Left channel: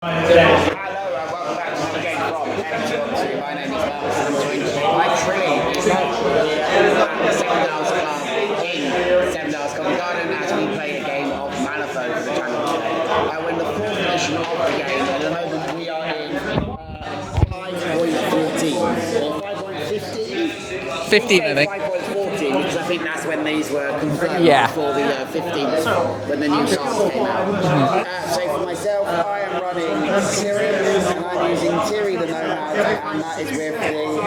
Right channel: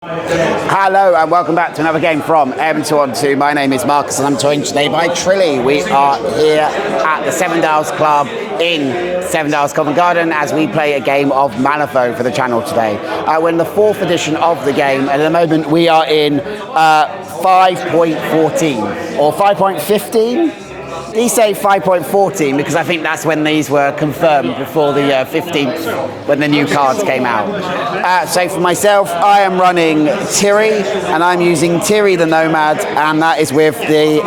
Hello and welcome back to another game from M2on2. My name is Marcus and I'm joined today by Trilly. We are here at the Seven Dials Club in Seven Dials Covent Garden as we play a game of Malifaux for the channel today. We're in the 4th edition of the game and at the moment we are in 5.14 or 5.15? We say 5.14 because I think that's when these were confirmed before the 15th, when the new cards came out. So for myself, I am running Tiri, and I'm using Tiri the Nomad, and that is with the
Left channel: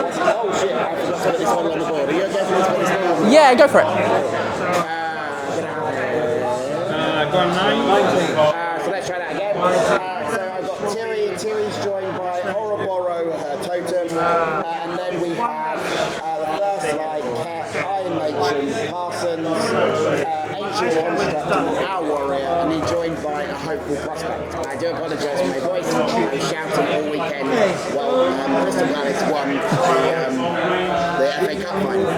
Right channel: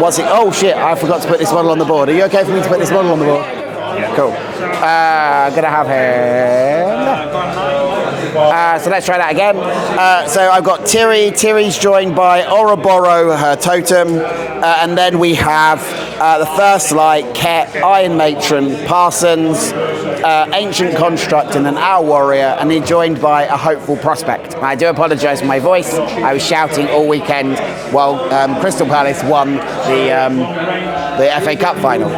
what's it? Oh shit! I forgot to put this model on the board. Are you okay for me to put this model on the board? Yeah, go for it. Cool. I'm gonna have him. So let's try that again. So I've got Tiri. Tiri's joined by Ouroboros, her totem, and then we have the First Light, Ket, Iron Matron, Parsons, Ancient Construct, and an Owl Warrior, and he's joined by a Hopeful Prospect. I do apologise for my voice. I was shouting all weekend while Crystal Palace won the FA Cup final.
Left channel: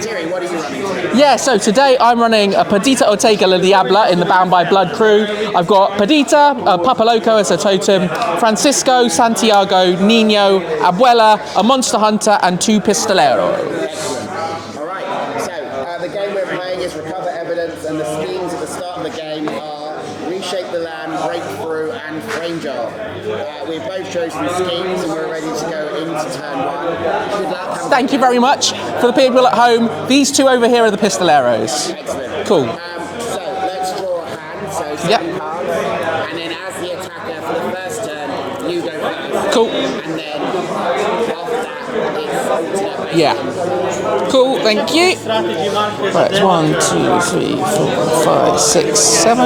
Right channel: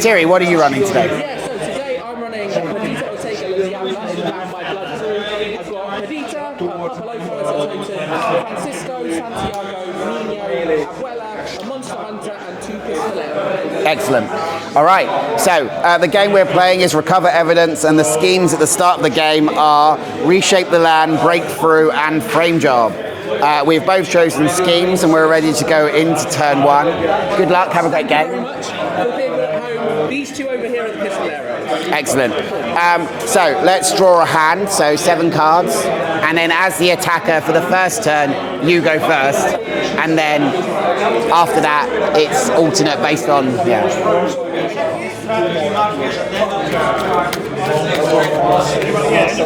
Thierry, what are you running today? Yeah, so today I'm running a Perdita Ortega La Diabla in the Bound by Blood crew. I've got Perdita, Papa Loco as a totem, Francisco, Santiago, Nino, Abuela, a Monster Hunter, and 2 Pistolero. Excellent. All right, so the game we're playing is Recover Evidence, and the schemes at the start of the game are Reshape the Land, Breakthrough, and Frame Job. We've both chosen schemes and we're ready to go into turn 1. Good luck, have a great game. Thank you very much. For the people at home, these 2 over here are the Pistoleros. Excellent. Cool. So let's draw a hand, so 7 cards, and then as the attacker for the first turn, you go first. Cool. And then after that, it's alternate based on... Yeah. Cool, thank you. Right, 1, 2, 3, 4, 5, 6, 7.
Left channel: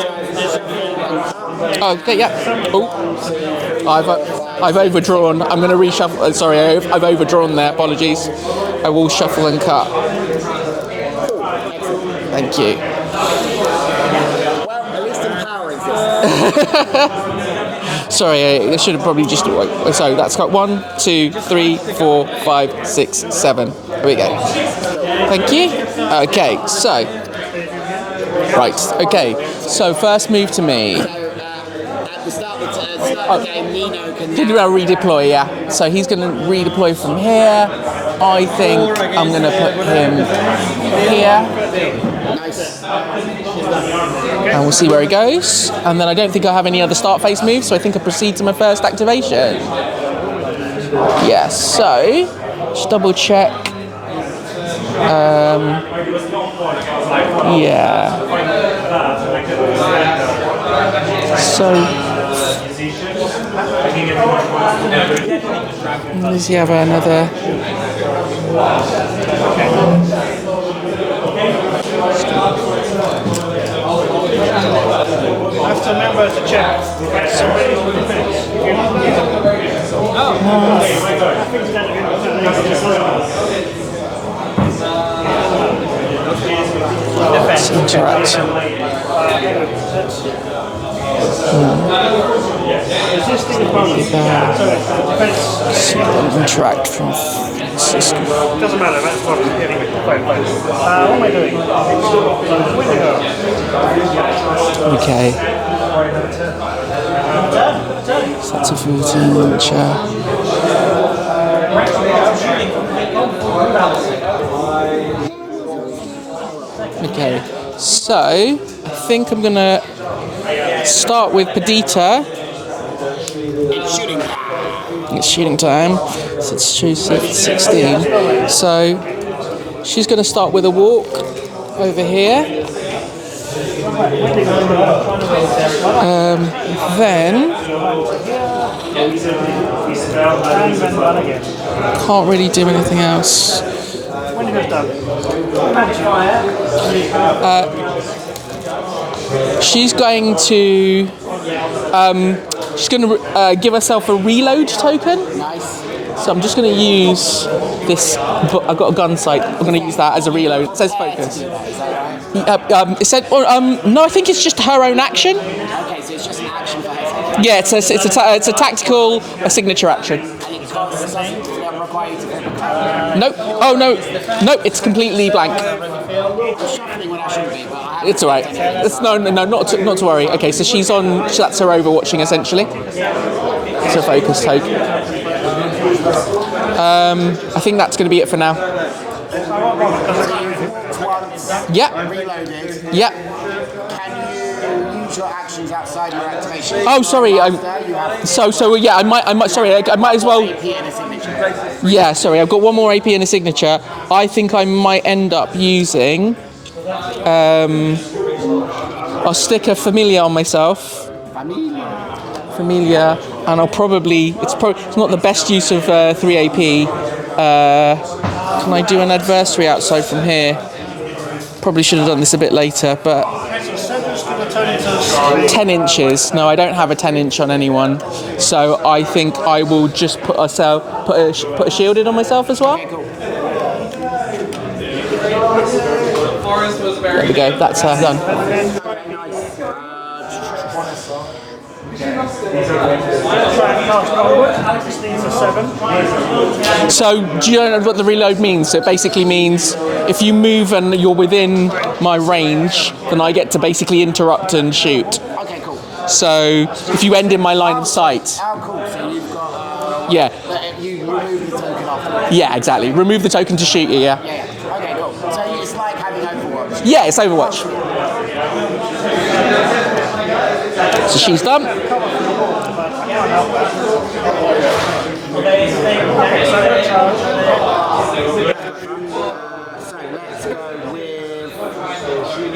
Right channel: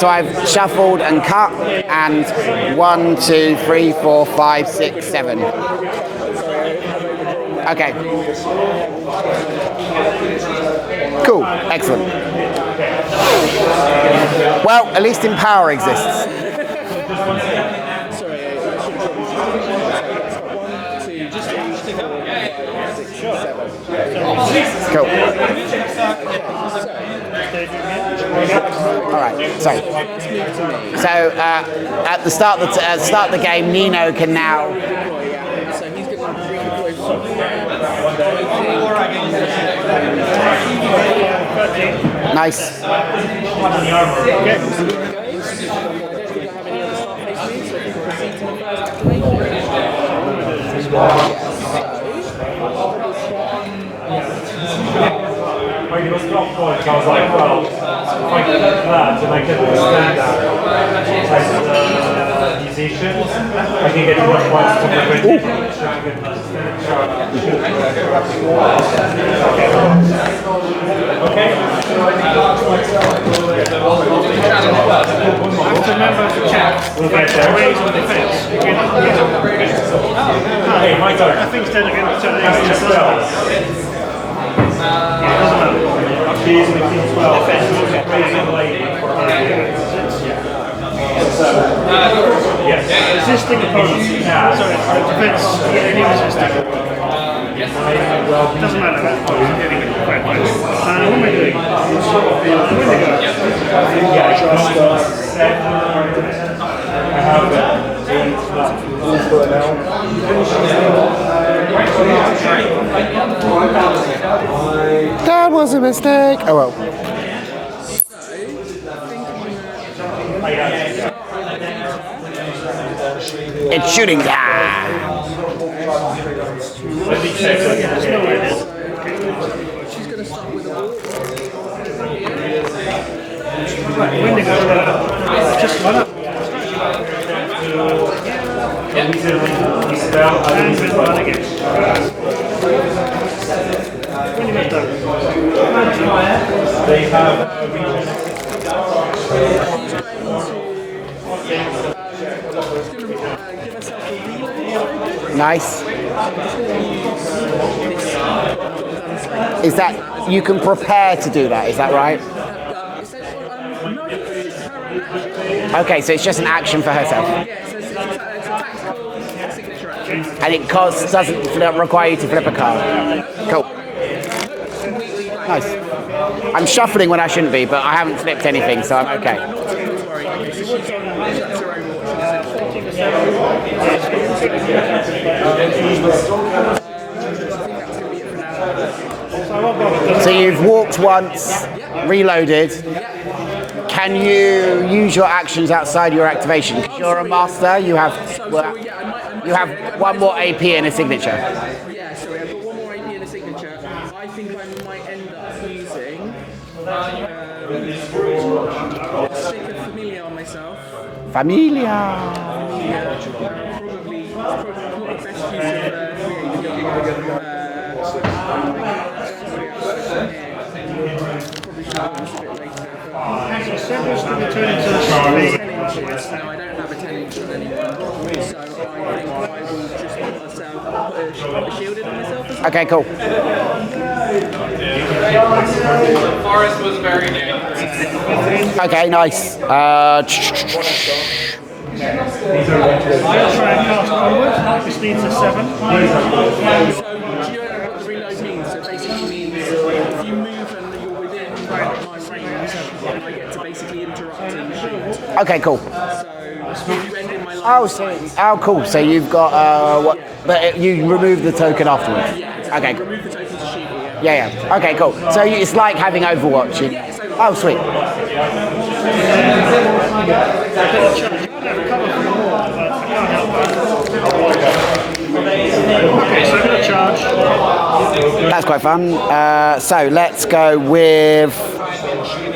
So I've shuffled and cut. And 1, 2, 3, 4, 5, I've 6, overdrawn. 7. I'm going to reshuffle. Sorry, I've overdrawn there. Okay. Apologies. I will shuffle and cut. Cool. Excellent. Thank you. Well, at least Empower exists. Sorry, I should have probably just... So that's got 1, 2, 3, 4, 5, 6, 7. There we go. Cool. Thank you. Okay, so... Right, okay. So first move to me. So at the start of the game, Nino can now... redeploy, yeah. So he's going to redeploy from here. I think I'm going to put him here. Nice. And we'll see where he goes. And then I don't think I have any other start phase moves, so I think I'll proceed to my first activation. Yeah, so just double check. Yeah. So, does he have another? Contract from Cisco. Doesn't matter, that's fine. What am I doing? Okay. That's a food chat. That was a mistake. Oh well. Okay. So I think I'm gonna start with Perdita. It's shooting time. It's shooting time. So it's Tuesday 16. So she's gonna start with a walk over here. Then can't really do anything else. She's going to give herself a reload token. Nice. So I'm just going to use this. I've got a gun sight. I'm going to use that as a reload. You can prepare to do that. Is that right? It said. No, I think it's just her own action. Okay, so it's just an action for herself. Yeah, it's a tactical, a signature action. And it doesn't require you to flip a card. Nope. Cool. Oh no, nope. It's completely blank. I'm shuffling when I shouldn't be, but I haven't It's all right. flipped anything. So No, I'm okay. no, not to worry. Okay, so she's on. That's her overwatching essentially. It's a focus take. I think that's going to be it for now. So you've walked once. Yeah. Reloaded. Yeah. Can you use your actions outside your activation? Oh, sorry. You have. So yeah. I might. Sorry. I might as well. One more AP and a signature. Yeah. Sorry. I've got one more AP and a signature. I think I might end up using. I'll stick a familiar on myself. Familiar, and I'll probably. It's not the best use of 3 AP. Can I do an adversary outside from here? Probably should have done this a bit later, but 10 inches. No, I don't have a 10 inch on anyone, so I think I will just put a shielded on myself as well. Okay, cool. There we go. That's done. Okay, nice. This needs a 7. So, do you know what the reload means? So it basically means if you move and you're within my range, then I get to basically interrupt and shoot. Okay, cool. So if you end in my line of sight. Oh, cool. So you've got. Yeah. But you remove the token afterwards. Yeah, exactly. Okay. Remove the token to shoot you, yeah. Yeah. Okay, cool. So it's like having Overwatch. Yeah, it's Overwatch. Oh, sweet. So she's done. Okay, so I'm going to charge. That's quite fun. So let's go with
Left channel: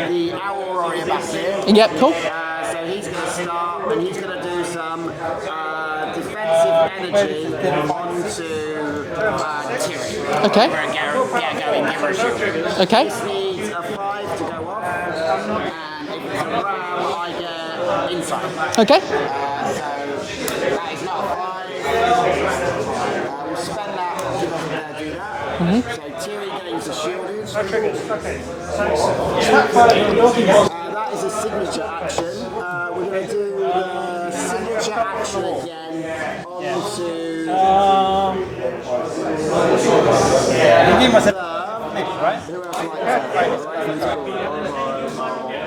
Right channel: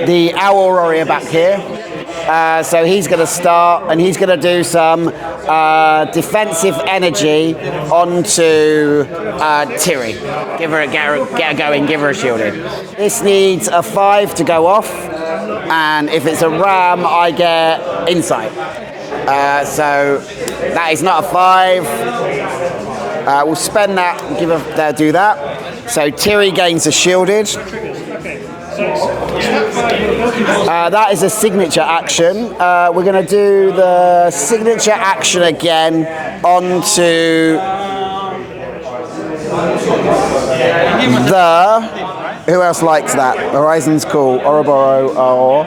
the Owl Warrior back here. Yep, cool. So he's going to start and he's going to do some defensive energy onto Tiri. Okay. Get her going, give her a shielding. Okay. This needs a 5 to go off, and if it's a ram, I get insight. Okay. So that is not a 5. We'll spend that and do that. Mm-hmm. So Tiri gains a shielded. That is a signature action. We're going to do the signature action again onto the... Who else likes that? Horizon's cool. Ouroboros. Oh.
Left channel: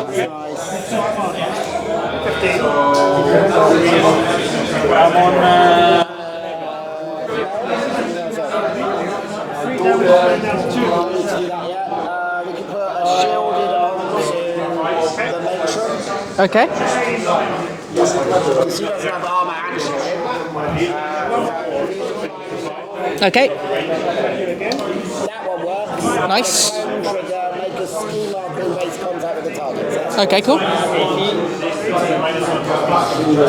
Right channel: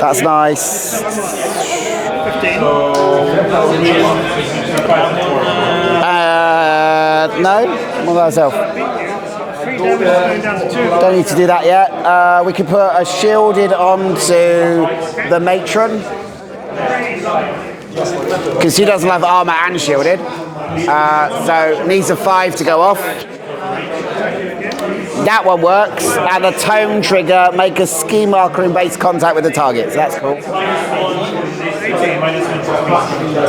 That's nice. 15. No? What about myself? Don't need to do that yet. We can put a shielded onto the matron. Okay. Because she doesn't have armor and shielded. So needs a 5 to go off. Okay. That one works. And a Nice. tome trigger, make a ski marker in base contact with the target. So that's cool. Okay, cool.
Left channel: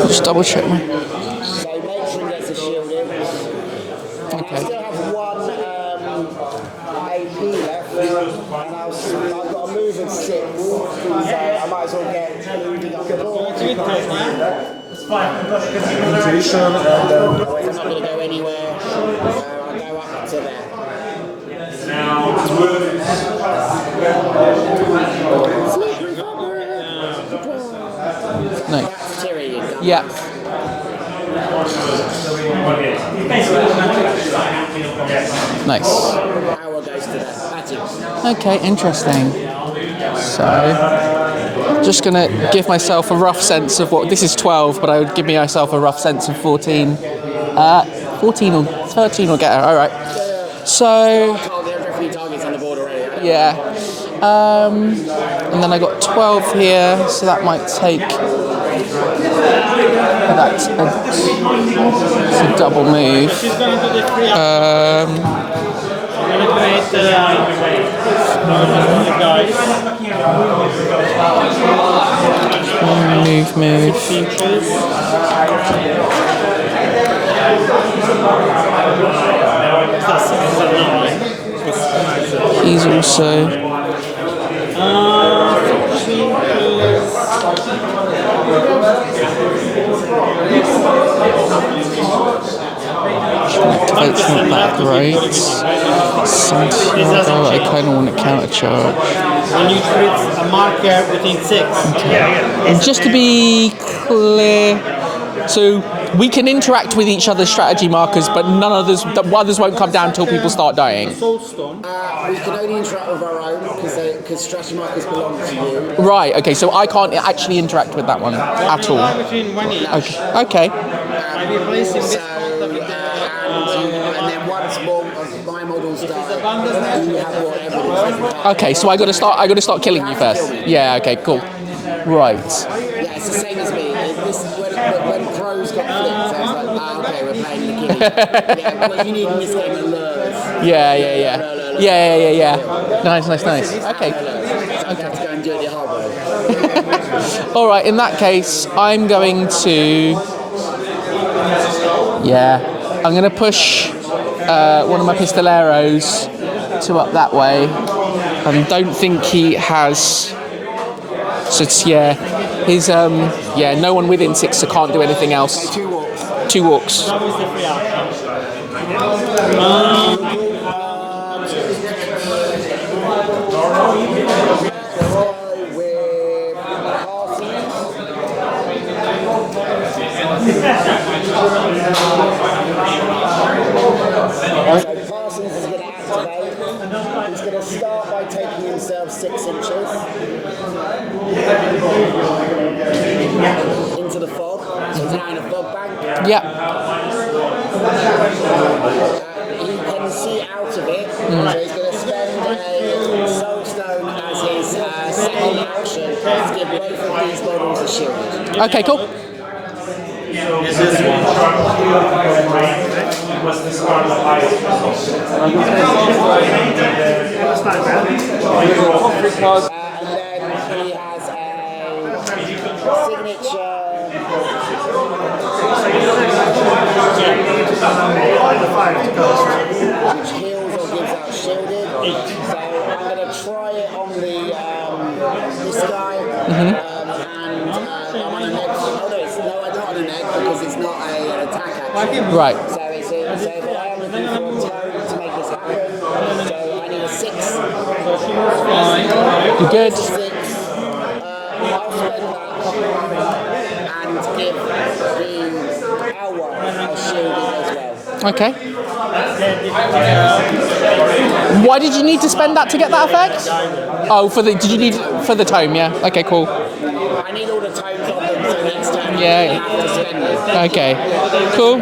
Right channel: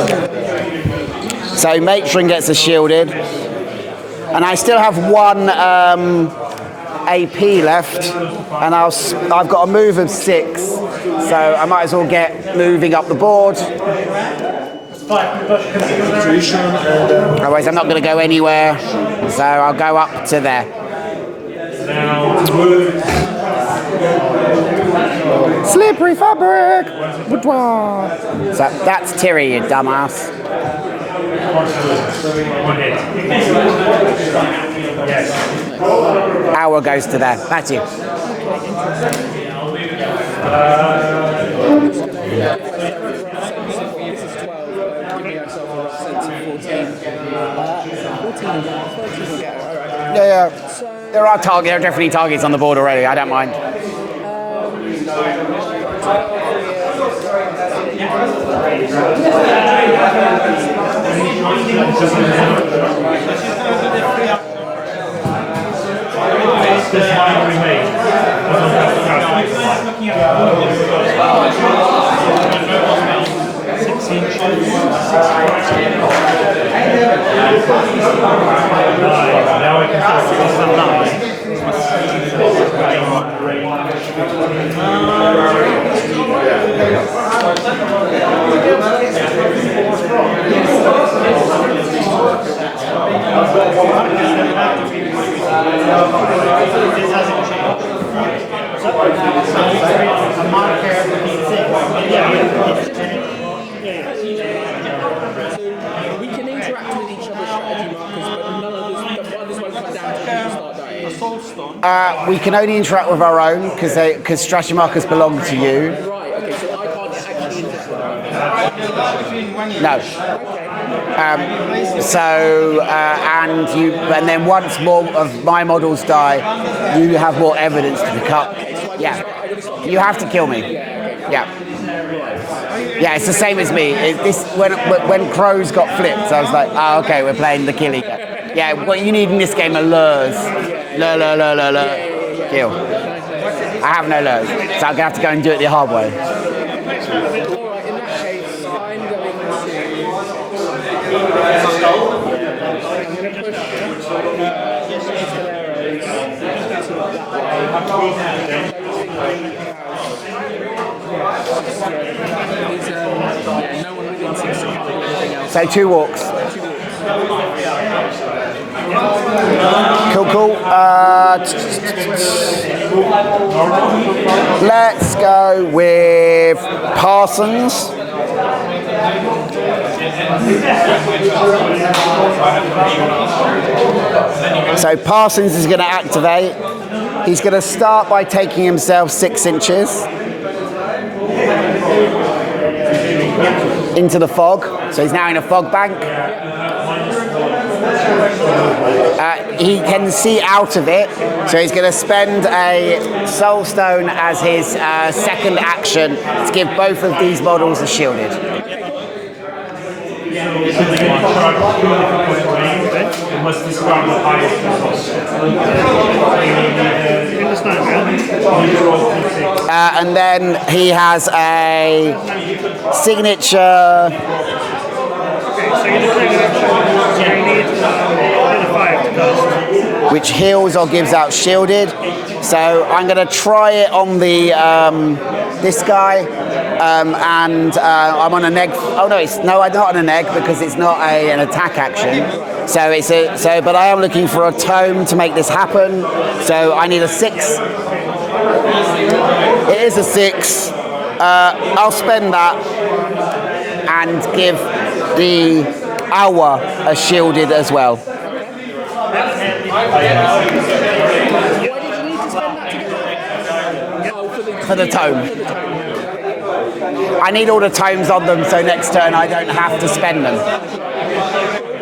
Just double check. So matron gets a shielded. And I still have one AP left, and I've got a move of 6, so I might as well get moving up the board. Otherwise, I'm not going to go anywhere, so I'll go up to there. Slippery fabric. So that's Tiri, you dumbass. Nice. Hour goes to there. That's you. Okay, interesting. So, just gonna give myself a rough sense of what this is 12, but I would give myself a rough sense of 14. 14 or 13 will get her. All right. Yeah. So There are definitely targets on the board already. I don't mind. And then I got 12 here, so that might take. That's a double move. Move. He's also. I kind of want to counter charge. And you put a marker within 6. Just to be clear, so we can interact with each other's strategy markers, but the others won't come down until people start dying. We can only interact with our own because strategy markers belong to you. Right. Okay. So I can't actually interact with that one at all. No. Okay. And then once more of my models die, you have more evidence to cut. Okay. So I got to start killing you have first. to kill me. Yeah. Okay. Cool. Yeah. Right. Yeah, it's the same as me. When crows got flipped, I was like, okay, we're playing the killing. Yeah, what you need in this game are lures. Yeah. Yeah. Kill. Nice. I have no lures, so I'm going to have to go and do it the hard way. All right, in that case, I'm going to... I'm going to push one of my pistoleros to up that way. And don't think he has... So it's, his, no one within 6, so can't do anything else. So 2 walks. 2 walks. Cool. Let's go with Parsons. So Parsons is going to activate. He's going to start by taking himself 6 inches into the fog. So he's now in a fog bank. Yeah. He can see out of it, so he's going to spend a soul stone as his second action to give both of these models a shielded. Okay, cool. And then he has a signature. Which heals or gives out shielded. So I'm going to try it on the this guy, and I'm on an egg. Oh no, I'm not on an egg because it's not an attack action. Right. So but I am looking for a tome to make this happen. So I need a 6. Here's a 6. I'll spend that and give the hour a shielded as well. Okay. Why did you need to spend that to get that effect? Oh, for the tome. For the tome, yeah. Okay, cool. I need all the tomes on them, so next turn I don't have to spend them. Okay, cool.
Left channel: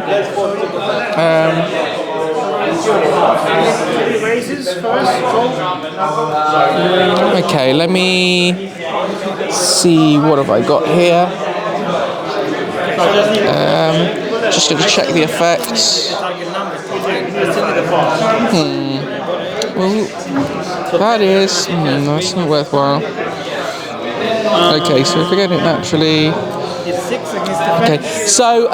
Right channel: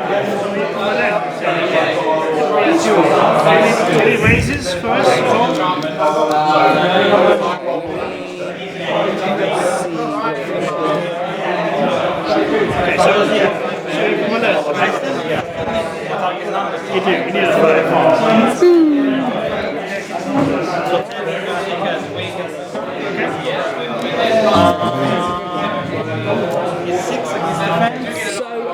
Okay, let me see what have I got here. Just going to check the effects. Well, that is... that's not worthwhile. Okay, so if we're getting it naturally... Okay, so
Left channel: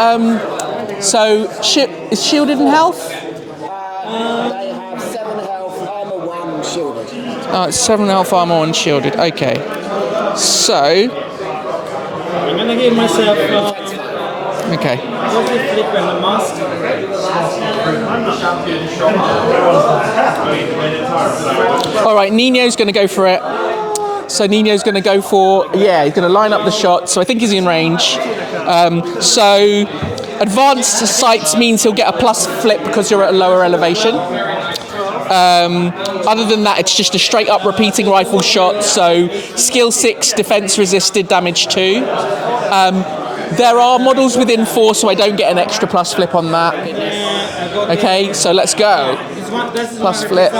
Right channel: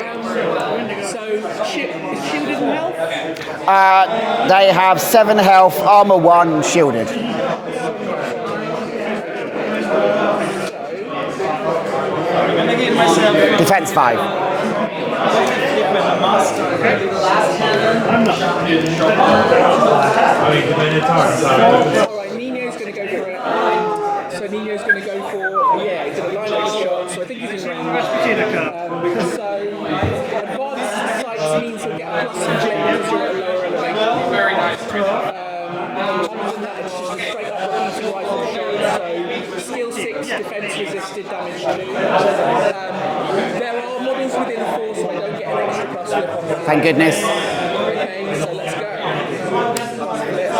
is shielded in health? They have 7 health, armor 1, shielded. 7 health, armor 1, shielded. Okay, so... I'm going to give myself... Defense 5. Okay. All right, Nino's going to go for it. So Nino's going to go for, he's going to line up the shot. So I think he's in range. So advanced sights means he'll get a plus flip because you're at a lower elevation. Other than that, it's just a straight up repeating rifle shot. So skill 6, defense resisted, damage 2. There are models within 4, so I don't get an extra plus flip on that. Thank goodness. Okay, so let's go. Plus flip.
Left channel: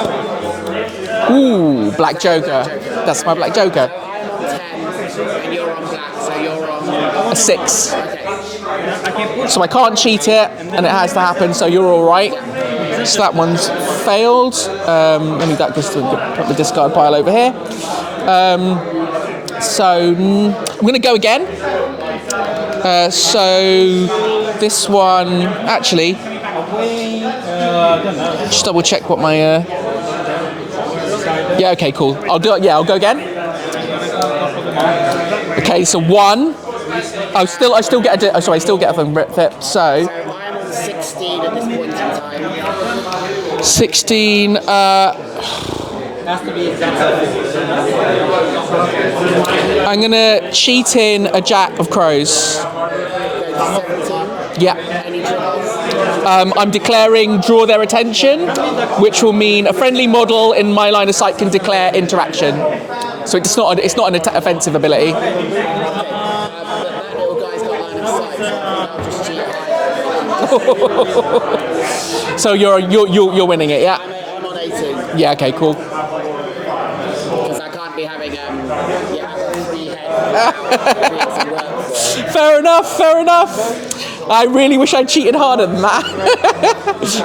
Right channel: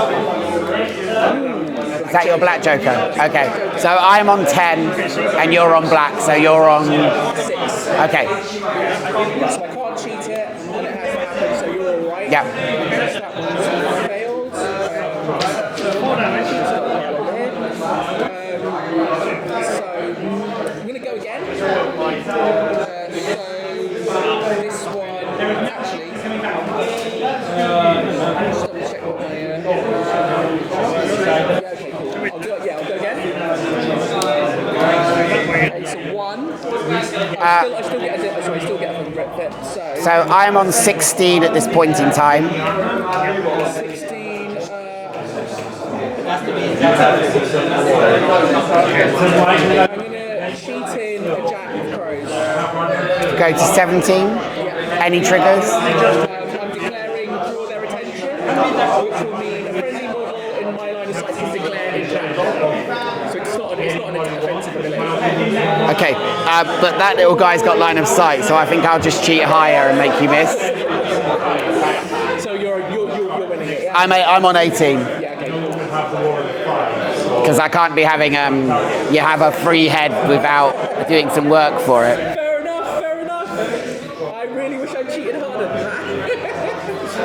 Ooh, Black Joker. Black Joker. That's my Black Joker. So I'm on 10 and you're on black, so you're on a 6. Okay. So I can't cheat it, and it has to happen, so you're all right. Yeah. So that one's failed. I need that just to put the discard pile over here. So I'm going to go again. So this one, actually, just double check what my... okay, cool. I'll do it. Yeah, I'll go again. Okay, so 1, I still get I still get a thing fit. So I'm on 16 at this point in time. 16. I'm gonna cheat in a jack of crows. Go to 17. Yeah. Any triggers? I'm declaring draw their attention, which will mean a friendly model in my line of sight can declare interaction. So it's not an offensive ability. Okay, but that little guy's got line of sight, so I think I'll just cheat higher and make you miss. So you're winning it, yeah? I'm on 18. Yeah. Okay. Cool. Because I can't be having you have a free head without doing some work for it. Fair enough. I really wish I'd cheated harder than that.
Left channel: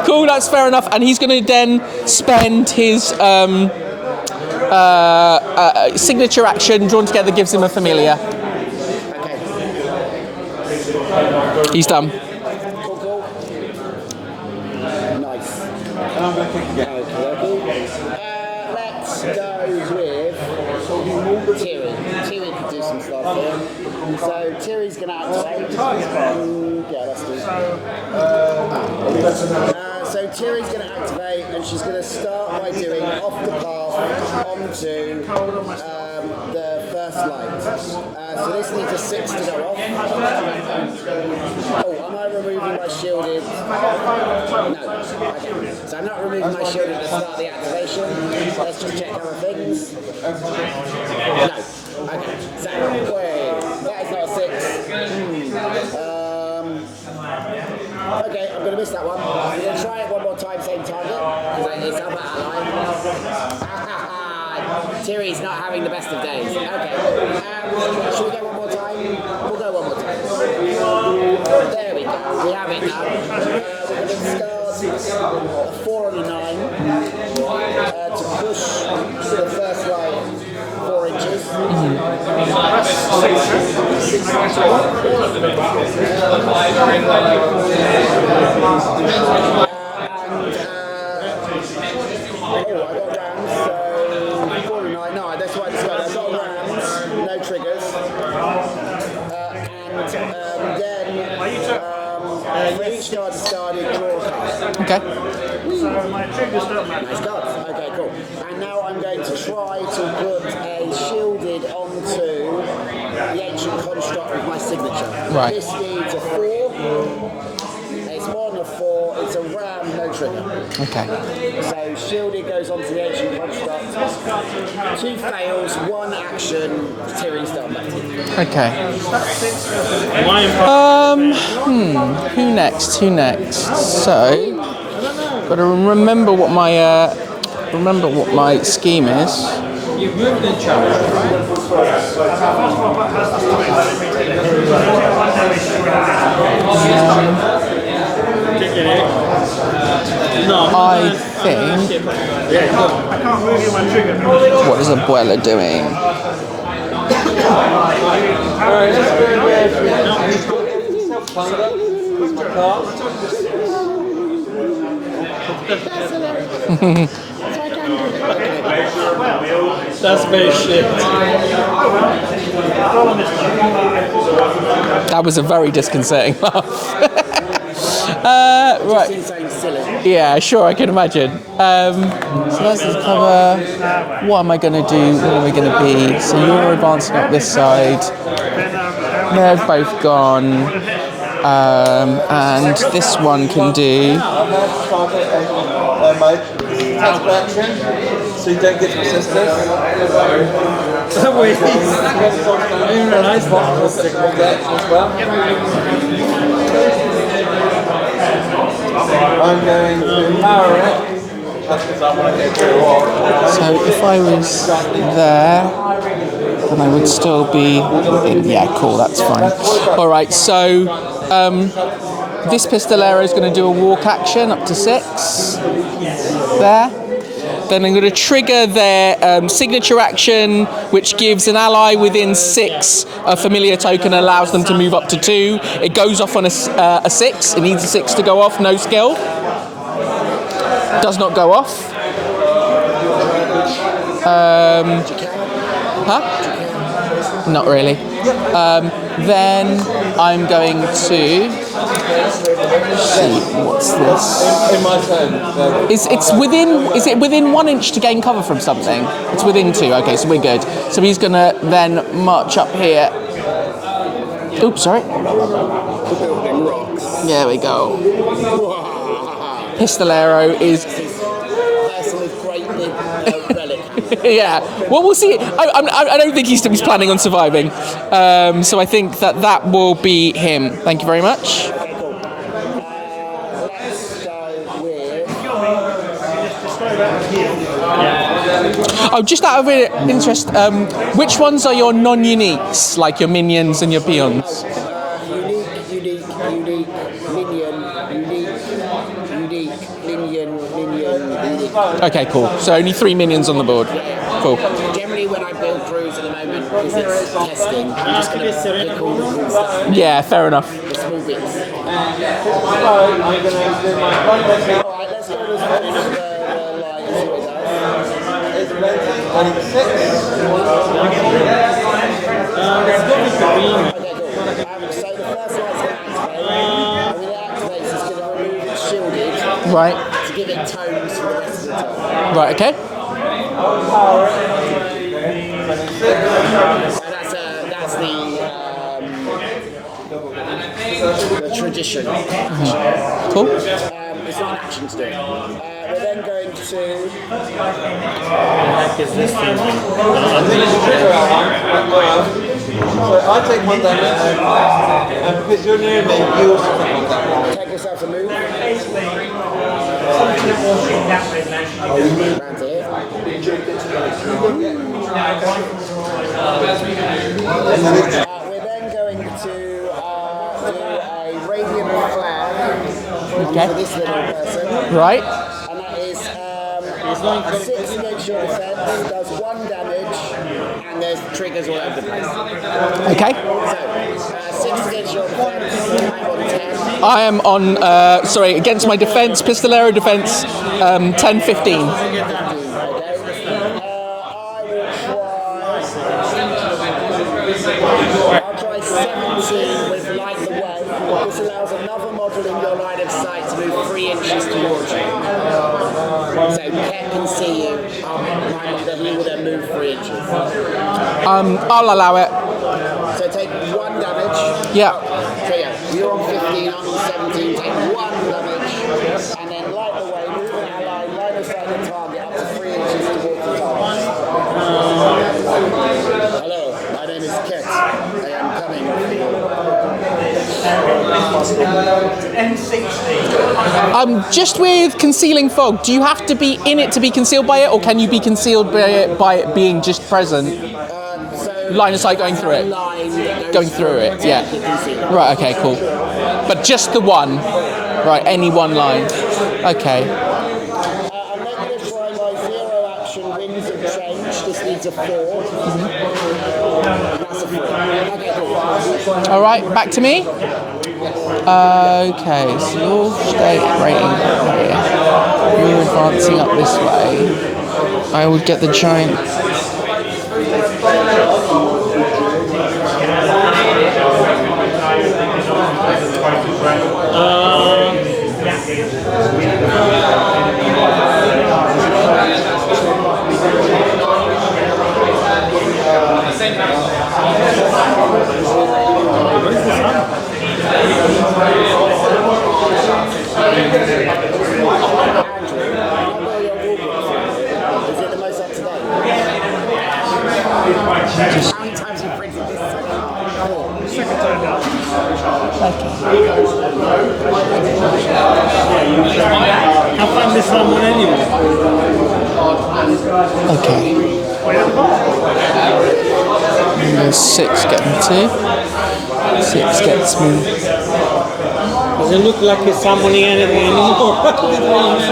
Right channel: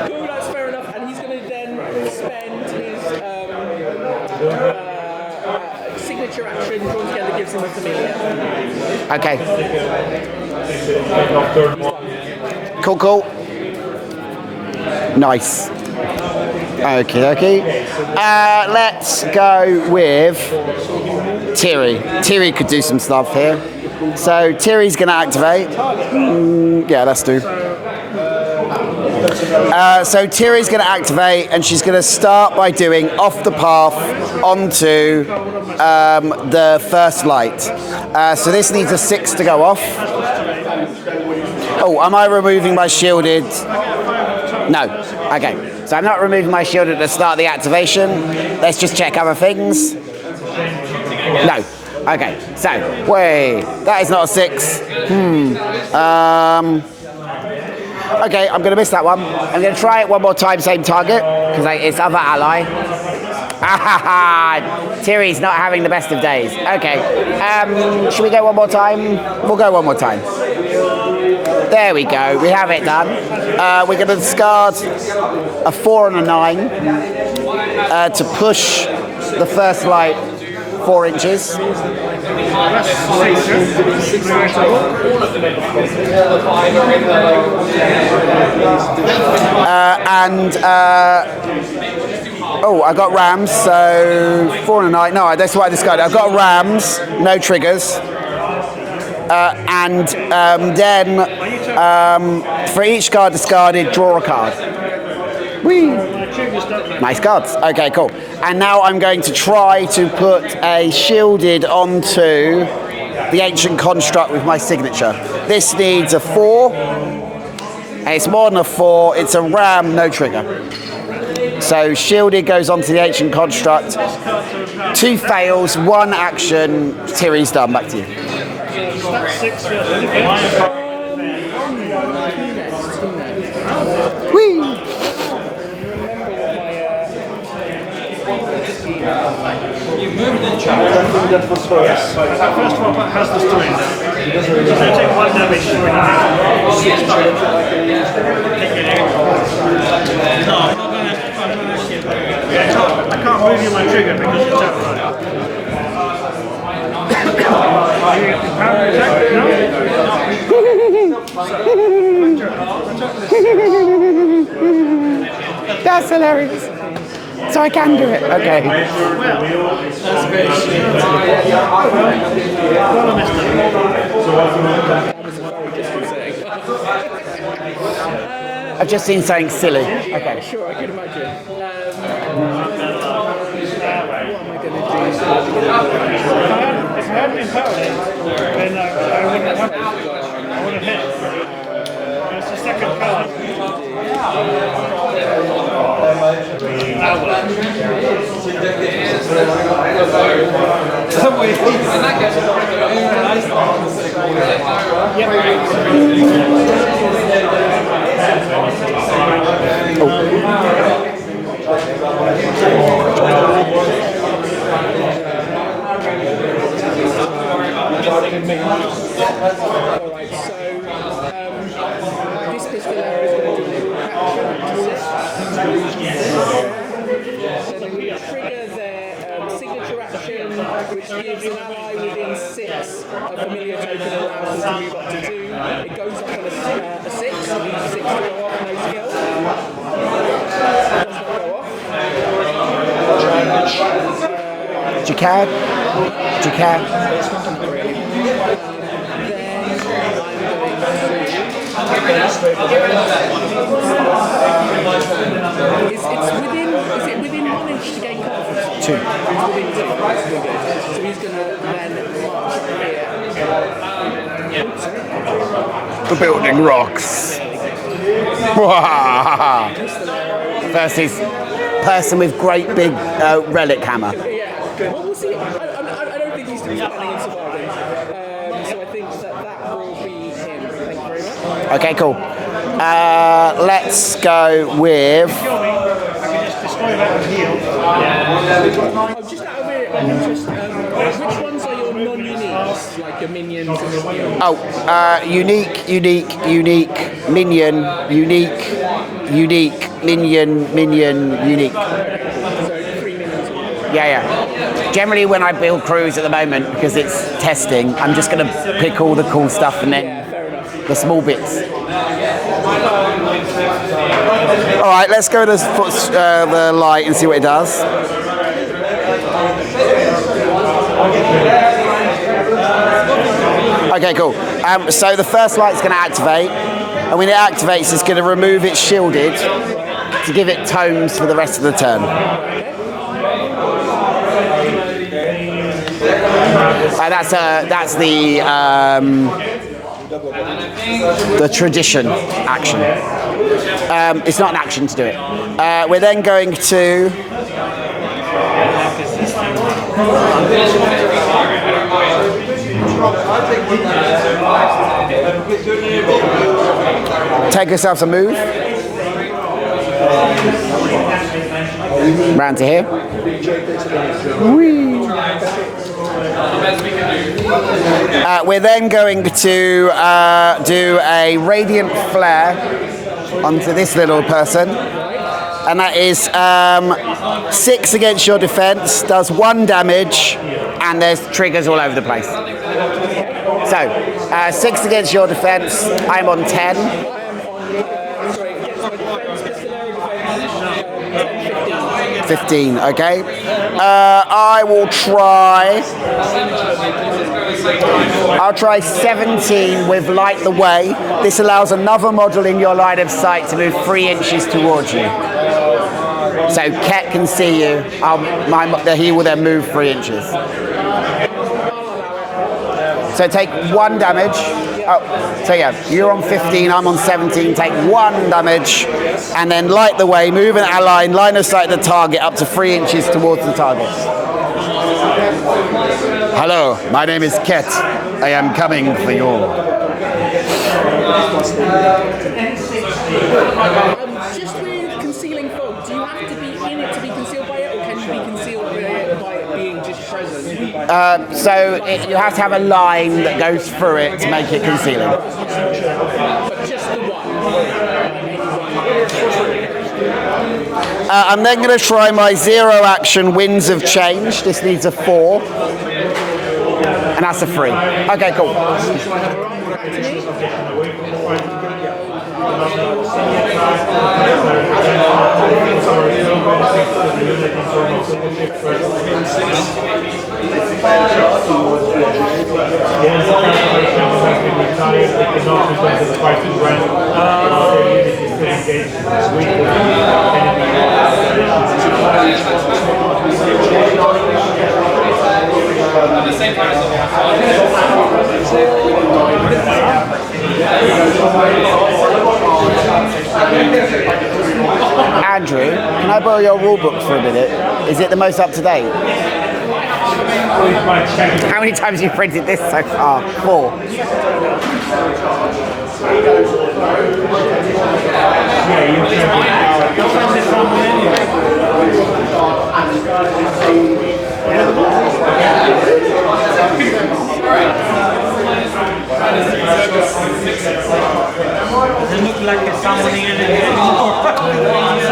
Cool, that's fair enough. And he's going to then spend his signature action, drawn together, gives him a familiar. Okay. He's done. Cool. Nice. Okay. Let's go with Thierry. Thierry could do some stuff here. So Thierry's going to activate. Yeah, let's do. So Thierry's going to activate, and she's going to start by doing off the path onto the first light. So this needs a 6 to go off. Oh, am I removing my shielded? No. Okay. So I'm not removing my shield at the start of the activation. Let's just check other things. No. Okay. So, wait. That is not a 6. Okay, I'm going to miss that one. I'm going to try it one more time, same target, because it's other ally. Thierry's not having the best of days. Okay. Should we go one more time? We'll go one more time. There we go. We have it done. We're going to discard a 4 and a 9 to push the first light 4 inches. Oh, I got rams, so 4 and a 9. No, that's what I discarded. I've got rams, no triggers. Then for each card discarded, draw a card. Okay. Whee! Nice cards. Okay, cool. And now I'm going to try to put a shielded onto the ancient construct with my signature. Right. This needs a 4. And it's more than a 4. It's a ram, no trigger. Okay. So shielded goes onto the ancient construct. 2 fails, 1 action. Thierry's done. Back to you. Okay. Who next? So, got to remember what my scheme is. What is Abuela doing? That's hilarious. So I can do it. Okay. That's very shit. That was a very disconcerting laugh. I've just seen something silly. Yeah, sure, I can imagine. So that's the cover. What am I going to do? What are we going to be? So you're advancing up this side. They're both gone. And this one can do... So you don't get So if I was there, then we'd still be... Yeah, cool, that's fine. All right, so this Pistolero is going to do a walk action up to 6. There. Then I'm going to trigger their signature action, which gives an ally within 6 a familiar token and allows them to move up to 2. It goes off on a 6. It needs a 6 to go off, no skill. Does not go off. Do you care? Huh? Do you care? Not really. Then I'm going to. What's this? It's within. Is it within 1 inch to gain cover from something? It's within 2. Okay, so we're good. So he's gonna then march up here. Oops, sorry. The building rocks. There we go. Pistolero is. Versus person with great big relic hammer. Yeah. Well, we'll see. I don't think he's planning on surviving. So I think that will be him. Thank you very much. Okay, cool. Let's go with. Oh, just out of interest, which ones are your non-uniques, like your minions and your peons? Oh, unique, minion, unique, minion, unique. Okay, cool. So only 3 minions on the board. Yeah. Cool. Generally, when I build crews at the moment, because it's testing, I'm just going to pick all the cool stuff and then Yeah, fair enough. the small bits. All right, let's go to the light and see what it does. Okay, cool. So the first light's going to activate, and when it activates, it's going to remove its shielded Right. to give it tomes for the rest of the turn. Right. Okay. That's the tradition action. Cool. It's not an action to do it. We're then going to. Take yourself a move. Round to here. We're then going to do a radiant flare onto this little person. Right. And that is 6 against your defense, does 1 damage, and there's triggers all over the place. Okay. So, 6 against your defense, I'm on 10. I am on, against my defense, Pistolero defense, 10, 15. 15, okay. I will try. I'll try 17 with Light the Way. This allows another model in your line of sight to move 3 inches towards you. So Ket can see you. He will then move 3 inches. I'll allow it. So take 1 damage. Yeah. So yeah, you're on 15, I'm on 17. Take 1 damage, and then Light the Way, move an ally, line of sight the target up to 3 inches towards the target. Hello, my name is Ket. I am coming for you. Just with concealing fog, do you have to be in it to be concealed by it, or can you be concealed by it being just present? So Line of sight you have going to have through a it. line that goes through it to yeah. make it concealing. Right, okay, cool. But just the one. Right, any one line. Okay. I'm then going to try my 0 action Winds of Change. This needs a 4. And that's a 3. Okay, cool. All right, back to me. Okay, so you're straight right in here. Advancing up this way. I would get the giant. Andrew, can I borrow your rule book for a minute? Is it the most up to date? How many times have you printed this so far? 4. Okay. 6 get me 2. 6 gets me. Doesn't look like it's summoning anything anymore.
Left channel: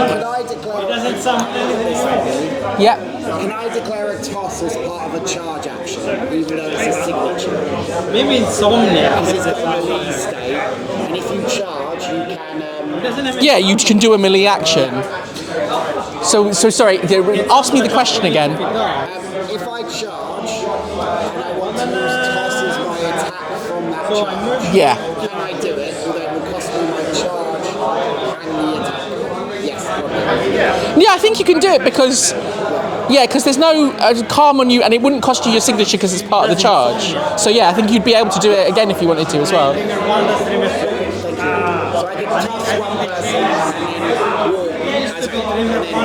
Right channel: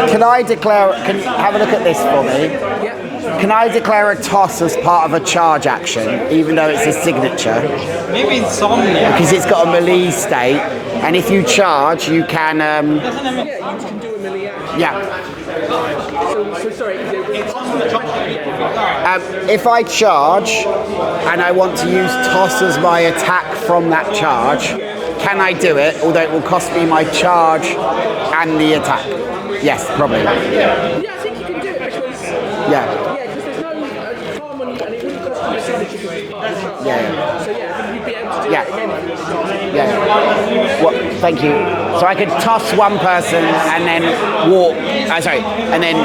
Can I declare, have a look at this for me? Yeah. Can I declare a toss as part of a charge action, even though it's a signature? Maybe it's Somnia. Because it's got a melee state, and if you charge, you can... Yeah, you can do a melee action. yeah. So sorry. Ask me the question again. If I charge and I want to use toss as my attack from that charge, Yeah. can I do it? Although it will cost me my charge and the attack. Yes, probably. Yeah, I think you can do it because because there's no calm on you, and it wouldn't cost you your signature because it's part of the charge. So yeah, I think you'd be able to do it again if you wanted to as well. Well, thank you. So I could toss one person and then walk. And then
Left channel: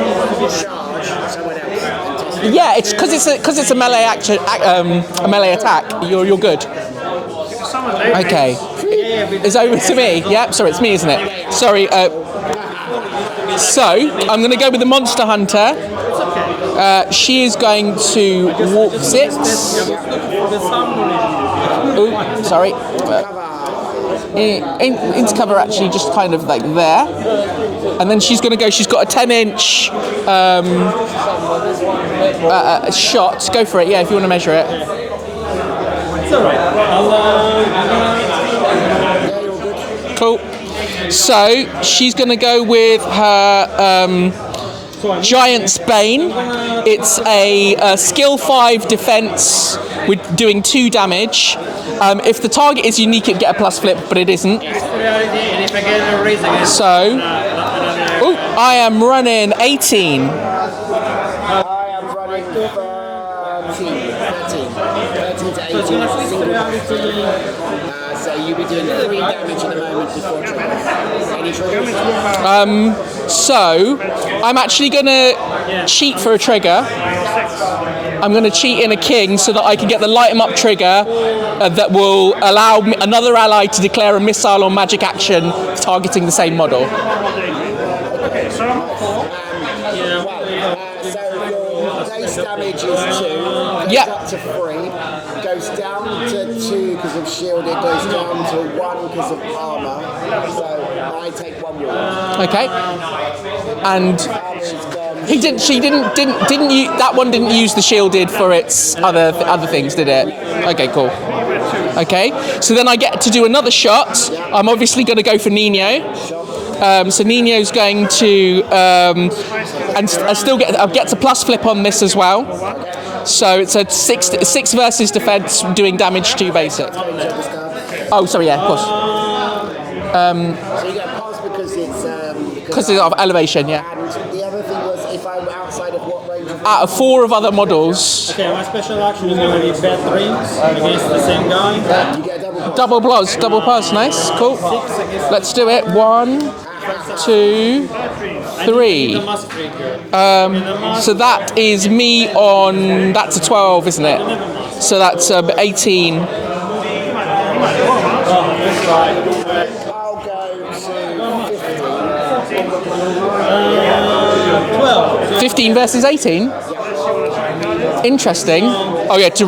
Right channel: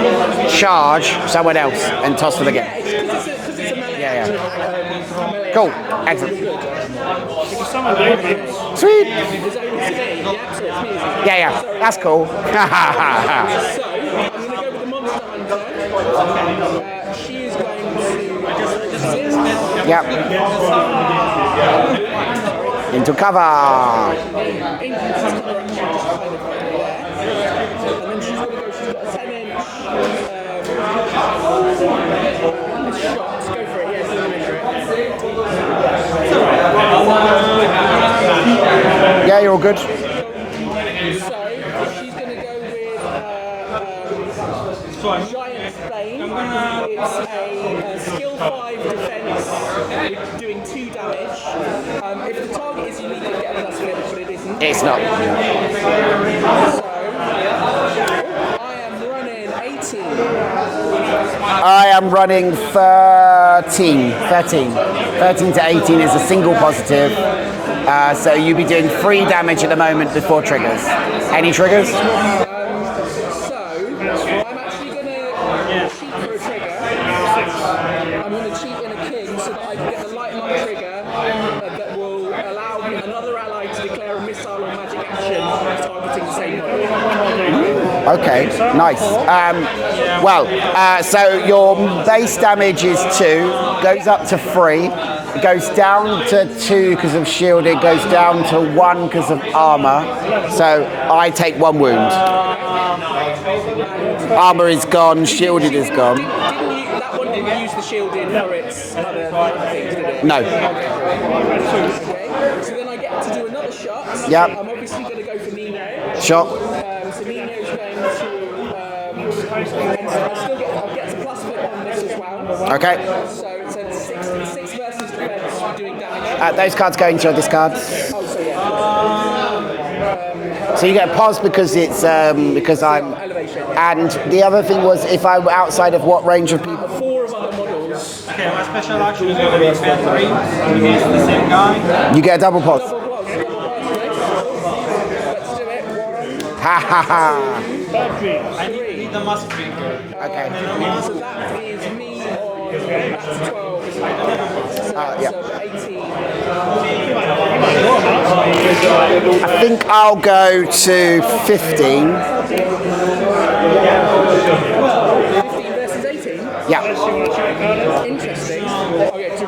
charge someone else and toss them again. Yeah, it's because it's a melee action, a melee attack. You're good. Okay. It's over to me. Yep. Sorry, it's me, isn't it? Yeah. Sorry. That's cool. So I'm going to go with the Monster Hunter. She is going to walk 6. Yep. Ooh, sorry. Into cover. Into cover, actually, just kind of like there. And then she's going to go. She's got a 10-inch shot. Go for it. Yeah, if you want to measure it. Yeah, you're all good. Cool. So she's going to go with her Giant's Bane. It's a skill 5 defense with doing 2 damage. If the target is unique, it'd get a plus flip, but it isn't. It's not. So, I am running 18. I am running 13. 13 to 18 is a single positive. So you'll be doing 3 damage at the moment before triggers. Any triggers? So, I'm actually going to cheat for a trigger. I'm going to cheat in a king so that I can get the light 'em up trigger that will allow another ally to declare a missile or magic action targeting the same model. Okay, nice. So your base damage is 2, goes up to 3. It goes down to 2 because of shield. It goes down to 1 because of armor. So I take 1 wound. Okay. And armor is gone. Shielded is gone. That one didn't use the shielded for its other things, did it? No. Okay, cool. Okay. So then I get to do another shot. Yep. I'm obviously going to go for Nino. Shot. So Nino's going to, and I'll get to plus flip on this as well. Okay. So it's a 6 versus defense, doing damage to those cards go into your discard. Oh, sorry, yeah, of course. So you get a pause because it's because of elevation, yeah. And the other thing was if I were outside of what range of? Out of 4 of other models. Okay, my special action is going to be battering against the same guy. You get a double pause. Double plus, nice, cool. Let's do it. 1, 2, 3. So that is me on. That's a 12, isn't it? So that's 18. I think I'll go to 15. 15 versus 18? Yeah. Interesting. Oh yeah, to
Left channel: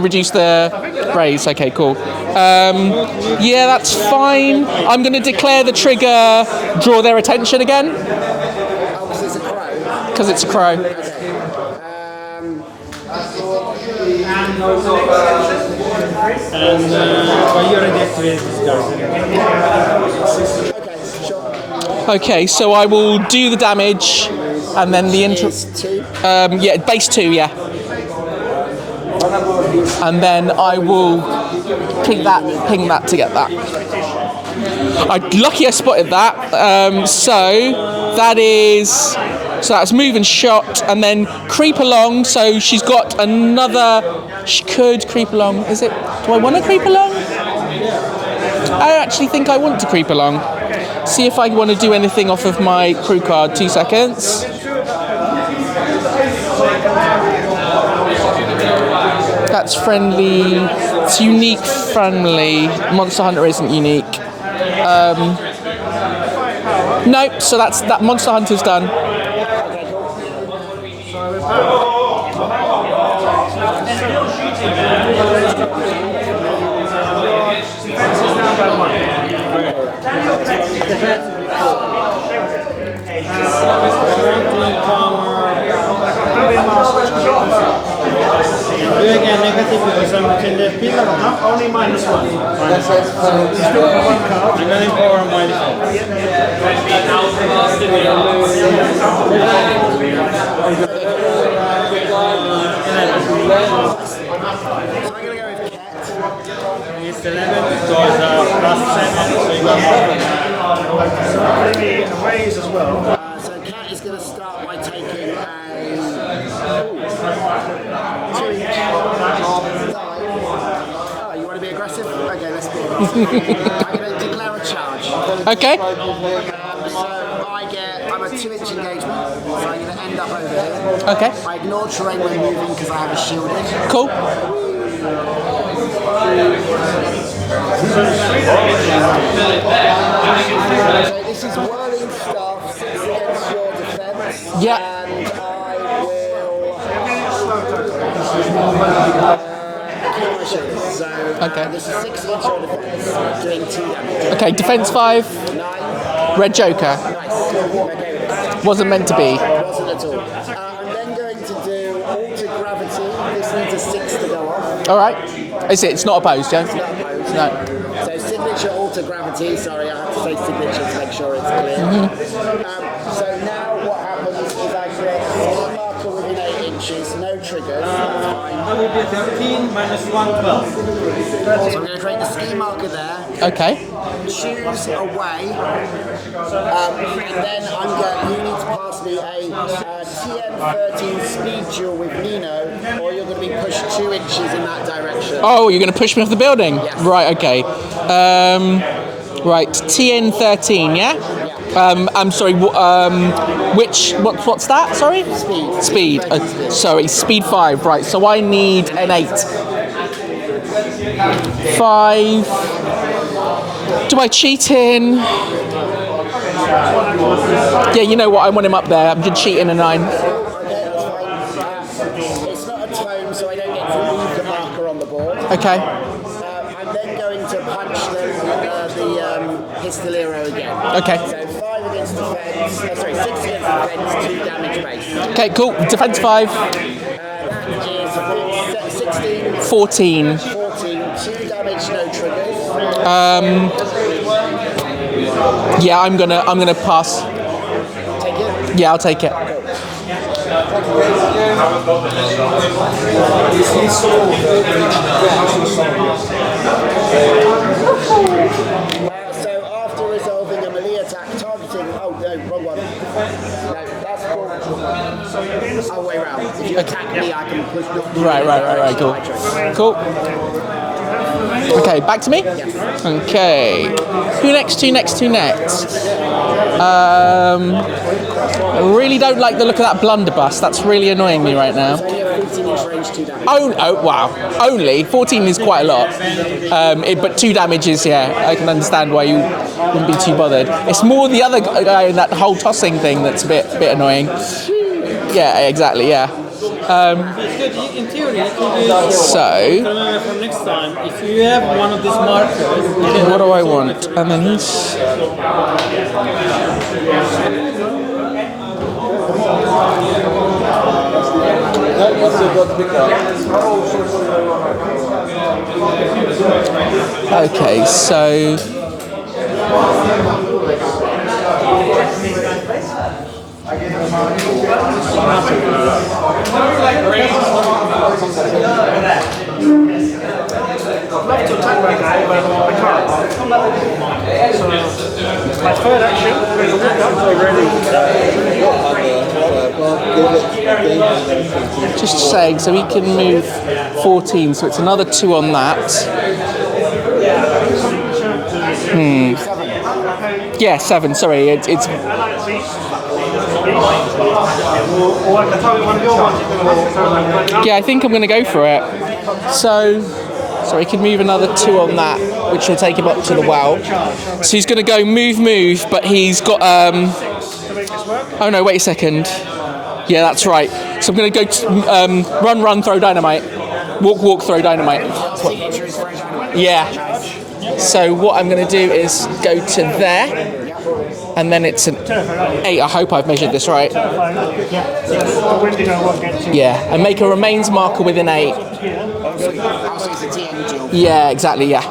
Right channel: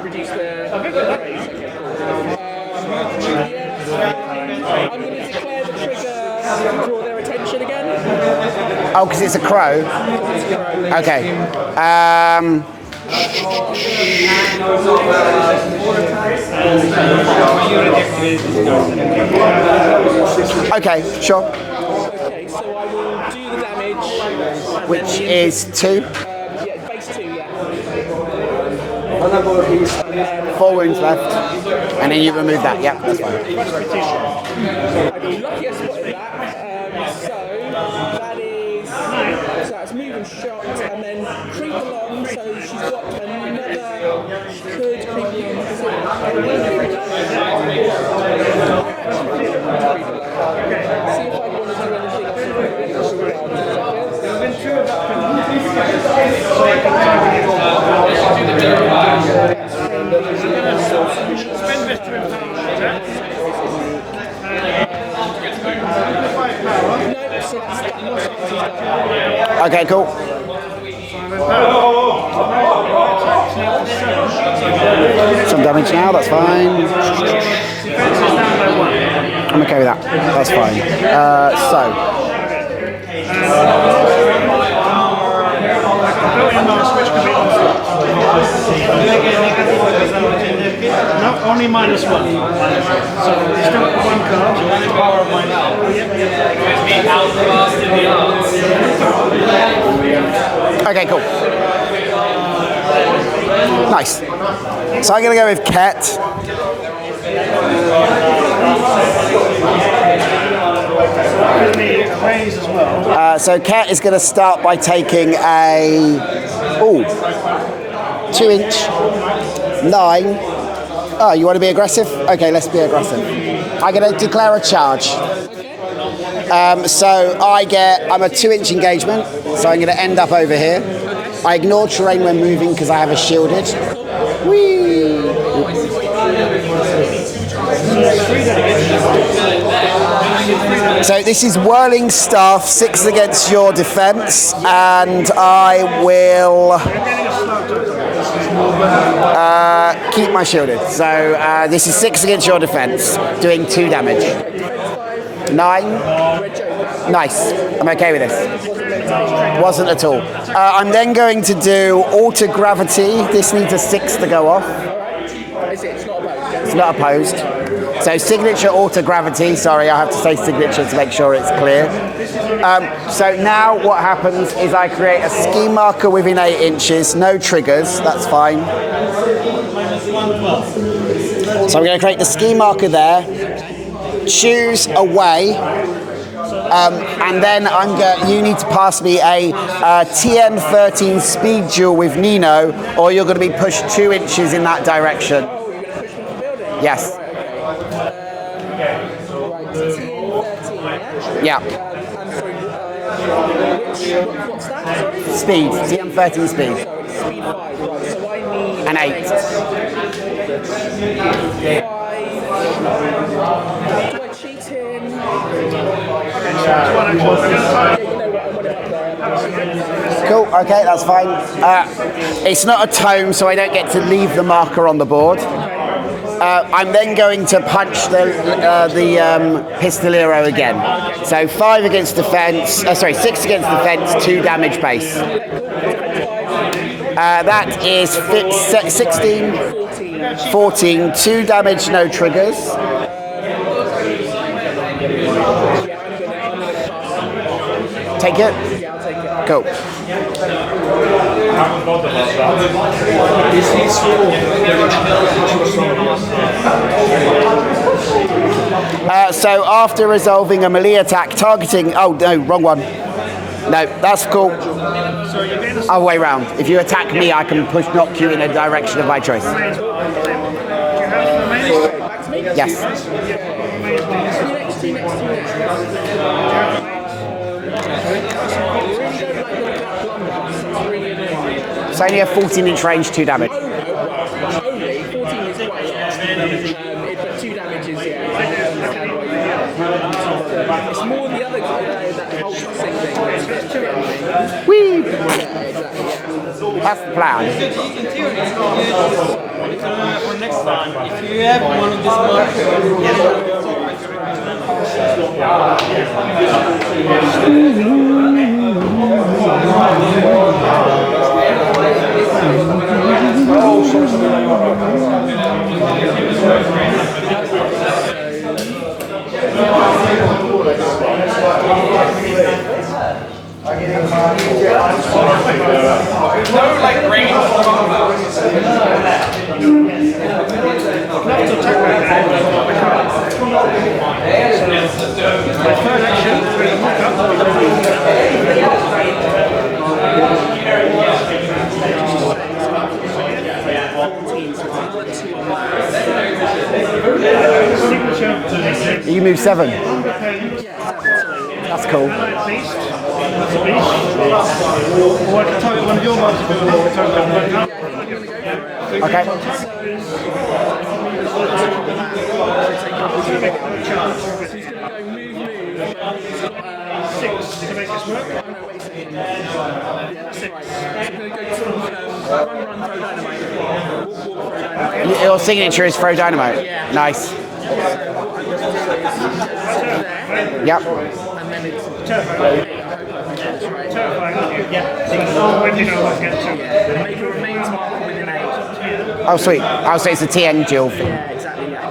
reduce the raise. Okay, cool. Yeah, that's fine. I'm going to declare the trigger, draw their attention again. Oh, because it's a crow? Because it's a crow. Okay. Okay, sure. Okay, so I will do the damage, and then the is 2. Yeah, base 2, yeah. And then I will ping that to get that. Lucky I spotted that. So that's move and shot, and then creep along. So she's got another. She could creep along. Is it? Do I want to creep along? I actually think I want to creep along. See if I want to do anything off of my crew card. 2 seconds. That's friendly. It's unique friendly. Monster Hunter isn't unique. Nope, so that Monster Hunter's done. Okay, cool. Some damage now, that's fine. I'm okay with that. That's fine. -1. So you still got 1 card. Okay, cool. Nice. So I'm going to go with Ket. Raise as well. So Ket is going to start by taking a 2-inch 9. Oh, you want to be aggressive? Okay, let's be aggressive. I'm going to declare a charge. Okay. So I'm a 2-inch engagement, so I'm going to end up over here. Okay. I ignore terrain when moving because I have a shielded. Cool. Whee! So this is whirling staff, 6 against your defense, and I will keep my shielded. So this is 6 against your defense, doing 2 damage. Okay, defense 5. 9. Red Joker. Nice. I'm okay with this. Wasn't meant to be. Wasn't at all. I'm then going to do Alter Gravity. This needs a 6 to go off. All right. Is it? It's not opposed, yeah? It's not opposed. No. So signature Alter Gravity. Sorry, I have to say signature to make sure it's clear. So now what happens is I create a ski marker within 8 inches. No triggers. That's fine. So I'm going to create the ski marker there. Okay. Choose a way. And then you need to pass me a TN13 speed duel with Nino, or you're going to be pushed 2 inches in that direction. Oh, you're going to push me off the building? Yes. Right, okay. Right, TN13, yeah? Yeah. I'm sorry, what's that, sorry? Speed. Speed. TN13 speed. Sorry, speed 5, right, so I need An an 8. 5. Do I cheat in? Yeah, you know what? I want him up there. I'm just cheating a 9. Cool. Okay, that's fine. It's not a tome, so I don't get to leave the marker on the board. Okay. I'm then going to punch the Pistolero again. Okay. So 5 against defense. 6 against defense. 2 damage base. Okay, cool. Defense 5. That is 16. 14. 14. 2 damage. No triggers. Yeah, I'm gonna pass. Take it. Yeah, I'll take it. Cool. So after resolving a melee attack targeting... Oh, no, wrong one. No, that's cool. Other way round. If you attack me, I can knock you in the direction of my choice. Cool. Okay, back to me? Yes. Okay. Who next? I really don't like the look of that blunderbuss. That's really annoying me right now. It's only a 14-inch range, 2 damage. Oh, wow. Only? 14 is quite a lot. But 2 damage is, yeah, I can understand why you wouldn't be too bothered. It's more the other guy in that whole tossing thing that's a bit annoying. Whee! Yeah, exactly, yeah. In theory, you can So, for next time, if you have one of these markers. what do I want? And then this. Okay, so. My third action. Just saying, so he can move 14, so it's another 2 on that. You move 7. Yeah, 7, sorry, it's cool. Yeah, I think I'm going to go for it. Okay. So he can move another 2 on that, which will take him up to the well. So he's going to go move, but he's got... Oh no, wait a second. Yeah, that's right. So I'm going to go run, throw dynamite. Walk, throw dynamite. Your signature is throw dynamite? Yeah. Nice. So what I'm going to do is go to there, Yep. and then it's an 8. I hope I've measured this right. When do you know what to get to? Yeah, and make a remains marker with an 8. Oh, sweet. Oh, so it's a TN duel. Yeah, exactly, yeah.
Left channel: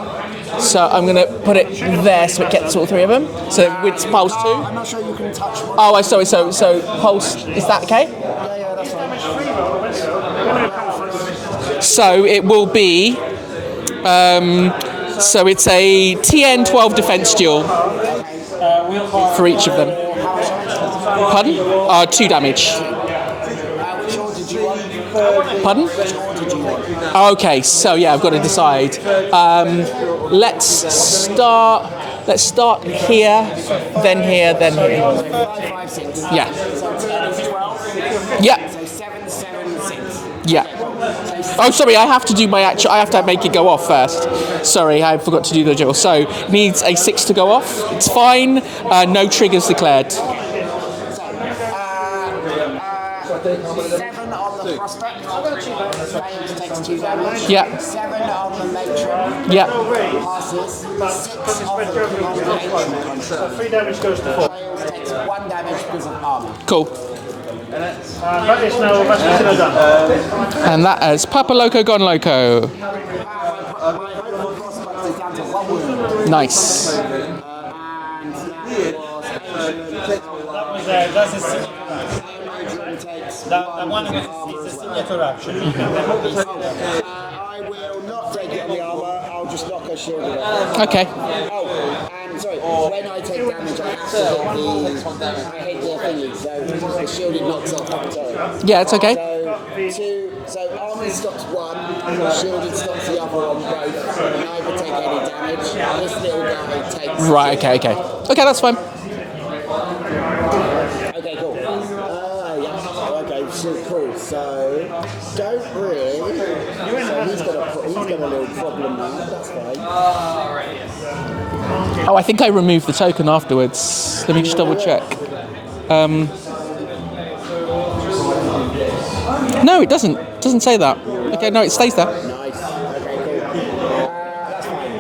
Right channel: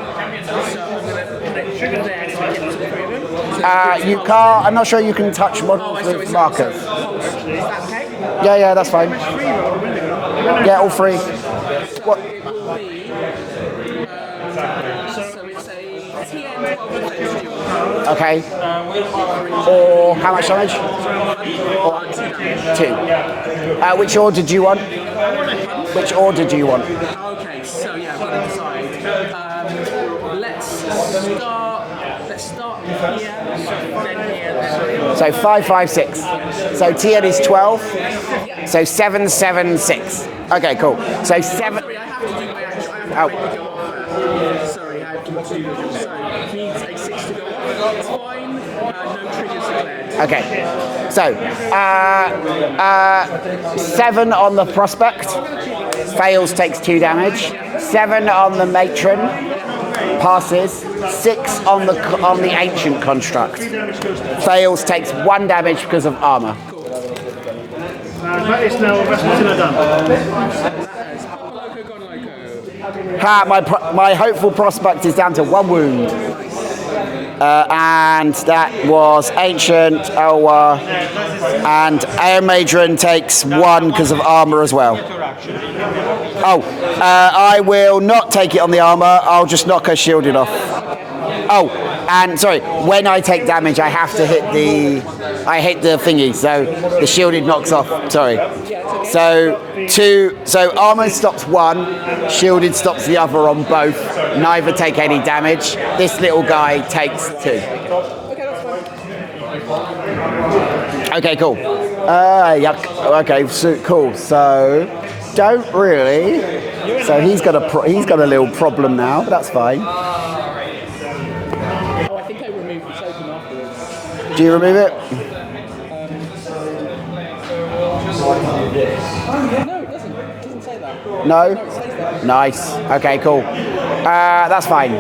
So I'm going to put it there so it gets all 3 of them. So it's You pulse 2. can't, I'm not sure you can touch one. Oh, of sorry, these so markers. pulse, is that okay? Yeah, that's fine. Yeah, all 3. So it will be, so it's a TN 12 defense duel Okay. for each of them. Or how much damage? Pardon? 2 damage. 2. Which order do you want? Pardon? Which order do you want? Okay, so yeah, I've got to decide. Let's start here, then here, then here. So 5, 5, 6. Yeah. So TN is 12. Yeah. So 7, 7, 6. Yeah. Okay, cool. So Oh, sorry, I have to do my actual. I have to make it go off first. Sorry, I forgot to do the duel. So needs a 6 to go off. It's fine. No triggers declared. Okay. So 7 on the prospect. Fails, takes 2 damage. Yeah. 7 on the matron. Yeah. Passes. 6 on the ancient construct. Fails, takes 1 damage because of armor. Cool. That is now Vascular done. And that is Papa Loco Gone Loco. My hopeful prospect is down to 1 wound. Nice. And that was Ancient, Elwa, and Air Matron takes 1 because of armor as well. Oh, I will not take it on the armor, I'll just knock her shielded off. Okay. Oh, and sorry, when I take damage I have to hit the thingy, so the shielded knocks off, sorry. Yeah, it's okay. So armor stops 1, shielded stops the other on both. Neither take any damage. This little guy takes 2. Right, okay. Okay, that's fine. Okay, cool. Yuck. Okay, so, cool. So don't really. So he's got a little problem now, but that's fine. Oh, I think I removed the token afterwards. Let me Do you just double remove check. No, it doesn't. It doesn't say that. No? Okay, no, it stays there. Nice. Okay, cool. That's fine.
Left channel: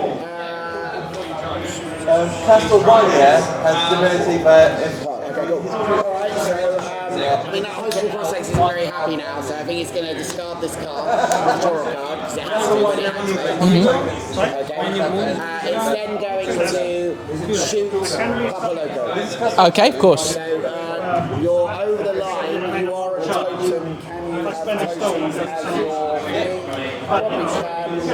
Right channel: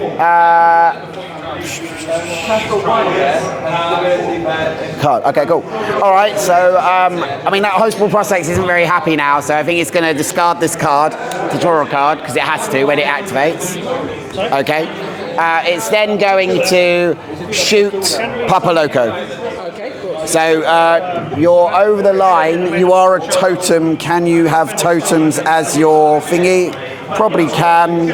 Card. Okay, cool. All right. So, I mean, that Hospital Prospects isn't very happy now, so I think it's going to discard this card to draw a card because it has to when it activates. Okay. It's then going to shoot Papa Loco. Okay, of course. So you're over the line. You are a totem. Can you have totems as your thingy? Probably can.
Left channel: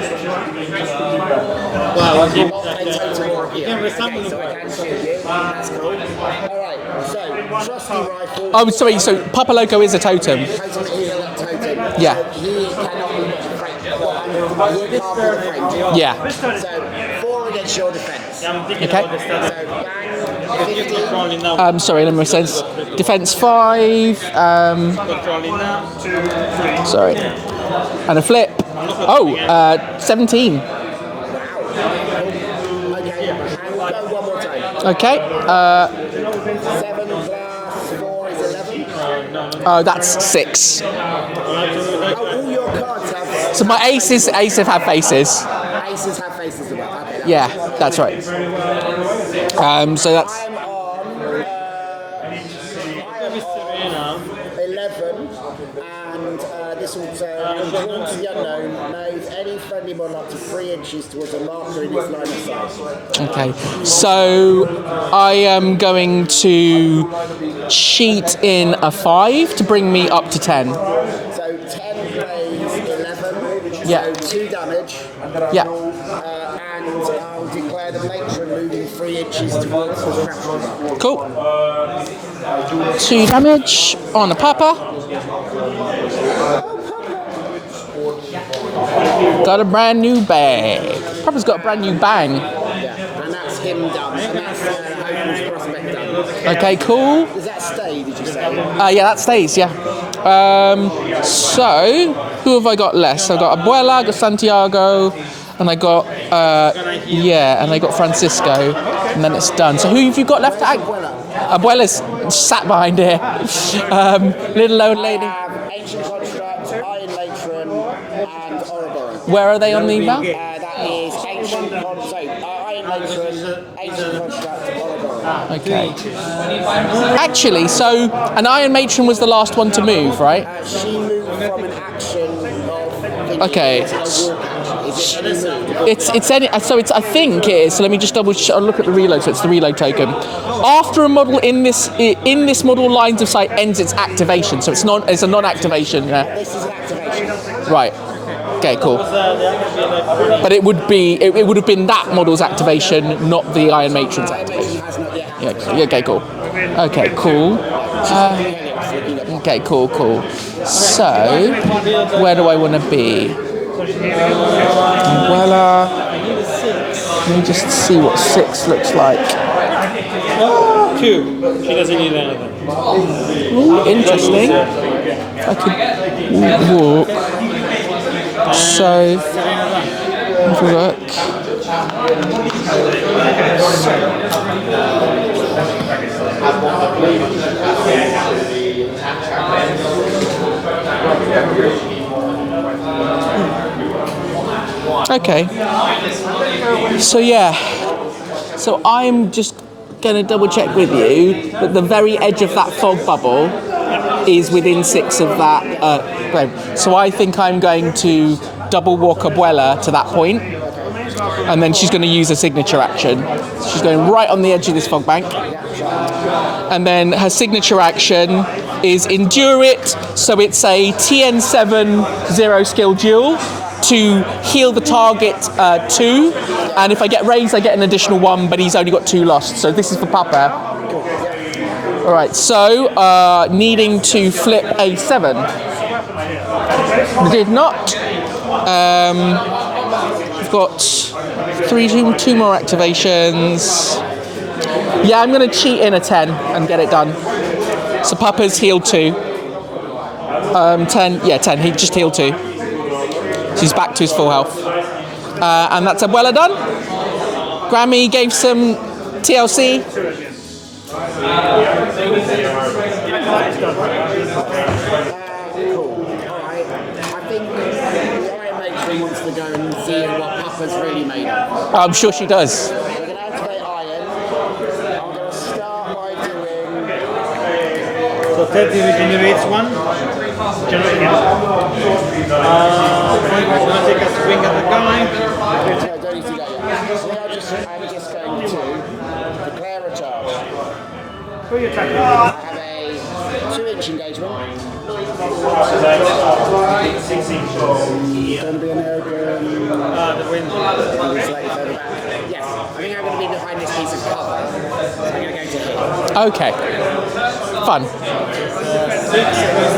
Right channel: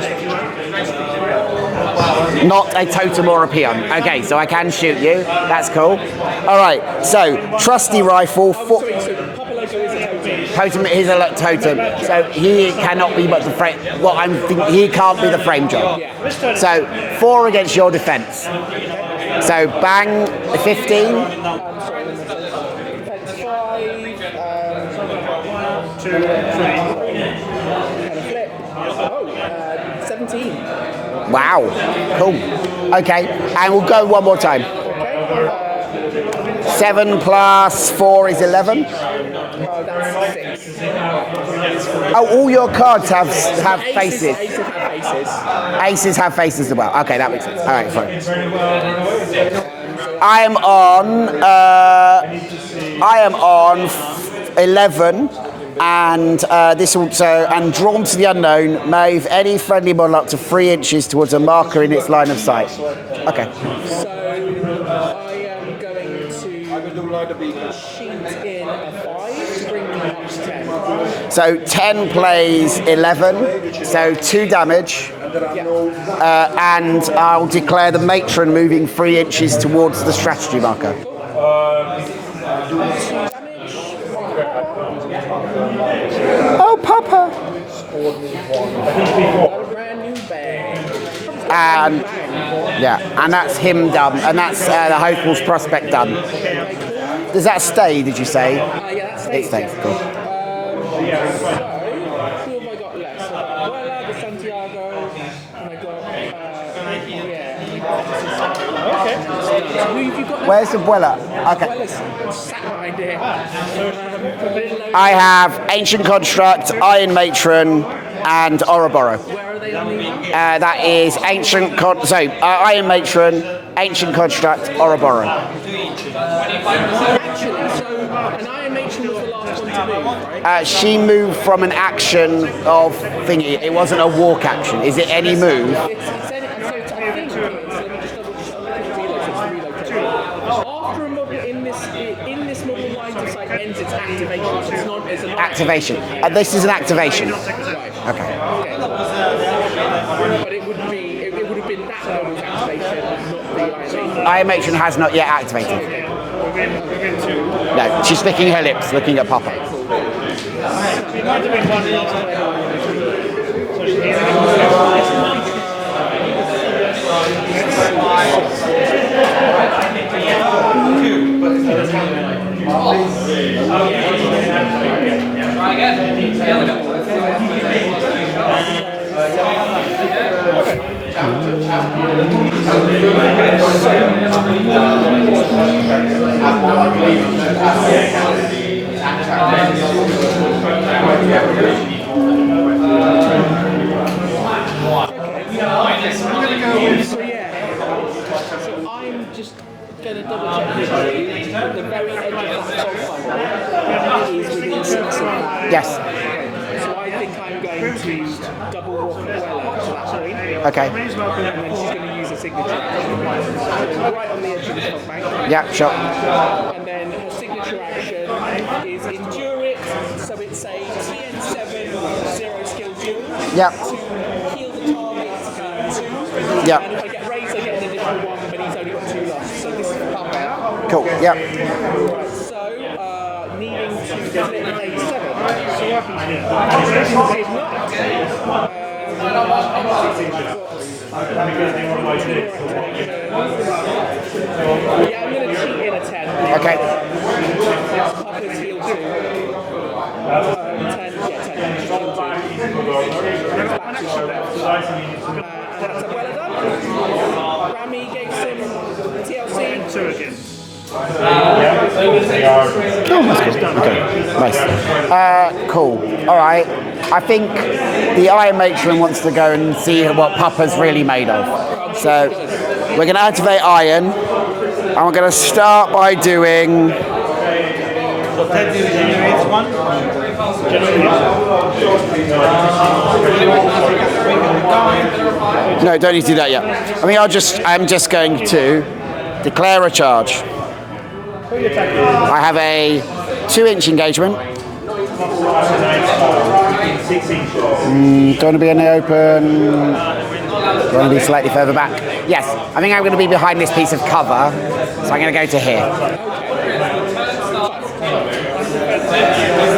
Not a totem or a peon. Okay, so I can shoot you. That's cool. All right. So trusty rifle. Oh, sorry. So Papa Loco is a totem. Totem is a totem. Yeah. So he cannot be but the frame. Well, I'm thinking he can't be the frame job. Yeah. So 4 against your defense. Okay. So bang, 15. Sorry, let me sense. Defense 5. Sorry. And a flip. Oh, 17. Wow. Cool. Okay. And we'll go one more time. Okay. 7 plus 4 is 11. Oh, that's 6. Oh, all your cards have. So my aces have faces. Aces have faces as well. Okay, that Yeah, makes sense. All that's fine. right. So that's, I am on 11, and this also and drawn to the unknown. Move any friendly model up to 3 inches towards a marker in its line of sight. okay. So I am going to cheat in a 5 to bring me up to 10. So 10 plays 11. So 2 damage. Yeah. And I'll declare the matron moving 3 inches towards the strategy marker. Cool. 2 damage on the Papa. Oh, Papa! Got a brand new bag. Papa's got a brand new bang. Yeah, and that's him done, and that's the Hopeful's prospect done. Okay, cool. Does that stay? Did you say? Yeah, that stays, yeah. So, who have I got less? I got Abuela, I got Santiago, and I got, and I got Francisco, and then it's done. So who have you got left? Where's Abuela? Abuela's sat behind here. Little old I lady. have Ancient Construct, Iron Matron, and Ouroboros. Where are they on the map? That is Iron Matron, Ancient Construct, Ouroboros. Okay. Actually, so an Iron Matron was the last one to move, right? She moved from an action of thingy. Okay. It wasn't a walk action. Is it any move? It's any. So it's. I think it is. So let me just I'll look at the reload. So it's the reload token. After a model in this model lines of sight ends its activation. So it's a non-activation. Yeah. This is an activation. Right. Okay. Cool. But it would have been that model's activation, not the Iron Matron. Iron Matron has not yet activated. Yeah, okay. Cool. Okay. Cool. No, she's licking her lips, looking at Papa. Okay. Cool. So where do I want to be? Umbrella. Let me just see what 6 looks like. 2. She doesn't need anything. Ooh, interesting. I could walk. So, have a look. Okay. So yeah. So I'm just going to double check with you that the very edge of that fog bubble is within 6 of that. Yes. Great. So I think I'm going to double walk Abuela to that point. Okay. And then she's going to use a signature action. She's going right on the edge of this fog bank. Yeah, sure. And then her signature action is Endure It. So it's a TN7 0 skill duel to heal the target 2. Yeah. And if I get raised, I get an additional 1, but he's only got 2 lost. So this is for Papa. Cool. Yeah. All right. So needing to flip a 7. Did not. I've got 2 more activations. Yeah, I'm going to cheat in a 10 and get it done. So Papa's healed 2. 10. Yeah, 10. He just healed 2. So he's back to his full health. And that's Abuela done. Grammy gave some TLC. Nice. Cool. All right. I think the Iron Matron wants to go and see what Papa's really made of. I'm sure she does. We're going to activate Iron, and we're going to start by doing. So 30 generates 1. No, don't need to do that yet. I mean, I'm just going to declare a charge. I have a 2-inch engagement. Don't want to be in the open. Don't want to be slightly further back. Yes, I think I'm going to be behind this piece of cover, so I'm going to go to here. Okay. Fun.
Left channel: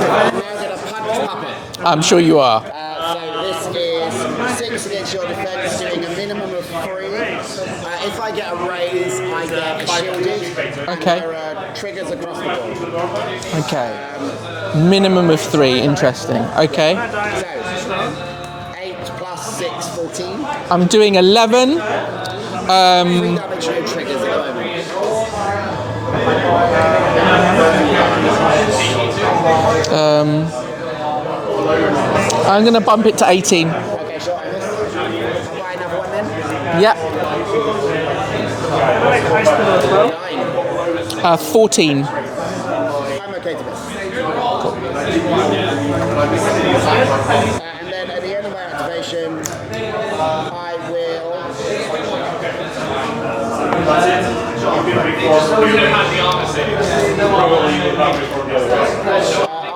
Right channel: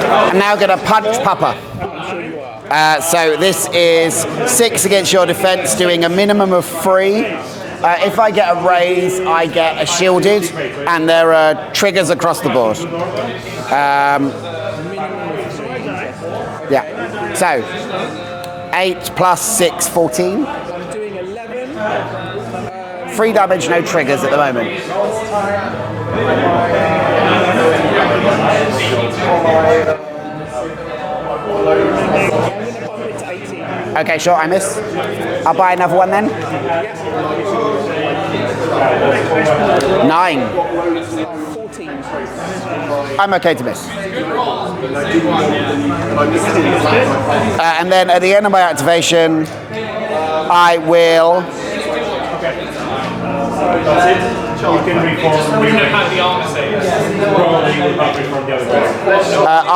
I'm now going to punch Papa. I'm sure you are. So this is 6 against your defense, doing a minimum of 3. If I get a raise, I get a shielded, and there are triggers across the board. Minimum of 3. Interesting. Okay. Yeah. So 8 plus 6, 14. I'm doing 11. 3 damage, no triggers at the moment. I'm going to bump it to 18. Okay, sure, I miss. I'll buy another one then. Yeah. 9. 14. I'm okay to miss. And then at the end of my activation, I will.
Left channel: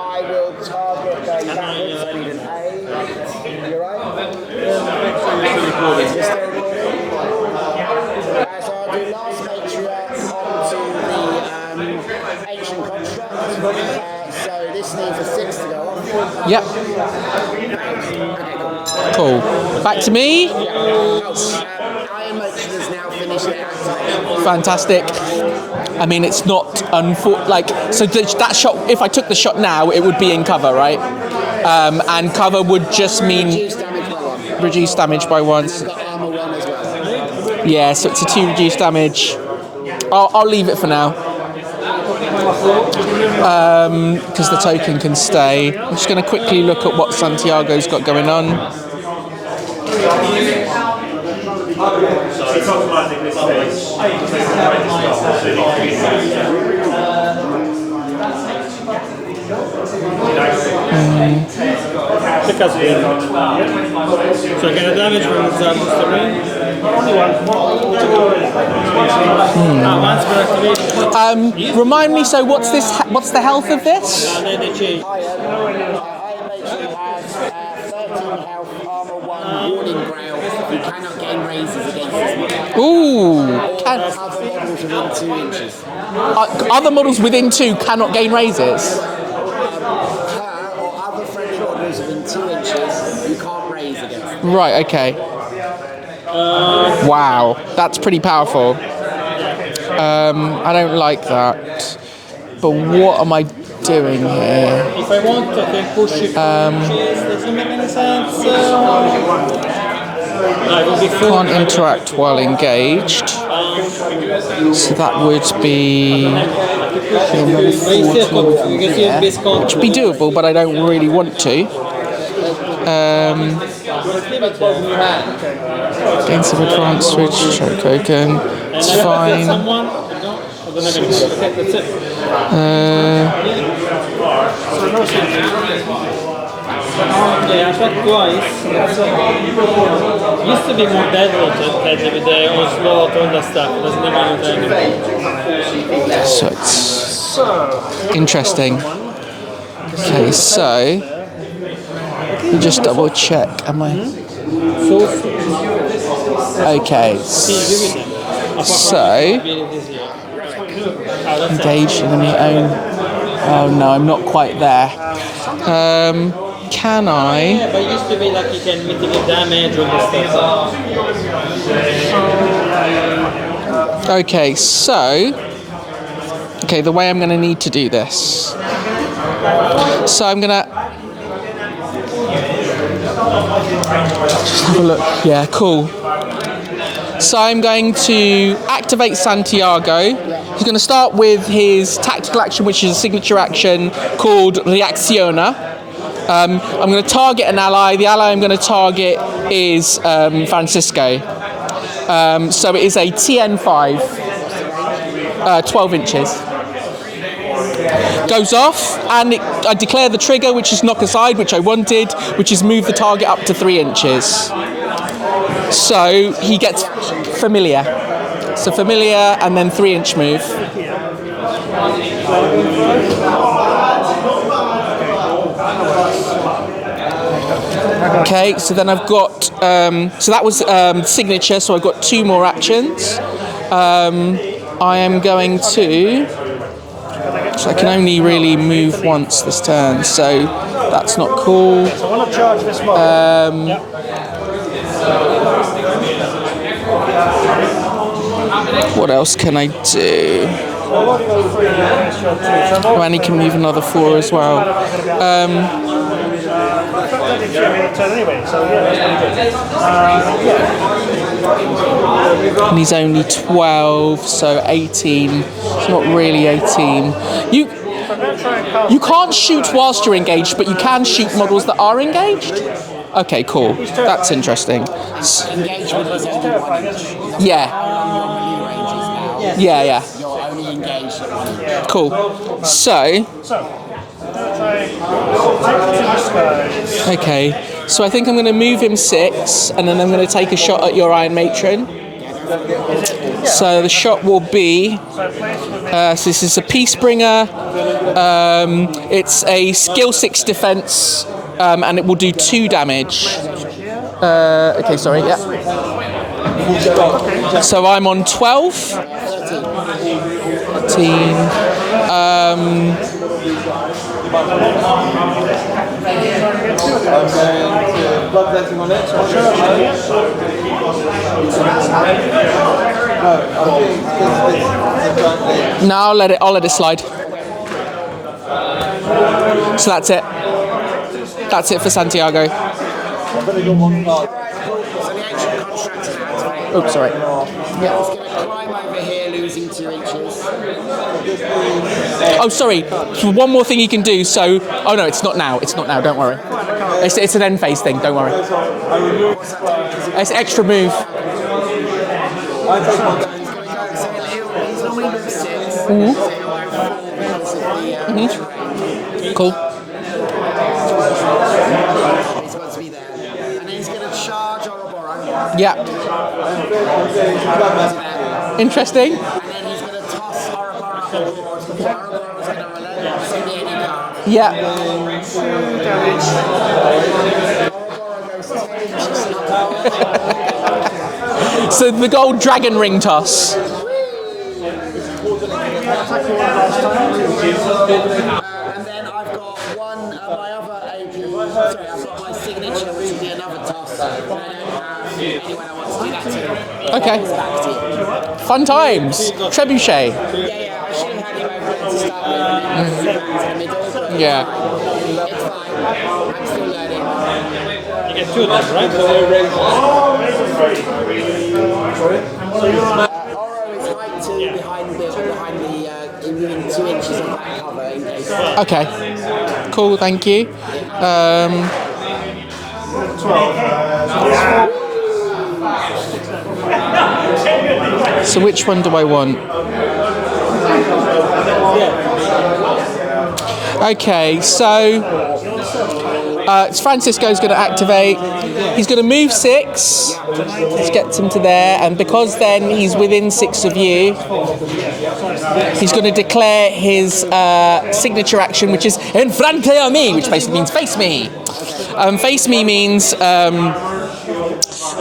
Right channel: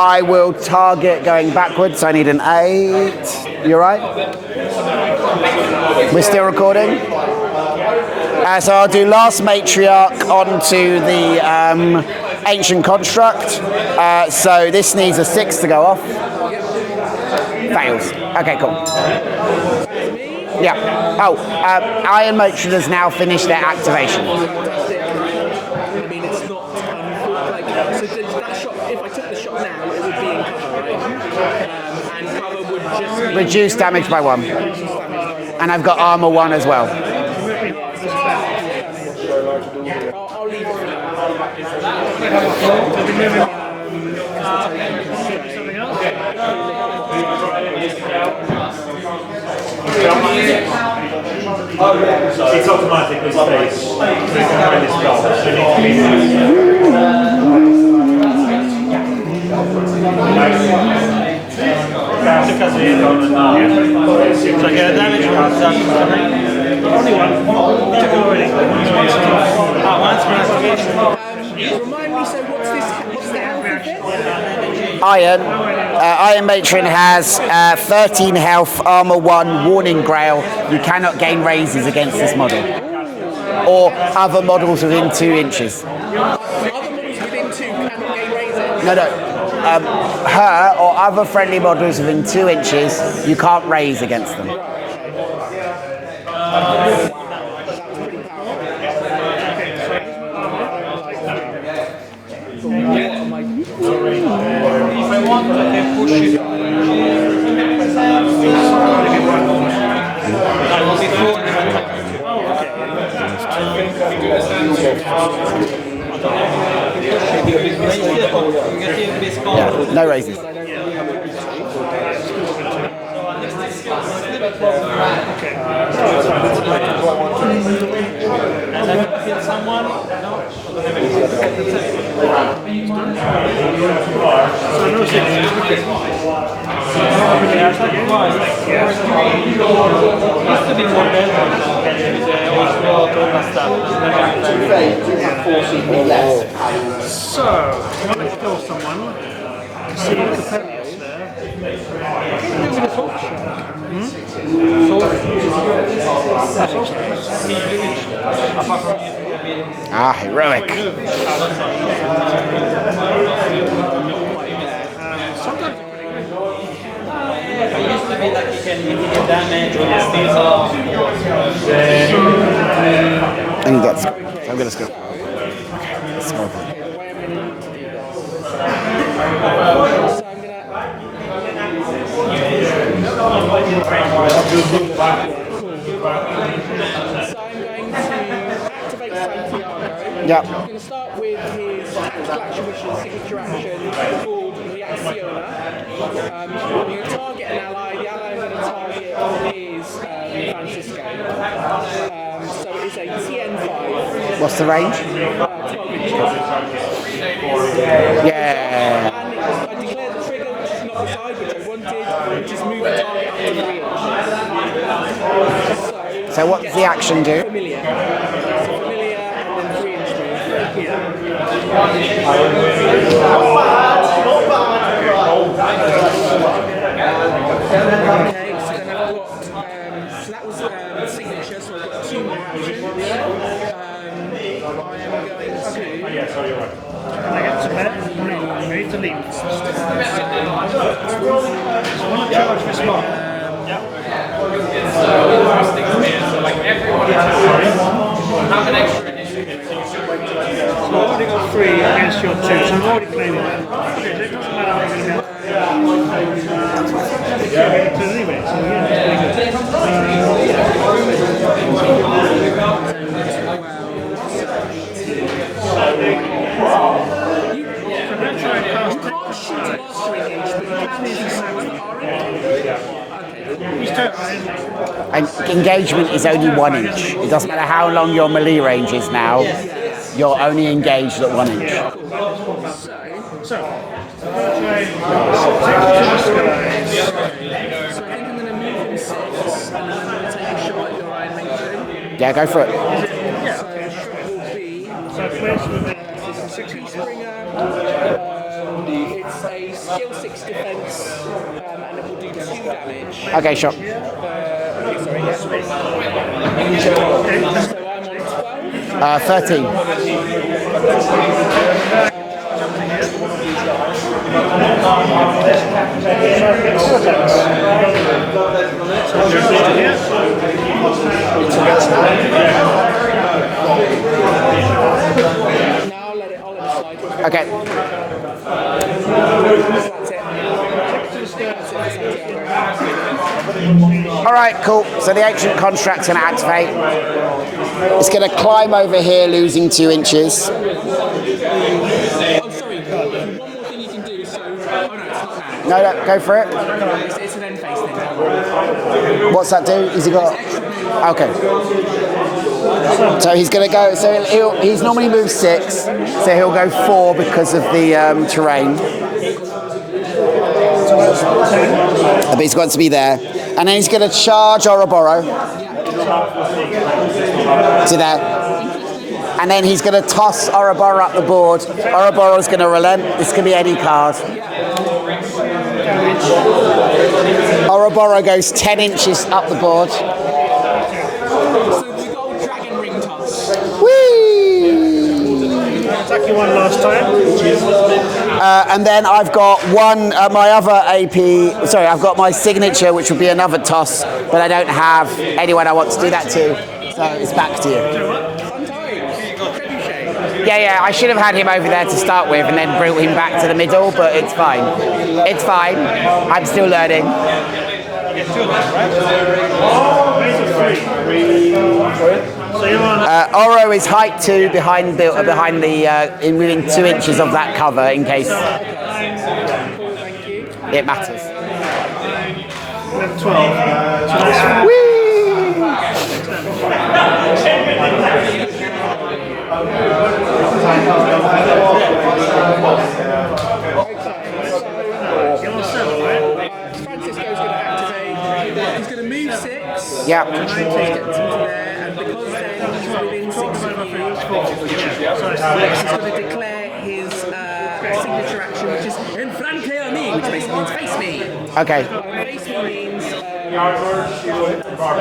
I will target going backwards, so I need an 8. You right? We're still recording? So I'll do last matriarch onto the ancient construct. So this needs a 6 to go off. Yep. Fails. Okay, cool. Cool. Back to me. Yeah. Oh, Iron Matron has now finished their activation. Fantastic. I mean, it's not so that shot. If I took the shot now, it would be in cover, right? And cover would just mean Reduce damage by 1. reduce damage by 1. And I've got armor 1 as well. Yeah, so it's a 2 reduced damage. I'll leave it for now. Because the token can stay. I'm just going to quickly look at what Santiago's got going on. It's automatic this stage. So get a damage when it's out of the ring. Remind me, so what's the health of this? Iron. Iron Matron has 13 health, armor 1, warning grail. You cannot gain raises against this model. Ooh. Or other models within 2 inches. Other models within 2 cannot gain raises? No. Her or other friendly models within 2 inches, you can't raise against them. Right, okay. Wow, that's pretty powerful. I don't like that. But what am I doing here? If I want to, I can push it. Can't interact while engaged. So that would be... It should be doable, but I don't really want to. Defensive appliance switch, show token. It's fine. Yeah, I tried twice. Used to be more deadly with the Oslo and stuff. There's never So it's interesting. Okay, so let me just double check. Am I? Okay. So heroic. engage in your own. Oh no, I'm not quite there. Can I? It used to be like you can mitigate damage or stuff. Okay, so the way I'm going to need to do this. So I'm going to have a look. Yeah, cool. So I'm going to activate Santiago. Yep. He's going to start with his tactical action, which is a signature action called Reacciona. I'm going to target an ally. The ally I'm going to target is Francisco. So it is a TN5. What's the range? 12 inches. Goes off, and I declare the trigger, which is knock aside, which I wanted, which is move the target up to 3 inches. So he gets the action do? familiar. So familiar, and then 3-inch move. Okay, so then I've got, so that was signature, so I've got 2 more actions. I am going to, so I can only really move once this turn, so that's not cool. What else can I do? Oh, and he can move another 4 as well. And he's only 12, so 18. It's not really 18. You can't shoot whilst you're engaged, but you can shoot models that are engaged? Okay, cool. That's interesting. And engagement is only 1 inch. It doesn't matter how long your melee range is now. Yeah. You're only engaged at 1 inch. Cool. So... Okay, so I think I'm going to move him 6, and then I'm going to take a shot at your Iron Matron. Yeah, go for it. So the shot will be, so this is a Peacebringer, it's a skill 6 defense, and it will do 2 damage. Okay, shot. Okay, sorry, yeah. So I'm on 12. 13. 13. No, I'll let it slide. Okay. So that's it. That's it for Santiago. All right, cool. So the ancient construct's going to activate. Oops, sorry. It's going to climb over here, losing 2 inches. Oh, sorry. One more thing you can do. So, oh no, it's not now. It's not now. Don't go worry. for it. It's an end phase thing. Don't worry. What's that do? Is he got? It's extra move. Okay. So he's going to go. So he's normally moved 6. So he'll go 4 because of the terrain. Cool. But he's got to be there. And then he's going to charge Ouroboros. Yeah. See that? Interesting. And then he's going to toss Ouroboros up the board. Ouroboros going to relent. This can be any card. Yeah. Ouroboros goes 10 inches up the board. So the gold dragon ring toss. Exactly one last time, which is And then I've got my other AP. Sorry, I've got my signature, which would be another toss, but I don't have anyone I want to do that to. Okay. It's back to you. Fun times. Trebuchet. Yeah, I should have had him over there to start with and then brought him back to the middle, but it's fine. It's fine. I'm still learning. Oro is height 2 behind the within 2 inches of that cover in case Okay. Cool. Thank you. it matters. So which one do I want? Okay, so Francisco's going to activate. He's going to move 6. Yeah. Let's get him to there, and because then he's within 6 of you, he's going to declare his signature action, which is enfrente a mí, which basically means face me. Okay. Face me means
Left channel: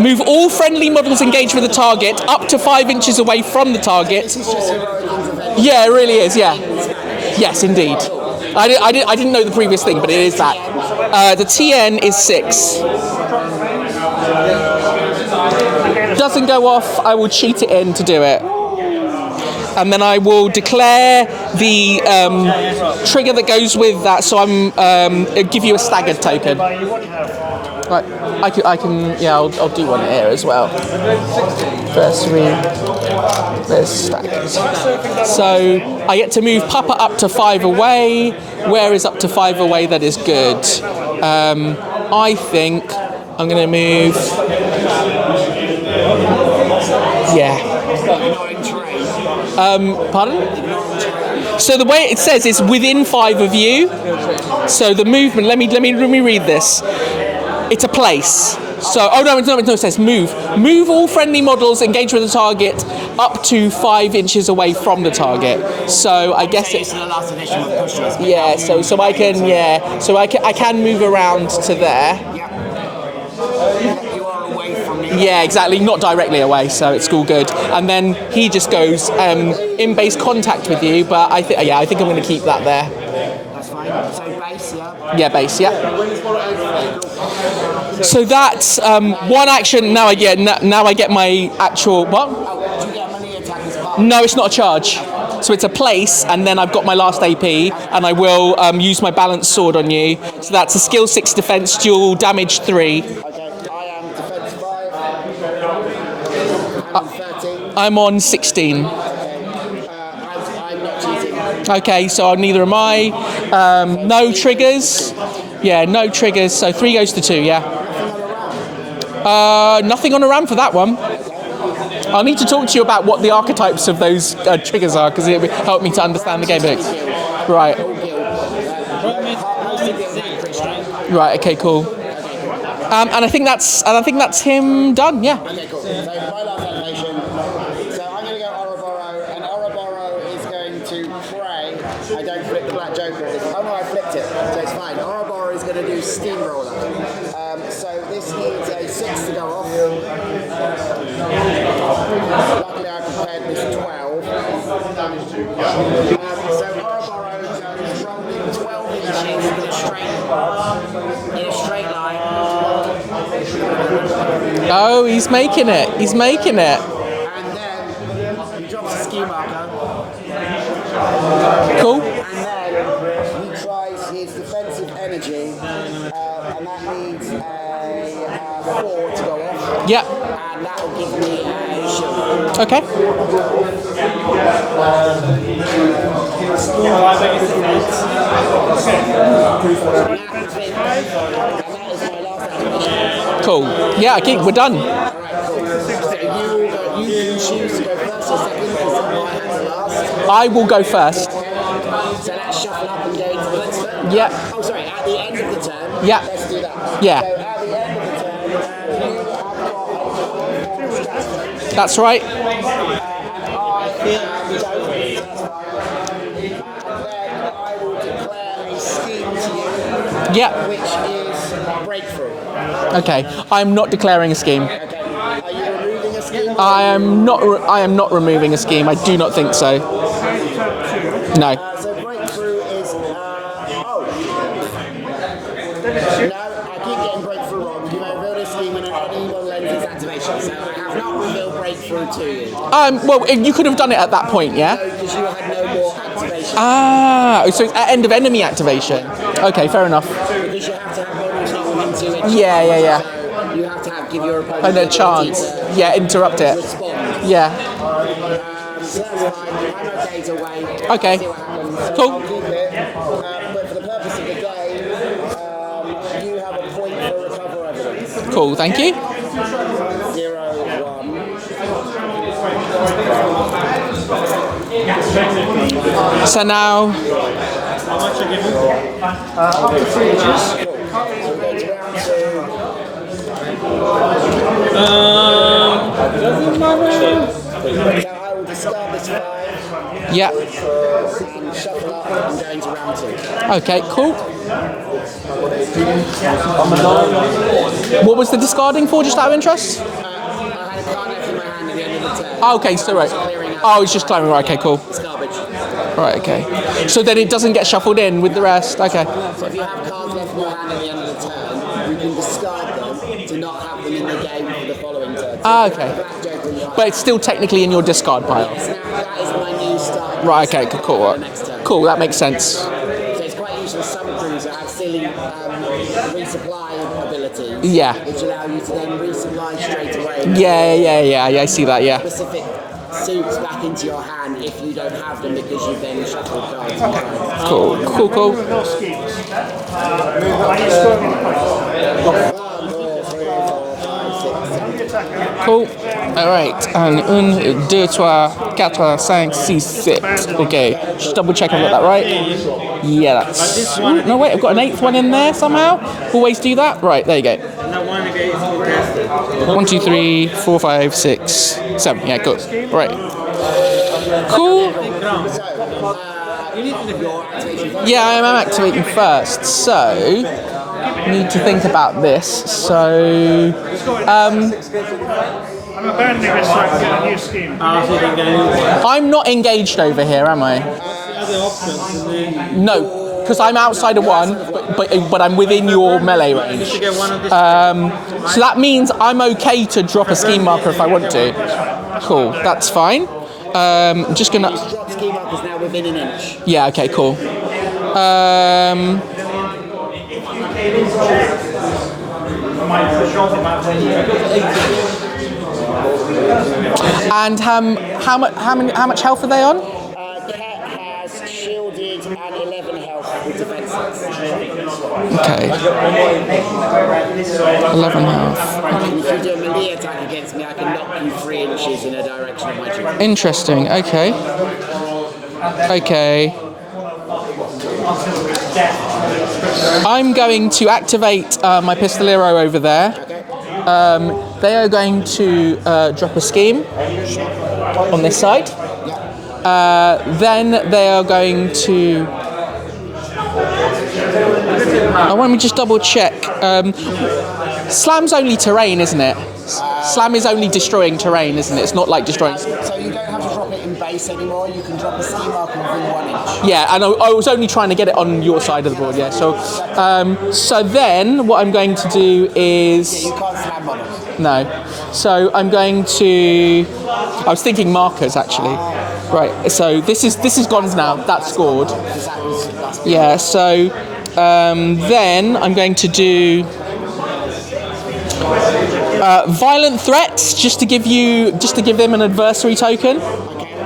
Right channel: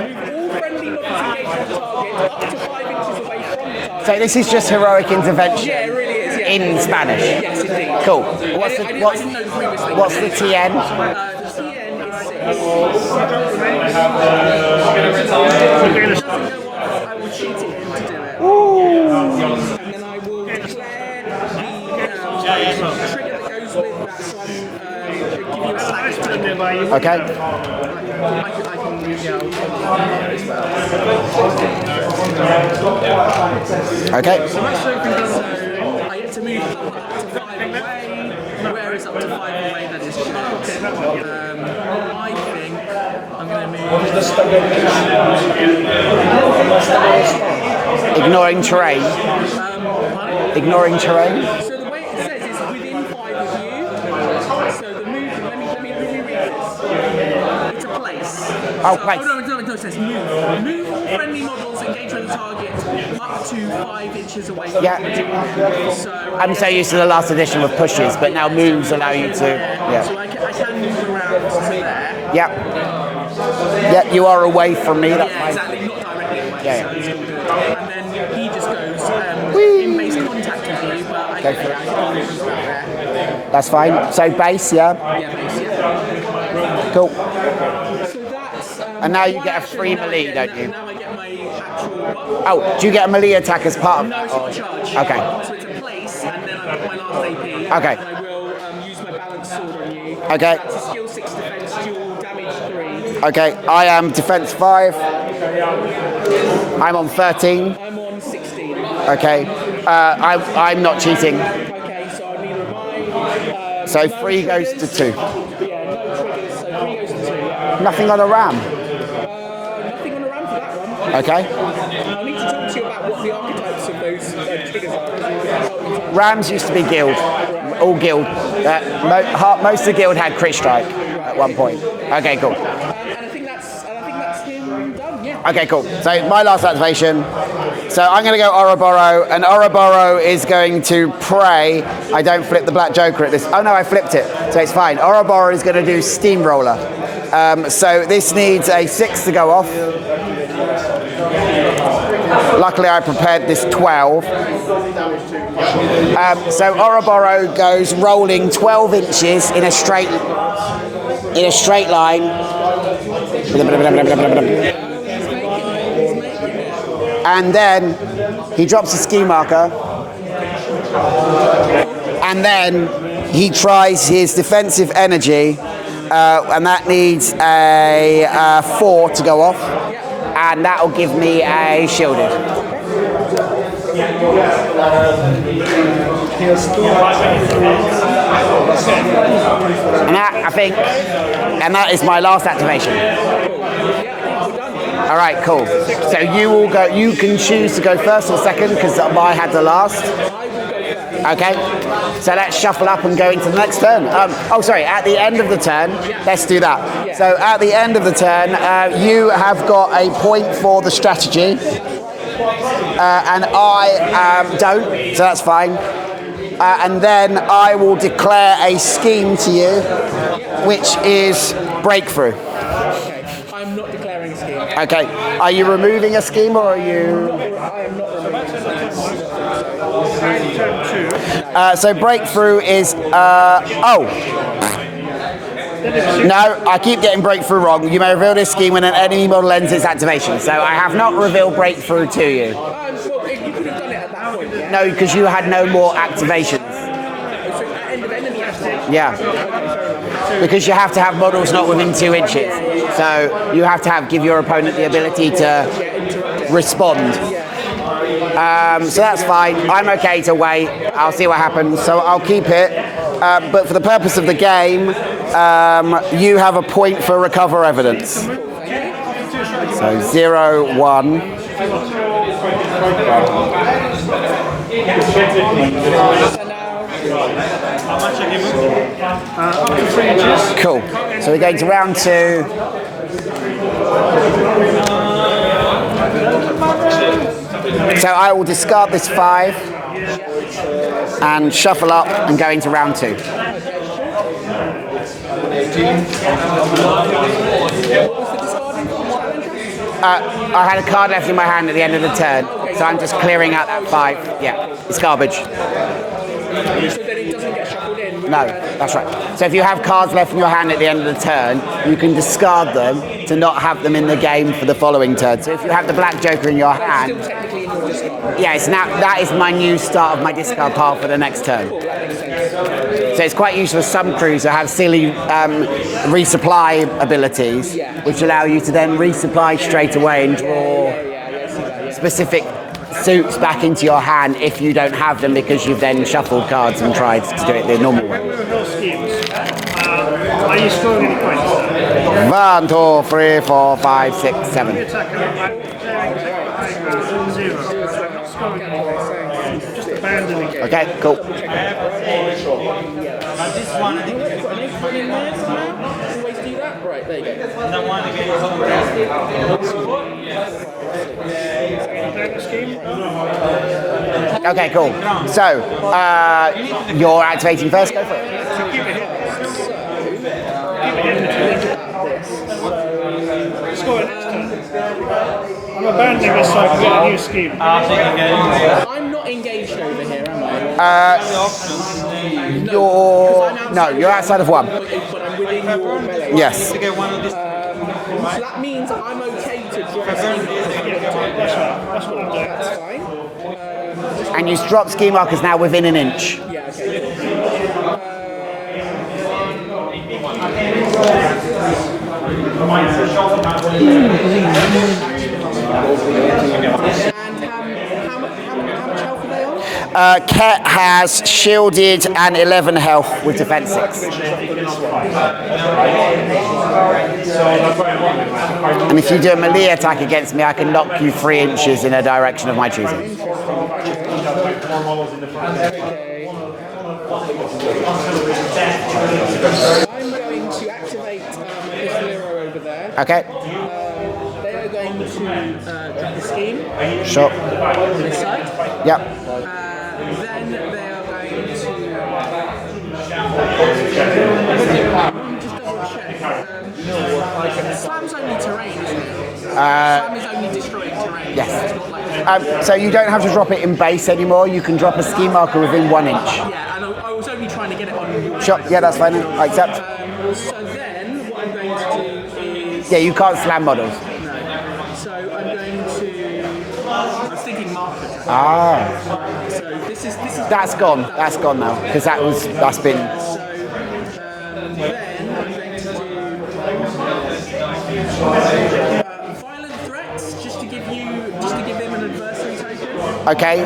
move all friendly models engaged with the target up to 5 inches away from the So target. this is just heroic intervention. Yeah, it really is. Yeah. In Spanish. Yes, indeed. Cool. I didn't know the previous thing, but it is that. TN? The TN is 6. Doesn't go off, I will cheat it in to do it. And then I will declare the trigger that goes with that, so I'll give you a staggered token. Okay. Right, I can, yeah, I'll do one here as well. First this. Okay. So I get to move Papa up to 5 away. Where is up to 5 away? That is good. I think I'm going to move. Yeah. Ignoring terrain. Pardon? Ignoring terrain. So the way it says is within 5 of you. So the movement. Let me read this. It's a place. So, it says move. Move all friendly models engaged with the target up to 5 inches away from the target. So I guess I'm so used to the last edition with pushes, but now move. so I can so I can move around to there. Yeah. Yeah, you are away from me. Yeah, exactly. Not directly away, so it's all good. And then he just goes in base contact with you, but I think I'm going to keep that there. That's fine. So base, yeah. Yeah, base. Yeah. Cool. So that's one action. Now I get my actual what? Oh, do you get a melee attack as part of No, it's not a charge. Okay. So it's a place, and then I've got my last AP, and I will use my balanced sword on you. Okay. So that's a skill 6 defense, dual damage 3. Okay, I am defense 5. I'm on 13. I'm on 16. Okay. I'm not cheating. Okay, so neither am I. So No 3 triggers. goes to 2. Yeah, no triggers. So 3 goes to 2. Yeah. Nothing on a ram. Nothing on a ram for that one. Okay. I'll need to talk to you about what the archetypes of those triggers are, because it will help me to understand Rams the game. used to be guild. Right. All guild. Most of the guild had crit strike. Right. Okay. Cool. Okay, cool. And I think that's him done. Yeah. Okay, cool. So my last activation. So I'm going to go Ouroboros, and Ouroboros is going to pray I don't flip the black joker at this. Oh no, I flipped it, so it's fine. Ouroboros is going to do Steamroller. So this needs a 6 to go off. Luckily I prepared this 12. So Ouroboros goes rolling 12 inches in a straight line. Oh, he's making it. He's making it. And then he drops a ski marker. Cool. And then he tries his defensive energy, and that needs a 4 to go off. Yeah. And that will give me a shielded. Okay. And that, I think, and that is my last activation. Cool. Yeah, I think we're done. All right, cool. So you will go. You can choose to go first or second because I had the last. I will go first. Okay. So let's shuffle up and go into the next turn. Yeah. Oh, sorry. At the end of the turn. Yeah. Let's do that. Yeah. So at the end of the turn, you have got a point for the strategy, That's right. and I don't. So that's fine. And then I will declare a scheme to you, Yeah. which is breakthrough. Okay. I'm not declaring a scheme. Okay. Are you removing a scheme, or I are you? am not. I am not removing a scheme. I do not think so. No. So breakthrough is no, I keep getting breakthrough wrong. You may reveal this scheme when an enemy model ends its activation. So I have not revealed breakthrough to you. Well, you could have done it at that point, yeah. No, because you had no more activation. Ah, so it's at end of enemy activation. Yeah. Okay, fair enough. Because you have to have models not within 2 inches. Yeah. So you have to give your opponent the And then ability chance. to interrupt it. respond. Yeah. So that's fine. I'm okay to wait. I'll see what happens. So Cool. I'll keep it. But for the purpose of the game, you have a point for recover evidence. Cool. Thank you. So 0, 1. So now, Cool. So we're going to round 2. So I will discard this 5 yeah. and shuffle up and go into round 2. Okay. Cool. What was the discarding for, just out of interest? I had a card left in my hand at the end of the turn. Oh, okay, so I'm right. just clearing out. Oh, that it's just 5. clearing, right, okay, Yeah, cool. It's garbage. Right, okay. So then it doesn't get shuffled in with the No, rest? that's Okay. right. So if you have cards left in your hand at the end of the turn, you can discard them to not have them in the game for the following turn. So if you have the black joker in your But hand, it's still technically in your discard pile? yeah, it's now, that is my new start of my Right, discard okay, pile cool. for the next turn. Cool, that makes sense. So it's quite useful for some crews to have silly resupply abilities, Yeah. which allow you to then resupply straight away and draw Yeah, I see that, yeah. specific suits back into your hand if you don't have them because you've then shuffled cards and tried to do it normally. Cool. Are you scoring any points? 1, 2, 3, 4, 5, 6, 7. Cool. Alright, and 1, 2, 3, 4, 5, 6, 7. Okay, Okay, cool. just double check I've got that right. Yeah, that's... Ooh, no, wait, I've got an 8th one in there somehow. Always do that. Right, there you go. 1, 2, 3, 4, 5, 6, 7. Yeah, good. Right. Cool. Okay, cool. So, you're activating first? Yeah, I'm activating first, so I need to think about this. So, I'm abandoning this so I can get a new scheme. I'm not engaged over here, am I? No, because I'm outside no, of you're one. outside of one. But I'm within your melee range. Yes. So that means I'm okay to drop a scheme marker if I want to. Cool, that's fine. Just And gonna. you drop ski markers now within an inch. Yeah. Okay. Cool. And how much health are they on? Ket has shielded and 11 health with defense 6. Okay. 11 health. And if you do a melee attack against me, I can knock you 3 inches in a direction of my choosing. Interesting. Okay. Okay. I'm going to activate my pistolero over there. Okay. They are going to drop a scheme Sure. on this side. Yep. Then they are going to Let me just double check. Slam's only terrain, isn't it? Slam is only destroying terrain, isn't it? It's not like destroying... So you don't have to drop it in base anymore. You can drop a ski marker within 1 inch. Yeah, and I was only trying to get it on your side of the board. Yeah, that's fine. So then what I'm going to do is... Yeah, you can't slam models. No. So I'm going to... I was thinking markers, actually. Right, so this is gone now. That's scored. Because that's been... Yeah, so then I'm going to do... violent threats, just to give them an adversary token. Okay.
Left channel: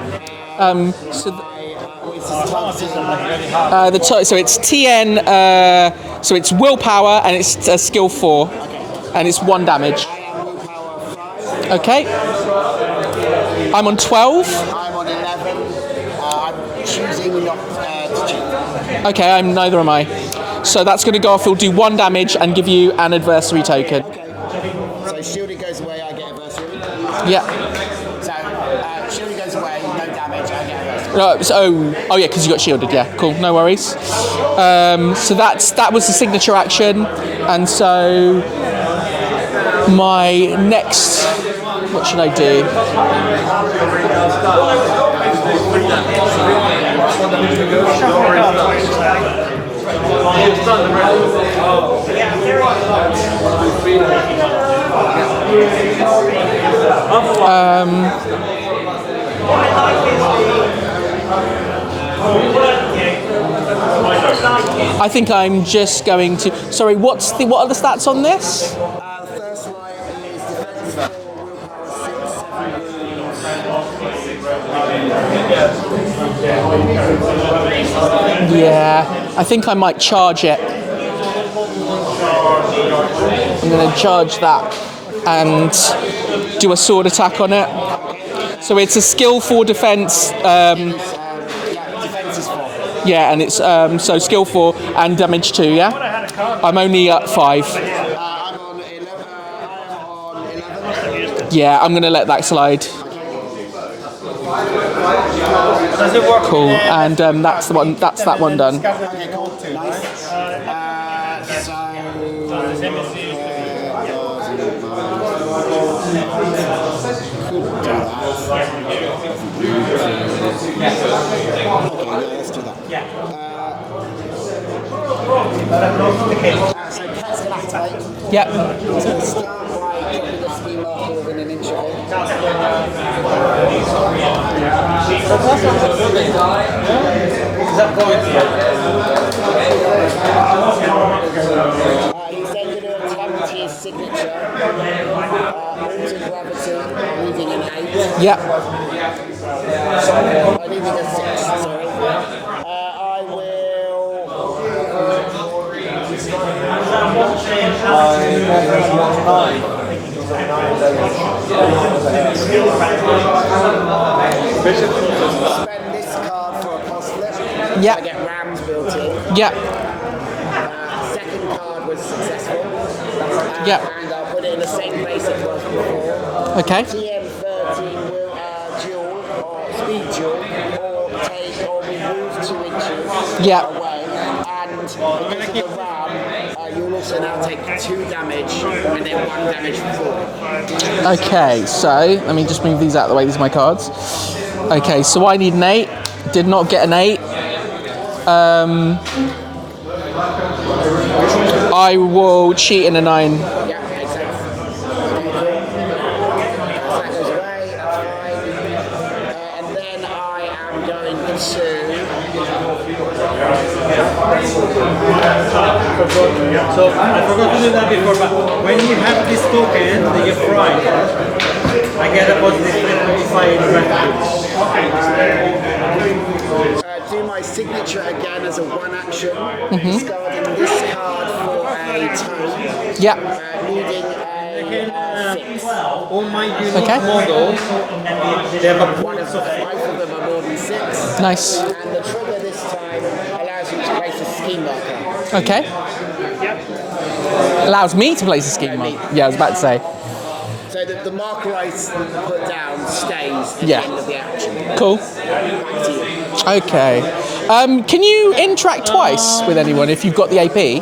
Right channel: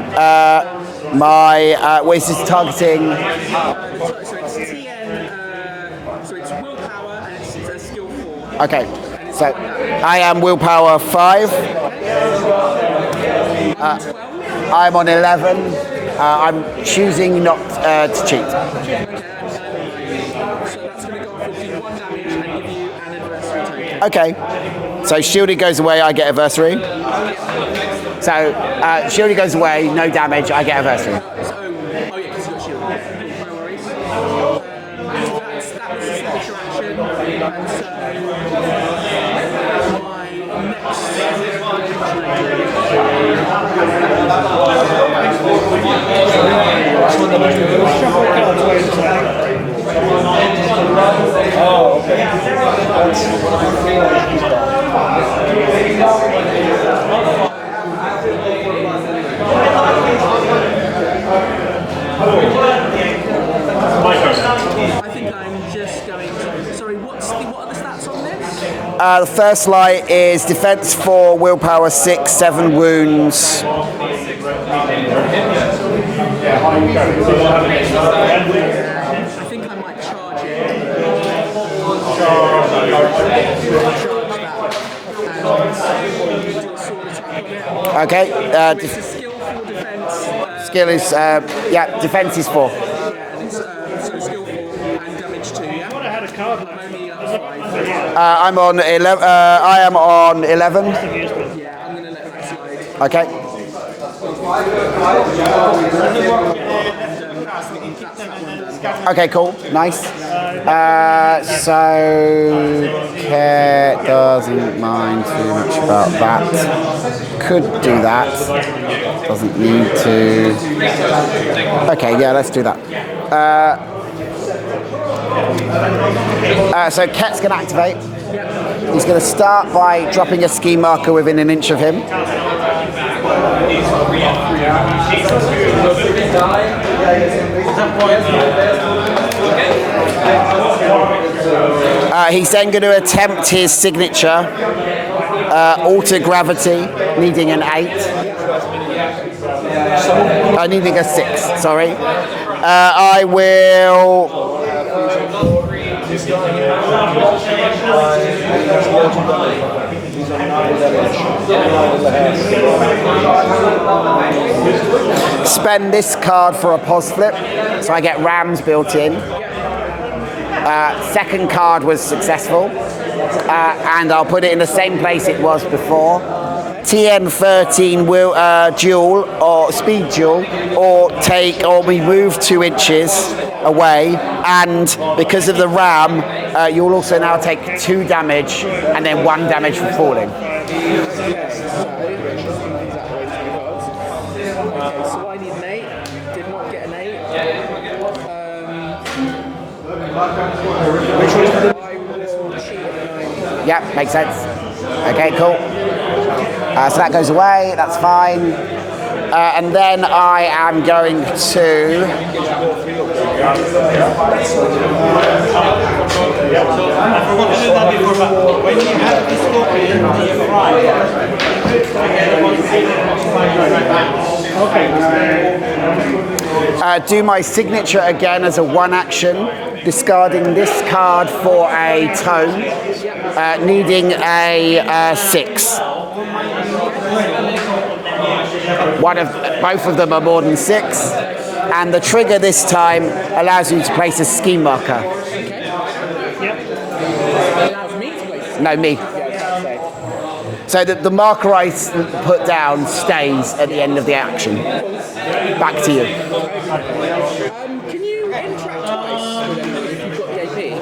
Where's this targeting? So it's TN. So it's willpower and it's skill 4. Okay. And it's 1 damage. I am willpower 5. Okay. I'm on 12. I'm on 11. I'm choosing not to cheat. Okay, neither am I. So that's going to go off. He'll do 1 damage and give you an adversary token. Okay. So shielded goes away, I get adversary. Yeah. So shielded goes away, no damage, I get adversary. Oh yeah, because you got shielded. Yeah, cool, no worries. So that was the signature action, and so my next, what should I do? I think I'm just going to. Sorry, what are the stats on this? The first light is defense 4, willpower 6, 7 wounds. Yeah, I think I might charge it. I'm going to charge that and do a sword attack on it. Okay. So it's a skill 4 defense. Skill is, defense is 4. Yeah, and it's so skill 4 and damage 2. Yeah. I'm only at 5. I'm on 11. I am on 11. Yeah, I'm going to let that slide. Okay. Cool, and that's the one. That's that one done. Okay, cool, nice. So Care doesn't mind too much about that. Could do that. Doesn't need to. Okay, yeah, let's do that. So Ket's gonna activate. Yep. He's going to start by dropping a ski marker within an inch of him. He's then going to attempt his signature, alter gravity, needing an 8. Yep. Needing a 6, sorry. I will... Spend this card for a pos flip, so I get rams built in. Yep. Second card was successful, and I'll put it in the same place it was before. Okay. TN13 will duel or speed duel, or we move 2 inches away, and because of the ram, you'll also now take 2 damage and then 1 damage for falling. Okay, so let me just move these out of the way. These are my cards. Okay, so I need an 8. Did not get an 8. I will cheat in a 9. Yeah, makes sense. Okay, cool. So that goes away, that's fine. And then I am going to... I forgot to do that before, but when you have this token, you fry, I get a positive do my signature again as a 1 action, discarding this card for a tone. Yep. Needing a 6. Okay. Both of them are more than 6. Nice. And the trigger this time allows you to place a ski marker. Okay. Allows me to place a ski marker? No, me. Yeah, I was about to say. So the marker I put down stays at the end of the action. Cool. Back to you. Okay. Can you interact twice with anyone if you've got the AP?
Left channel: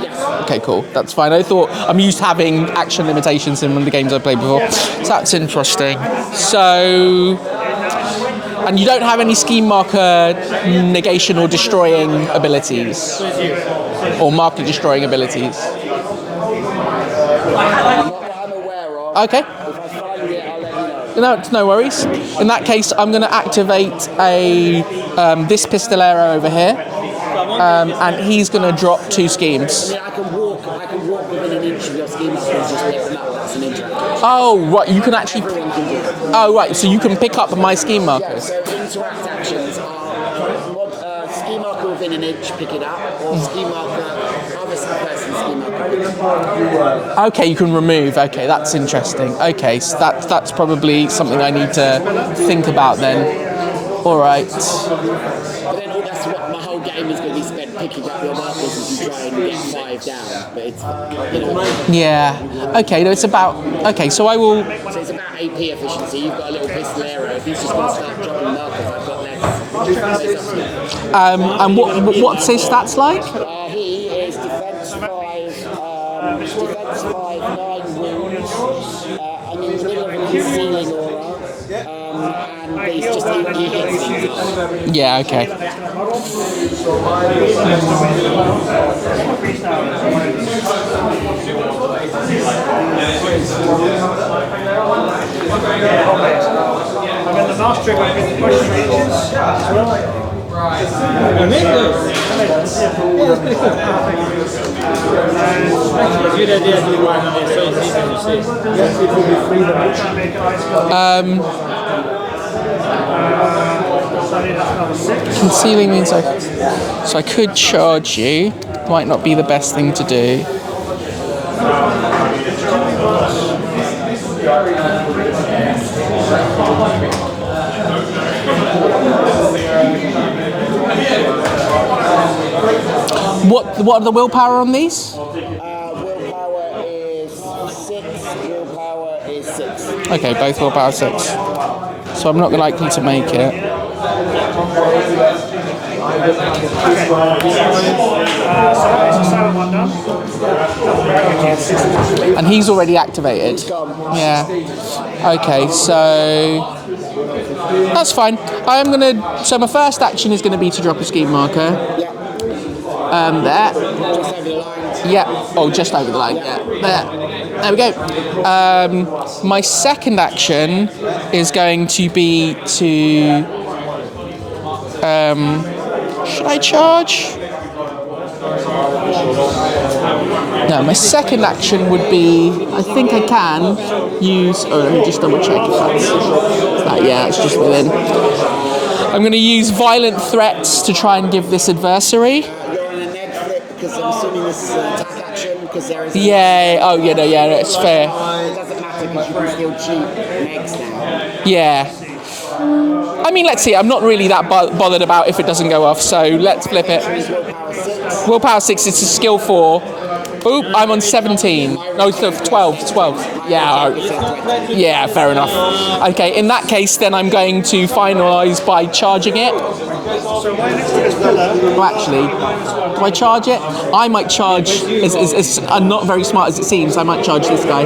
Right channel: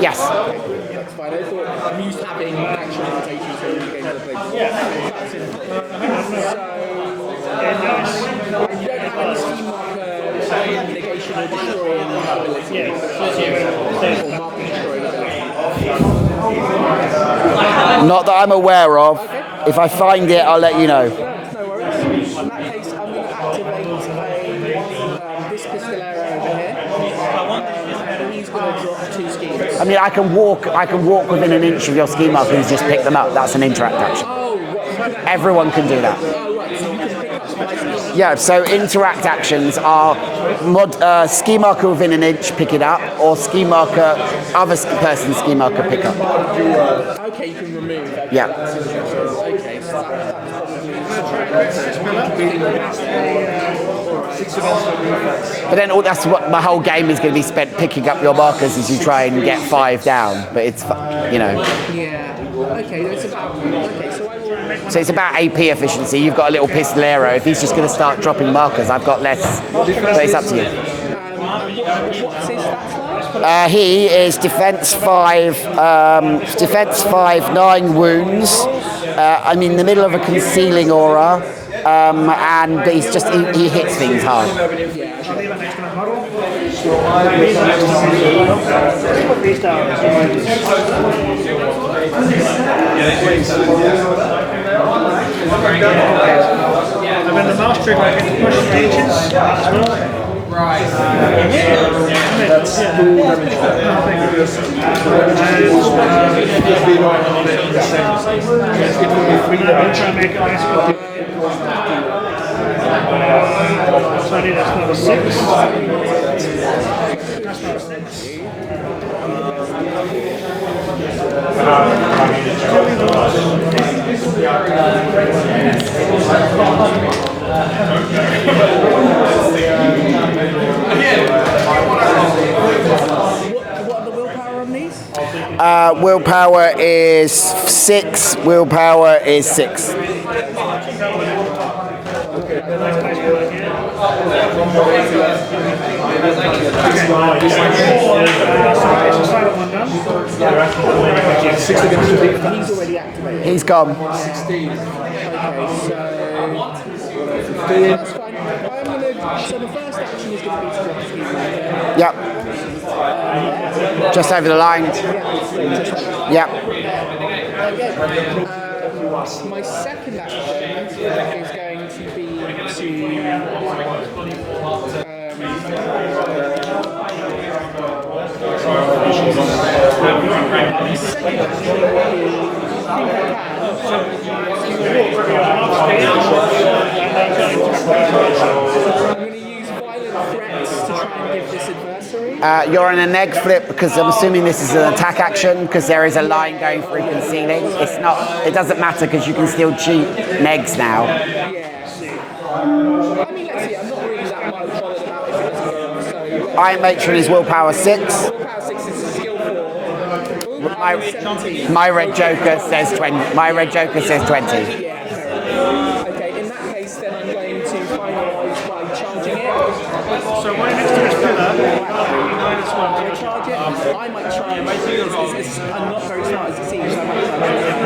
Yes. Okay, cool. That's fine. I thought I'm used to having action limitations in the games I've played before. So that's interesting. So, and you don't have any scheme marker negation or destroying abilities, or marker destroying abilities. Not that I'm aware of. Okay. If I find it, I'll let you know. No worries. In that case, I'm going to activate this Pistolero over here, and he's going to drop 2 schemes. I mean, I can walk within an inch of your ski marker and just pick them up. That's an interact action. Oh, right. You can actually. Everyone can do that. Oh, right. So you can pick up my scheme marker. Yeah. So interact actions are ski marker within an inch, pick it up, or ski marker other person's ski marker pick up. Okay, you can remove. Okay, Yeah. that's interesting. Okay, so that's probably something I need to think about then. All right. But then that's what my whole game is going to be spent picking up your markers as you try and get 5 down. But it's, you know. Yeah. Okay. No, it's about. Okay, so I will. So it's about AP efficiency. You've got a little pistolero. If he's just going to start dropping markers, I've got less. But it's up to you. And what's his stats like? He is defense 5, 9 wounds. I'm in the middle of a concealing aura, and he's just he hits things hard. Yeah. Okay. And then the last trick I hit push ranges as well. Concealing means so I could charge you. Might not be the best thing to do. What are the willpower on these? Willpower is 6. Willpower is 6. Okay, both willpower 6. So I'm not likely to make it. And he's already activated. He's gone. Yeah. Okay, so that's fine. I am gonna. So my first action is going to be to drop a scheme marker. Yep. There. Just over the line. Yeah. Oh, just over the line. Yep. Yeah. There we go. My second action is going to be to. Should I charge? No, my second action would be. I think I can use. Oh, let me just double check. Yeah, it's just within. I'm going to use violent threats to try and give this adversary. You're in a neg flip because I'm assuming this is an attack action because there is a line going. Oh, yeah, no, yeah, that's fair. It doesn't matter because you can still cheat negs now. Yeah. I mean, let's see. I'm not really that bothered about if it doesn't go off, so let's flip mentioned it. Is willpower 6. Willpower 6, it's a skill 4. Oop, I'm on 17. My red joker 12, says 12. 20. My red joker says 20. Yeah, fair enough. Okay, in that case, then I'm going to finalise by charging it. Well, actually, do I charge it? I might charge. I'm not very smart as it seems. I might charge this guy.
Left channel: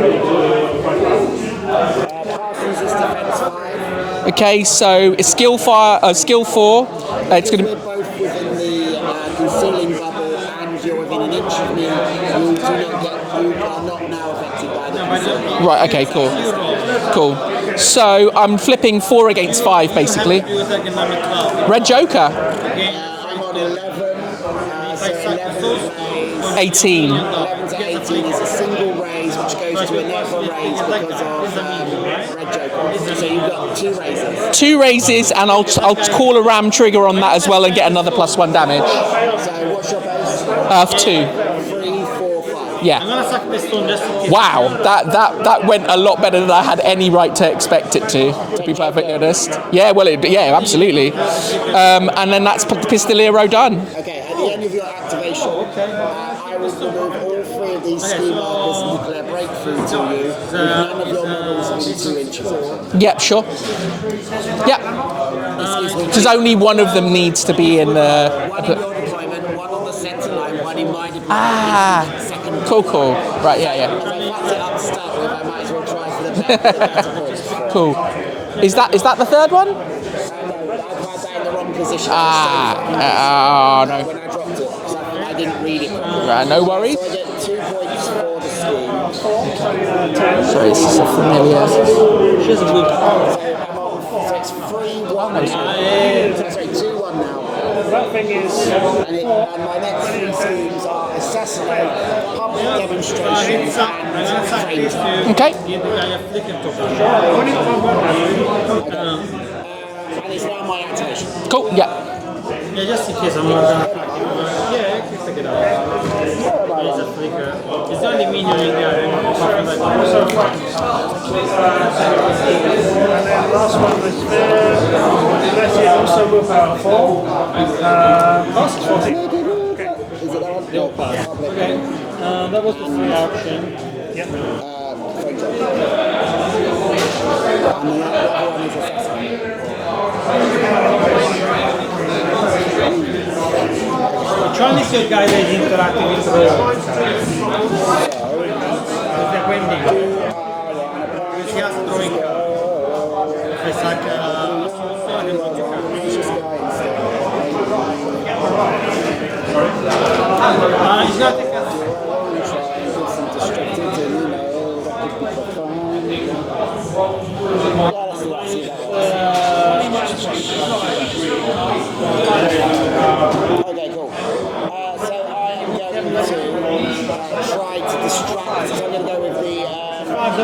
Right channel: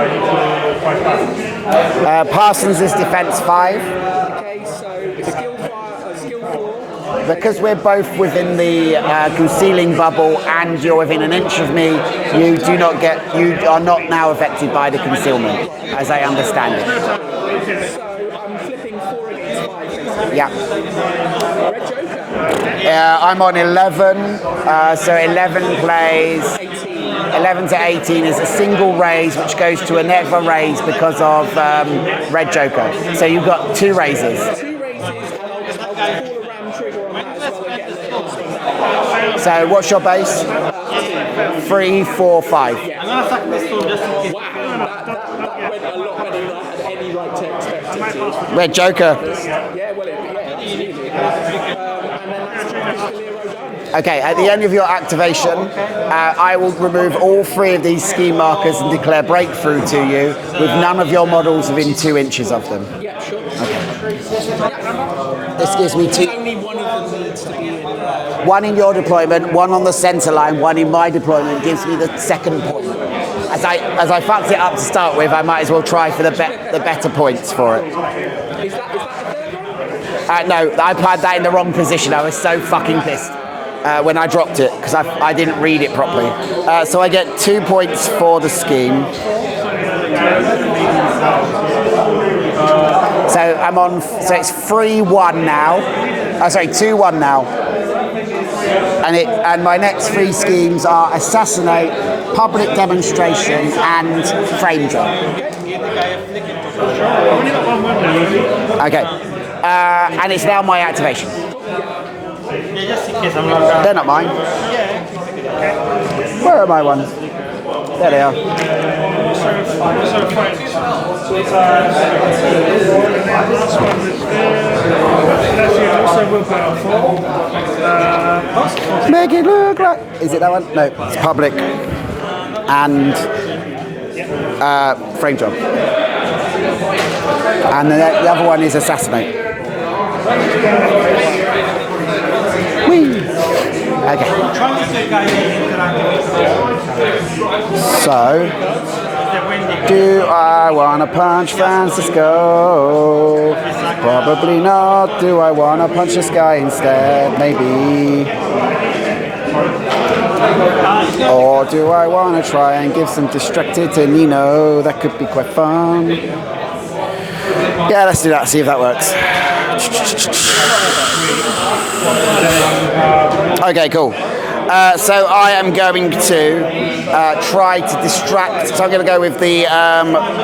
Parsons is defense 5. Okay, so it's skill 4. Because we're both within the concealing bubble and you're within an inch of me, you are not now affected by the concealment. Right, okay, cool. I understand. Cool. So I'm flipping 4 against 5, basically. Yeah. Red Joker. I'm on 11, so 11 plays... 18. 11 to 18 is a single raise, which goes to a never raise because of Red Joker. So you've got 2 raises. 2 raises, and I'll call a ram trigger on that as well and get another +1 damage. So what's your base? 2. 3, 4, 5. Yeah. Wow, that went a lot better than I had any right to expect it to. Red Joker. Yeah, well, yeah, absolutely. And then that's Pistolero done. Okay, at the end of your activation, I will remove all 3 of these scheme markers and declare breakthrough to you with none of your models within 2 inches of them. Yep, sure. Yeah. This gives me Because only one of them needs to be in the... one in your deployment, one on the centre line, one in my deployment. Gives me the second. Cool. Right, As I fucked it up to start with, I might as well try for the better points for Cool. it. Is that the third one? No, I had that in the wrong position. I was so fucking pissed when I dropped it because I didn't read it properly. No worries. So I get 2 points for the scheme. So I'm on. So it's 3-1 now. Sorry, 2-1 now. And my next 3 schemes are assassinate, public demonstration, and frame job. Okay. Okay. And it's now my activation. Cool. Yeah. Yeah, just in case I'm not They're not mine. Where are my ones? There they are. And then the last one was Make it look like. Is it that one? No, it's public. And frame job. And the other one is assassinate. Whee! Okay. So, do I want to punch Francisco? Probably not. Do I want to punch this guy instead? Maybe. Or do I want to try and give some distracted to Nino? That could be quite fun. Yeah, let's do that, see if that works. Okay, cool. So I am going to try to distract. So I'm going to go with the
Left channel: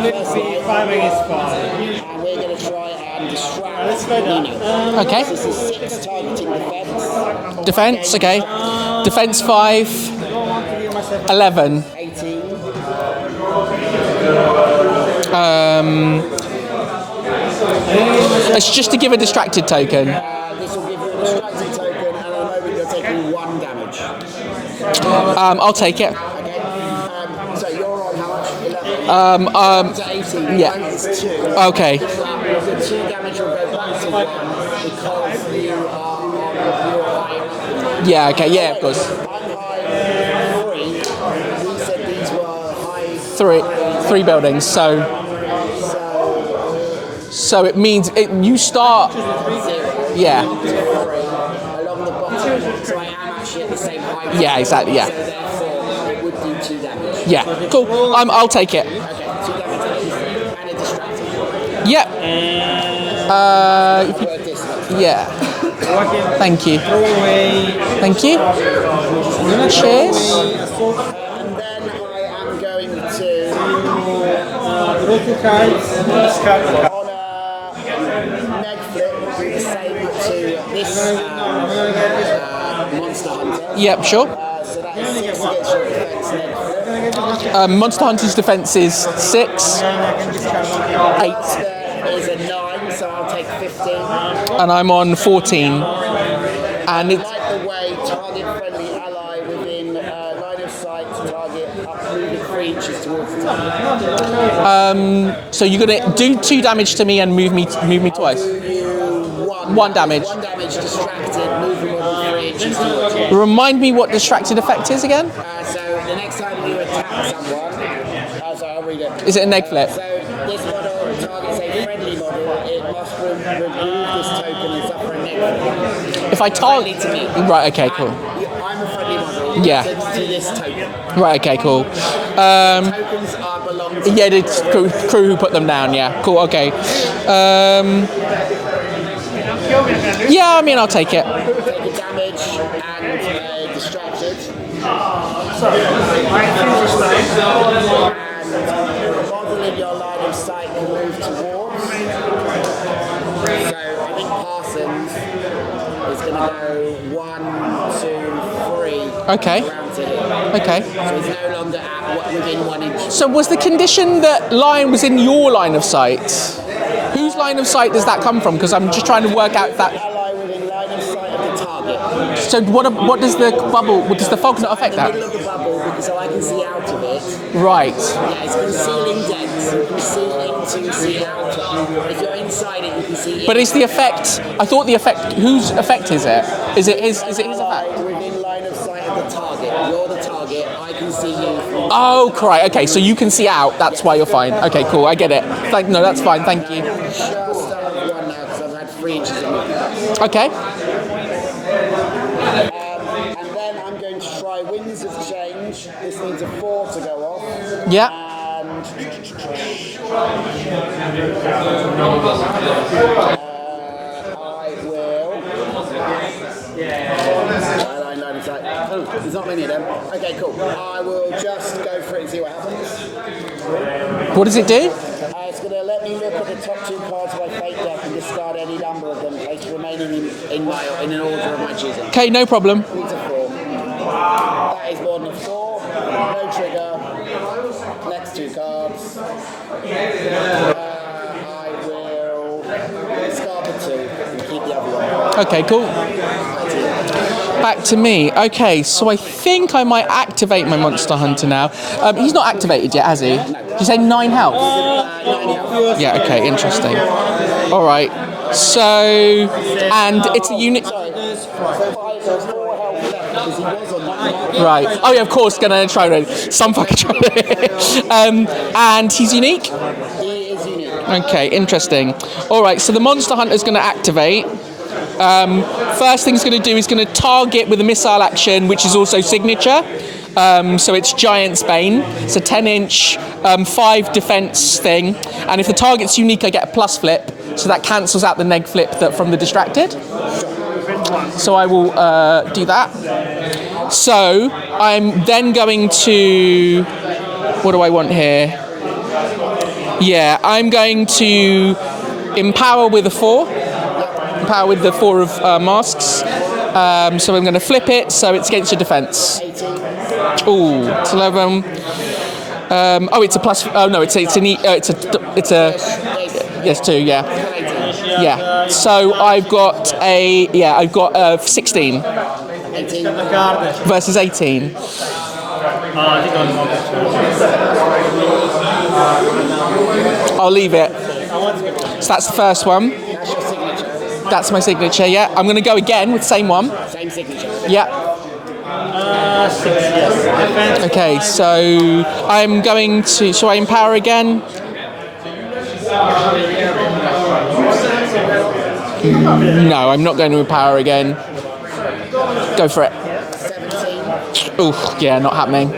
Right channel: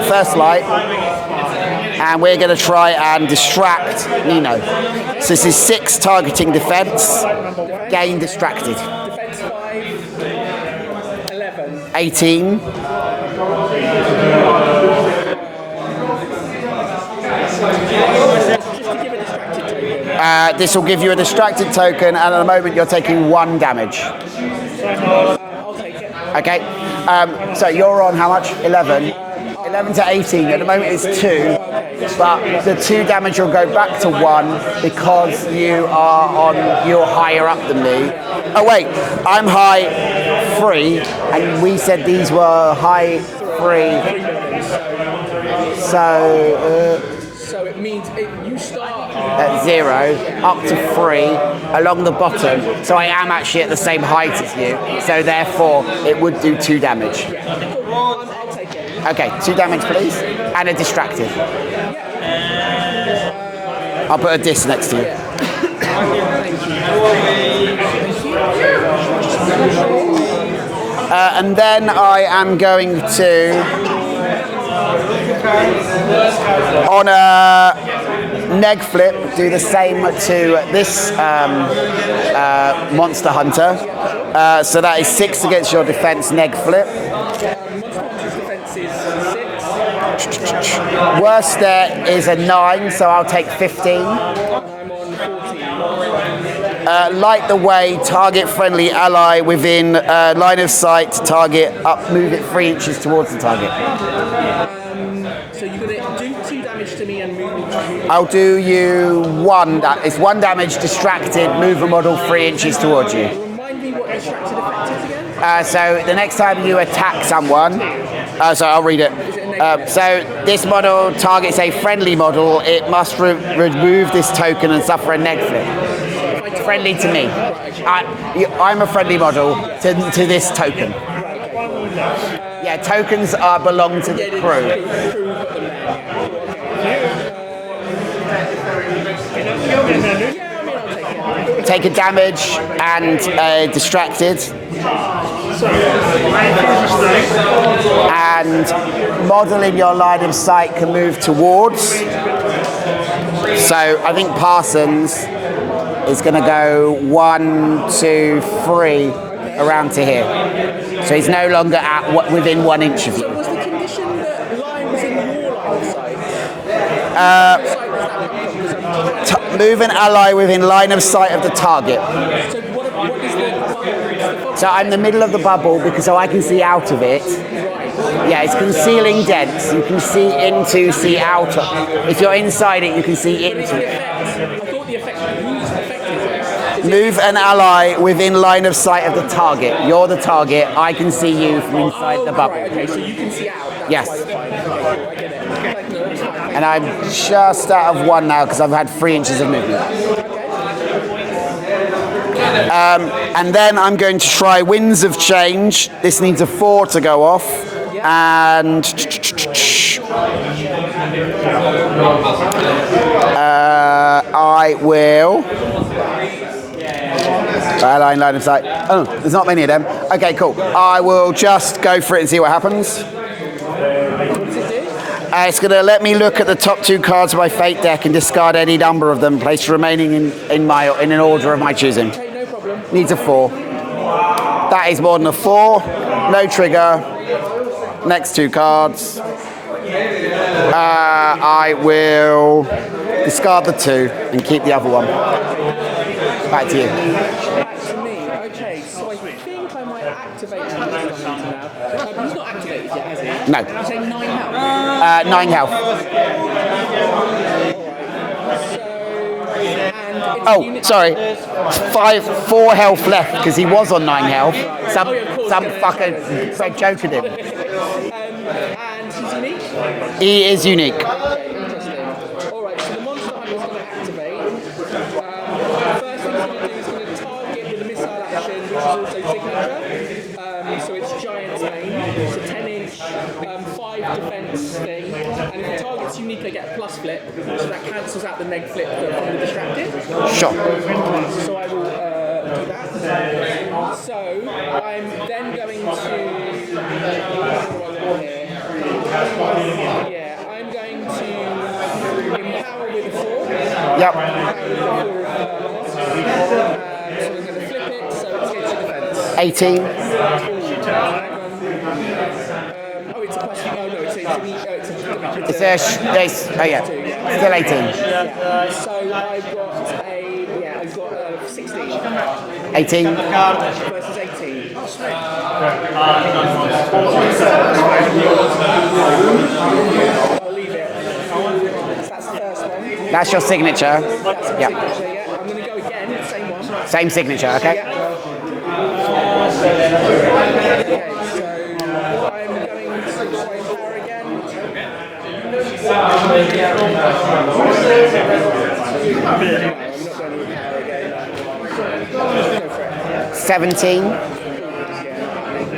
first light. And we're going to try and distract Nino. Okay. So this is 6 targeting defense. Defense, Game okay. distracted. Defense 5, 11. 18. It's just to give a distracted token. This will give you a distracted token, and at the moment you're taking 1 damage. I'll take it. Okay. So you're on how much? 11. 11 to 18. At the moment it's 2. Okay. But the 2 damage will go back to 1 because you're higher up than me. Yeah. Okay. Yeah. Oh wait, Of course. I'm high 3, and we said these were high 3. 3 buildings. So it means you start At 0, Yeah. up to 3, along the bottom. So I am actually at the same height as Yeah, you. exactly, yeah. So therefore, it would do 2 damage. Yeah. Cool. I'll take it. Okay, 2 damage, please, and a distracted. Yeah. I'll put a disc next to it. Yeah. Thank you. Thank you. Cheers. And then I am going to, on a neg flip, do the same to this Monster Hunter. Yep. Sure. So that is 6 against your defense neg flip. Monster Hunter's defense is 6, Worst there is a 9, so I'll take 15. and I'm on 14. And light the way, target friendly ally within line of sight, target up, move it 3 inches towards the target. So you're gonna do 2 damage to me and move me I'll twice. do you 1 damage. It's 1 damage, distracted, move the model 3 inches towards you. Remind me what distracted effect is again? So the next time you attack someone, so I'll read it. Is it a neg flip? So this model targets a friendly model. It must remove this token and suffer a neg flip. If I Friendly to me. Right. Okay. Cool. I'm a friendly model Yeah. to this token. Right. Okay. Cool. Tokens belong to Yeah, the it's crew. crew who put them down. Yeah. Cool. Okay. Yeah. I mean, I'll take it. Take a damage and distracted. And model in your line of sight can move towards. So I think Parsons is going to go 1, 2, 3 Okay. around to here. Okay. So he's no longer within 1 inch of me. So was the condition that lion was in your line of sight? Whose line of sight does that come from? Because I'm just trying to work out. Move an ally within line of sight of the target. So what does the bubble? What does the fog? So I'm in the middle of the bubble because so I can see out of it. Right. Yeah, it's concealing dents. You can see into, see out. If you're inside it, you can see in. But is the effect? I thought the effect. Whose effect is it? Is it? Move an ally within line of sight of the target. You're the target. I can see you from inside the bubble. Right. Okay. So you can see out. That's Yes. why you're fine. Okay. Cool. I get it. No, that's fine. Thank And you. I'm just out of 1 now because I've had 3 inches of movement. Okay. And then I'm going to try Winds of Change. This needs a 4 to go off. Yeah. And I will. Line of sight. Oh, there's not many of them. Okay, cool. I will just go for it and see what happens. What does it do? It's going to let me look at the top 2 cards of my fate deck and discard any number of them, place remaining in an order of my choosing. Okay. No problem. Needs a 4. That is more than a 4. No trigger. Next 2 cards. I will discard the 2 and keep the other one. Okay. Cool. Back to you. Back to me. Okay, so I think I might activate my Monster Hunter now. He's not activated yet, has he? No. Did you say 9 health? 9 health. Yeah, okay, interesting. All right, so, and it's a unit... Sorry. 4 health left because he was on 9 health. Right. Yeah, of course, going to try to... And he's unique? He is unique. Okay, interesting. All right, so the Monster Hunter's going to activate. First thing he's going to do is going to target with a missile action, which is also signature. So it's Giant's Bane. It's a 10-inch, 5 defense thing. And if the target's unique, I get a plus flip. So that cancels out the neg flip from the distracted. Sure. So I will do that. So I'm then going to... What do I want here? Yeah, I'm going to empower with a 4. Yep. Power with the 4 of masks. So I'm going to flip it, so it's against your defense. 18. Ooh, it's 11. It's a plus. Oh no, it's a. It's 2. Yeah. Still 18. Yeah. So I've got I've got 16 18. versus 18. I'll leave it. So that's the first one. That's your signature. That's my signature, yeah. I'm going to go again with the same one. Same signature, okay? Yeah. Okay, so I'm going to... Shall I empower again? No, I'm not going to empower again. Go for it. 17. Oof, yeah, not happening.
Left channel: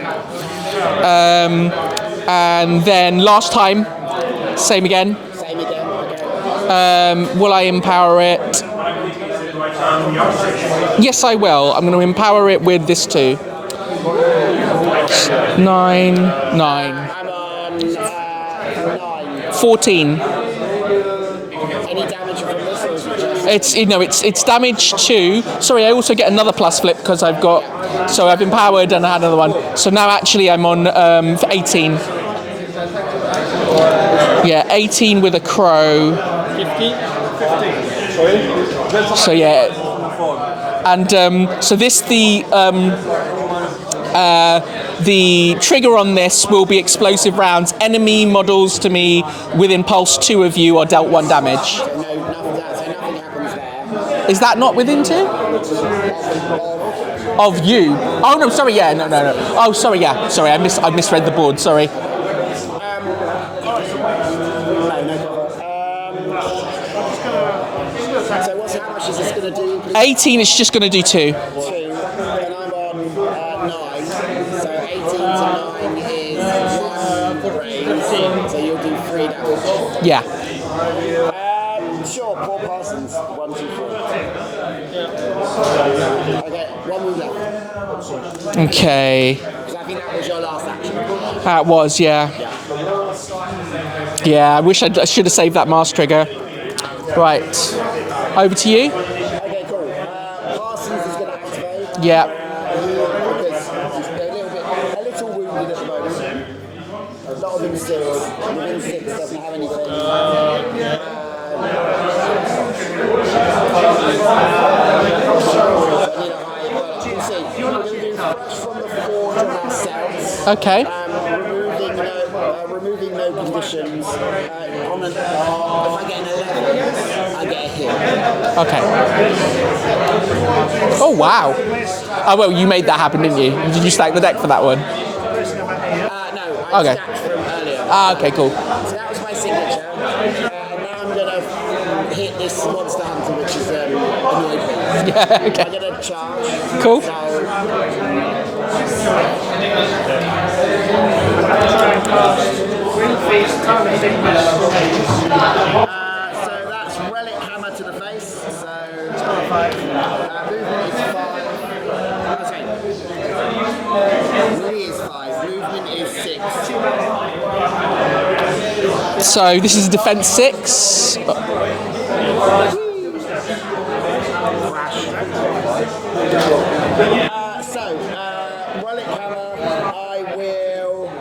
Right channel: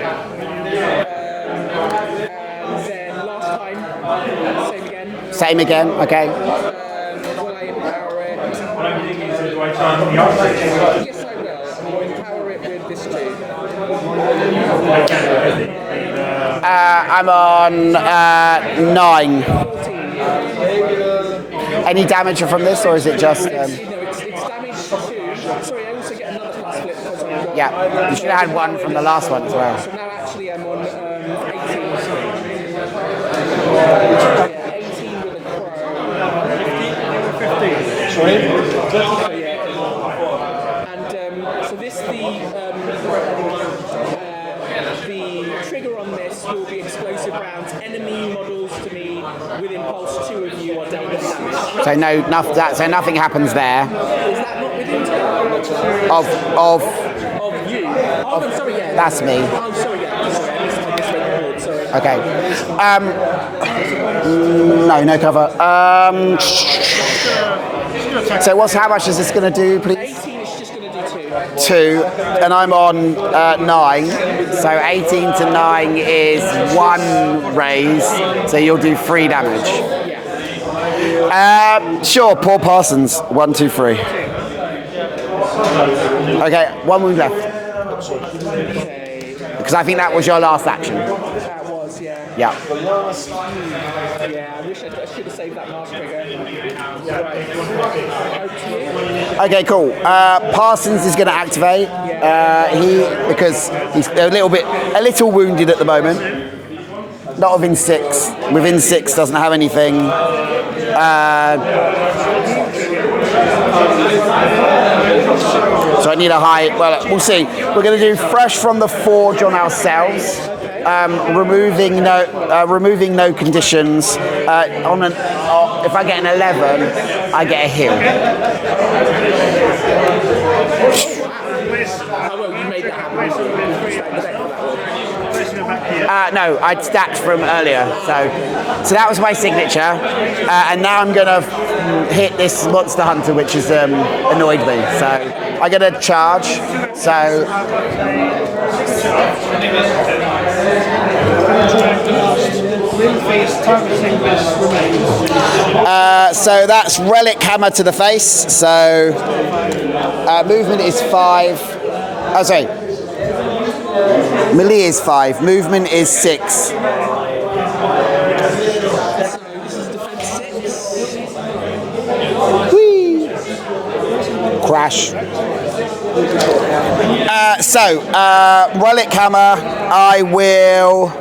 And then last time, same again. Same again, okay. Will I empower it? Yes, I will. I'm going to empower it with this 2. 9. I'm on 9. 14. Any damage from this, or is it just... It's damage 2. Sorry, I also get another plus flip because I've got... Yeah. So I've empowered and another one. Right. So now actually I'm on 18. Yeah, 18 with a crow. 50. So yeah, and so this the trigger on this will be explosive rounds. Enemy models to me within pulse 2 of you are dealt 1 damage. So nothing happens there. Is that not within 2? Of you? Oh no, sorry. Yeah, That's me. Oh, sorry. Yeah, sorry. I misread the board. Sorry. Okay. No cover. So how much is this going to do, please? 18 is just going to do 2. 2, and I'm on 9. So 18 to 9 is 1 raise. So you'll do 3 damage. Yeah. Sure, Paul Parsons. 1, 2, 3. Okay, 1 move left. Okay. Because I think that was your last action. That was, yeah. Yeah. Yeah, I wish I should have saved that mask trigger. Right. Over to you. Okay, cool. Parsons is going to activate. Yeah. Because he's a little wounded at the moment. Not within 6. Within 6 doesn't have anything. So I need a high. Well, we'll see. We're going to do fresh from the forge on ourselves. Okay. Removing no conditions. If I get an 11, I get a heal. Okay. Oh wow. Oh well, you made that happen, didn't you? Did you stack the deck for that one? No, I'd stacked from earlier. Okay, cool. So that was my signature, and now I'm gonna hit this monster hunter, which has annoyed me. So Okay. I'm gonna charge. Cool. So that's relic hammer to the face. So movement is 5. Oh, sorry. Melee is 5. Movement is 6. So this is defense 6. Whee! Crash. Relic hammer. I will.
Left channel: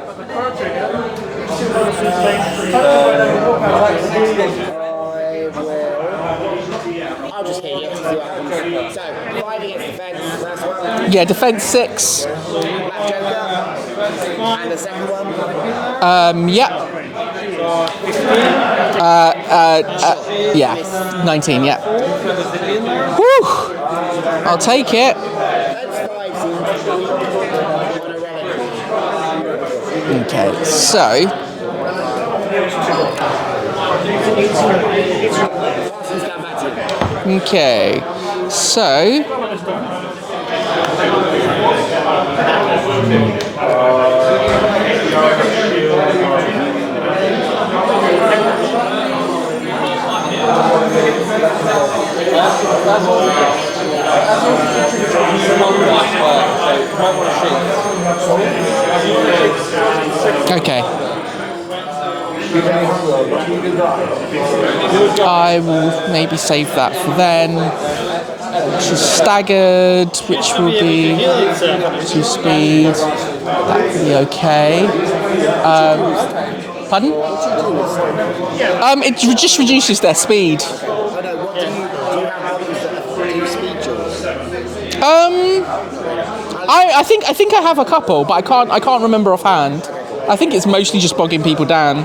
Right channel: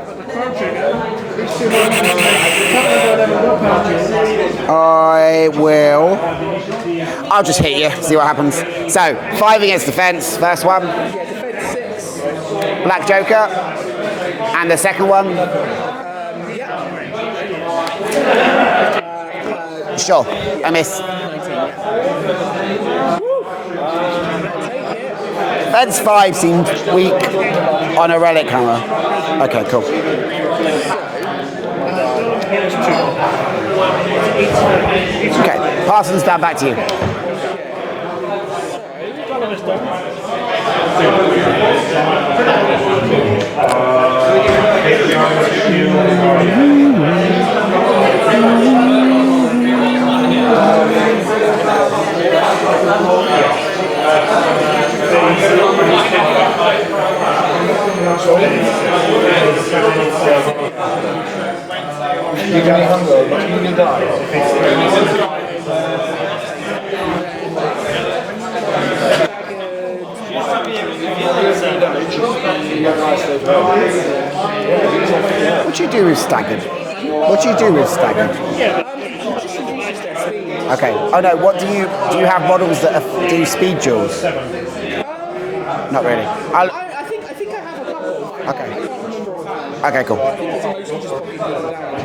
I'll just hit you, see what happens. So, 5 against defense, first one. Yeah, defense 6. Black Joker. And the second one. Yeah. Sure. Yeah. I miss. 19. Yeah. Woo! I'll take it. Defense 5 seemed weak on a relic hammer. Okay, cool. Okay. So. Okay, Parsons, down back to you. Okay. So. Okay. I will maybe save that for then. She's staggered, which will be 2 speed. That will be okay. What do you do with staggered? Pardon? What do you do with staggered? It just reduces their speed. Okay. Oh no. What do you have models that do speed duels? Not really. I think I have a couple, but I can't remember offhand. Okay, cool. I think it's mostly just bogging people down.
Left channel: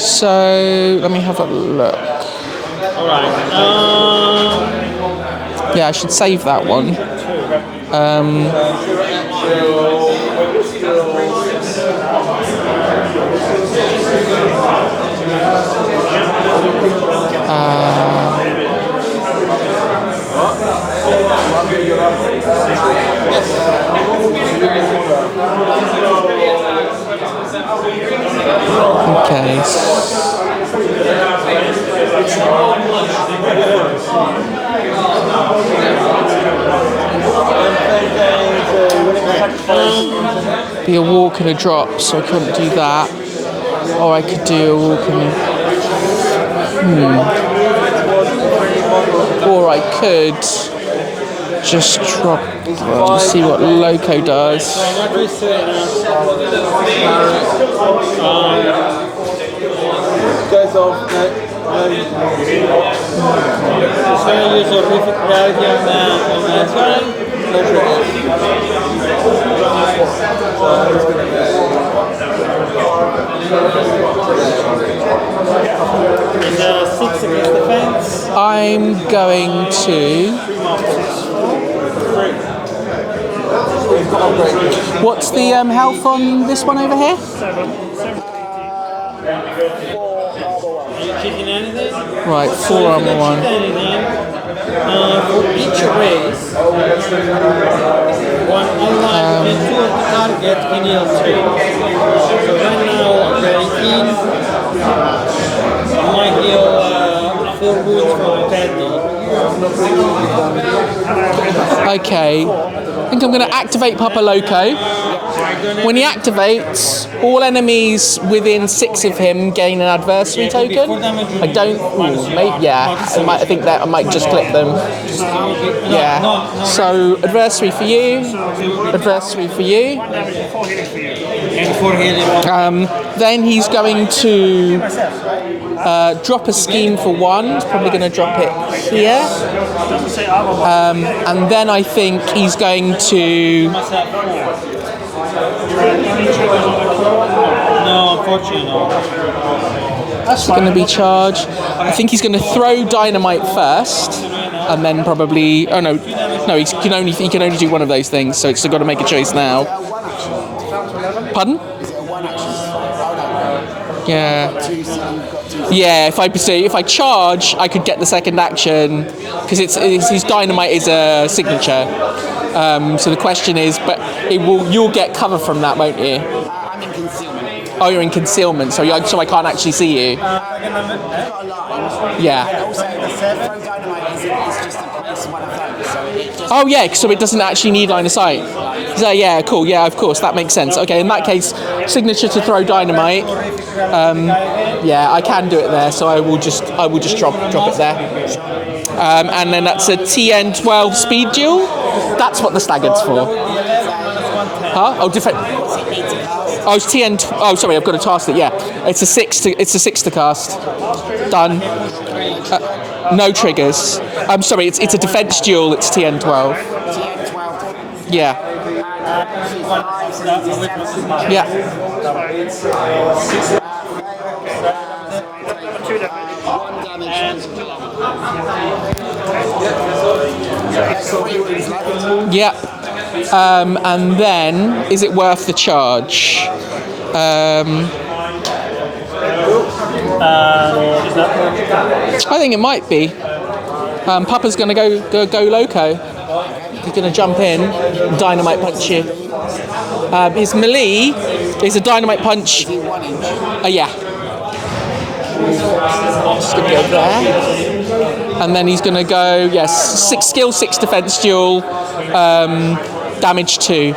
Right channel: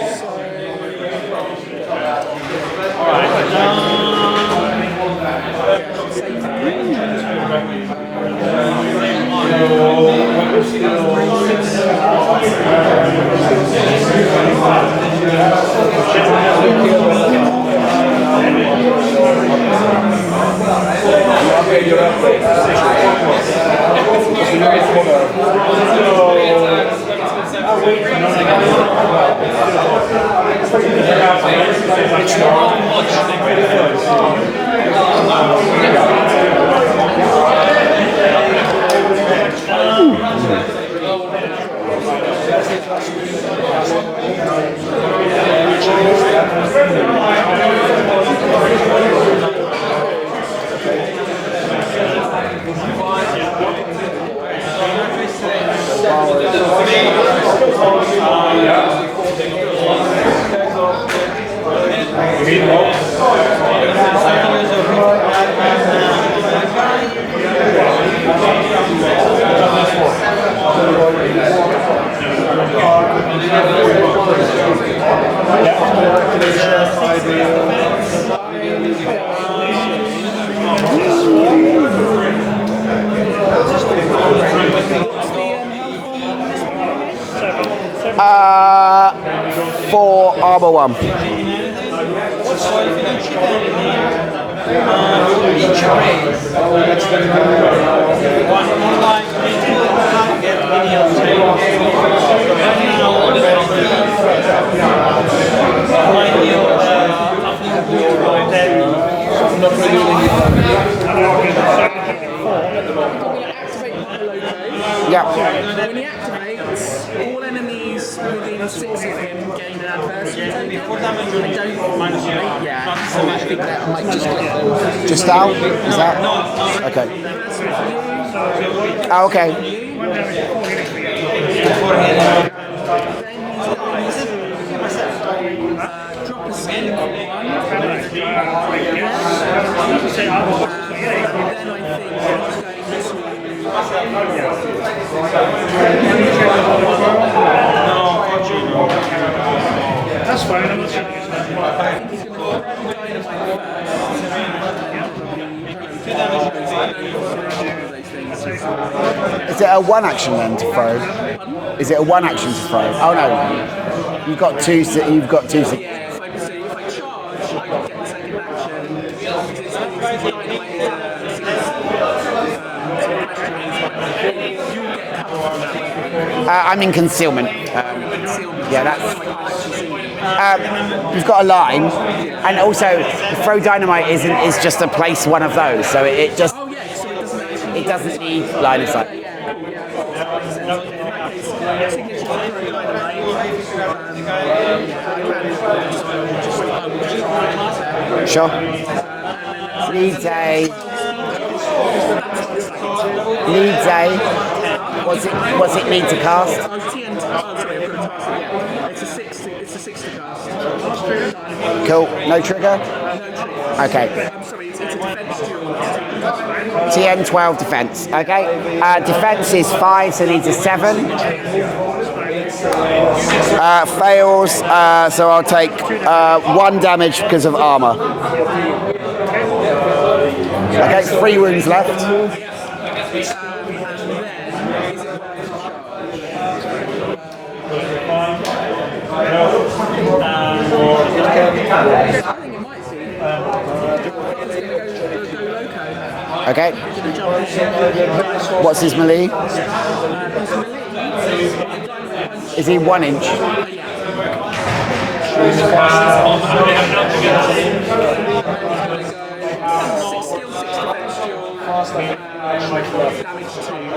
So let me have a look. Yeah, I should save that one. Be a walk and a drop, so I couldn't do that. Or I could do a walk and... Or I could just drop, just see what Loco does. I'm going to... What's the health on this one over here? 4 armor 1. Right, 4 armor 1. Each race, one online into the target in your turn. So right now, 17, my heal full wound from 10. Okay. think I'm going to activate Papa Loco. Yeah. When he activates, all enemies within 6 of him gain an adversary token. I don't. I think that I might just clip them just out. Yeah. So adversary for you. Adversary for you. Then he's going to drop a scheme for 1. He's probably going to drop it here. And then I think he's going to... No, unfortunately, no. That's going to be charged. I think he's going to throw dynamite first, and then probably. Oh no, he can only do one of those things. So it's got to make a choice now. Is it a 1 action then to throw? Pardon? Is it a 1 action to throw? Oh no. Yeah. You've got two. Yeah. If I charge, I could get the second action because his dynamite is a signature. So the question is, but you'll get cover from that, won't you? I'm in concealment. Oh, you're in concealment, so I can't actually see you. You've got a line. Yeah. And also, throw dynamite is just to place one of those, so it just. Oh yeah, so it doesn't actually need line of sight. Line of sight. So yeah, cool. Yeah, of course, that makes sense. Okay, in that case, signature to throw dynamite. Yeah, I can do it there, so I will just drop it there. Sure. And then that's a TN12 speed duel. That's what the staggered's for. Needs a. Huh? Oh, different. What's it need to cast? Oh, it's TN. Oh, sorry, I've got to task it. Yeah, it's a 6 to cast. Done. Cool. No trigger. No triggers. Okay. I'm sorry. It's a defense duel. It's TN12. TN12 defense. Yeah. Okay. Defense is 5, so it needs a 7. Yeah. Fails, so I'll take 1 damage because of armor. Okay, 3 wounds left. Yeah. And then, is it worth the charge? I think it might be. Papa's going to go loco. Okay. He's going to jump in, dynamite What's his punch. melee? His melee is a dynamite punch. Is he 1 inch? Yeah. And then he's going to go, yes, 6 skill, 6 defense duel, damage 2.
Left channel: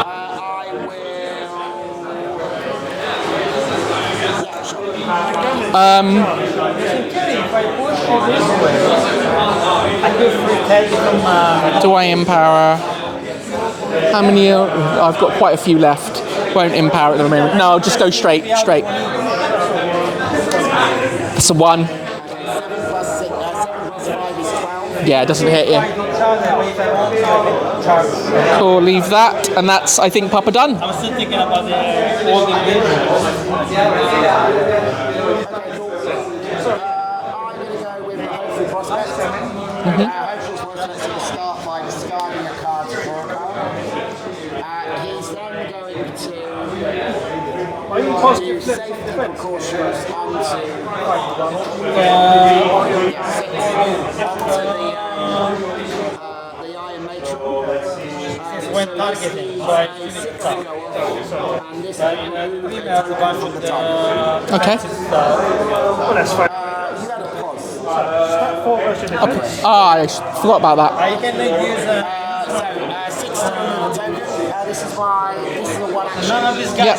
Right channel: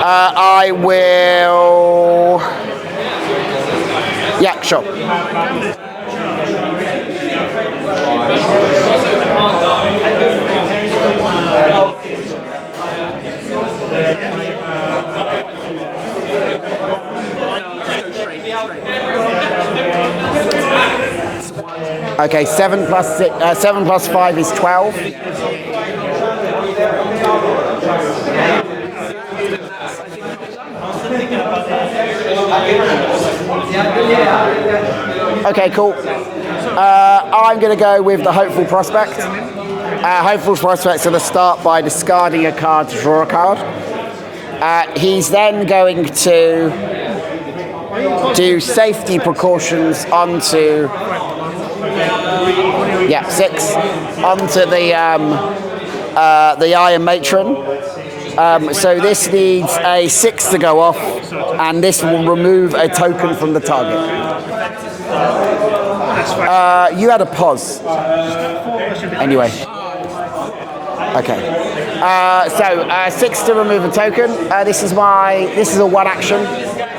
I will. Yeah, sure. Do I empower? How many? I've got quite a few left. Won't empower at the moment. No, I'll just go straight. It's a 1. Okay, 7 plus 5 is 12. Yeah, it doesn't hit you. Cool, leave that. And that's, I think, Papa done. I'm still thinking about Okay, cool. I'm going to go with the Hopeful Prospect. Hopeful Prospect's going to start by discarding a card to draw a card. He's then going to do safety precautions onto 6 onto the Iron Matron. So this needs a 6 to go off, and this will remove a token from the target. Okay. You had a pause. Anyway. I forgot about that. Okay. So 6 to remove a token. This is a 1 action. Yep.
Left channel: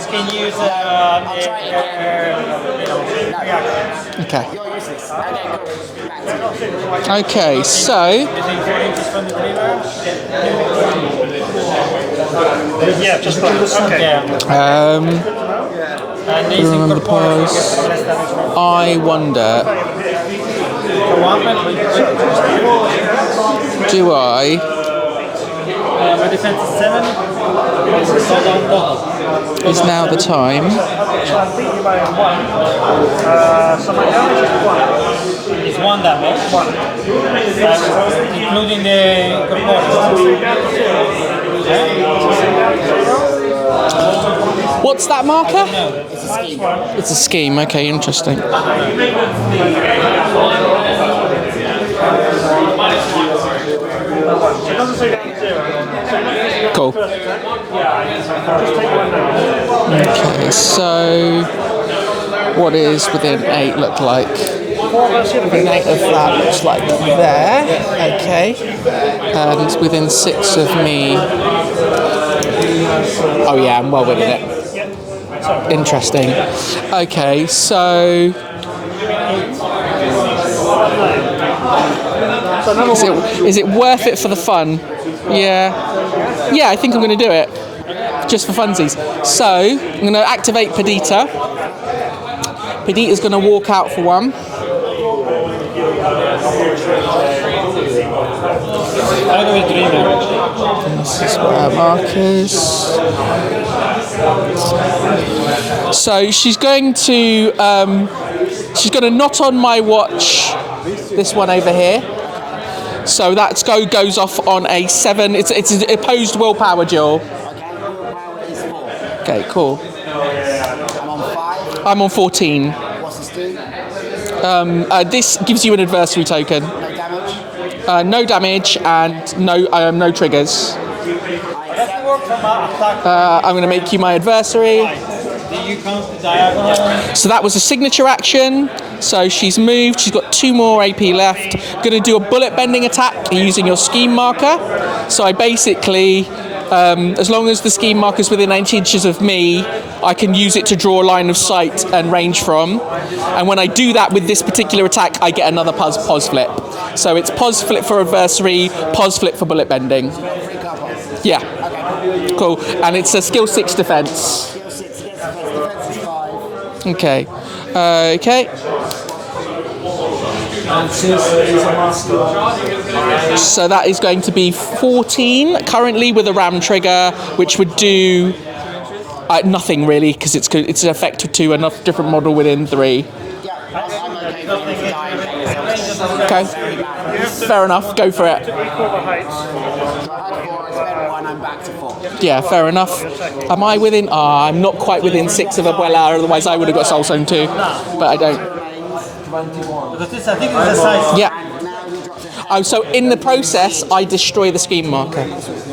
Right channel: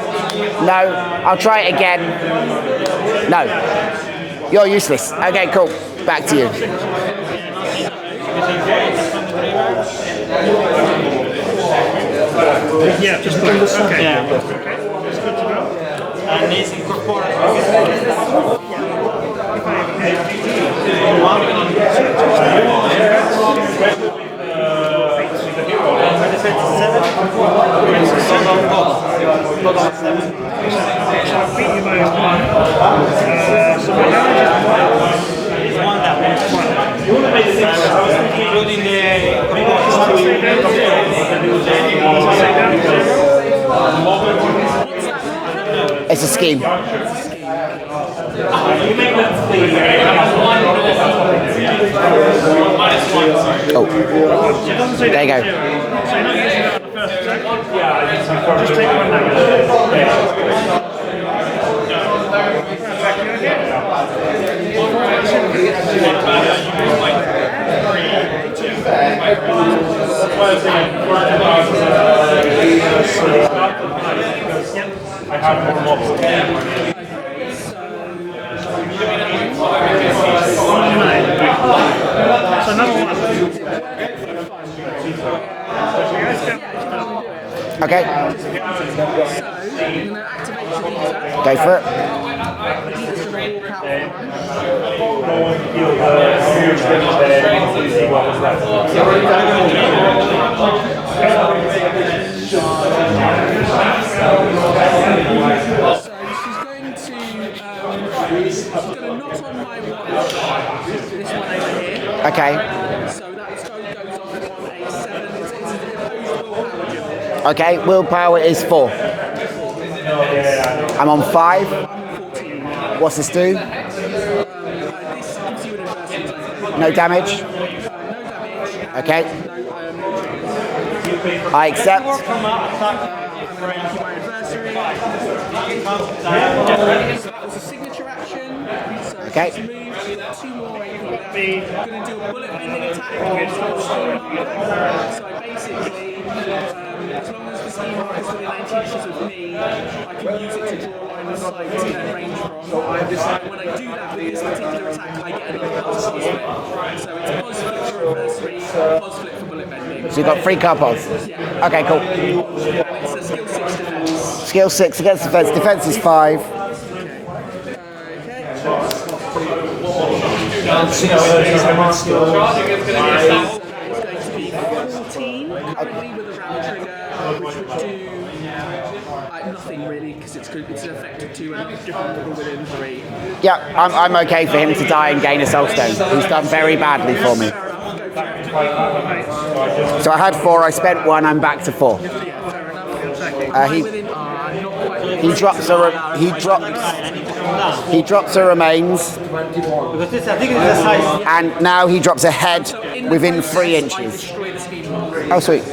No, I'll try it again. No. Okay. You're useless. Okay, cool. Back to you. Okay, so Yeah, just those. Okay. I wonder, do I? Is now the time? It's 1 damage, including the What's that marker? It's a scheme. It's a scheme. Okay, interesting. Oh. There you go. Cool. Okay, so what is within 8 look like? Within 8 of that looks like there. Okay. Okay. And it's within 6 of me. Oh yeah, I'm well within it. Interesting. Okay, so... Is it worth it for the fun? Yeah. Yeah, I think I'm going to do it. Okay. Just for funsies. So, I'm going to activate Perdita. Go for it. Perdita's going to walk out for one. So she's going to knot on my watch. This one over here. Okay. So that goes off on a 7. It's an opposed willpower duel. Okay. Willpower is 4. Okay, cool. I'm on 5. I'm on 14. What's this do? This gives you an adversary token. No damage. No damage and Okay. no triggers. I accept. I'm going to make you my adversary. So that was a signature action. So she's moved. She's got 2 more AP left. Going to do a bullet bending attack using your scheme marker. So I basically, as long as the scheme marker's within 8 inches of me, I can use it to draw a line of sight and range from. And when I do that with this particular attack, I get another pos flip. So it's pos flip for adversary, pos flip for bullet bending. So you've got 3 card pods. Yeah. Okay, cool. Cool. And it's a skill 6 defense. Skill 6 against defense. Defense is 5. Okay. Okay. So that is going to be 14 currently with a ram trigger, which would do nothing really because it's an effect to a different model within 3. Yeah, I'm okay for him to die and gain a soul stone. He's done very badly for me. Fair enough. Go for it. So I had 4. I spent 1. I'm back to 4. Yeah, fair enough. Am I within? I'm not quite within 6 of Abuela. Otherwise, I would have got soul stone too. He drops a remains. Because I think it's a size. Yeah. And now he drops a head. Oh, so in the within 3 process, inches. I destroy the scheme marker. Oh, sweet.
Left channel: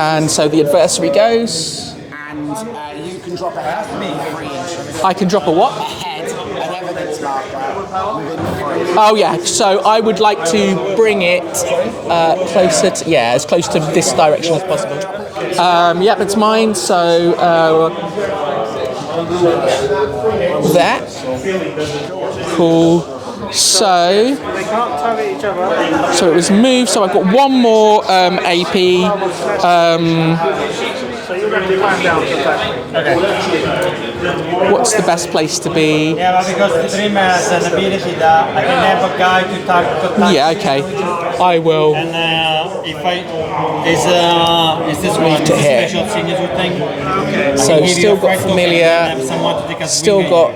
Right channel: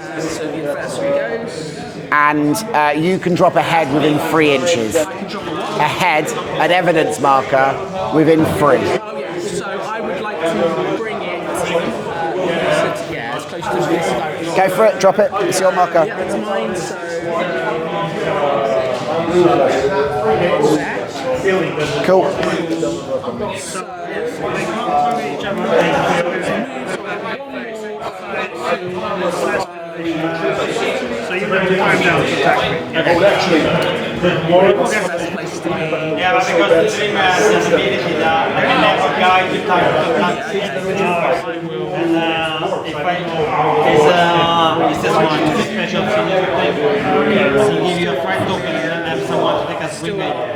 And so the adversary goes. And you can drop a head within 3 inches. I can drop a what? A head, an evidence marker, within 3. Oh yeah, so I would like to bring it closer to, as close to this direction. Go for it, drop it. It's your marker. Yep, it's mine, so that. Cool. Cool. So it was moved, so I've got 1 more AP. So you're going to climb down to attack me. What's the best place to be? Yeah, because the dreamer has an ability that I can have a guy to target attack. Yeah, okay. I will. And if I is this one a special signature thing? So still got familiar, still got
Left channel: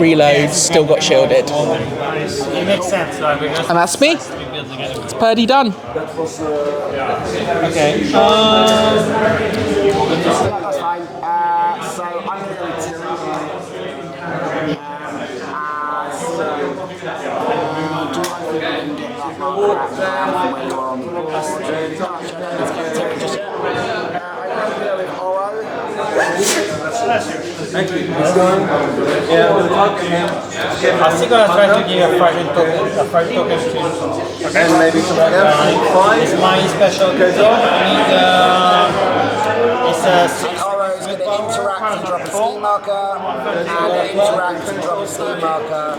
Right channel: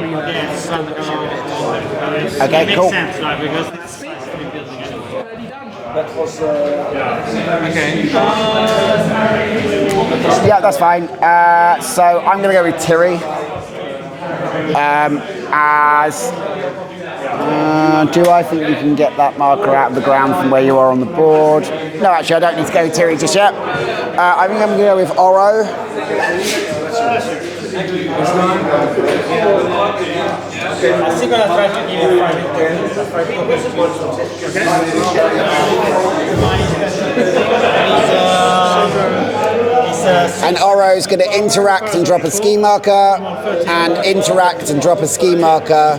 reload, still got shielded. Okay, It makes cool. sense, right? Because And that's me. It's Purdy done. okay. Yeah, that's fine. So I'm going to go with Tiri. Do I think you can get that marker out of the ground from where you are on the board? No, actually, I don't need to go with Tiri just yet. I think I'm going to go with Oro. I'm still gonna try to give a 5 token skill. It's my special And Oro's going to interact and drop a ski marker, and interact and drop a ski marker,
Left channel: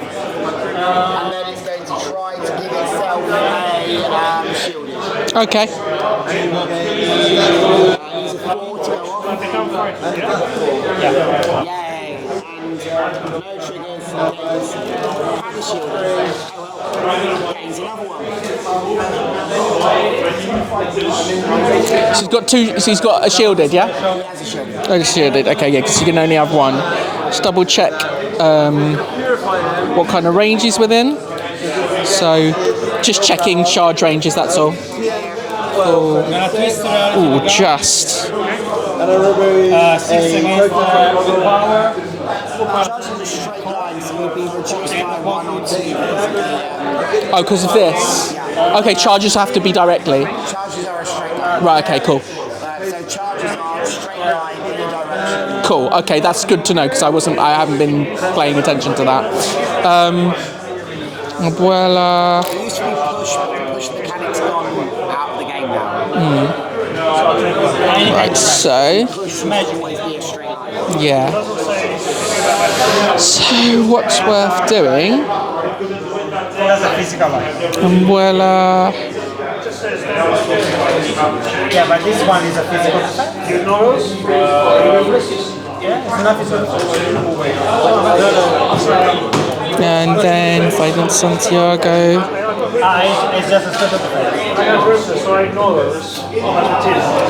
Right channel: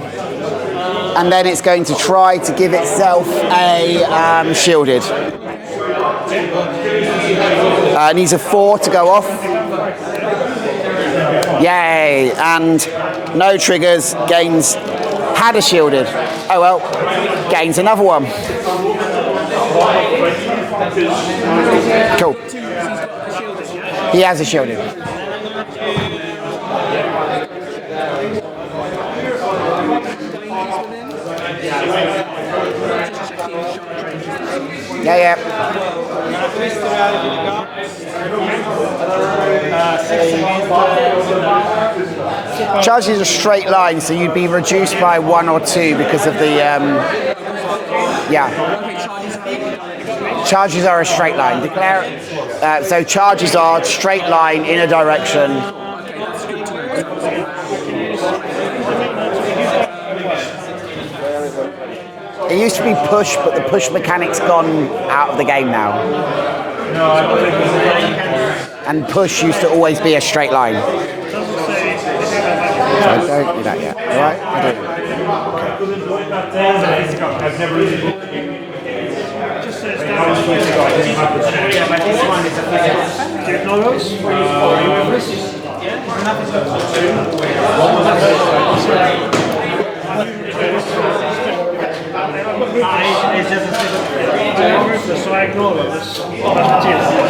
and then it's going to try to give itself a shielded. Okay. Needs a 4 to go off. Yay! And no triggers, gains, had a shielded. Oh well, gains another one. He's got 2, so he's got a shielded, yeah? He has a shielded. Oh, shielded, okay, yeah, because you can only have 1. Just double check what kind of range he's within. So, just checking charge ranges, that's all. Yeah. I'm gonna twist reality. Ooh, just. 6 seconds power. Charge is a straight line, so you'd be reduced by 1 or 2 because of the. Oh, because of this? Yeah. Okay, charges have to be directly. Charges are a straight line. Right, okay, cool. So charges are straight line in a direction. Cool, okay, that's good to know because I haven't been paying attention to that. Abuela. It used to be push, but the push mechanic's gone out of the game now. Right, so And push used to always be a straight line. yeah. So what's worth doing? There's a physical one. Abuela. Yeah, but this one is a physical. Yeah, it's not physical. And then if I did Santiago. It's just a special defense. So I ignore those.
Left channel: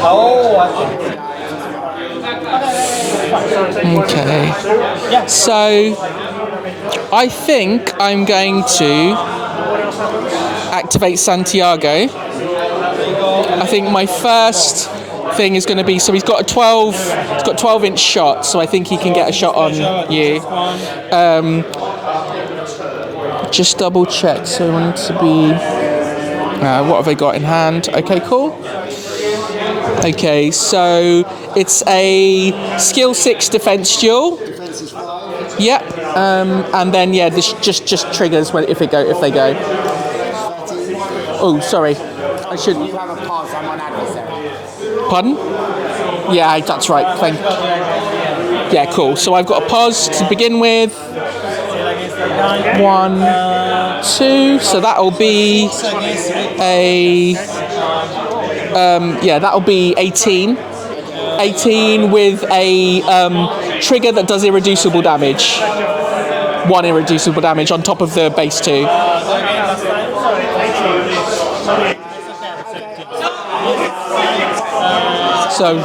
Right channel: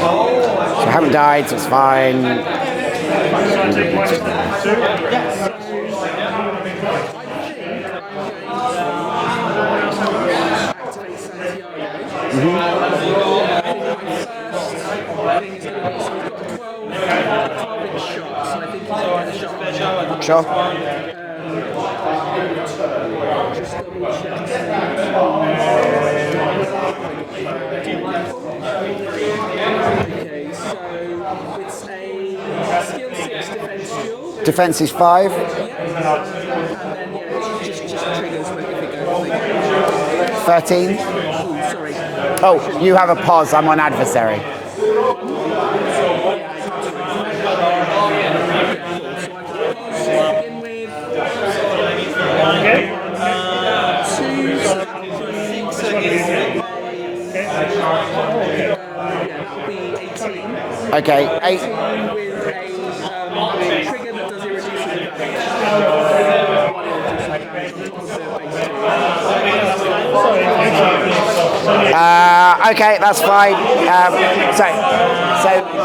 Oh, You haven't died, so it's fine. Okay. So I think I'm going to activate Santiago. I think my first thing is going to be, so he's got a 12-inch shot, so I think he can get a shot on you. Just double check, so I want it to be, what have they got in hand? Okay, cool. Okay, so it's a skill 6 defense duel. Defense is 5. Yep. And then yeah, this just triggers if they go. 13. Oh, sorry. Oh, you have a pause. I'm on adversary. Pardon? Yeah, that's right. Yeah, cool. So I've got a pause to begin with. 1, 2. So that'll be that'll be 18. Okay. 18 with a trigger that does irreducible damage. 1 irreducible damage on top of the base 2. Okay, that's fine. So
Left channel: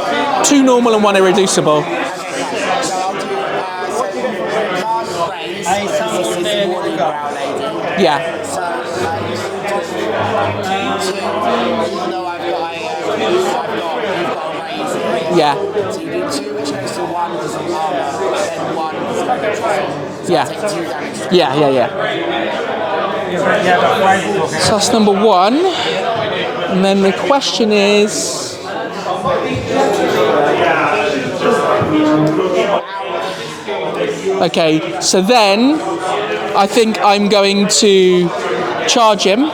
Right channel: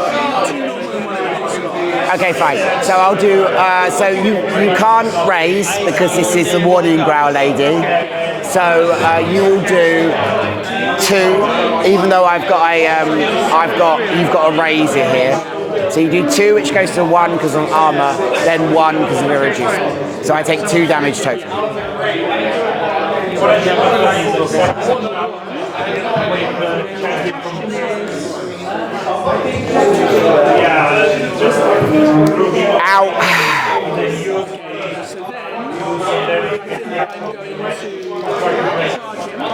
2 normal and 1 irreducible. Okay, fine. So I'll do. So you can't raise because this is the warning growl lady. Yeah. So you do 2, even though you've got a raise in here. Yeah. So you do 2, which goes to 1 because of armor, then 1 because of irreducible. So I take 2 damage total. Yeah. So that's number 1. And then the question is... Ow. Okay, so then I think I'm going to charge him.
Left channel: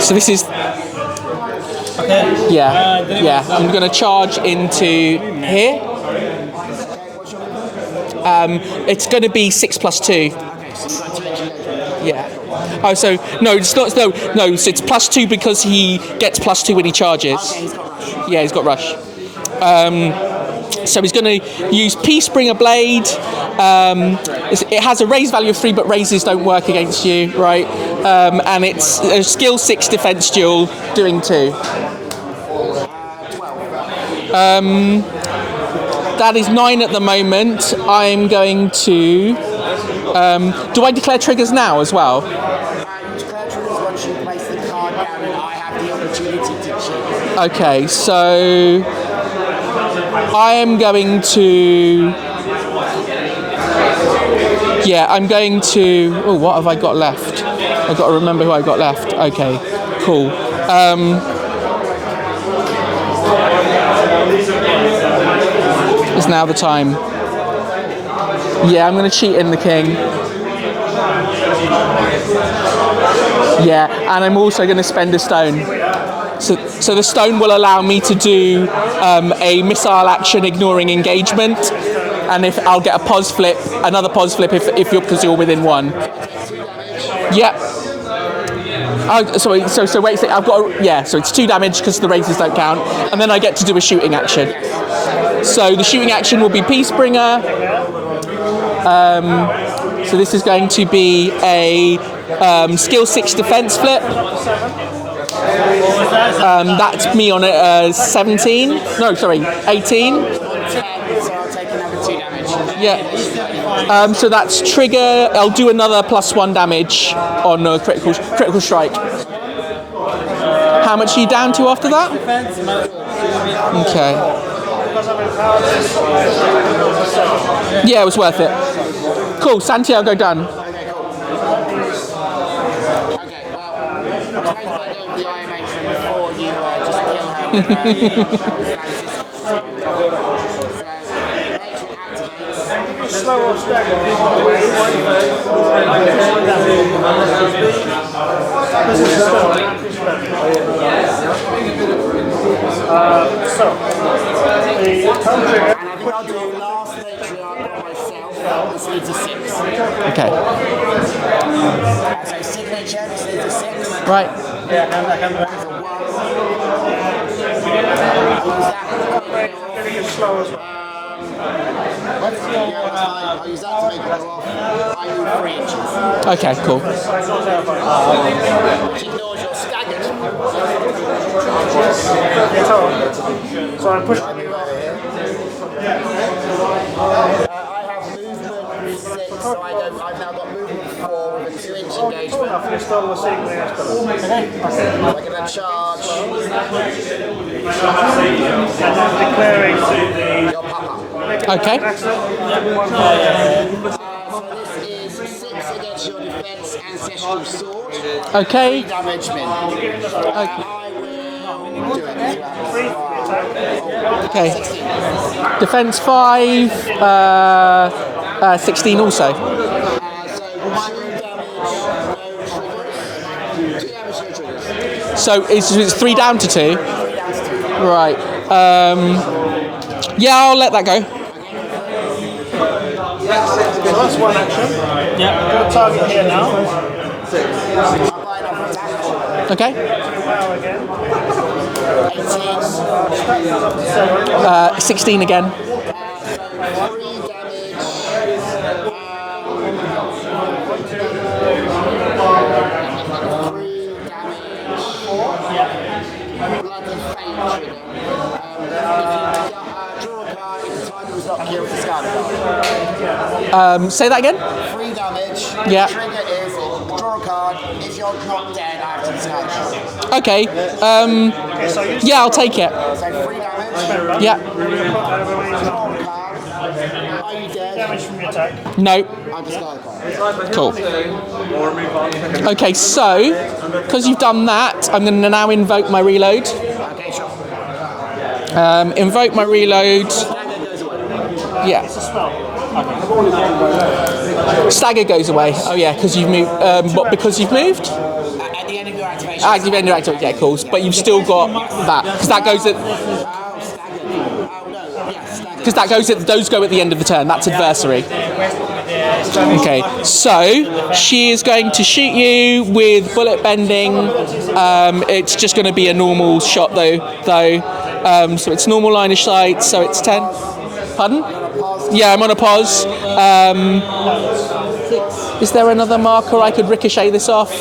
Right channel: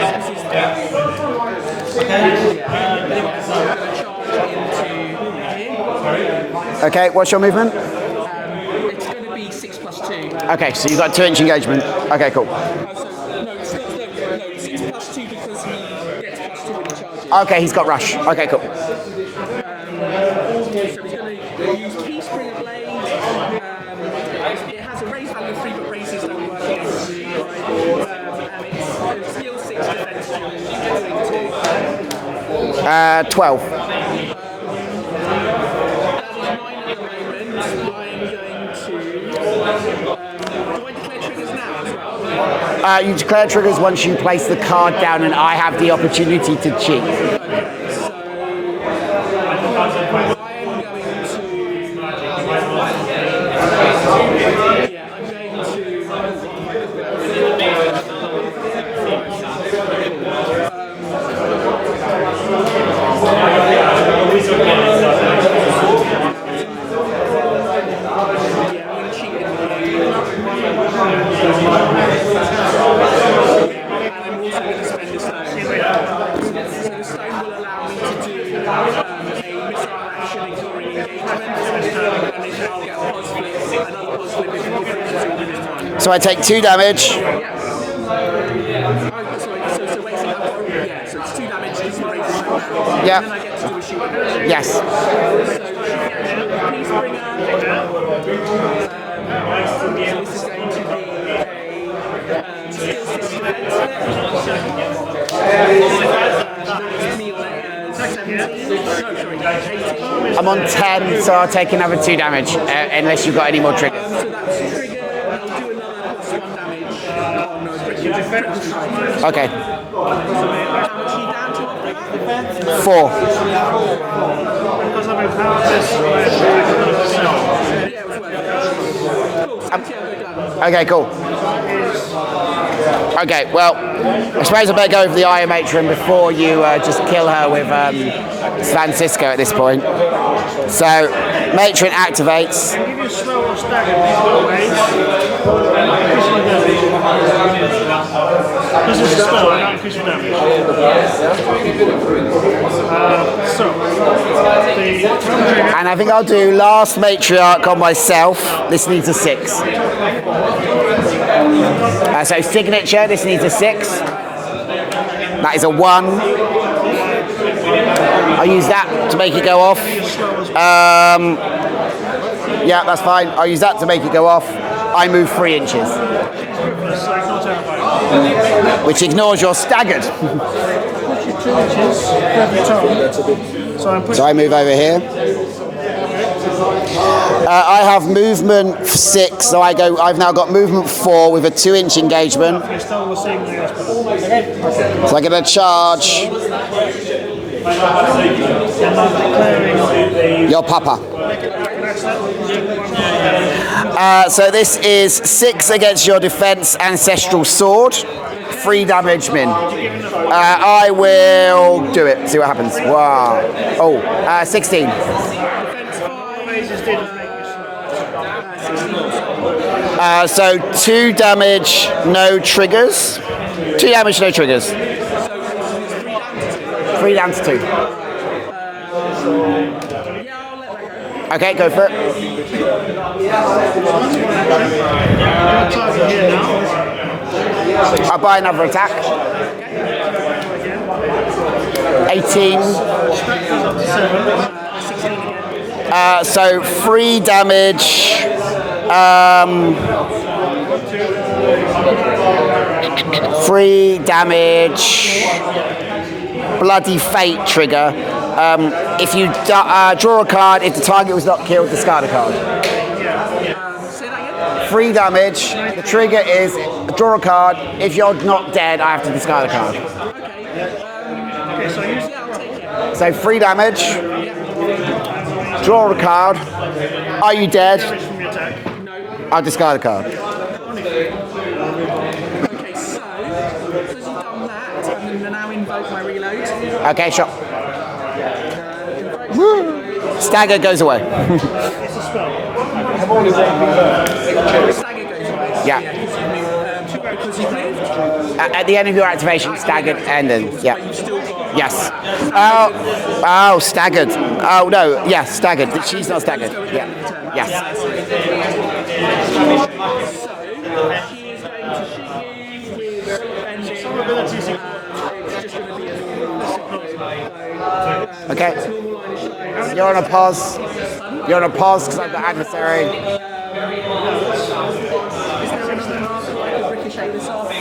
So this is... Yeah, I'm going to charge into here. Okay, what's your movement? It's going to be 6 + 2. Okay, so you've got 2-inch engagement. Yeah. Okay, cool. Oh, so no, it's not. No, so it's +2 because he gets +2 when he charges. Okay, he's got rush. Okay, Yeah, he's got rush. So he's going to use Peacebringer Blade. It has a raise value of 3, but raises don't work against you, right? And it's a skill 6 defense duel, doing 2. 12. That is 9 at the moment. I'm going to... do I declare triggers now as well? You declare triggers once you place the card down and I have the opportunity to cheat. Okay, so... I am going to... Yeah, I'm going to... Oh, what have I got left? I've got to remember who I've got left. Okay, cool. It's now the time. Yeah, I'm going to cheat in the king. Yeah, and I'm also going to spend a stone. So the stone will allow me to do a missile action ignoring engagement, and if I'll get a pause flip, another pause flip if you're because you're within 1. So I take 2 damage. Yep. Oh, sorry. So wait. So I've got so it's 2 damage because the raises don't count, Yeah. and then I get to do a shooting action. Yes. So the shooting action will be Peacebringer. So this is going to be a skill 6 defense flip. That's me on 17. No, sorry, 18. I'm on 10, so I'll take another 2 damage, unless you've got any more triggers. So that's trigger. I'll do another +1 damage on a critical strike. Okay. How much are you down to after that? 4. Okay. Yeah, it was worth it. Cool, Santiago done. Okay, cool. Okay, well, I suppose I better go for the Iron Matron before you just kill her with Francisco at this point. So, Matron activates. Slow or stagger? This is a spell, not increase damage. So, the And I think I'll do last Matriarch on myself. This needs a 6. Okay. So signature, this needs a 6. Right. That is a 1. I'll use that to make it go off. Yeah, that's fine. I'll use that to make it go off. I move 3 inches, Okay, cool. which ignores your staggered. So I move over here. I have movement 6, so I've now got movement 4 with a 2-inch engagement. You're still the same way as So I'm going to charge your papa. Okay. So this is 6 against your defense ancestral sword. Okay. 3 damage min. I will do it. See what happens. Wow. Oh, Okay. 16. Defense 5, 16 also. So 2 damage, no triggers. 2 damage, no triggers. So it's 3 down to 2. 3 down to 2. Right. Yeah, I'll let that go. Okay, go for it. That's one action. Yeah. Target here now. I'll buy another attack. Okay. 18. 16 again. So 3 damage. 3 damage. Bloody Fate trigger. If you draw a card, if the target was not killed, discard a card. Say that again? 3 damage. Yeah. The trigger is draw a card. If you're not dead, I have to discard a card. Okay. Yeah, I'll take it. So 3 damage. Yeah. Draw a card. Are you dead? No. I'll discard a card. Cool. Okay, so because you've done that, I'm going to now invoke my reload. Okay, sure. Invoke my reload. Stagger goes away. Yeah. Stagger goes away. Yeah. Because you've moved. What? Because you've moved? At the end of your activation, Ah, you staggered ended yeah, ended. cool. Yeah. But you've still got Yes. that. That goes at, Oh, staggered. Oh no, yeah, staggered. because that She's goes not at, those staggered. go at the end of the turn. That's Yeah. adversary. Okay, so she is going to shoot you with bullet bending. It's just going to be a normal shot though. So it's normal line of sight. So You're it's on a 10. pause. Pardon? You're on a pause. Yeah, I'm on a pause. Is there another marker I could ricochet this off?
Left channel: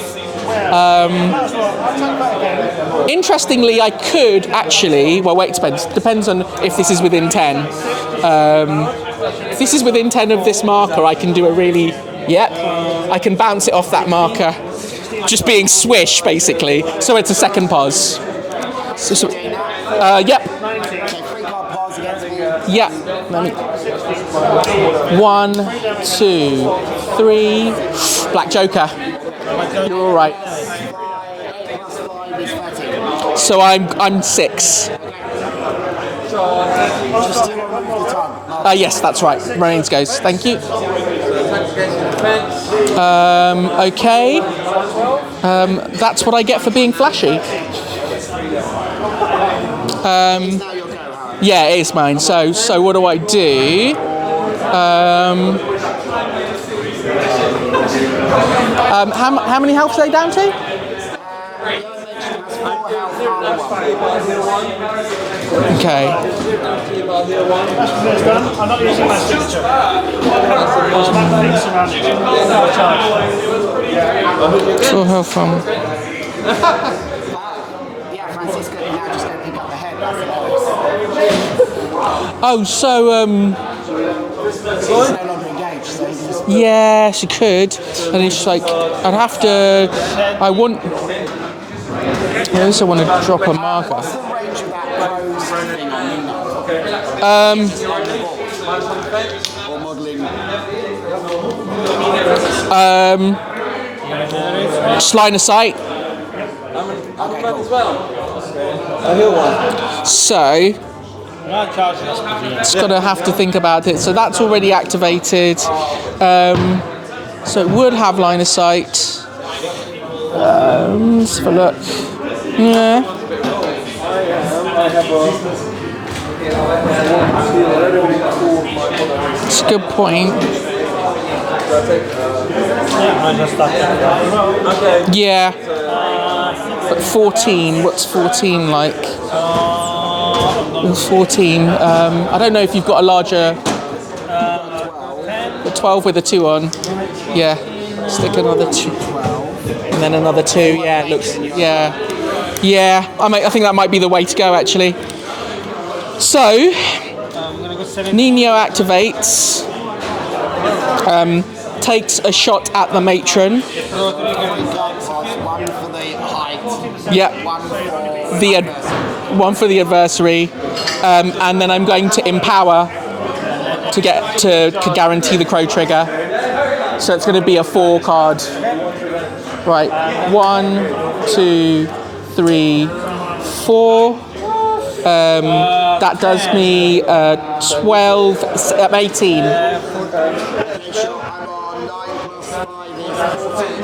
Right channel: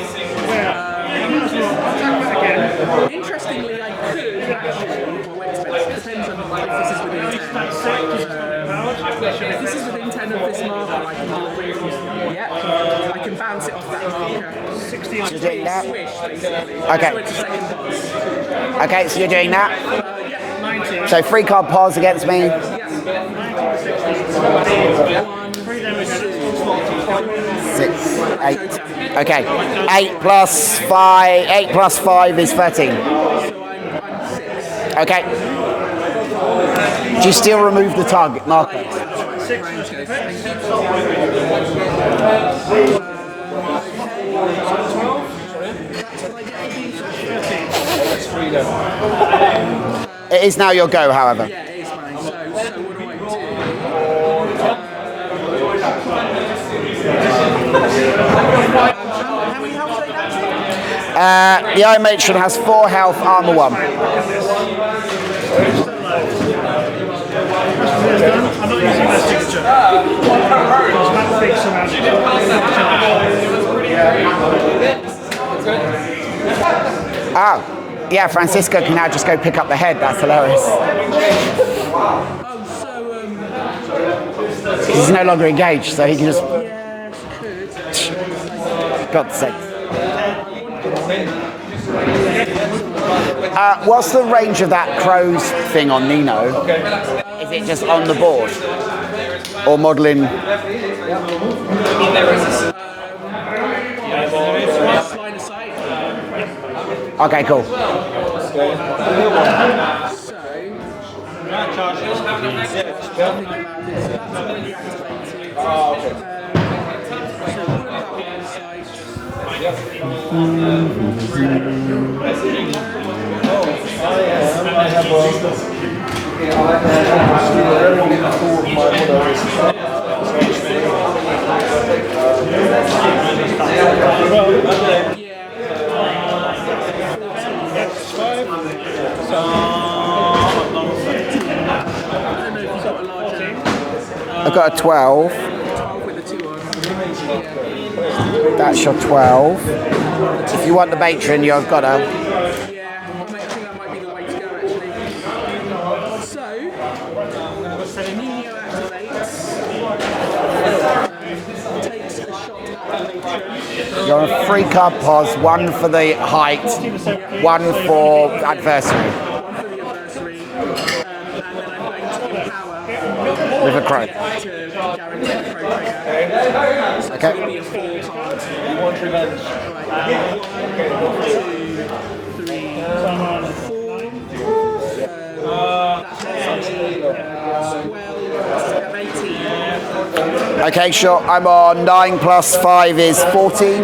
Interestingly, I could actually. Well, wait, it depends on if this is within 10. If this is within 10 of this marker, I can do a really. Yep. I can bounce it off that marker. Just being swish, basically. Okay. So it's a second pause. Okay, so you're doing that. Yep. So 3 card pause against me. Yeah. 1, 2, 3. Black 8. Joker. Okay. 8 All right. plus 5. 8 plus 5 is 13. So I'm 6. Okay. Do you still remove the target marker? Yes, that's right. Marines goes. Thank you. Okay. That's what I get for being flashy. It is now your go, however. Yeah, it is mine. So what do I do? How many health are they down to? The Iron Matron has 4 health, armor 1. Okay. I'm not using my signature. Full health from. Ah, yeah, Francisco can now just go pick up the head. That's hilarious. Oh, so He's no longer engaged, so he can just... yeah, she could, and it's like I'd have to. I want. I also want to drop a marker. What's the range of that crow's thing on Nino? Is it just on the board? Or modelling? Just line of sight. Okay, cool. So, just gotta have to think about it. So that's already activated. So it would have line of sight. Let's have a look. Yeah. It's a good point. Yeah. But 14, what's 14 like? What's 14? I don't know if you've got a larger... I've got a 12. A 12 with a 2 on. Yeah. Stick another That's 2. your 12. And then another 2. You want the matron, you've got a... Yeah, I think that might be the way to go, actually. So, Nino activates, takes a shot at the matron. You're on 3 card pause, 1 for the height, Yep. 1 for the adversary. 1 for the adversary, and then I'm going to empower to get to guarantee the crow trigger. So it's going to be a 4 card. Right, 1, 2, 3, 4. That does me 12, 18. Okay, sure. I'm on 9 plus 5 is 14.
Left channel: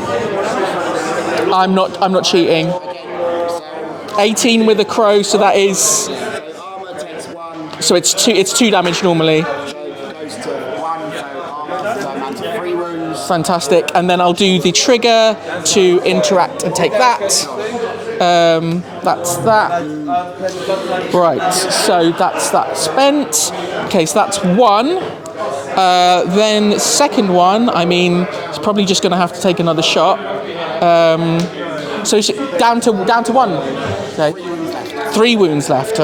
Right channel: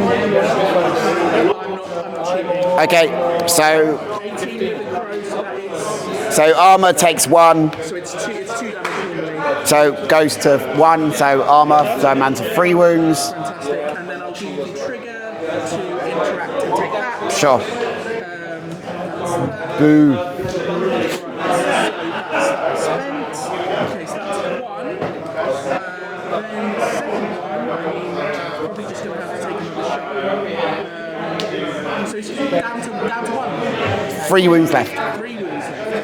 I'm not cheating. Okay, so 18 with a crow, so that is, so armor takes 1, so it's 2 damage normally. so goes to 1. So armor, so I'm down to 3 wounds. Fantastic. And then I'll do the trigger to interact and take that. Sure. That's that. Boo. Right, so that's that spent. Okay, so that's 1. Then second one, I mean, it's probably just going to have to take another shot. So down to 1. Okay. 3 wounds left. 3 wounds left.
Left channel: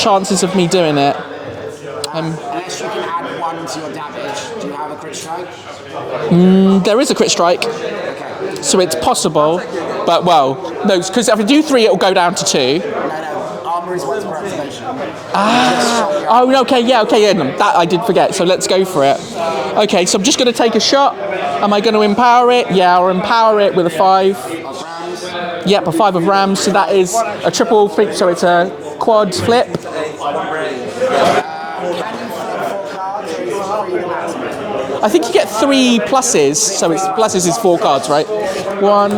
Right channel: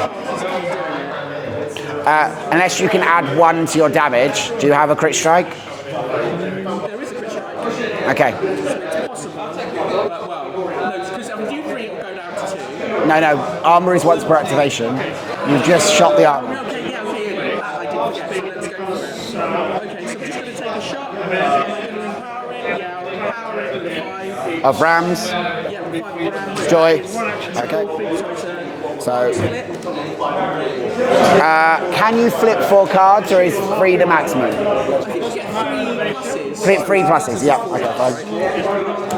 Chances of me doing it. Unless you can add 1 to your damage, do you have a crit strike? There is a crit strike, Okay. so it's possible. But well, no, because if I do 3, it'll go down to 2. No. Armor is once per activation. You just shot the armor. Oh, okay, yeah, no, that I did forget. So let's go for it. Okay, so I'm just going to take a shot. Am I going to empower it? Yeah, I'll empower it with a 5. Of rams. Yep, a 5 of rams. So that is a triple flip. So it's a quad flip. Can you flip 4 cards, or is 3 the maximum? I think you get 3 pluses. So 3 pluses is 4 cards, right? 1.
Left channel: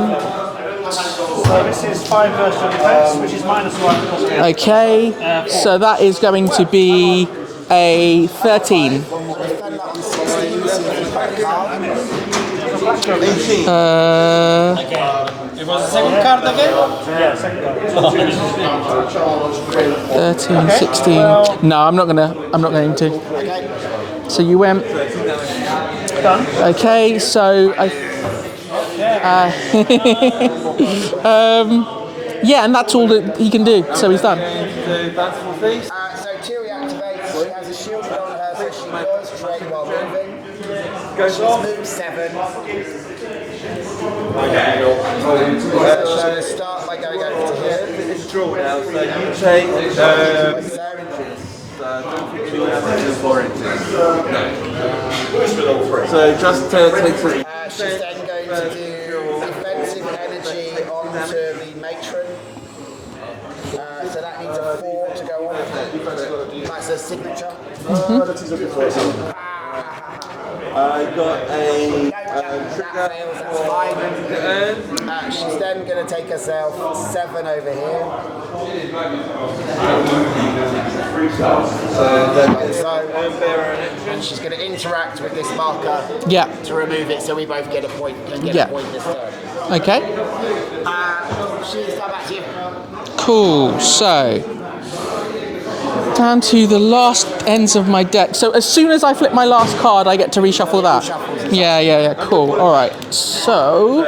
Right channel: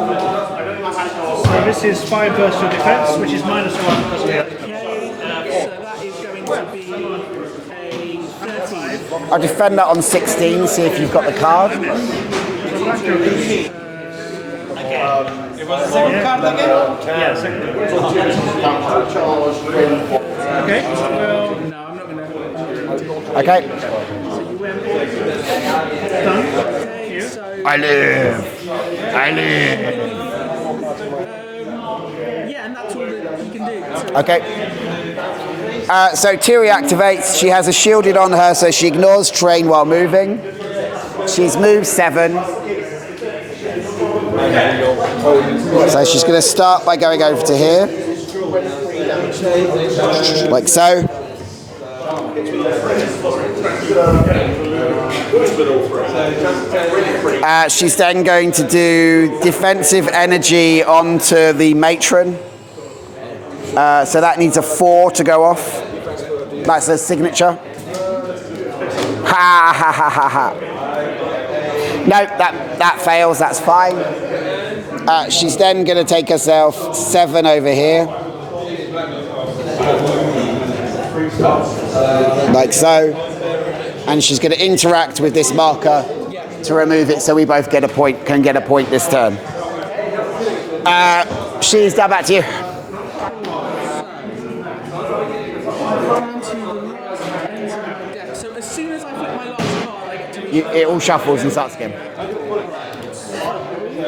So this is 5 versus your defense, which is -1 because of the Okay, so that is going to be a 13. I'll defend that on 16, see if you've got the card. It was the second card again? Yeah, second card. 13, 16. No, I'm not going to. Okay. So you went. Okay, so I live. yeah, and that's all that he can do. So he's done. So Tiri activates. She has a shielded on her, so she ignores terrain while moving. She's moved 7. So she's going to start by going over to here, like so. She's then going to do defensive energy onto the matron. So that needs a 4 to go off. That's a signature. Ha ha ha ha ha. No, that fails. That's fine. She's then going to take herself 7 over here, like so, and she's going to interact with this marker to remove it. So we both get a point. Can get a point this turn. Okay. She's down back to you. Cool. So down to the last ends of my deck. So as soon as I flip my last card, I get to reshuffle it that. all shuffles and stuff. Yeah. Cool. All right. So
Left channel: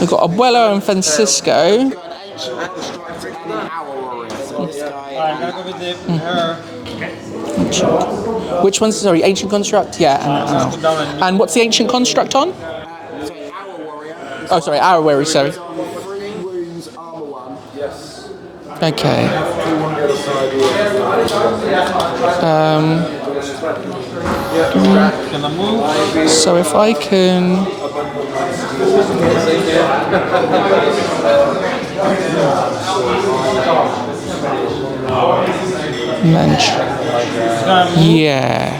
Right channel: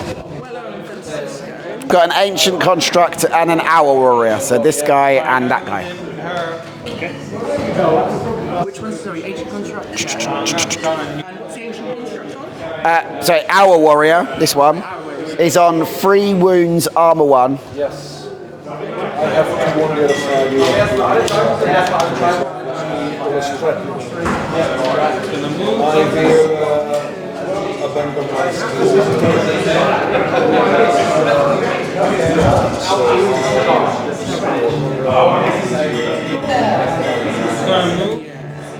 we've got Abuelo and Francisco. Got an ancient construct and an hour warrior. So this guy and that guy. Which one's sorry? Ancient construct. Yeah. And what's the ancient construct on? Sorry, hour warrior. This one. Sorry, hour warrior. So is on 3 wounds, armor 1. Okay. Gonna move. So if I can... Yeah.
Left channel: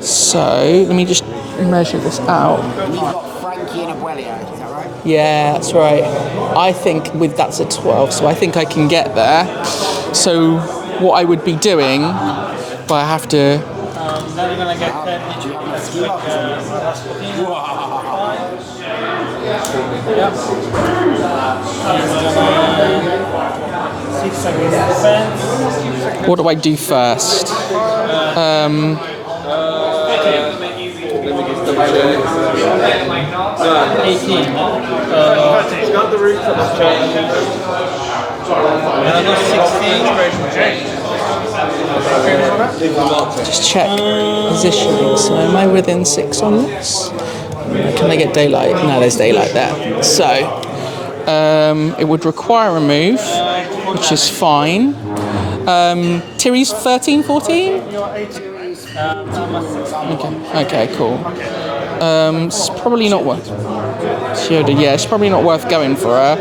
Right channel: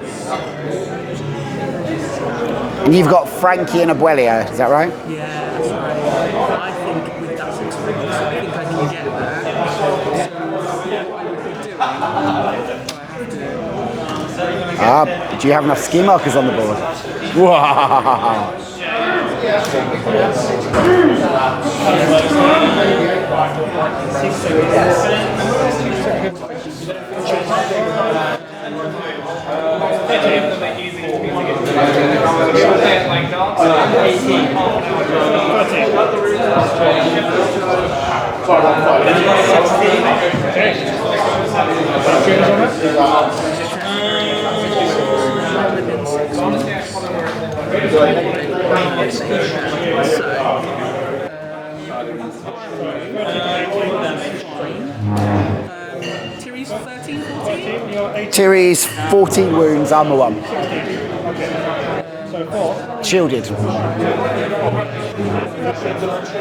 So let me just measure this out. And you've got Frankie and Abuelio, is that right? Yeah, that's right. I think with that's a 12, so I think I can get there. So what I would be doing, but I have to... Do you have enough ski markers on the board? Wow. What do I do first? Just check positions. Am I within 6 on this? Can I get daylight? No, there's daylight there. So it would require a move, which is fine. Tiri's 13, 14? Tiri's 14 wounds, I'm the one. Okay, cool. It's probably not worth. Shielded, yeah, it's probably not worth going for her.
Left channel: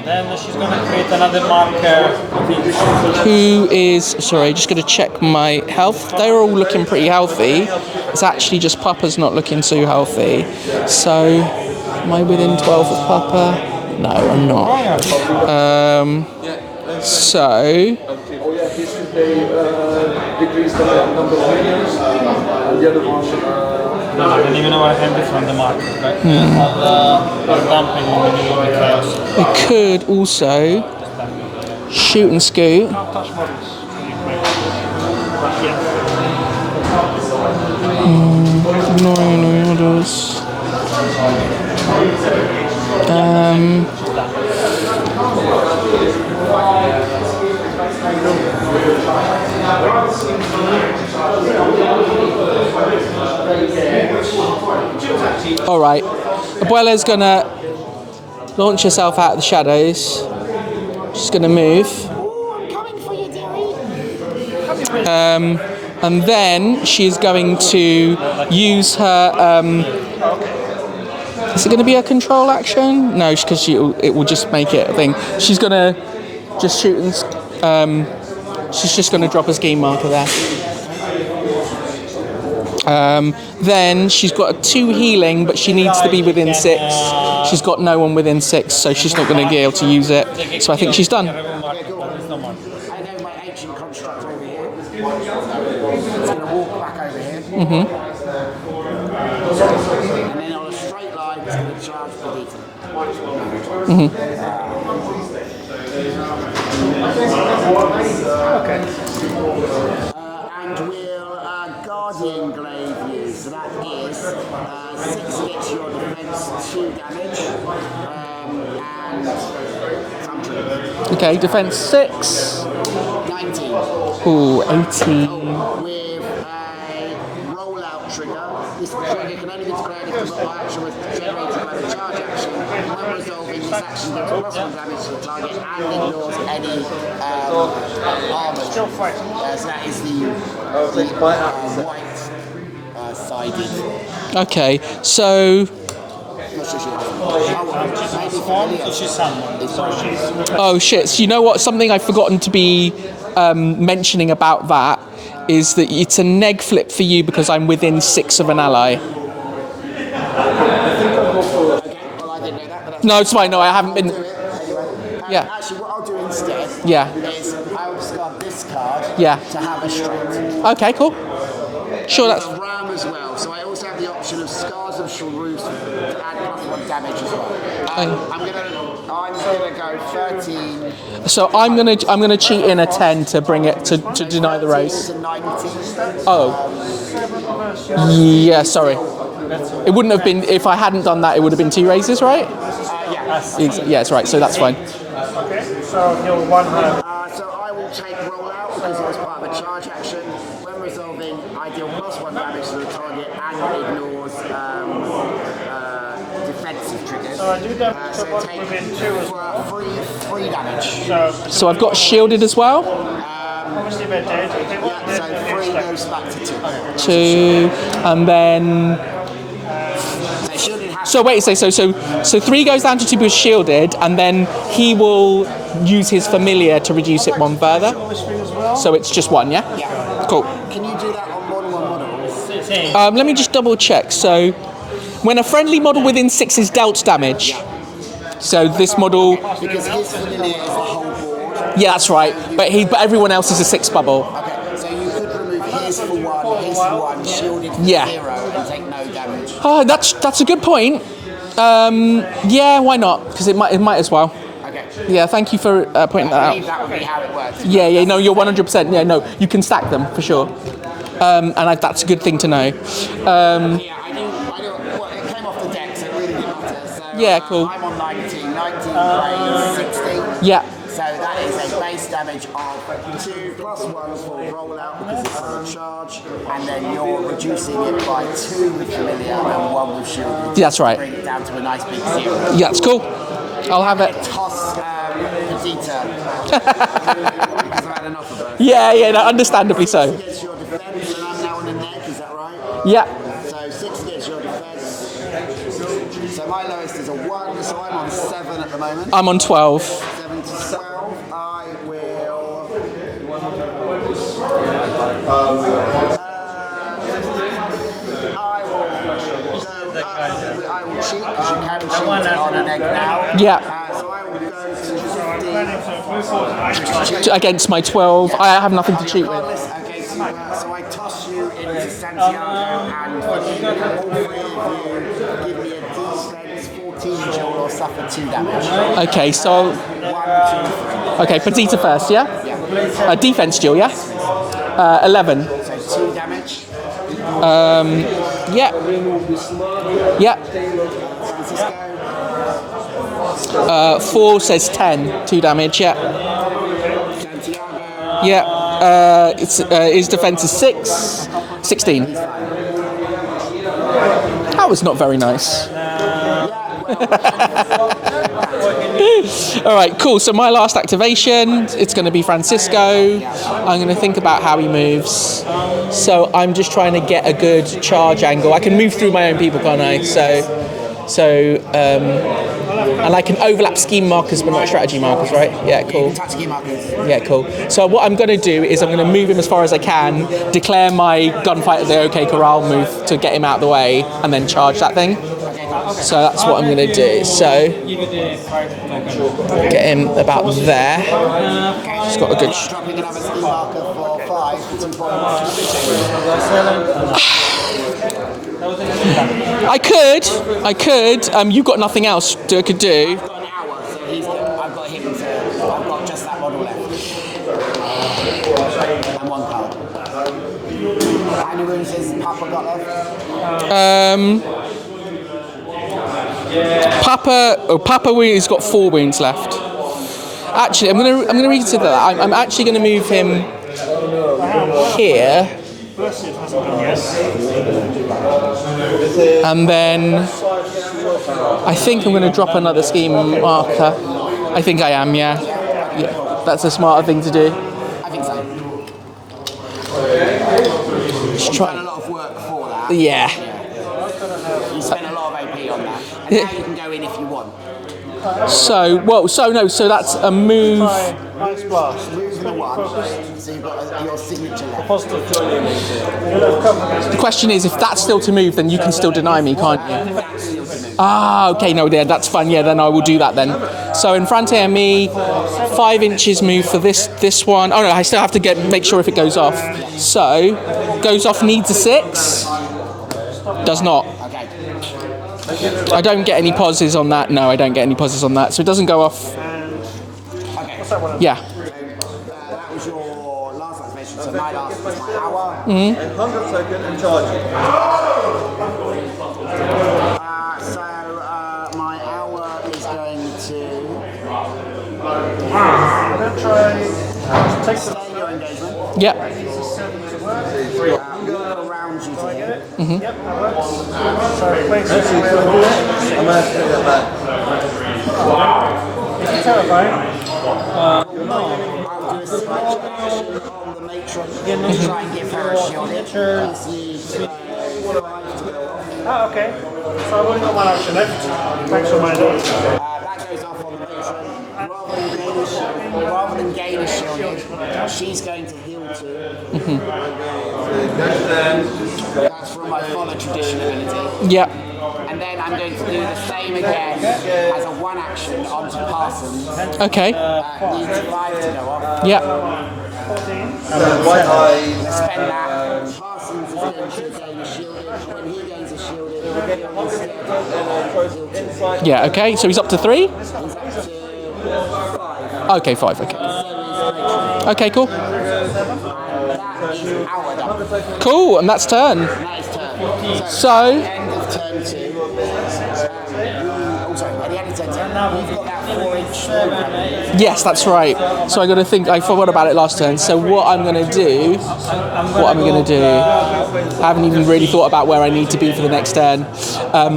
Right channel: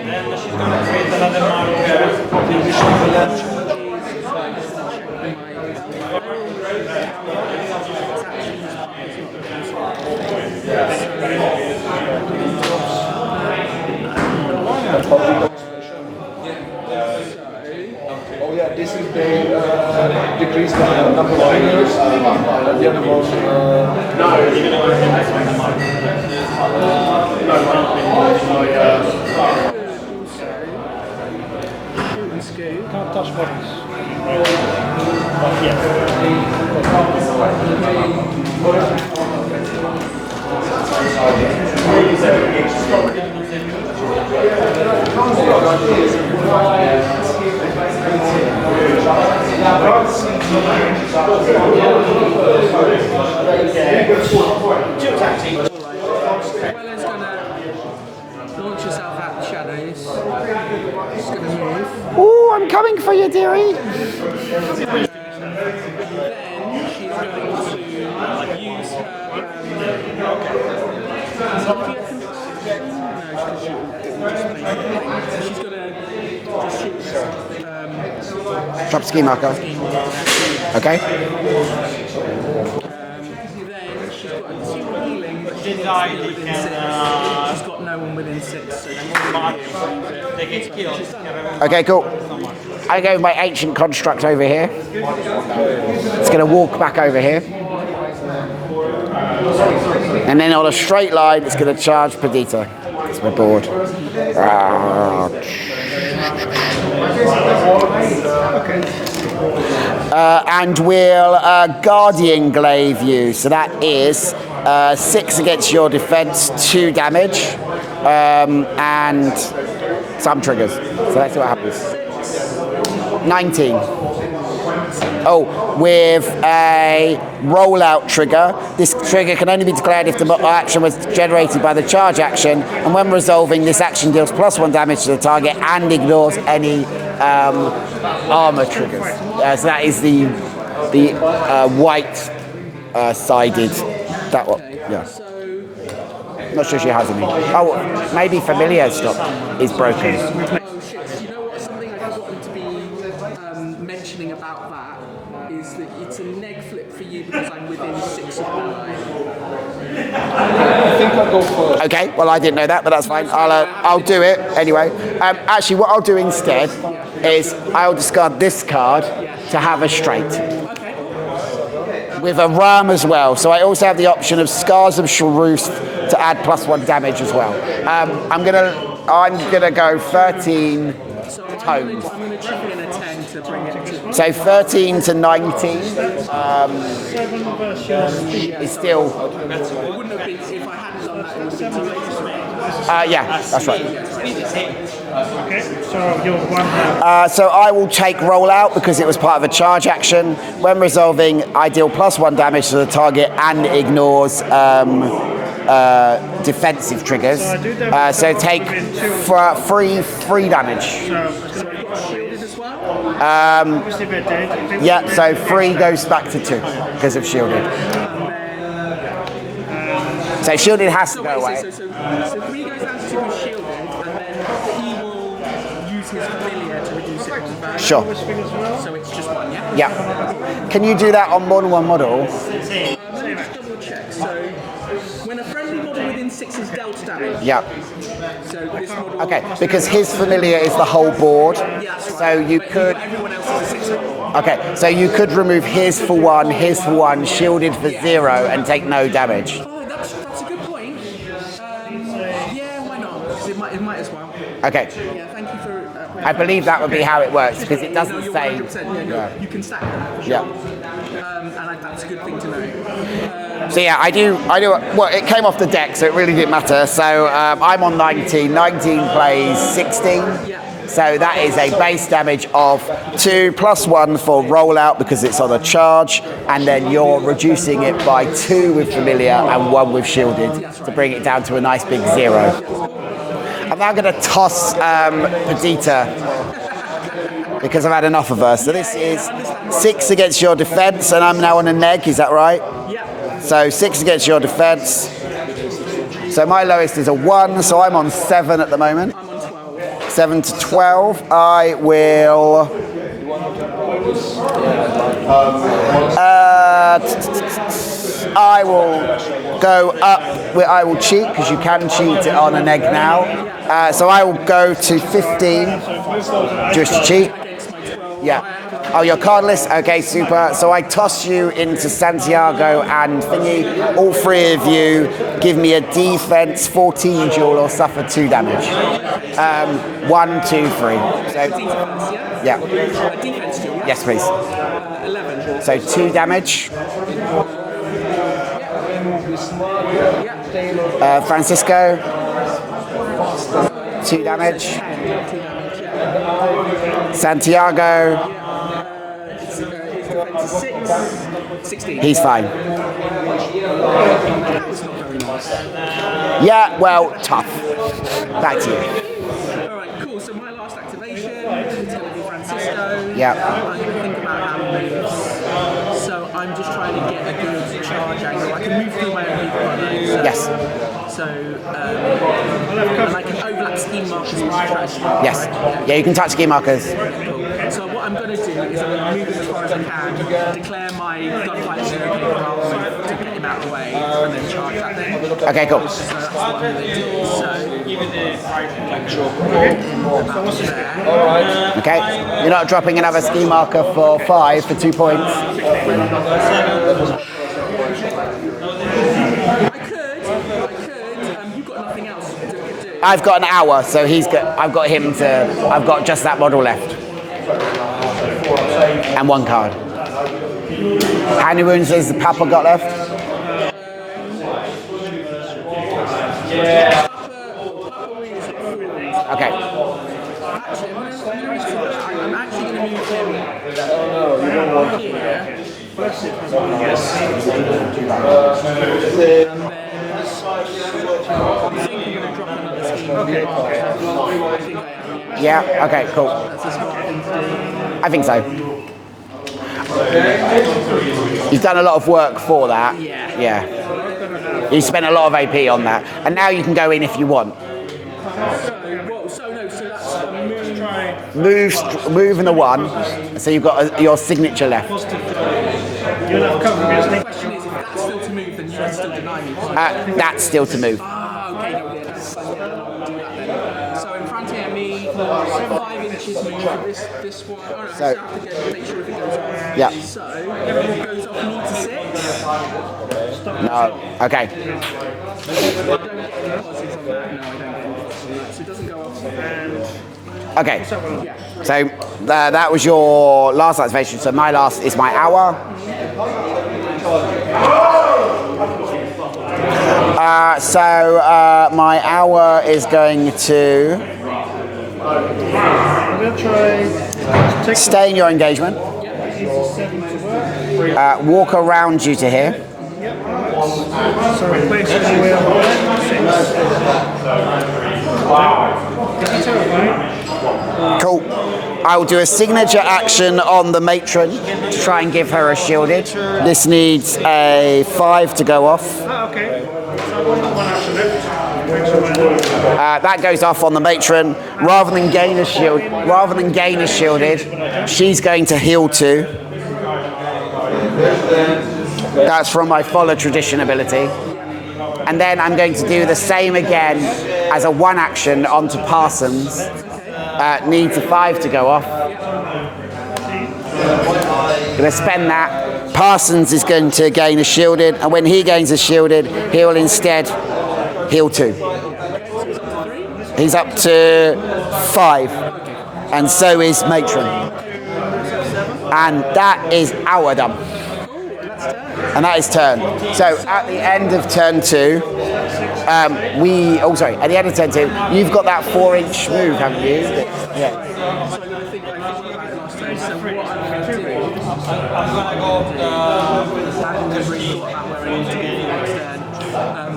Then she's going to create another marker. Who is... Sorry, just going to check my health. They're all looking pretty healthy. It's actually just Papa's not looking too healthy. So, am I within 12 of Papa? No, I'm not. So... decrease the number of fingers, and the other one... I don't even know I can define the marker, right? I'll dump it in the chaos. We could also shoot and scoot. Touch bodies. All right, Abuela's gonna launch herself out of the shadows. She's gonna move. Ooh, I'm coming for you, dearie. And then she's going to use her... is it going to be a control action? No, because it will just make it a thing. She's going to just shoot and... she's just going to drop a ski marker there. Okay. Then she's got 2 healing, but she needs to be within 6. She's got no one within 6, so she's not going to be able to use it. So I think she's done. Okay, cool. I go with my ancient construct over here. It's going to walk back over here. Mm-hmm. And then on a straight line, it's going to charge Perdita. It's my board. Mm-hmm. And we'll Guardian Glaive you. So that is 6 against your defense, 2 damage, and some triggers. So Okay, defense 6. 19. Ooh, 18. Oh, with a rollout trigger. This trigger can only be declared if the action was generated by the charge action, and when resolving, this action deals +1 damage to the target and ignores any armor triggers. So that is the white sided. Okay, yeah. So... I'm not sure she has any. Oh, maybe familiar stuff is broken. Oh shit, so you know what? Something I've forgotten to be mentioning about that is that it's a neg flip for you because I'm within 6 of an ally. Okay, well I didn't know that, but that's No, fine. it's fine. No, I haven't I'll been... do it anyway. Yeah. Actually, what I'll do instead is I'll discard this card to have a straight. Okay, cool. Sure. With a ram as well. So I also have the option of Scars of Sharuth to add +1 damage as well. I'm gonna go 13. So I'm gonna cheat in a 10 to bring it to so deny 13 the race. to 19. Yeah, sorry. It wouldn't have been if I hadn't done that. It would have been 2 raises, right? Yeah, that's right. Yeah, that's right. So that's fine. Okay, so you're 1 So I will take rollout because it was part of a charge action. When resolving, I deal +1 damage to the target and ignores defensive triggers. So I do damage So to take within 2. free damage. So I've got shielded as well. Obviously they're dead. If they Yeah, weren't so dead, 3 goes back to 2 because of shielded. And then So shielded has. so to go wait, away. so 3 goes down to 2 because shielded, and then he will use his familiar to reduce it 1 further. Sure. So it's just 1, yeah. Yeah. Cool. Can you do that on more than one model? Let me just double check. So when a friendly model within 6 is dealt damage. Yeah. So this model. Okay. Because his familiar is the whole board. Yeah, that's right. So you but could- everyone else is a 6 bubble. Okay, so you could remove his for 1, his for 1, shielded for Yeah. 0, and take no damage. Oh, that's a good point. Yeah, why not? Because it might as well. Okay. Yeah, thank you for pointing I that believe out. that would be how it works. because Yeah, it yeah, no, doesn't you're say- 100%. Yeah, no, you can stack them for sure. That's a good thing to know. So yeah, I do. Well, it came off the deck, so it really didn't matter. So Yeah, cool. I'm on 19. 19 plays 16. Yeah. So that is a base damage of 2 plus 1 for rollout because it's on a charge, and then you're reducing it by 2 with familiar and 1 with shielded. Yeah, that's right. To bring it down to a nice big 0. Yeah, it's cool. I'll I'm have going it. to toss Vegeta because I've had enough of her. So Yeah, this yeah, no, is understandably 6 so. against your defense, and I'm now on a neg. Is that right? Yeah. So 6 against your defense. So my lowest is a 1, so I'm on 7 at the moment. I'm on 12. 7 to 12. I will. I will go up. I will cheat because you can cheat it on an egg now. Yeah. So I will go to 15. Just cheat. Against my 12. Yeah. I have nothing to Oh, you're cheat cardless? Okay, super. So I toss you into Santiago and Thingy. All 3 of you give me a defense 14 duel or suffer 2 damage. with. Okay, so 1, 2, 3. okay, So- Petita first, yeah. Yeah. Defense duel, yeah. Yes, please. 11. So 2 damage. Yeah. Yeah. Francisco. 4 damage. says 10. 2 damage, yeah. Santiago. Yeah. His defense is 6. 16. He's fine. That was not very nice. Yeah, well, tough. Back to you. All right, cool. So my last activation, it's going to be Francisco. Yeah. I'm going to think about how he moves. So I'm just trying to get a good charge angle. I can move through my own people, can't I? So, Yes. and I can overlap scheme markers but not strategy markers, Yes. right? Yeah, Yeah, you cool. can touch key markers. Yeah, cool. So what I'm going to do is I'm going to move him as far as I can, declare my gunfight as a OK Corral move to get him out of the way, and then charge that thing. Okay, cool. So that's what I'm going to do. So get him about there. Okay. got a good You're not dropping another ski marker for 5 for 2 points. I could. You've got nothing else I could do. I've got an hour, so I've got him to. I've got just that model left. And 1 card. How many wounds has the Papa got left? Papa has got 4 wounds left. Okay. Actually, I'm gonna reconsider that. I'm actually gonna move him here. And then I think I'm going to drop another scheme marker. I think I am, yeah. Yeah, okay, cool. That's a smarter thing to do. I think so. You've done a lot of work for that. Yeah. Yeah. You spent a lot of AP on that. And now you can go in if you want. So that's a move. Move and a 1. So you've got your signature left. You'll have cover against The me. question is, if that's still to move, then you can still deny me, can't you? That's still to move. Okay, no, yeah, that's fine. Yeah, then I will do that then. So in front of me, 5 inches move for this one. Oh no, I still have to make sure if it goes off. Yeah. So goes off needs a 6. Does not. Okay. I don't get any pauses on that. No, I don't get any pauses on that. So it doesn't go off. Okay. Yeah. So that was your last activation. So my last is my hour. My hour is going to I'm going to try. stay in your engagement. Yeah. walk around you to here. So place it where it's terrifying. Cool. I'll do a signature action on the matron to try and give her a shielded. This needs a 5 to go off. Oh, okay. So I've only got one action left. Thanks for my notes. That goes off on the matron. Rather than gain a shielded, she's going to heal 2. That's from my follow tradition ability. Yeah. And then I'm going to do the same again as a 1 action onto Parsons. Okay. Needs a 5 to go off. Yeah. Going to spend that. Parsons is going to gain a shielded, and when he gains a shielded, he'll instead heal 2. Yeah. Okay. So he's up to 3. He's up to 5, Okay. 5. Okay. and so is Matron. Okay. Cool. And that is our done. Cool. And that's turn. And that is turn. So at the end of turn 2, at the end of turn 2, you've got that 4-inch move, haven't you? Yes, that's right. So I got to think. I forgot about it last turn. So what I'm going to do? I haven't even really thought about where I need to be for the next turn.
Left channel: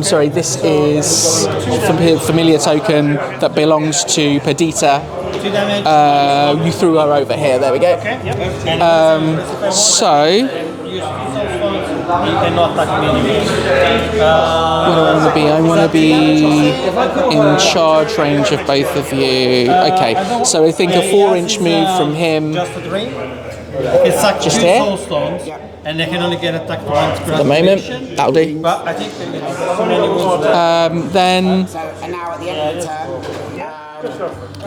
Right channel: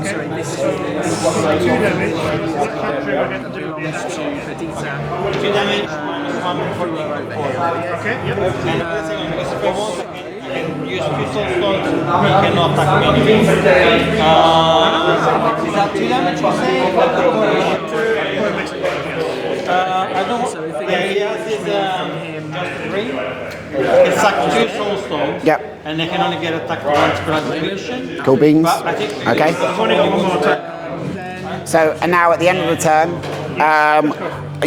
Sorry, this is a familiar token that belongs to Perdita. You threw her over here. There we go. So. I'm going to be in charge range of both of you. Okay, so I think a 4-inch move from him. It's like Just 2 here? soul stones. Yeah. And they can only get attacked once per At the moment, activation. that'll Cool do. beans. But I think Okay. Then So and now at the end of the turn,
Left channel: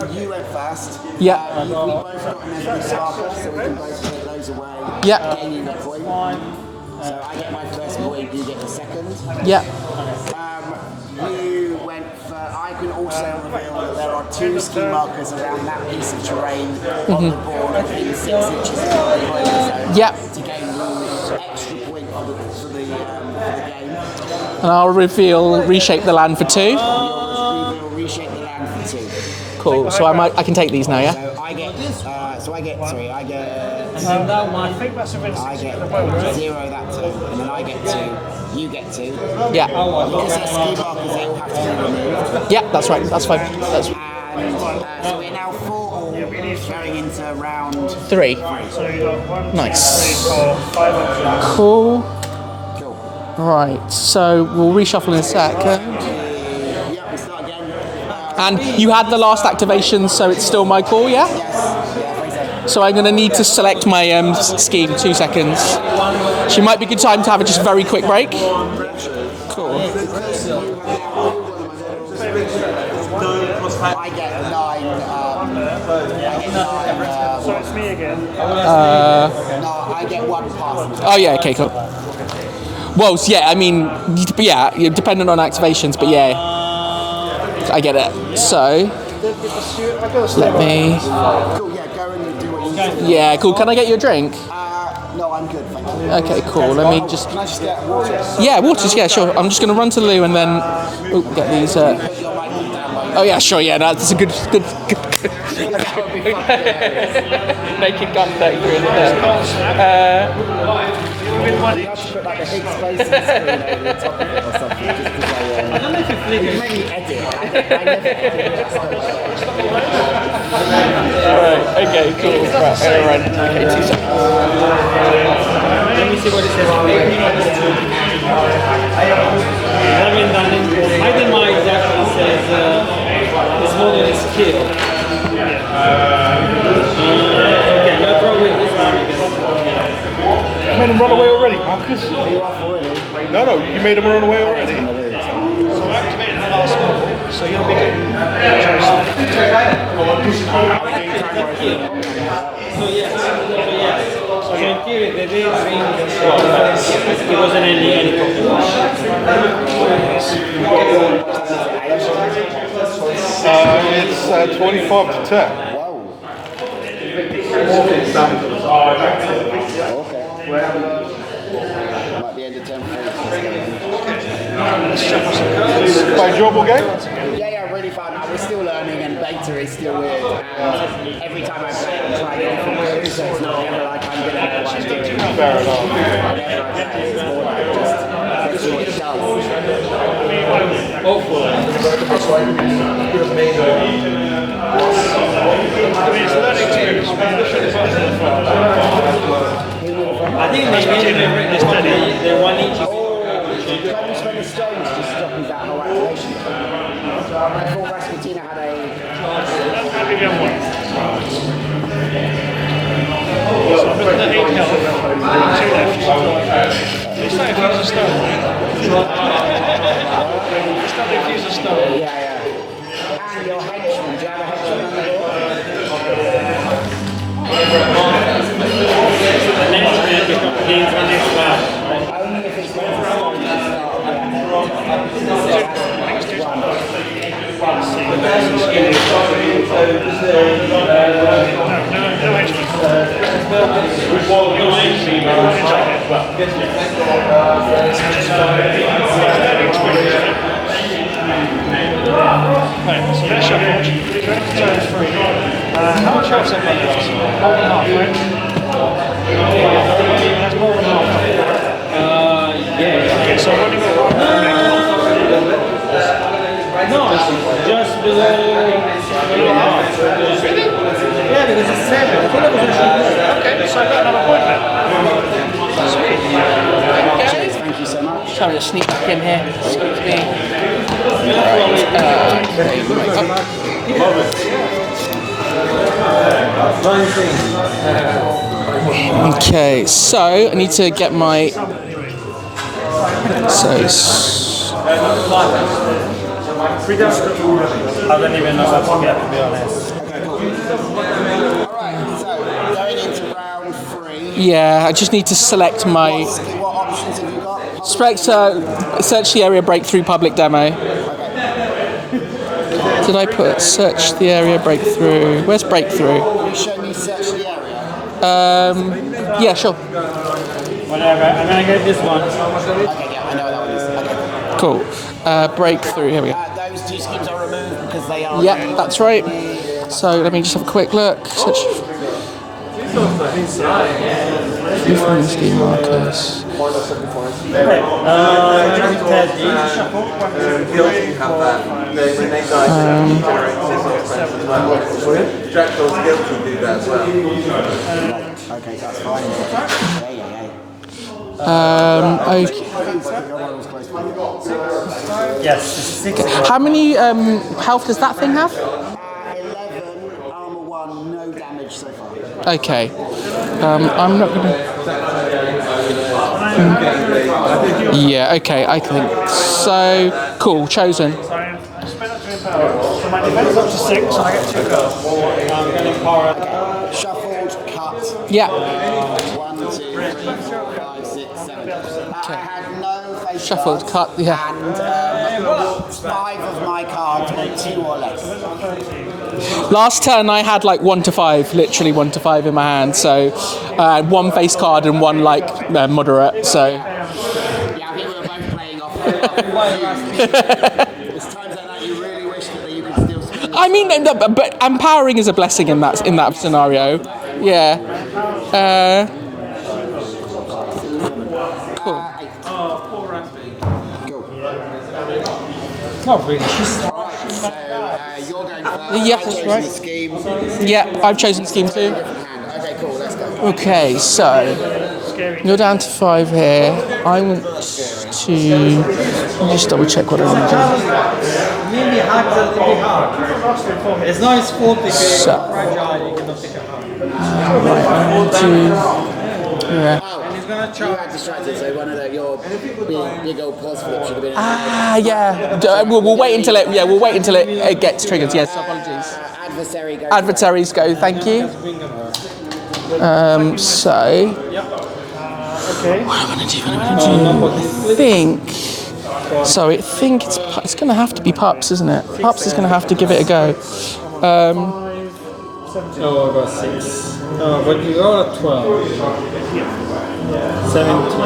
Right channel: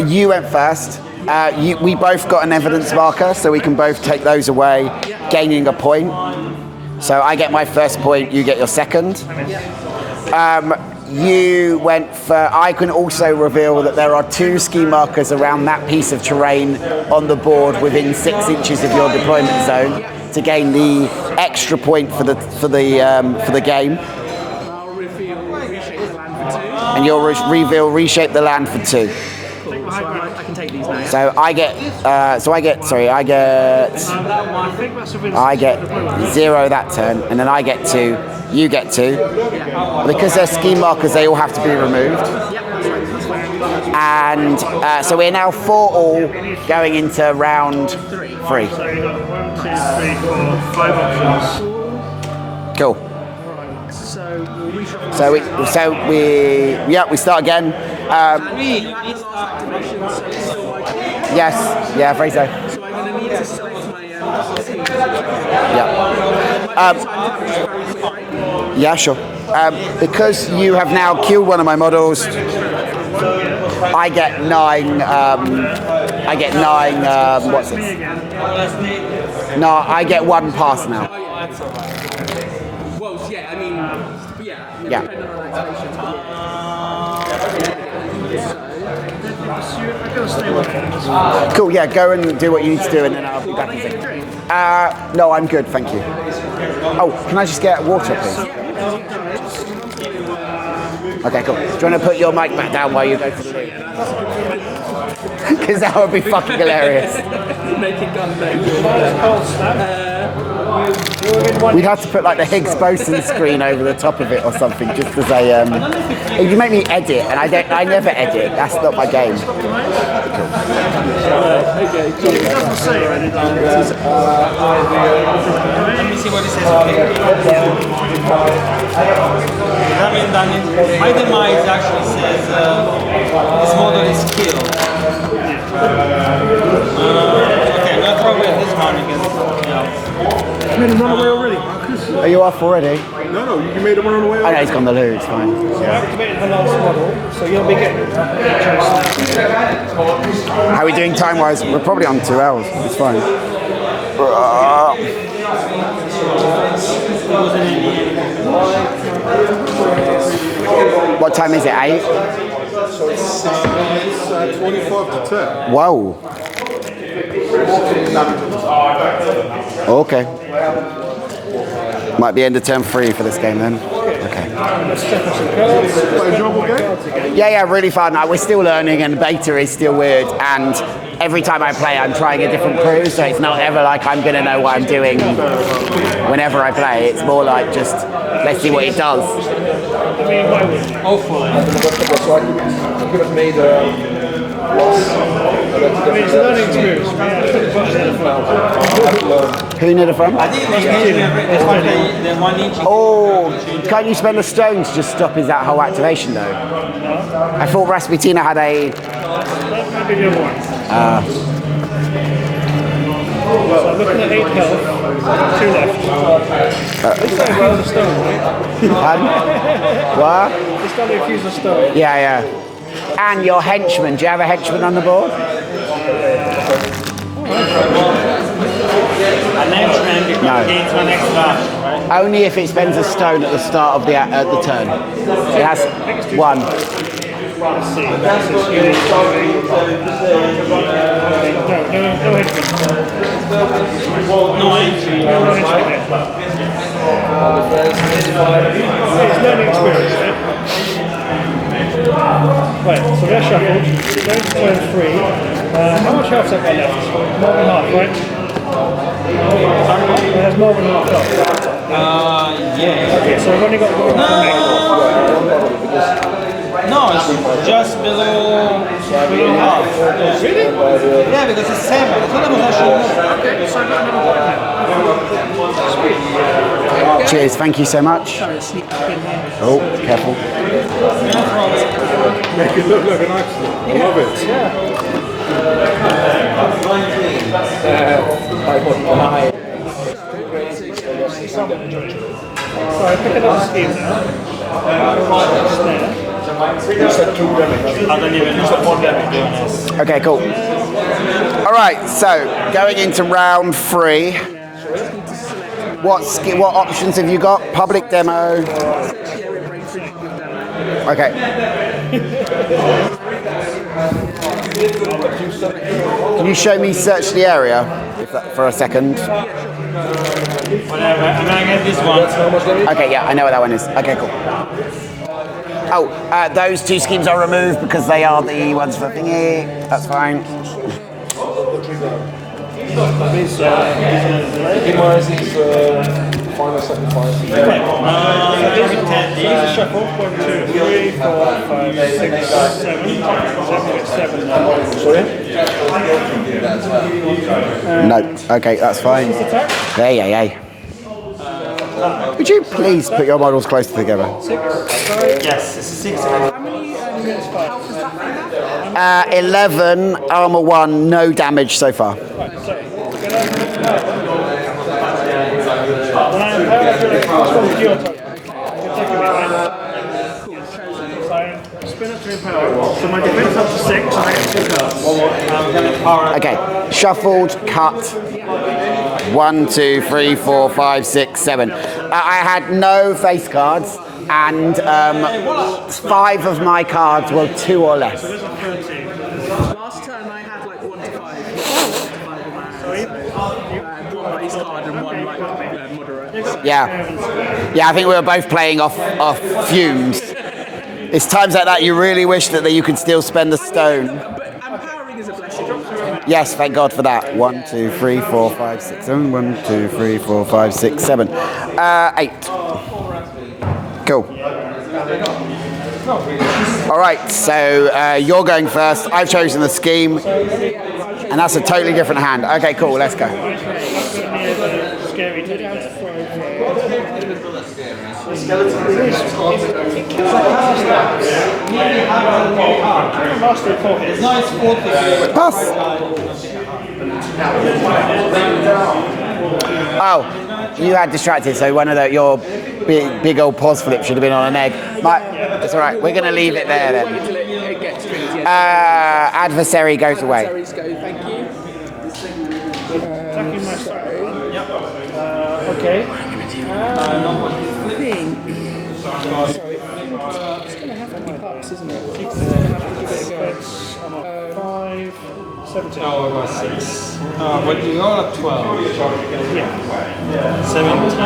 you went first. Yeah. We both got an evidence marker, so we can both take those away, Yeah. gaining a point. So I get my first point, you get your second. yeah. You went for. I can also reveal that there are 2 ski markers around that piece of terrain on the board within 6 inches of your deployment zone. Yeah. To gain the extra point for the game, And I'll reshape the land for 2. and you'll reshape the land for 2. Cool. So I can take these now, yeah? So I get 0 that turn, and then I get 2. You get 2. Yeah. Because they're ski markers, they all have to be removed. Yeah, that's right. That's fine. That's And so we're now 4 all going into round 3. 3. Nice. 5 options. Cool. Cool. Right. So we'll reshuffle in a sec. We start again. And you had the last activation, so it's still my call, yeah? Yes. Yeah, very so. So I'm going to need to select my scheme. 2 seconds. Yeah. She might be good time to have a just very quick break. Yeah, sure. Because you have now killed one of my models, I get 9. What's it? No, I get 1 pass now. Oh, yeah, okay, cool. Well, yeah, I mean, yeah, dependent on activations, but yeah, I get it. So, let me... Cool. Yeah, go and do what you need to do. Yeah, cool. Can I get you a drink? No, I'm good, thank you. Okay, cool. Let me just... Can I just get water, please? Yeah, waters, yeah, sure. I'm just going to run to the loo and then... Okay, cool. Do you want to put your mic back down while you... Oh, yeah, sure, yeah, no, that's a good... Because that would be fucking hilarious. Naked gun day. We'd have to put like the Higgs boson screen over the top of it or something, just as a. You make me edit, and I never edit. That's not my game. Okay, cool. let me see what it says. My demise actually says this model is killed. Okay, I'll throw away this one because You made him run away already, Marcus. Are you off already? No, you made him run away I know already. he's gone the loo. It's fine. So you'll be getting How are we doing time-wise? We're probably on 2 hours. It's fine. What time is it? 8? It's 25 to 10. Whoa. Okay. Might be end of turn 3 for this game then. Okay. Let's shuffle some cards. Quite enjoyable game. Yeah, really fun. We're still learning, and beta is still weird. And every time I play, I'm trying a different clue, so it's not ever like I'm going to know what I'm doing whenever I play. It's more like just let's see what it does. So I could have made It's a learning experience. Put the buttons in the front. Who near the front? I think they the one each. Oh, can't you spend a stone to just stop his that whole activation though? I thought Rasputina had a. So I'm looking at 8 health, 2 left. Just don't use a stone, right? What? Just don't use a stone. Yeah. And your henchman. Do you have a henchman on the board? No. Only if it spends a stone at the start of the turn. It has 1. Let's see. No henchman. Right, so they're shuffled. Going to turn 3. How much health's that got left? More than half, right? It has more than half health. Yeah. Okay, so I've only got 1 next. No, just below half. Really? Yeah, because it's 7. Okay, so I've got another point now. Sweet. Cheers, thank you so much. Sorry to sneak back in here. Oh, careful. Okay, so I need to get my. Okay, cool. All right, so going into round 3. Yeah, I just need to select my. What options have you got? Public Select, demo. search the area breakthrough public demo. Okay. Did I put search the area breakthrough? Where's breakthrough? Can you show me search the area for a second? Yeah, sure. Whatever. And I get this one. Okay, yeah, I know what that one is. Okay, cool. Cool. Breakthrough. Here we go. Those 2 schemes are removed because they are Yeah, the that's ones right. That's So fine. let me just have a quick look. Search. No, okay, that's fine. Yeah. Could you please put your models closer together? Yes, 6. How many health does that thing have? 11, armor 1, no damage so far. Okay. I'm not gonna... Yeah, okay, I think. So, cool, chosen. Spin up 3 power. So my defense is up to 6 and I get 2 power. Okay, shuffled, cut. Yeah. 1, 2, 3, 4, 5, 6, 7. I had no face Shuffled, cards, cut, yeah. and 5 of my cards were 2 or less. Last turn I had like 1 to 5, literally 1 to 5 in my hand. So, I had 1 face card and 1 like moderate. So Yeah, I think we were both playing off fumes. It's times like that you really wish that you could still spend the I stone. mean, but empowering is a blessing in that Yes, scenario. thank God for that. 1, Yeah. 2, 3, 4, 5, 6, 7. 1, 2, 3, 4, 5, 6, 7. 8. Cool. Not really. All right, so you're going first. Yeah. I've chosen the scheme, and Yeah, I've chosen that's a scheme totally two. different hand. Okay, cool. Let's go. Okay, so you're down to 5 here. I want to just double check what I want It's not as 40. Oh, you had distracted. So one of your big old pause flip should have been on an egg. yeah. That's all right. We'll We're gonna wait until leave it. Yeah, there we'll wait then. until it gets triggered. Yes. Adversary goes away. Adversaries go. Thank you. So Okay. what am I think. So I think it's going to have to be Pups, isn't it? Pups is going to have to give it a go. 5, 17. No, I got 6. When you go up 12. 17.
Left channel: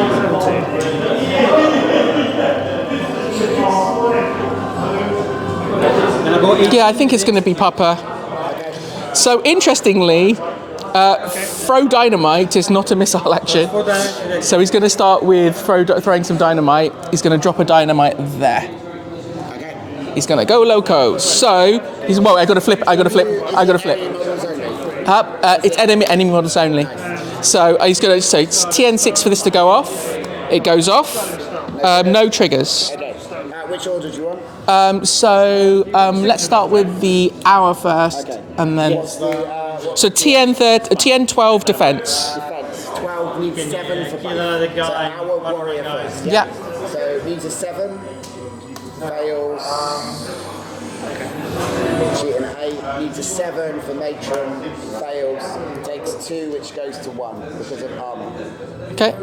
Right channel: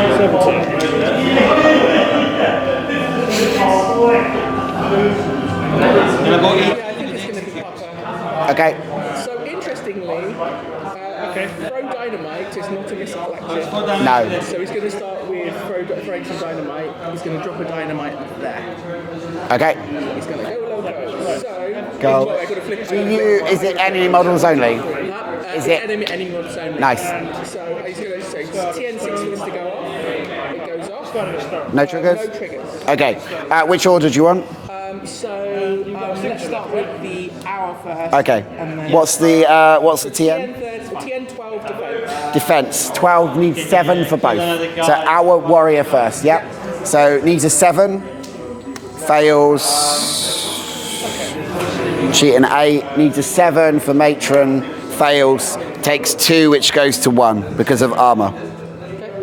I think it's going to be Papa. Okay. So interestingly, throw dynamite is not a missile action. No. So he's going to start with throwing some dynamite. He's going to drop a dynamite there. Okay. He's going to go loco. So he's well. I got to flip. I got to flip. I got to flip. Enemy models only. It's enemy models only. Nice. So he's going to. So it's TN6 for this to go off. It goes off. No triggers. Okay. Which order do you want? Let's start with the hour first. Okay. And then what's the TN12 defense. Defense. 12 needs 7 for both. So our warrior first. Yeah. So needs a 7. Fails. Cheat an 8. Needs a 7 for matron. Fails. Takes 2, which goes to 1 because of armor. Okay.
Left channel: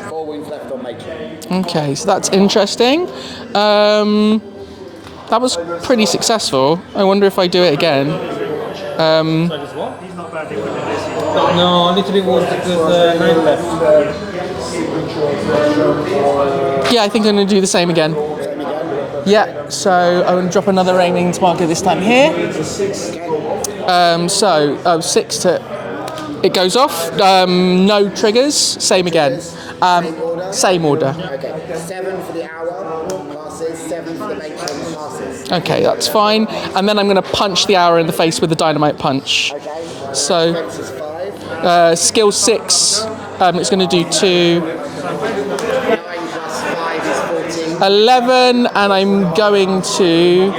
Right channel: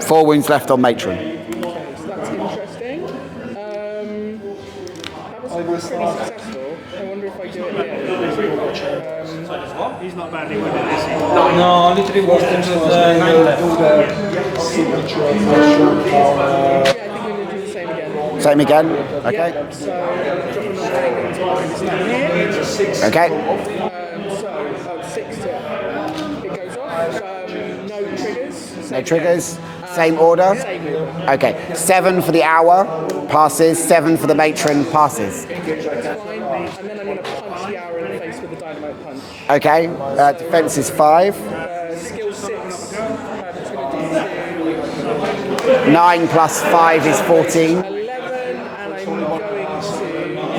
4 wounds left on matron. Okay, so that's interesting. That was pretty successful. I wonder if I do it again. He's not badly wounded, is he? No, literally wounded with the 9 left. Yeah, I think I'm going to do the same again. Same again? Okay. Yeah, so I'm going to drop another raining marker this time here. Okay. 6 to... It goes off. No triggers. Same again. Same order? Same order. Okay. 7 for the hour. Passes. 7 for the matron. Passes. Okay, that's fine. And then I'm going to punch the hour in the face with the dynamite punch. Okay. So defense is 5. Skill 6. It's going to do 2. 9 plus 5 is 14. 11, and I'm going to...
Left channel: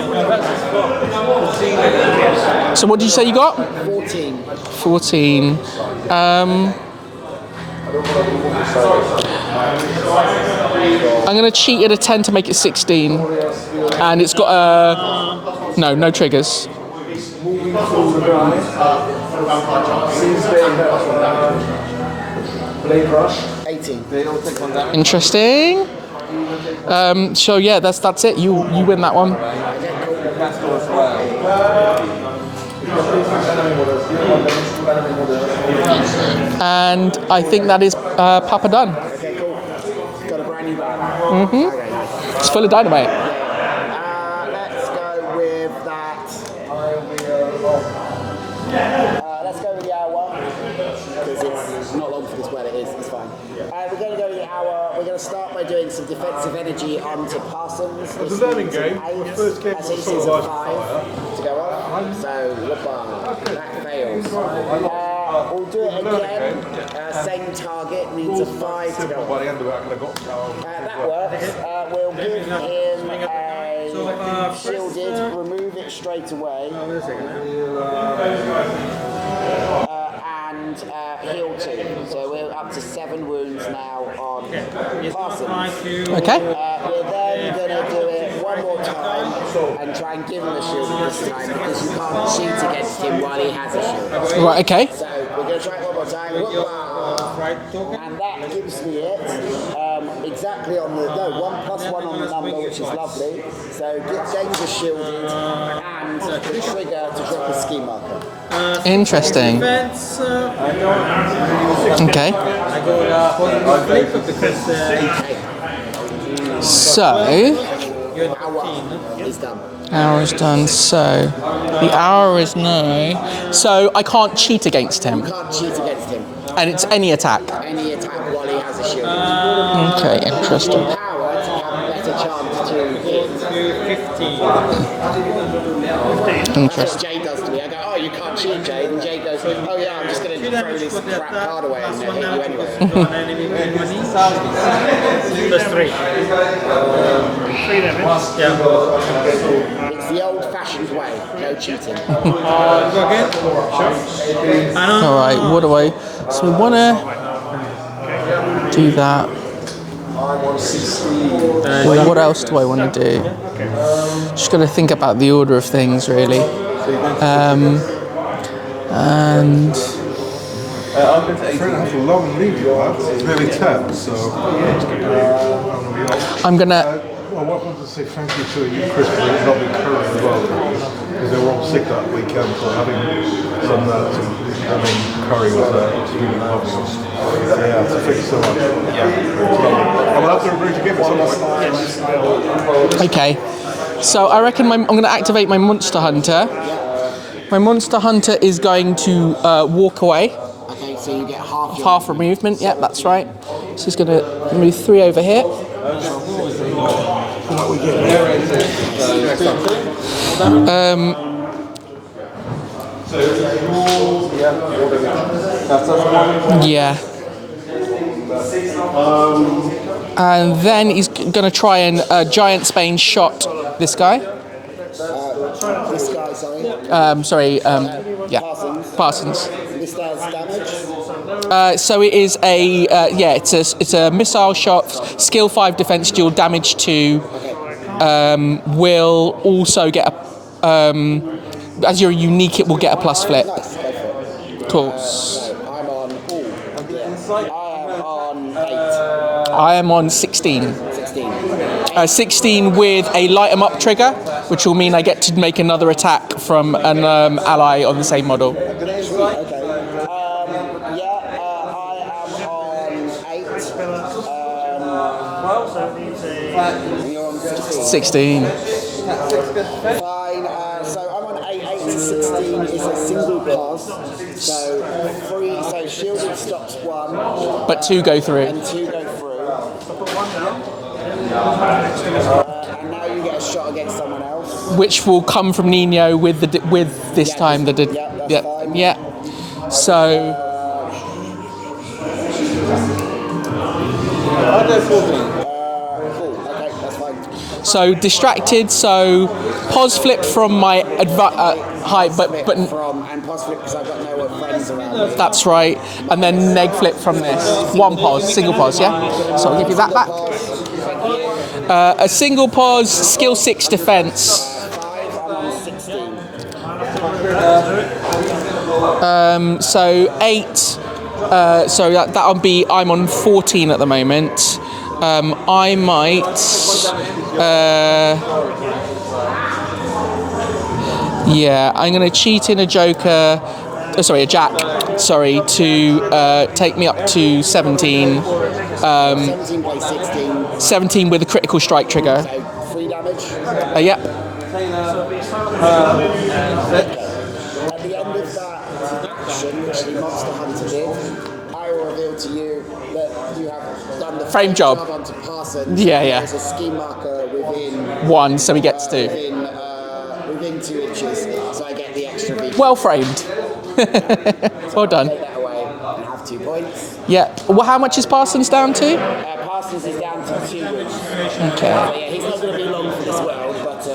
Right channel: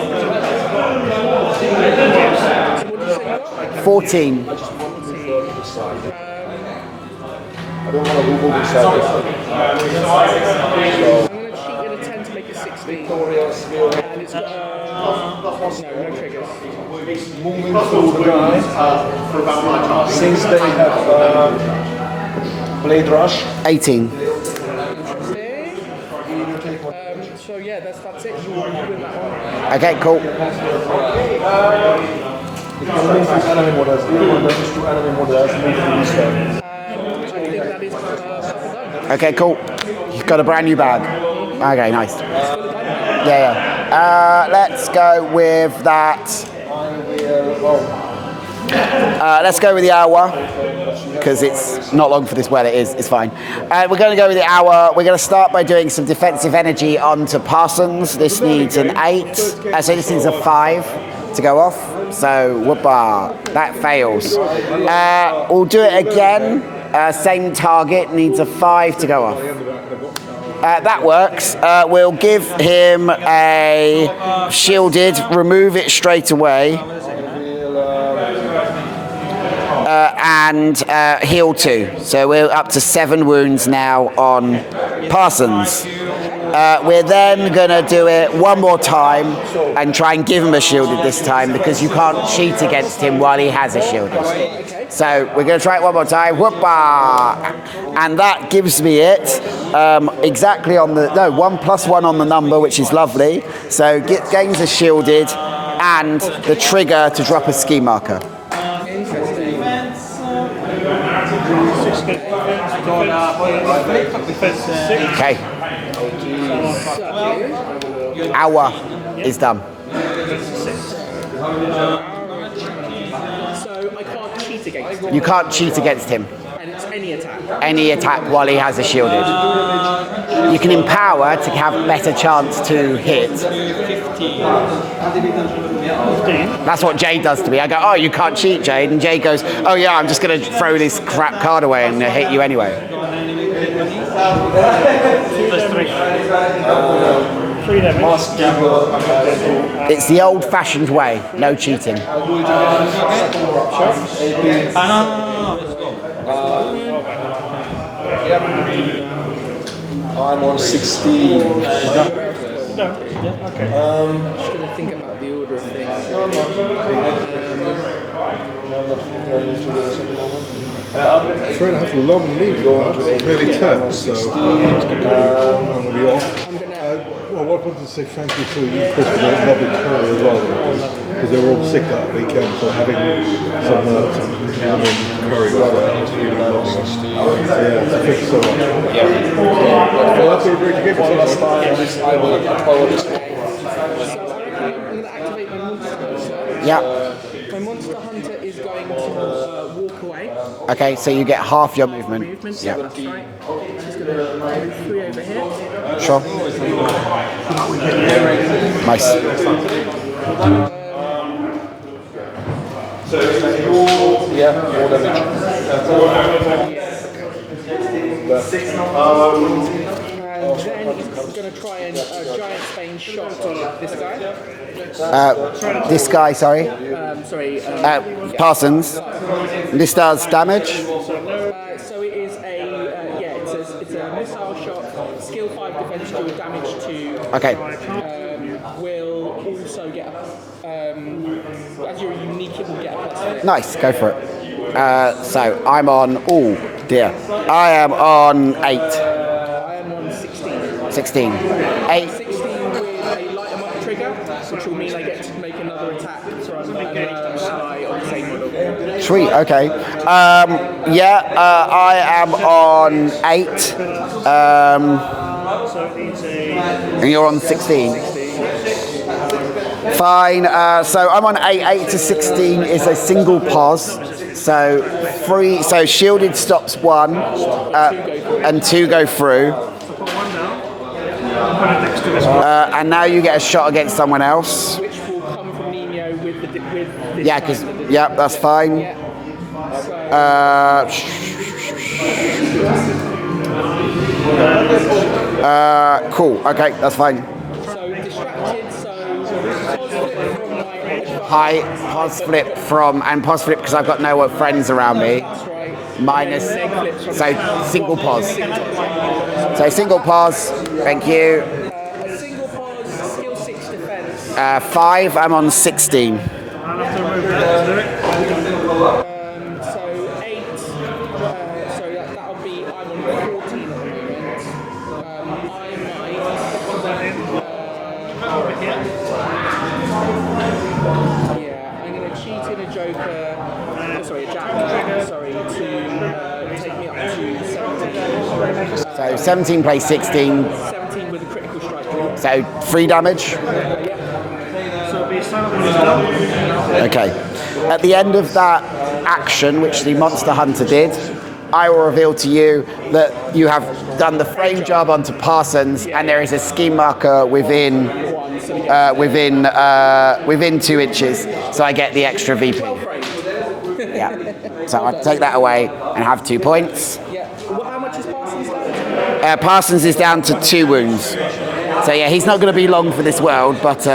So what did you say you got? 14. 14. I'm going to cheat at a 10 to make it 16. And it's got no triggers. Moving through the line, since they have Blade Rush. 18. Interesting. So yeah, that's it. You win that one. Okay, cool. And I think that is Papa done. Okay, cool. You've got a brand new bag. Mm-hmm. Okay, nice. It's full of dynamite. Yeah. Let's go with that. Let's go with the hour, because it's not long for this. Well, it is. It's fine. We're going to go with the hour. We're going to start by doing some defensive energy onto Parsons. This needs an 8. So this needs a 5 to go off. So, whoopah. That fails. We'll do it again. Same target. Needs a 5 to go off. That works. We'll give him a shielded. Remove it straight away. And heal 2. So we're up to 7 wounds now on Parsons. Okay. We're then going to do it one more time and try and give him a shielded this time, because you can't cheat against him while he has a shielded. Right, okay. So we're going to try it one more time. Whoopah! And that gives me it exactly on the... No, 1 + 1 on the number, which is lovely. So gains a shielded and the trigger to drop a ski marker. Interesting. Okay. Okay. So, hour is done. Hour is done. So, the hour is now. So I can't cheat against him. You can't cheat against him. And it's any attack. Any attack while he has a shielded. Okay. You can empower to have a better chance to hit. That's what Jade does to me. I go, oh, you can't cheat, Jade. And Jade goes, oh yeah, I'm just going to throw this crap card away and hit you anyway. It's the old-fashioned way. No cheating. Alright, what do I... So we want to do that. I'm on 16. What else do I want to do? Just got to think about the order of things, really. And long lead, really tough. So I'm gonna. Well, what wanted to say thank you to you, Chris, for the lovely curry as well, because they were all sick that weekend. So having some curry was really nice. Yeah, so thank you so much. Yeah. Well, that's a great gift. Okay. So I reckon I'm going to activate my Monster Hunter. Yeah. My Monster Hunter is going to walk away. Okay, so you get half your Half movement. Yeah, that's right. So he's going to move 3 over here. Sure. Nice. Yeah. And then he's going to try and Giant Spain shot this guy. This guy, sorry. Yeah. Parsons. Parsons. This does damage. So it is it's a missile shot, skill 5 defense, dual damage 2. Okay. Will also get a as you're unique, it will get a plus flip. Nice, go for it. Cool. So I'm on, oh dear, I am on 8. I am on 16. 16. 16 with a light 'em up trigger, which will mean I get to make another attack from an ally on the same model. Sweet, okay. I am on 8. And you're on 16. 16. Fine, so I'm on 8. 8 to 16 is a single pause. So shielded stops 1. But 2 go through. And 2 go through. And now you get a shot against someone else. Which will come from Nino with this time. Yep, that's fine. Yeah. So... cool, okay, that's fine. So distracted, so pause flip from my High, but and pause flip because I've got no friends around me. That's right. Minus, and then neg flip from single pause. Single pause, yeah. So single pause, thank you. A single pause, skill 6 defense. 5, I'm on 16. So 8. So that'll be. I'm on 14 at the moment. I might. I'm going to cheat in a joker. A jack. Sorry, to take me up to 17. 17 plays 16. 17 with a critical strike trigger. So 3 damage. Yeah. Okay. At the end of that action, which the Monster Hunter did, I will reveal to you that you have done the frame job onto Parsons, and there is a scheme marker within 1, so he gets 2. within 2 inches, so I get the extra VP. Well framed. Yeah. So Well I'll done. take that away and have 2 points. Yeah. Well, how much is Parsons down to? Parsons is down to 2 wounds. Okay. So yeah, he's not going to be long for this world, but.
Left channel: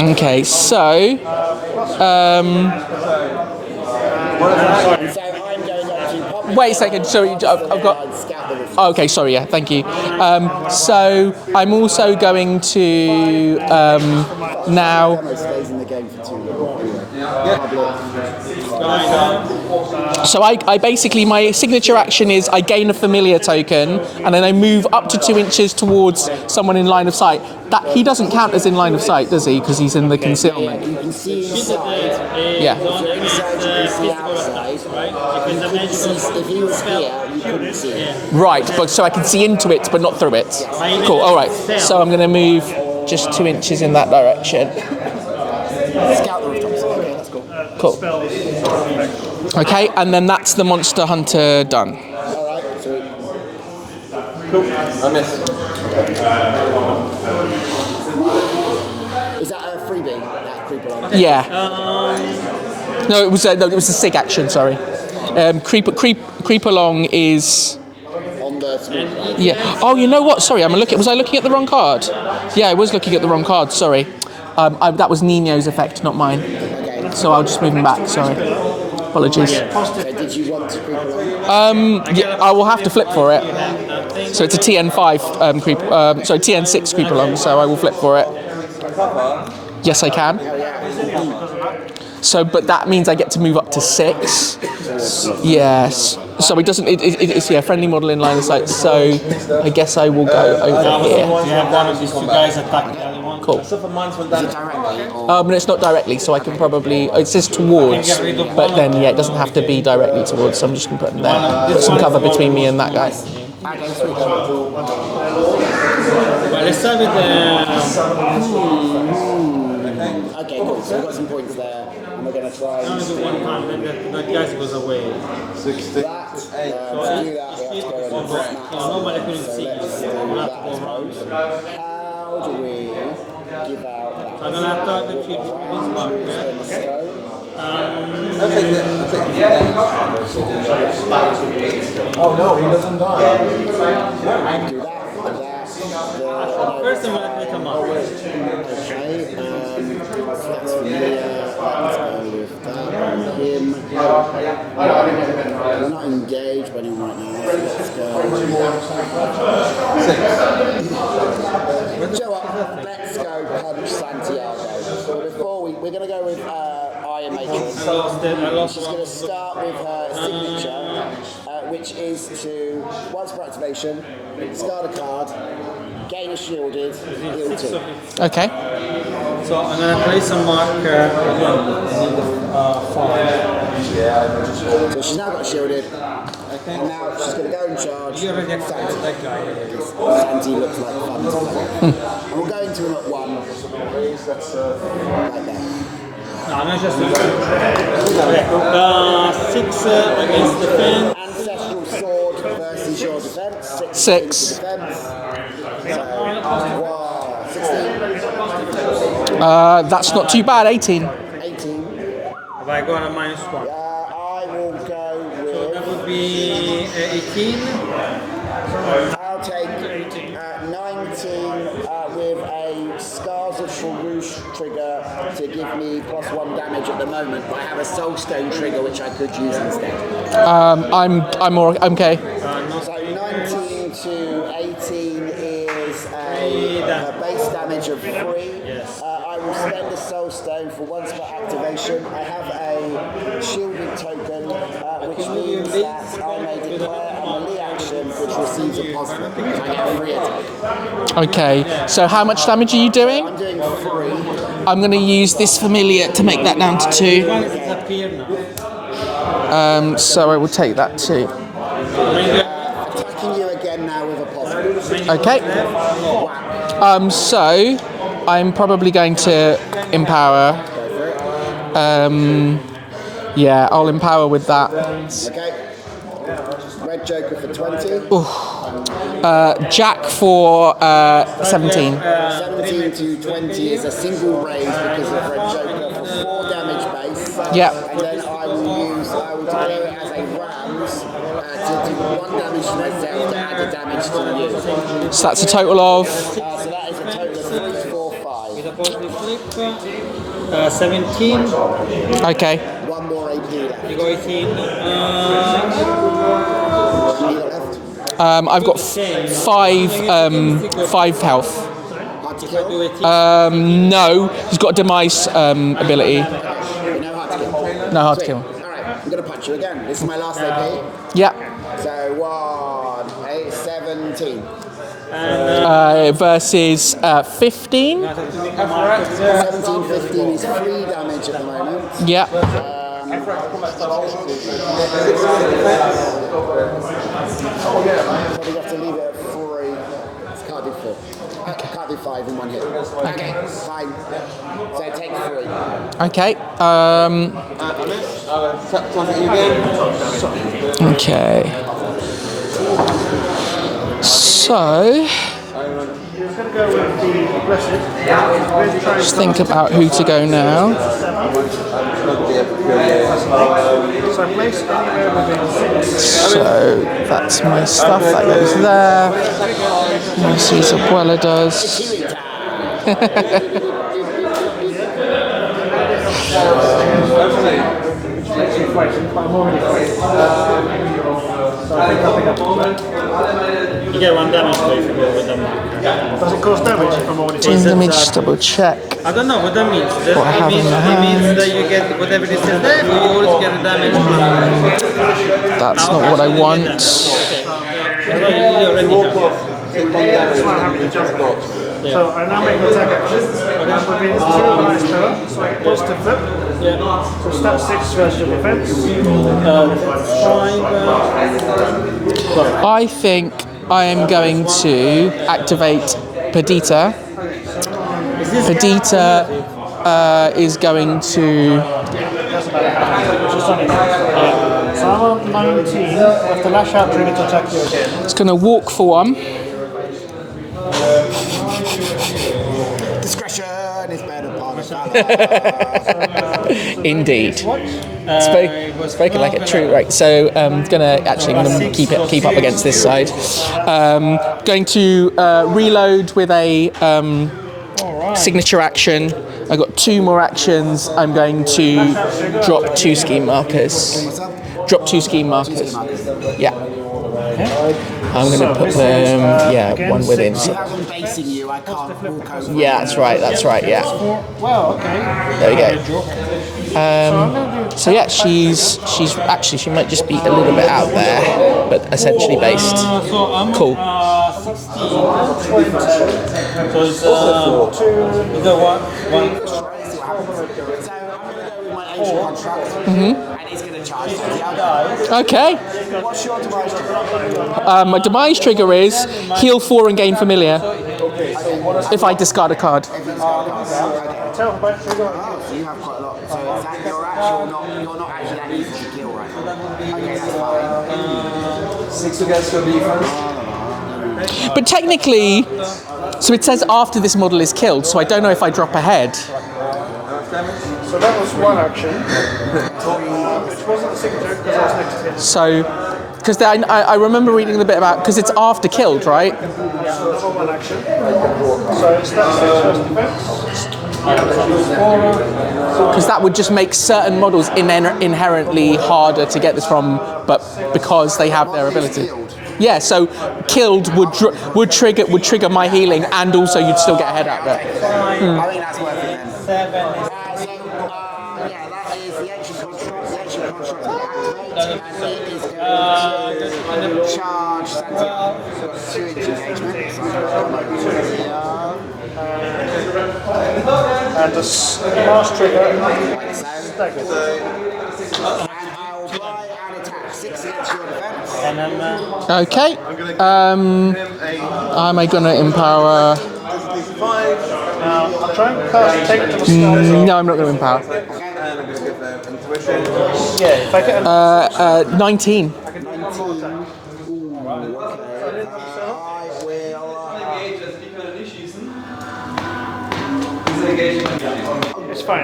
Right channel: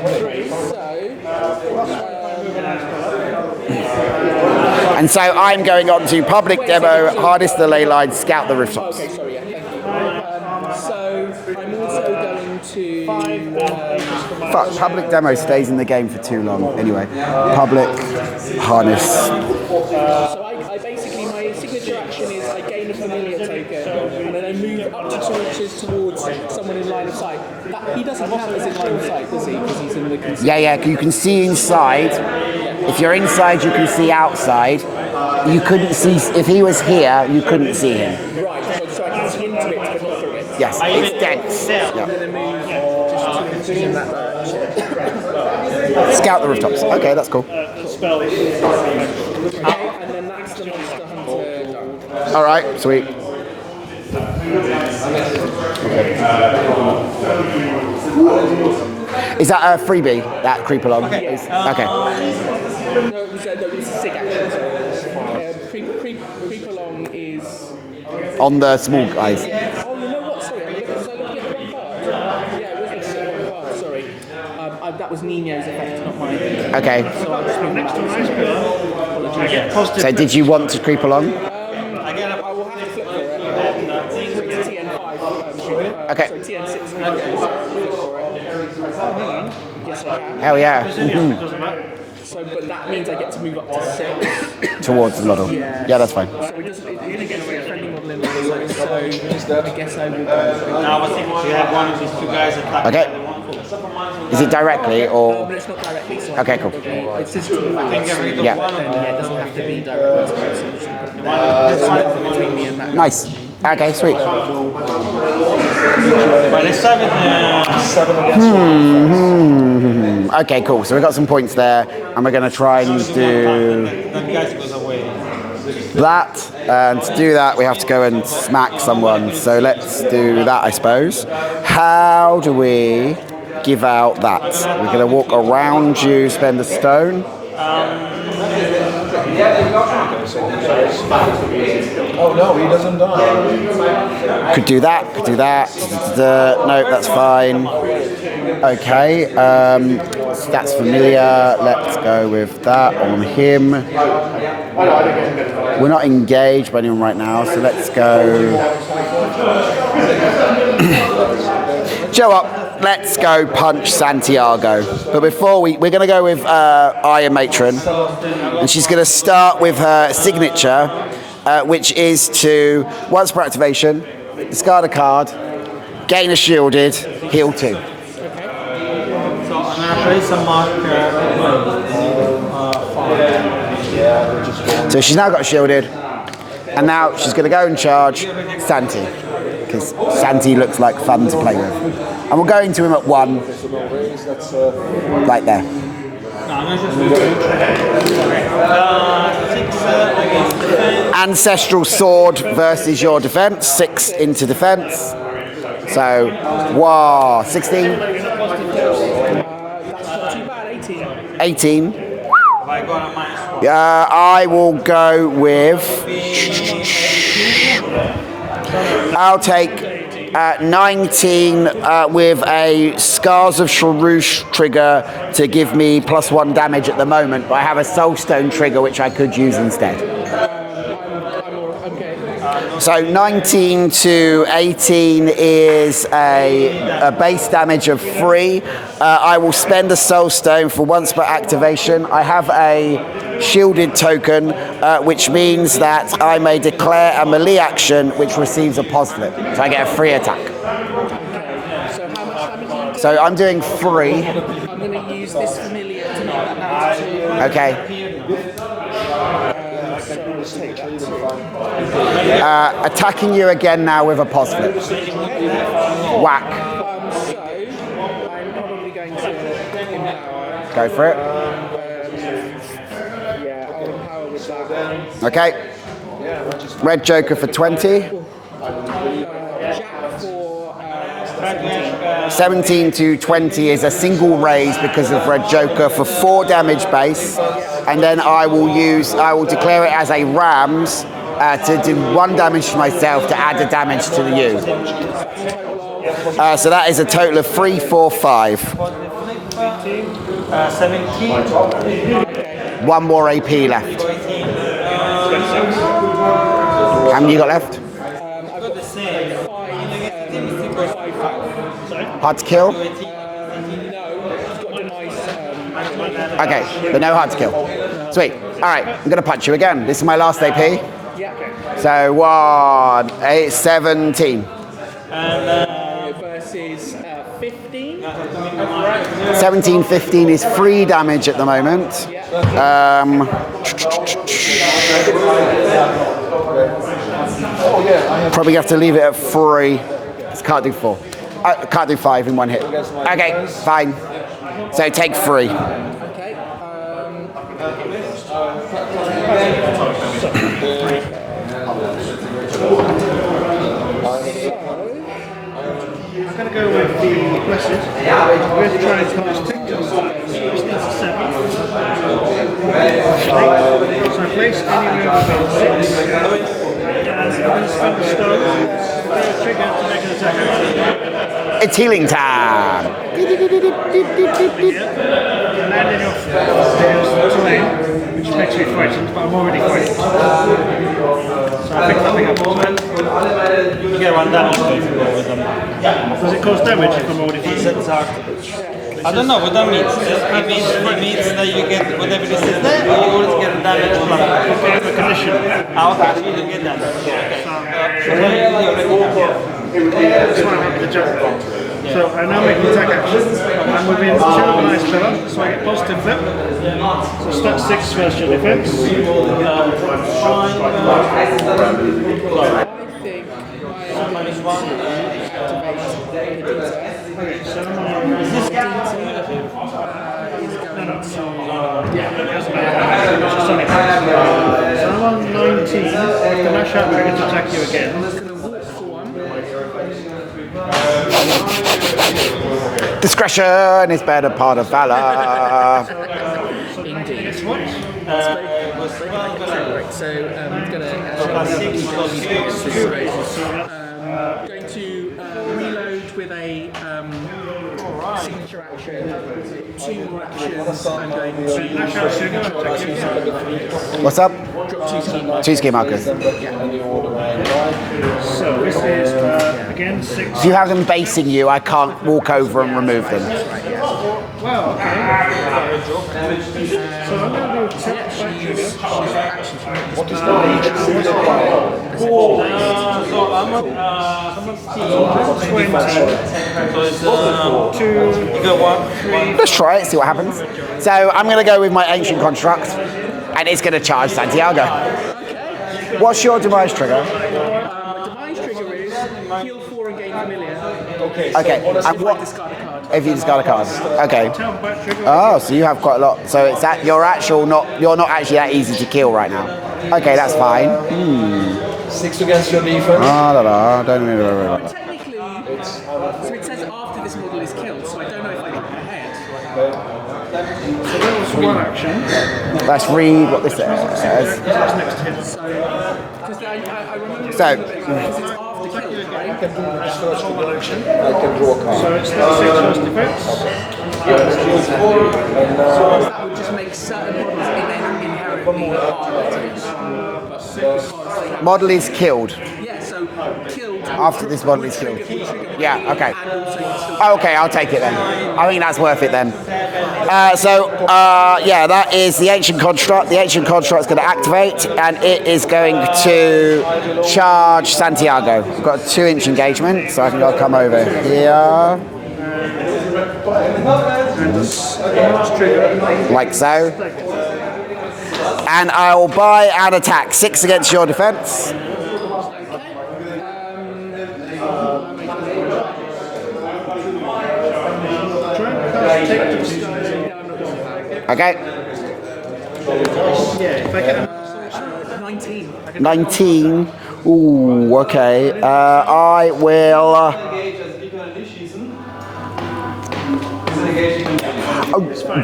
Okay, so. And so I'm going on to public demo, hardest the ley line, scout the roof. Okay, sorry, yeah, thank you. So I'm also going to now. Public demo stays in the game for too long. Anyway, public harness. So I basically, my signature action is I gain a familiar token, and then I move up to 2 inches towards someone in line of sight. That he doesn't count as in line of sight, does he? Because he's in the concealment. Yeah, you can see inside. Yeah. If you're inside, you can see outside. You couldn't see if he was here. You couldn't see him. Right, but so I can see into it, but not through it. Yes. Cool. All right. So I'm going to move just 2 inches in that direction. Scout the rooftops. Okay, that's cool. Cool. Okay, and then that's the Monster Hunter done. All right, sweet. Is that a freebie? That creep along? Yeah. Okay. No, it was a SIG action. Sorry. Creep along is. On the small guys. Yeah. Oh, you know what? Sorry, was I looking at the wrong card? Yeah, I was looking at the wrong card. Sorry. That was Nino's effect, not mine. Okay. So I'll just move him back. Sorry. Apologies. So did you want to creep along? Yeah, I will have to flip for it. So it's a TN5 creep. Sorry, TN6 creep along. So I will flip for it. Yes, I can. Hell yeah. So, but that means I get to move up to 6 towards the model. Yes. Yeah, that's fine. So it doesn't. It's friendly model in line of sight. So I guess I will go over here. You have one of these 2 guys attacking. Okay. Cool. Is it directly or? But it's not directly, so I Okay. can probably. It says towards, Yeah. but then it doesn't have to be directly towards. So I'm just going to put them there. Put some cover between me and that guy. Nice. Okay, sweet. Well, let's start with Okay, cool. So we've got some points there, and we're going to try and do that guy goes away. that. And to do that, we have to go and smack someone. So let's do that, I suppose. How do we give out that? We're going to walk around you, spend a stone. Oh no, he doesn't die. Could do that, could do that. No, that's fine. Okay, so that's familiar. Let's go with that on him. We're not engaged by anyone right now, so let's go. Show up. Let's go punch Santiago. But before we're going to go with Iron Matron, and she's going to start with her signature, which is to, once per activation, discard a card, gain a shielded, heal 2. Okay. So I'm going to place a marker on So she's now got shielded, and now she's going to go and charge Santi, because Santi looks like fun to play with. And we'll go into him at 1, right there. No, I'm going to just 6 against defense. Ancestral Sword versus your defense, 6 into defense. So, wow, 16, That's not too bad. 18. 18. Have I got a -1? I will go with. I'll take 19 with a Scars of Sharouche trigger to give me +1 damage at the moment, but I have a Soulstone trigger which I could use instead. I'm okay. So 19 to 18 is a base damage of 3. I will spend a Soulstone for once per activation. I have a shielded token, which means that I may declare a melee action which receives a pos flip. So I get a free attack. Okay. So how much damage are you doing? So I'm doing 3. I'm going to use this familiar to make that down to 2. Okay. So I will take that too. Attacking you again now with a pos flip. Okay. Whack. So I'm probably going to empower. Go for it. Yeah, I'll empower with that. Okay. Red Joker for 20. Jack for 17. 17 to 20 is a single raise because of Red Joker for 4 damage base. Yeah. And then I will declare it as a Rams to do 1 damage to myself to add the damage to you. So that's a total of. So that is a total of 3, 4, 5. 17. Okay. 1 more AP left. How many you got left? I've got 5 health. Hard to kill? No, he's got a demise ability. Okay, but no hard to kill. No hard Sweet. to kill. Alright, I'm going to punch you again. This is my last AP. Yeah. So 1, 8, 17. Versus 15. 17, 15 is 3 damage at the moment. Yeah. Probably have to leave it at 3. Can't do 4. Can't do 5 in 1 hit. Okay, fine. So take 3. Okay. Okay. So, just think about who to go now. So that's my stuff. That goes there. Let's see what Abuela does. It's healing time. Which makes me frightened, but I'm already frightened. So I pick nothing up. You get 1 damage if you go with them. Does it cause damage if I'm already frightened? Let me just double check. I don't know what that means. It means that you get whatever this is there, you always get the damage plus. That's not what I want. It's not having the jump. So I now make the attack action. I'm within 2 nice pillar, so I get positive flip. So stat 6 special defense. I think I am going to activate Perdita. Perdita is going to. So I'm on 19 with the lash out trigger to attack you again. It's going to walk for 1. Discretion is better part of valor. Indeed. Spoken like a true. Right. So I'm gonna keep up against this side. Going to reload with a signature action. I've got 2 more actions. I'm going to drop 2 scheme markers. What's up? Drop 2 scheme markers. 2 scheme markers. Yeah. I'm going to put them, one within. Do you have them basing you? I can't walk over and remove them. That's right, yeah. Wow, okay. There you go. So yeah, she's actually, she might just be a little bit out there, but essentially based. Cool. Let's try it, see what happens. So I'm going to go with my Ancient Construct, and it's going to charge Santiago. Okay. What's your demise trigger? My demise trigger is heal 4 and gain familiar. Okay. If I discard a card. If you discard a card. Okay. Oh, so you have quite a lot. So it's that you're not actually that easy to kill right now. Okay, that's fine. 6 against your defense. Don't really know. But technically, so it says after this model is killed, so I don't know if I drop ahead. So that was 1 action. Let's read what this says. So, because I remember reading a bit about, because it's after killed, right? So 1 action. So it's stat 6 first defense. Because that would just make certain models inherently harder to get this from, but because they have Model their is ability. killed. Yeah, so killed would trigger my healing, okay. and also you'd still get. Okay, I'll take it then. I think that's worth it then. That is the Ancient Construct. The Ancient Construct is going to activate, and it is going to charge Santiago. We've got a 2-inch engagement, so I've got to come over here. And the last trigger. Like so. And I will buy an attack. 6 against your defense. Okay. Am I going to empower? No, I'm not going to empower. Okay. 19. 19. Ooh, okay. I will.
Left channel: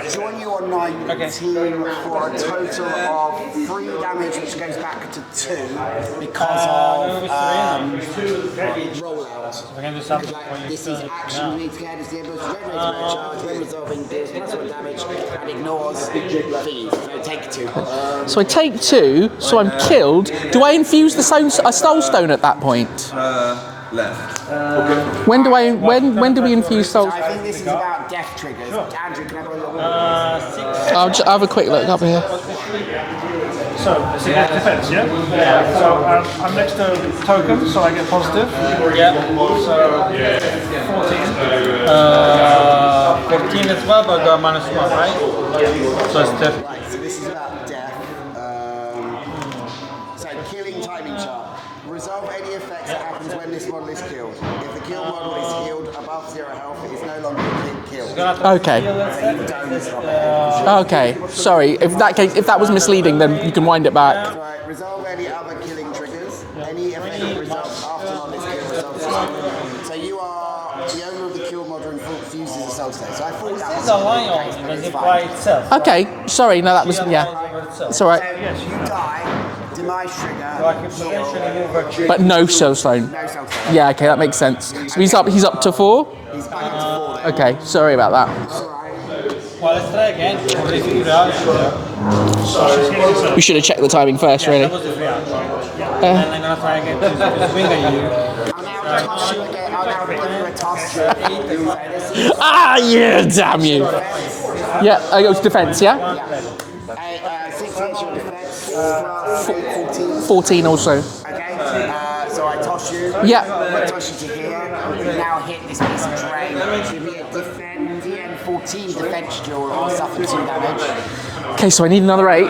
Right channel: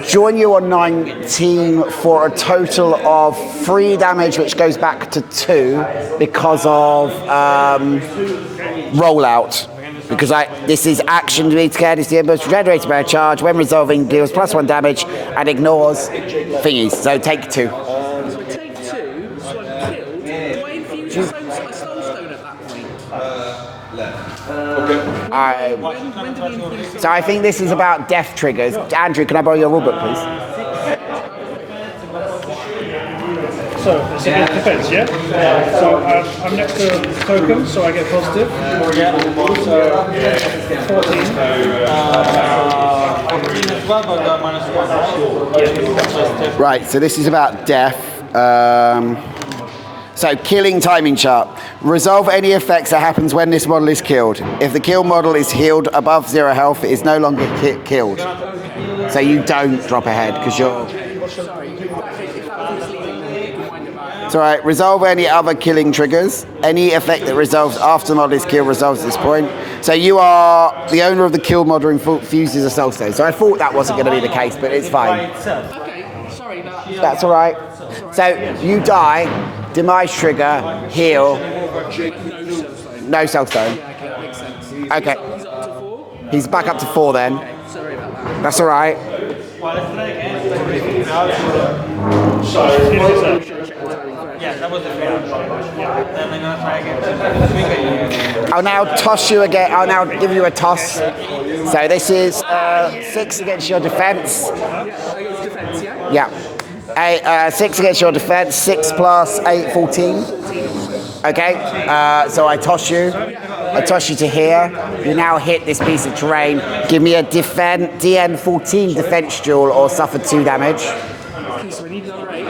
Join you on 19 for a total of 3 damage, which goes back to 2 because of rollout. Because this is action to be scared. It's the most generated by a charge. When resolving, deals +1 damage and ignores thingies. So take 2. So I take 2. So I'm killed. Do I infuse a soul stone at that point? Left. When do we infuse soul? So I think this is about death triggers. Andrew, can I borrow your rulebook, please? I'll have a quick look up here. So it's a defense, yeah? So I'm next to token, so I get positive. Yeah. So 14. 14 as well, but got -1, right? Yeah. So it's different. Right, so this is about death. So killing timing chart. Resolve any effects that happens when this model is killed. If the kill model is healed above 0 health, it is no longer killed. Okay. So you don't drop ahead because you're. Okay. Sorry. If that was misleading, then you can wind it back. It's all right. Resolve any other killing triggers. Any effect that resolves after the model is killed resolves at this point. So you are the owner of the kill model and fuses a soul stone. So I thought that wasn't going to be the case, but it's fine. Okay. Sorry. No, that's all right. It's all right. So you die. Demise trigger, heal. But no soul stone. No soul stone. Yeah, okay, that makes sense. So Okay. he's up to 4? He's back up to 4 then. Okay, sorry about that. That's all right. Well, let's try again. We figure it out. We should have checked the timing first, really. And I'm gonna try again. Swing at you. I'll now toss you again. I'll now give you a toss. So this is. Yeah, damn you. Defense. Yeah, it was defense, yeah? Yeah. 6 against your defense, 6 plus 8, 14. 14 also. Okay, so I toss you. Yeah. I toss you to here. You now hit this piece of terrain. Give me a DN 14 defense duel or suffer 2 damage. Okay, so I need another 8.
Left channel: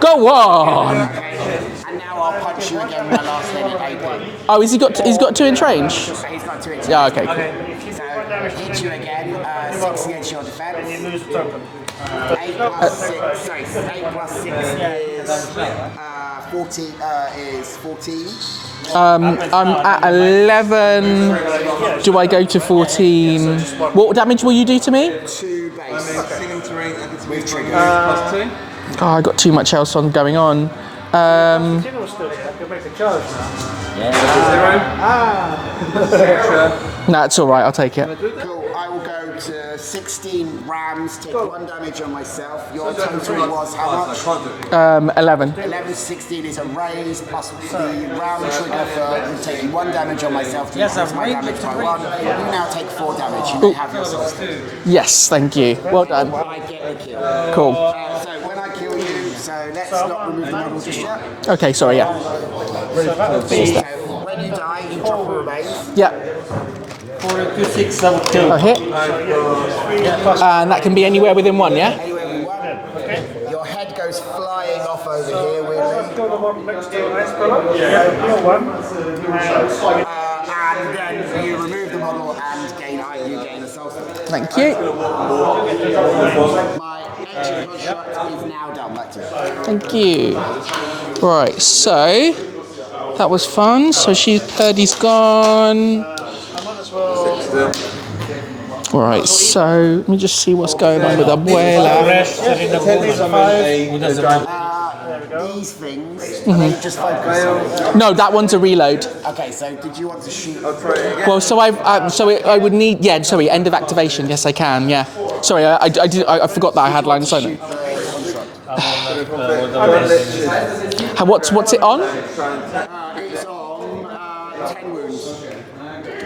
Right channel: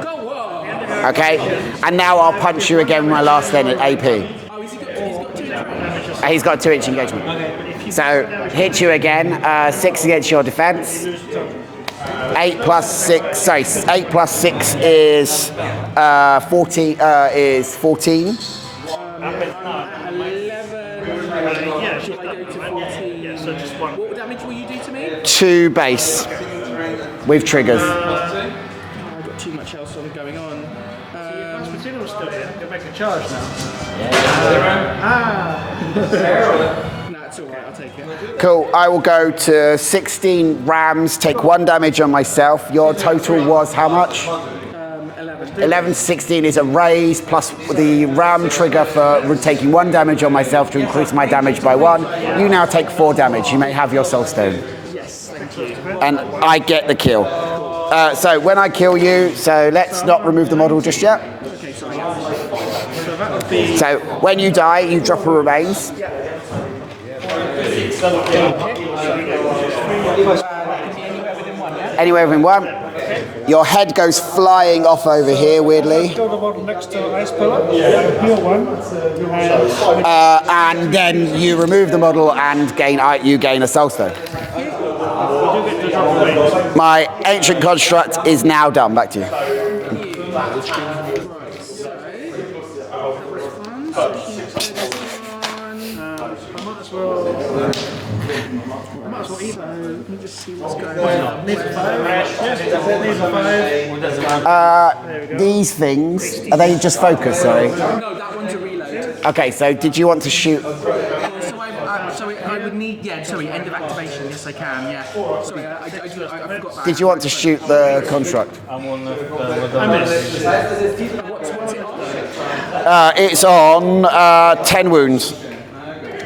Go on! Okay, and now I'll punch you again with my last then at AP. Oh, he's got 2 inch range? He's got 2 inches. Yeah, okay. So hit you again. 6 against your defense. 8 plus 6. Sorry, 8 plus 6 is 14. Is 14. I'm at 11. Do I go to 14? What damage will you do to me? 2 base with triggers. Oh, I got too much else going on. Can make a charge now. Nah, it's all right. I'll take it. Cool. I will go to 16 rams. Take 1 damage on myself. Your total was how much? 11. 11 to 16 is a raise plus the ram trigger for taking 1 damage on myself to increase my damage by 1. You now take 4 damage. You may have your soul stone. Yes, thank you. Well And done. I get the kill. Cool. So when I kill you, so let's not remove the model just yet. Okay, sorry, yeah. So when you die, you drop a remains. Yeah. A hit. And that can be anywhere within 1, yeah? Anywhere within 1. Your head goes flying off over here, weirdly. Go to the bottom next to ice pillar. Yeah. Heal 1. And then you remove the model and you gain a soul stone. Thank you. My ancient construct is now done. Back to you. Thank you. Right, so that was fun. So Purdy's gone. Right, so let me just see what's going on with Abuela. These things, are they just focus, sorry? No, that one's a reload. Okay, so did you want to shoot? Well, so I would need, end of activation. Yes, I can, yeah. Sorry, I forgot that I Did had you want line to of sight. shoot the construct? What's it on? It's on 10 wounds.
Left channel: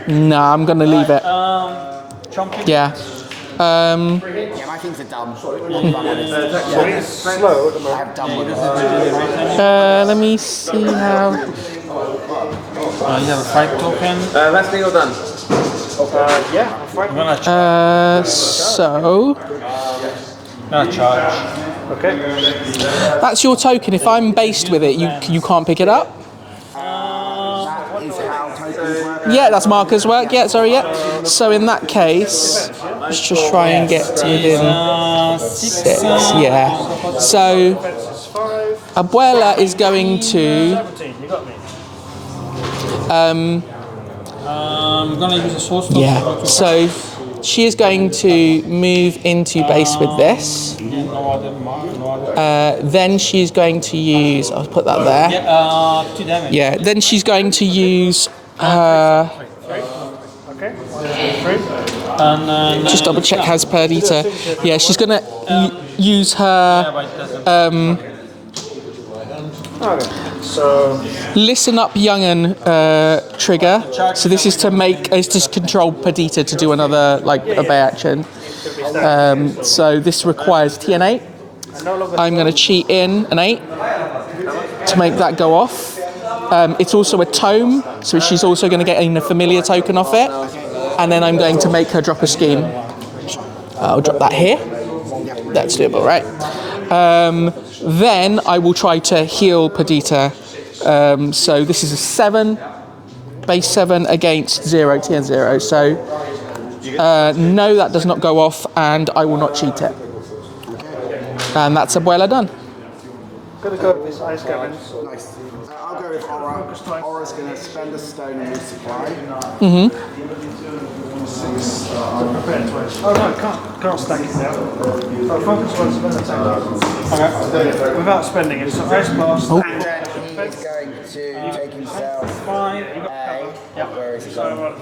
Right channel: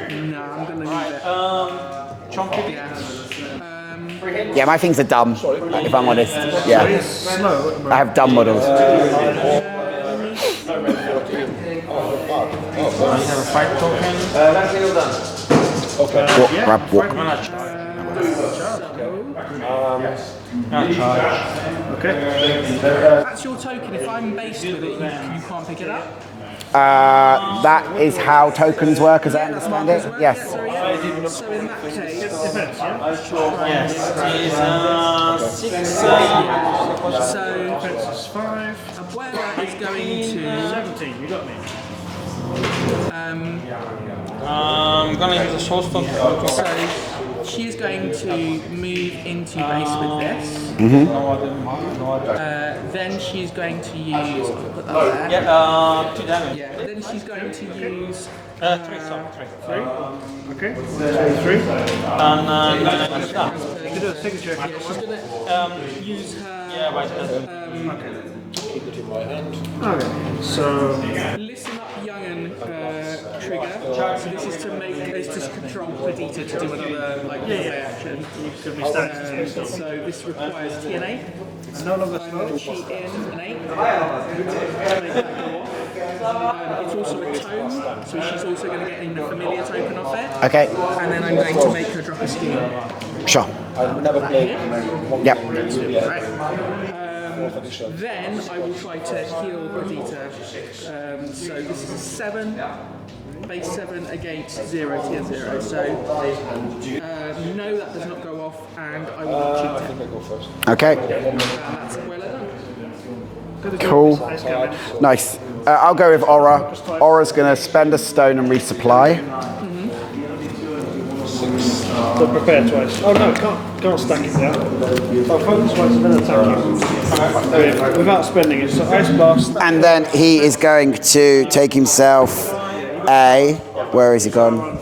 No, I'm going to leave it. Yeah. Yeah, my things are dumb, if I'm honest. Yeah. I have dumb models. Let me see how... You have a 5 token. Let's be all done. So... Charge. That's your token. If I'm based with it, you can't pick it up? That is how tokens work. Yeah, that's markers work. Yes. Yeah, sorry, yeah. So in that case, let's just try and get to within 6. Yeah. So Abuela is going to. I'm gonna use a source to. Yeah. So she is going to move into base with this. Then she's going to use. I'll put that there. Yeah, 2 damage. Yeah. Then she's going to use. Just double check has Perdita. Yeah, she's gonna use her. Listen up, young'un trigger. So this is to control Perdita to do another obey action. So this requires TN8. I'm going to cheat in an 8 to make that go off. It's also a tome, so she's also going to get in a familiar token off it. Okay. And then I'm going to make her drop a scheme. Sure. I'll drop that here. Yep. That's doable, right? Then I will try to heal Perdita. So this is a 7, base 7 against 0, TN 0. So no, that does not go off, and I will not cheat it. Okay. And that's Abuela done. Cool. Nice. I'll go with Aura. Aura's going to spend a stone and resupply. So prepare twice. Oh no, can't stack it down. So focus once, then attack. Without spending it, so press past. And then he is going to take himself a. Where is he gone?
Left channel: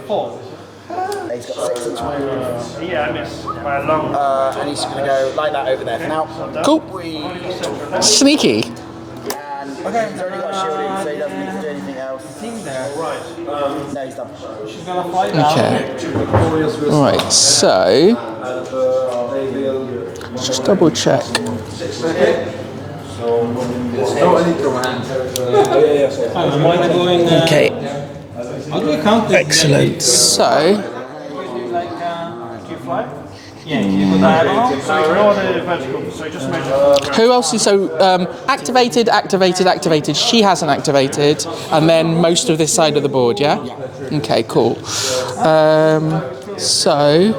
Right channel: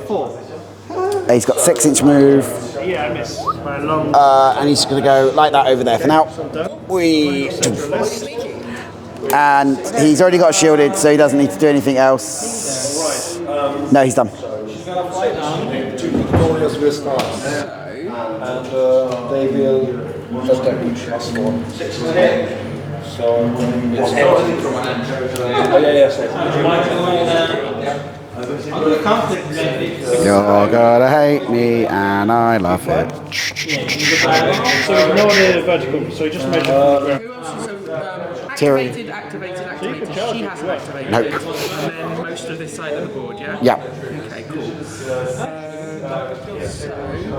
He's got 6-inch move. Yeah, I miss. By a long. And he's going to go like that over there for now. Cool. Sneaky. And he's already got shielded, so he doesn't need to do anything else. No, he's done. Okay. Right, so just double check. Okay. How do you count it? Excellent. You're So, gonna hate me, and I love it. So roll the vertical, so you just measure. who else is activated, activated? She hasn't activated, and then most of this side of the board, yeah? Yeah. Okay, cool. So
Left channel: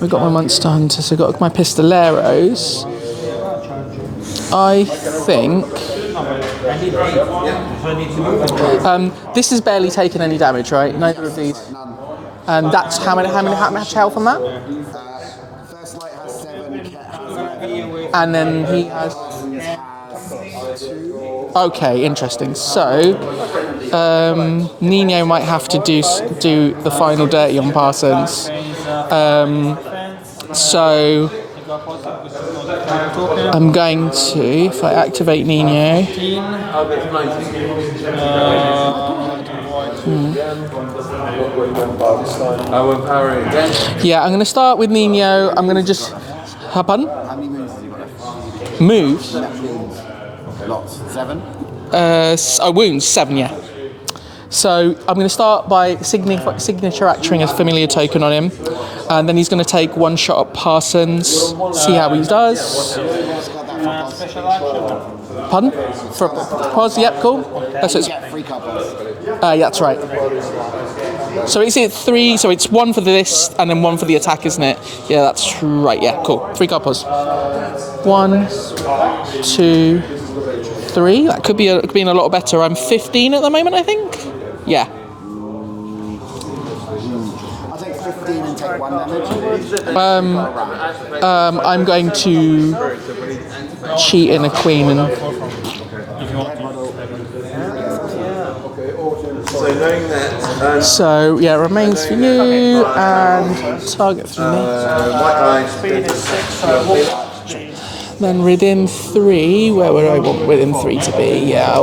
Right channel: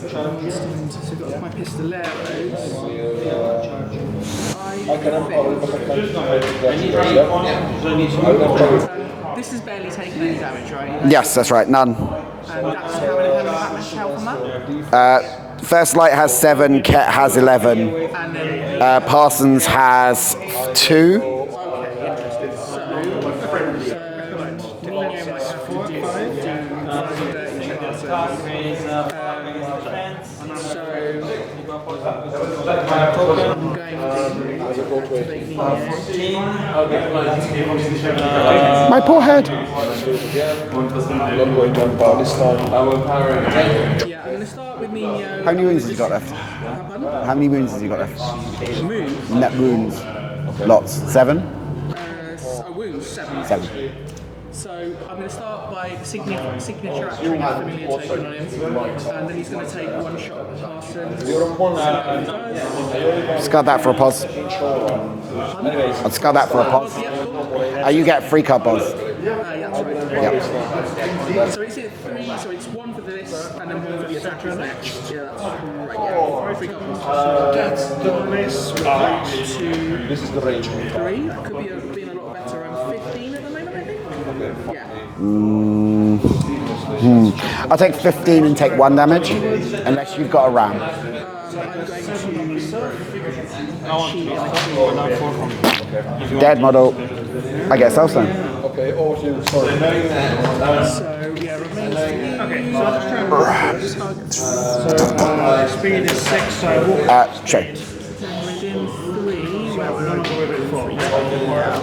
we've got my Monster Hunters, I've got my Pistoleros. I think this has barely taken any damage, right? No Yes, that's right. None. And that's how much health on that? First Light has 7. Ket has 11. And then he Parsons has 2. Okay, interesting. So, Nino might have to do the final dirty on Parsons. So, I'm going to, if I activate Nino... My poor head. Yeah, I'm going to start with Nino. I'm going to just... Pardon? How many wounds has he got left? Moves? Net wounds. Lots. 7? Wounds, 7, yeah. 7. So I'm going to start by signature acting a familiar token on him, and then he's going to take 1 shot at Parsons, see how he does. Discard that for a pause. Pardon? I'll discard that for a pause. Pause, yep, cool. You get 3 card pause. Yeah, that's right. So is it 3, so it's 1 for this, and then 1 for the attack, isn't it? Yeah, that's right, yeah, cool. 3 card pause. 1, 2, 3. That could be a lot better. I'm 15 at the moment, I think. Yeah. I'll take 15 and take 1 damage, unless you've got a ram. I'm going to cheat in a queen and... Dead model. I guess also. So, yeah, remains for you, and target 3. Speed is 6, so Check. Then within 3, where would I want within 3 to be? Yeah,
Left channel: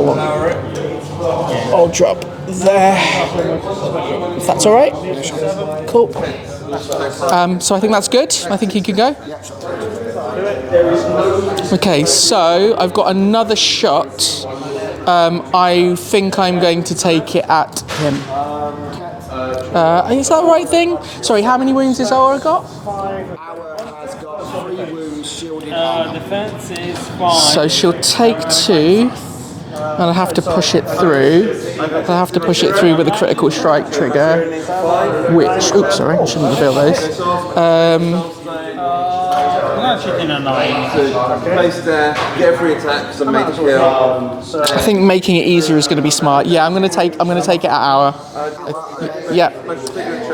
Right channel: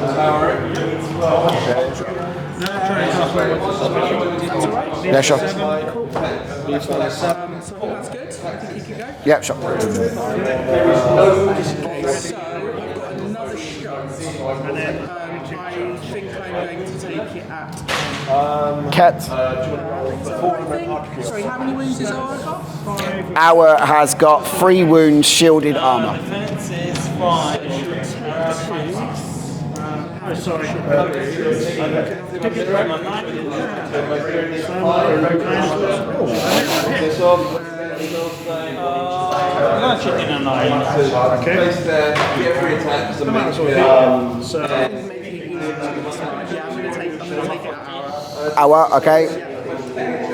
I'll drop there. If that's all right? Yeah, sure. Cool. So I think that's good. I think he can go. Yeah, sure. Okay, so I've got another shot. I think I'm going to take it at him. Ket. Is that the right thing? Sorry, how many wounds has Aura got? Our has got 3 wounds, shielded armor. So she'll take 2, and I have to push it through. I have to push it through with a critical strike trigger, which... Oops, sorry, I shouldn't feel those. Place there, get 3 attacks and make kill. I think making it easier is going to be smart. Yeah, I'm going to take it at Hour. Hour, okay. Yeah.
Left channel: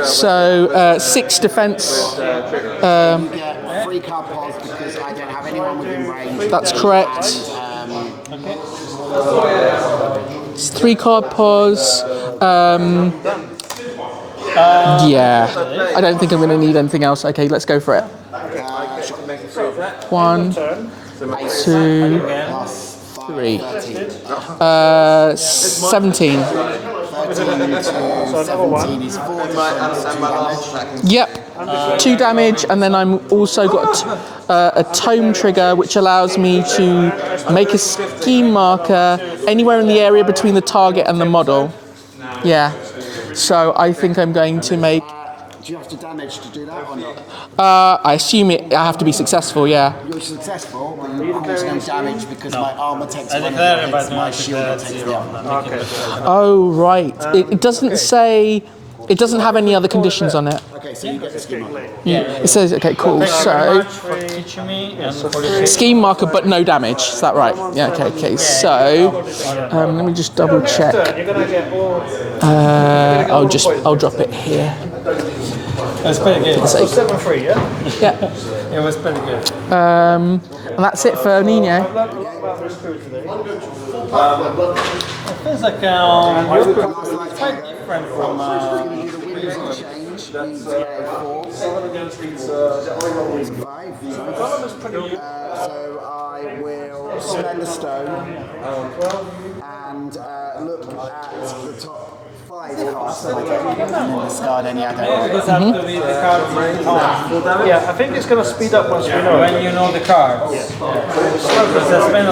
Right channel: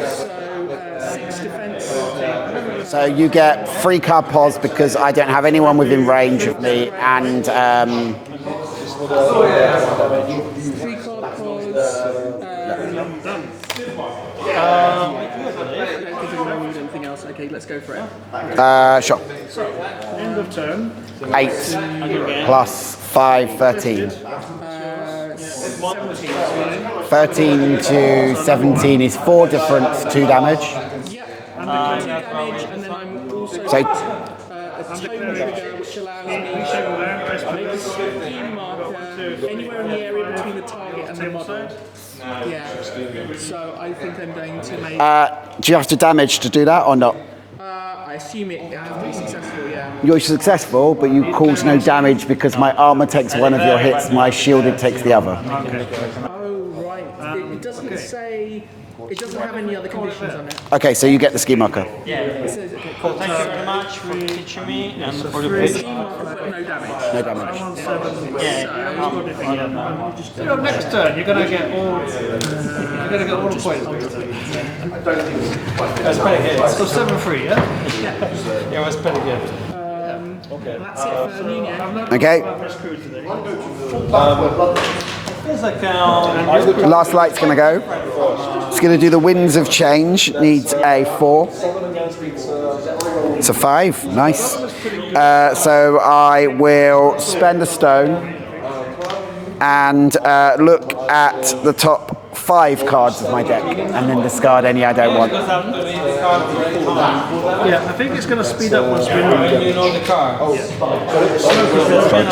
So 6 defense. So you get 3 card pause because I don't have anyone within range of That's me, correct. And It's 3 card pause. Yeah, I don't think I'm going to need anything else. Okay, let's go for it. Sure. 1, 8 2, plus 5, 13. 17. 13 to 17 is 4 difference, 2 damage. Yep, 2 damage, and then I'm also got a tome trigger, which allows me to make a scheme marker anywhere in the area between the target and the model. Yeah. So I think I'm going to make... Do you have to damage to do that or not? I assume I have to be successful, yeah. You're successful, but you cause no damage because my armor takes 1 of your hits, my shielded takes the other. Oh, right. It doesn't say... It doesn't have any other conditions on it. Okay, so you get the scheme marker. Yeah. It says, okay, cool. So, scheme marker, but no damage. Is that right? Yeah. Okay. So, let me just double check. you're gonna get all. I'll drop it here. That's pretty good. So 7-3, yeah. Yeah. It was pretty good. And that's it for Nino. Okay. Feels like Last light's gonna go. It's gonna do the Winds of Change. Needs a 4. It's a 5. Nice. So I will spend a stone and look at the top 5 cards of my deck and then discard any I don't want. Yeah, I think it's going to speed up once we know. When you know the cards.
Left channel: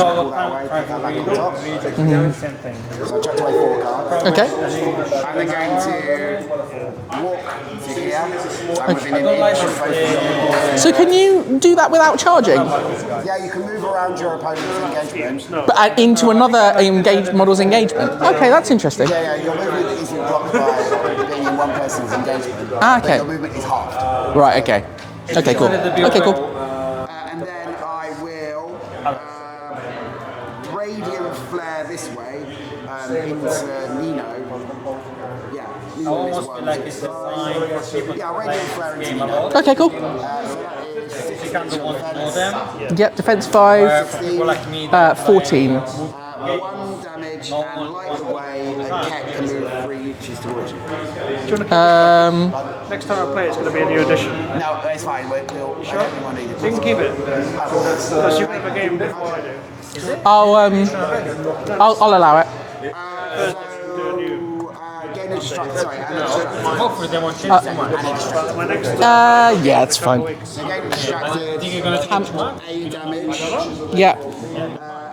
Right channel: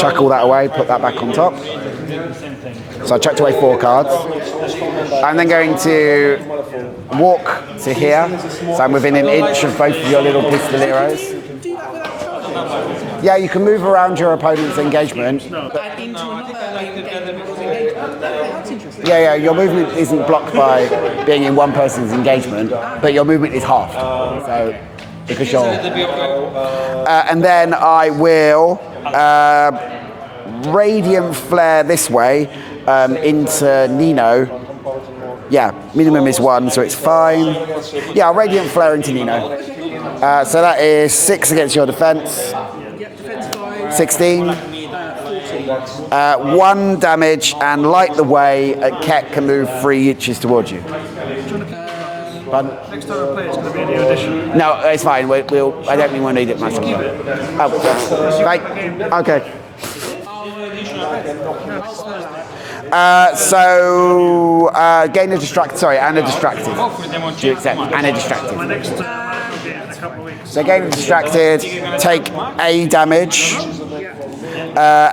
Chuck all that away, put that back on top. So I chucked away 4 cards. Okay. I'm then going to walk to here, so I'm within an inch of both of your little pistoleros. So can you do that without charging? Yeah, you can move around your opponent's engagement. But into another model's engagement? Okay, that's interesting. Yeah, your movement isn't blocked by being in one person's engagement, but your movement is halved. Right, okay. Okay, cool. Okay, cool. And then I will Radiant Flare this way into Nino. Yeah, minimum is 1, so it's fine. Yeah, I'll Radiant Flare into Nino. Okay, cool. So that is 6 against your defense. Yep, defense 5. 16. 14. 1 damage, and light the way, Ket can move 3 inches towards you. Next time I play, it's going to be a new edition. No, it's fine. I don't think we'll need it massively. Keep it. Oh, right. Okay. I'll allow it. Gain a distract. Sorry, and a distracted. And a distracted. Yeah, it's fine. So gain a distracted, take A damage, Yeah.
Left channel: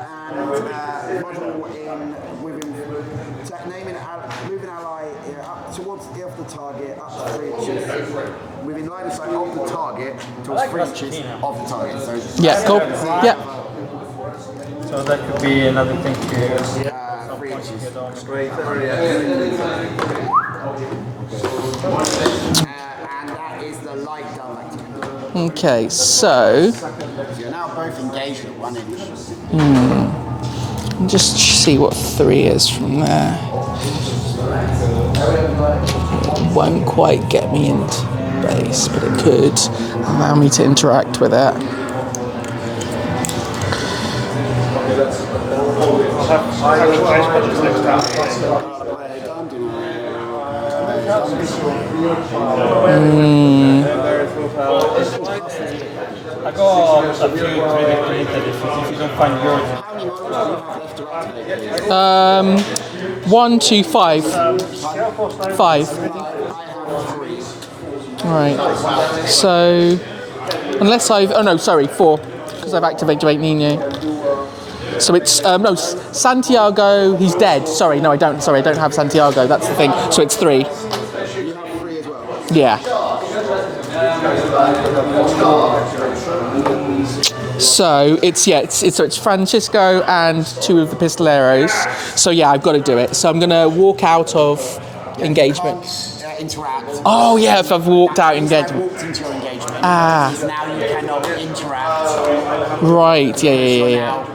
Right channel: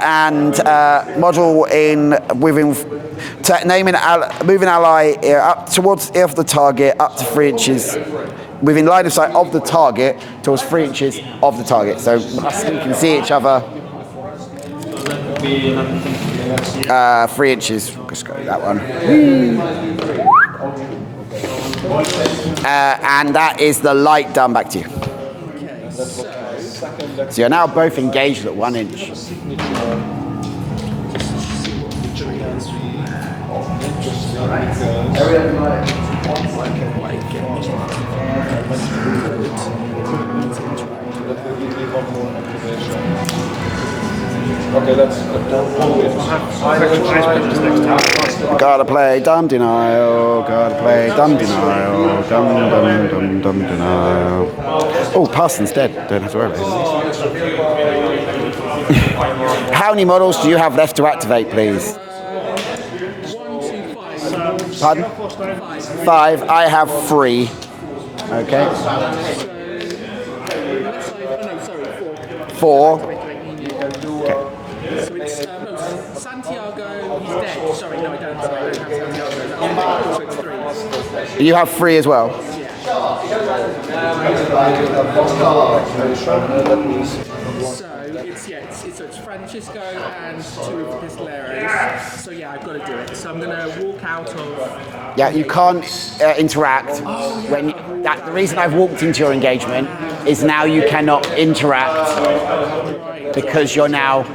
and model within. Move an ally up towards the target up to 3 inches. Within line of sight of the target towards 3 inches of the target. So cool. you can see each other. So that could be another thing to 3 inches. That one. And that is the light done back to you. Okay, so So you're now both engaged at 1 inch. just see what 3 is from there. Won't quite get me into base, but it could allow me to interact with it. Gotta play dumb denial, gotta play dumb denial, dumb denial. Oh, Parson's dead. Don't have to worry. How many models do you have left to activate, please? 1, 2, 5. Pardon? 5. 5. I have 3. Right. So, unless I've... Oh, no, sorry, 4. 4. I've activated Nino. So it's... no, Santiago, he's dead. Sorry, no, I don't. Sorry, I don't have Santiago. That's the thing. So it's 3. You have 3 as well. Yeah. So it's Francisco and 2 of the pistoleros. So yeah, I've got to do it. So I'm gonna walk out of engagement. You can't interact. Oh yeah, if I've walked out The reason engagement. I've walked into your engagement is now you cannot interact Right. because you're now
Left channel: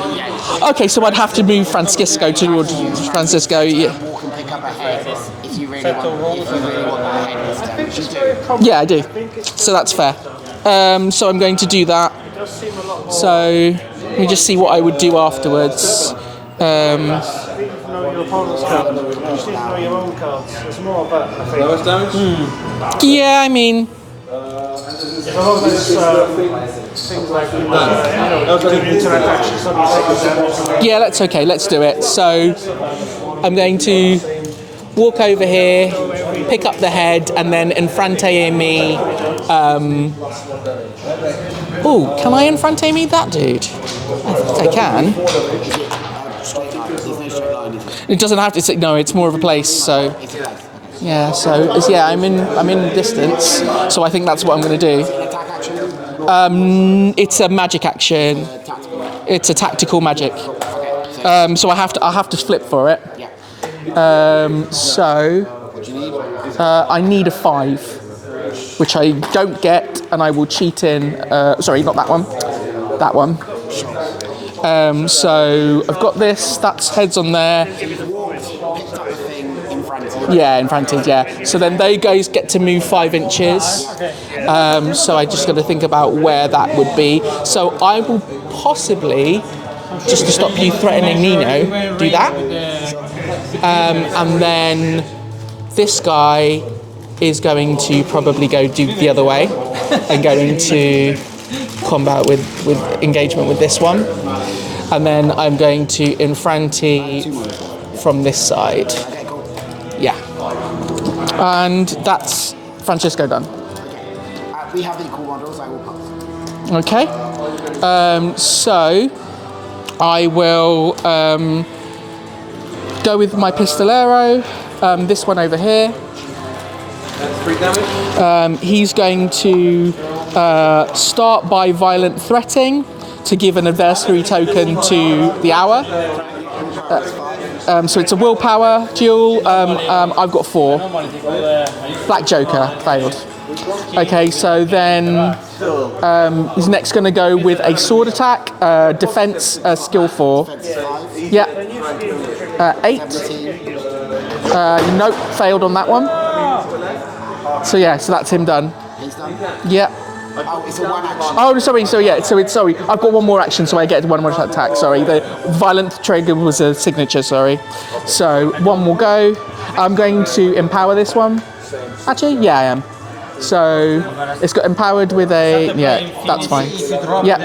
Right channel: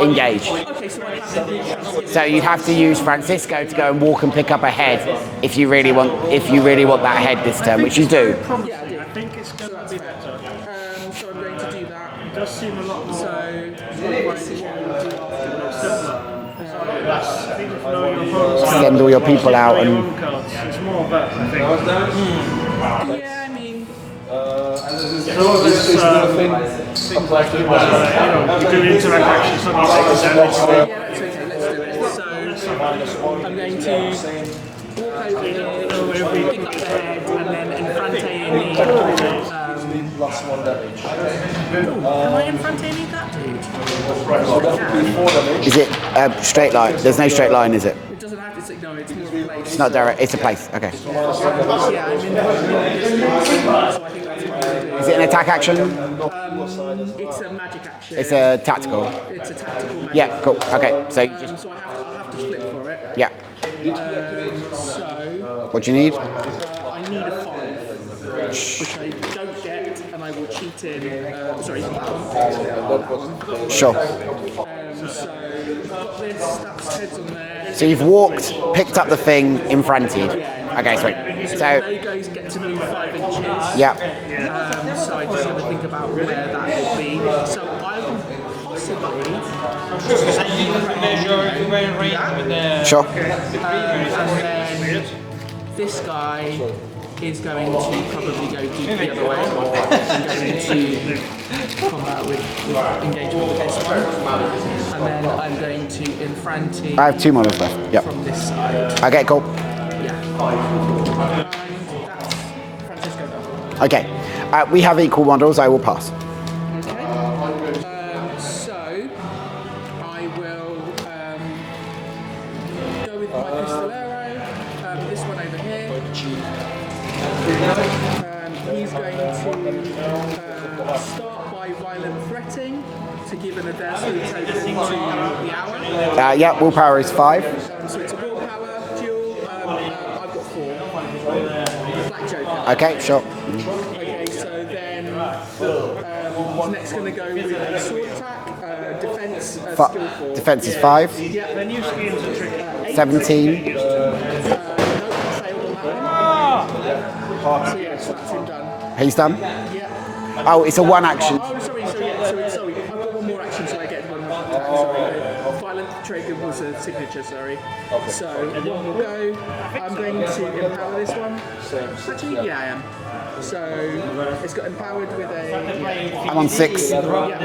engaged. Okay, so I'd have to move Francisco So you have towards to use Francisco to go and walk and pick up a head if you really want that head this turn, which you do. Yeah, I do. So that's fair. So I'm going to do that. So let me just see what I would do afterwards. Send all your people out and It's more of that, I think. Yeah, I mean, yeah, that's okay. Let's do it. So I'm going to walk over here, pick up the head, and then Infrante me. Can I Infrante me that dude? I can. is it straight line? There's no straight line, is it? It doesn't have to. No, it's more of a place. Not so direct. It's a place. Okay. yeah, so I'm in distance. So I think that's what I'm going to do. Is it an attack action? It's a magic action. It's a tactical. It's a tactical magic. Yeah. Cool. Okay. So So I'll have to flip for it. yeah. So What do you need? I need a 5, which I don't get, and I will cheat in. Sorry, not that one. That one. Sure. So I've got this. That's heads on there. So you've picked up the thing in front of you. Yeah, in front Okay, of yeah. So then they guys get to move 5 inches. Yeah. So I just got to think about where that would be. So I will possibly, just to stop you threatening Nino, do that. Sure. And then this guy is going to probably go do the other way and go into combat with engagement with this one. And then I'm going to Infranti I have 2 models left. Yep. from this side. Okay. Cool. Yeah. And that's Francisco done. Okay. We have equal models. I will pass. Okay. So I will go with my Pistolero. This one over here. He's going to start by violent threatening to give an adversary token to the hour. Yeah, willpower is 5. So it's a willpower duel. I've got 4. Black Joker. Okay, failed. sure. Okay, so then he's next going to go with a sword attack, defense skill 4. Defense is 5. Yeah. 8. 17. Nope, failed on that one. So yeah, so that's him done. He's done. Yeah. Oh, it's a 1 action. Oh, sorry. So yeah. So it's sorry. I've got 1 more action, so I get 1 more attack. Sorry, the violent trigger was a signature. Sorry. So 1 will go. I'm going to empower this one. Actually, yeah, I am. So it's got empowered with a that's fine. 6. Yeah.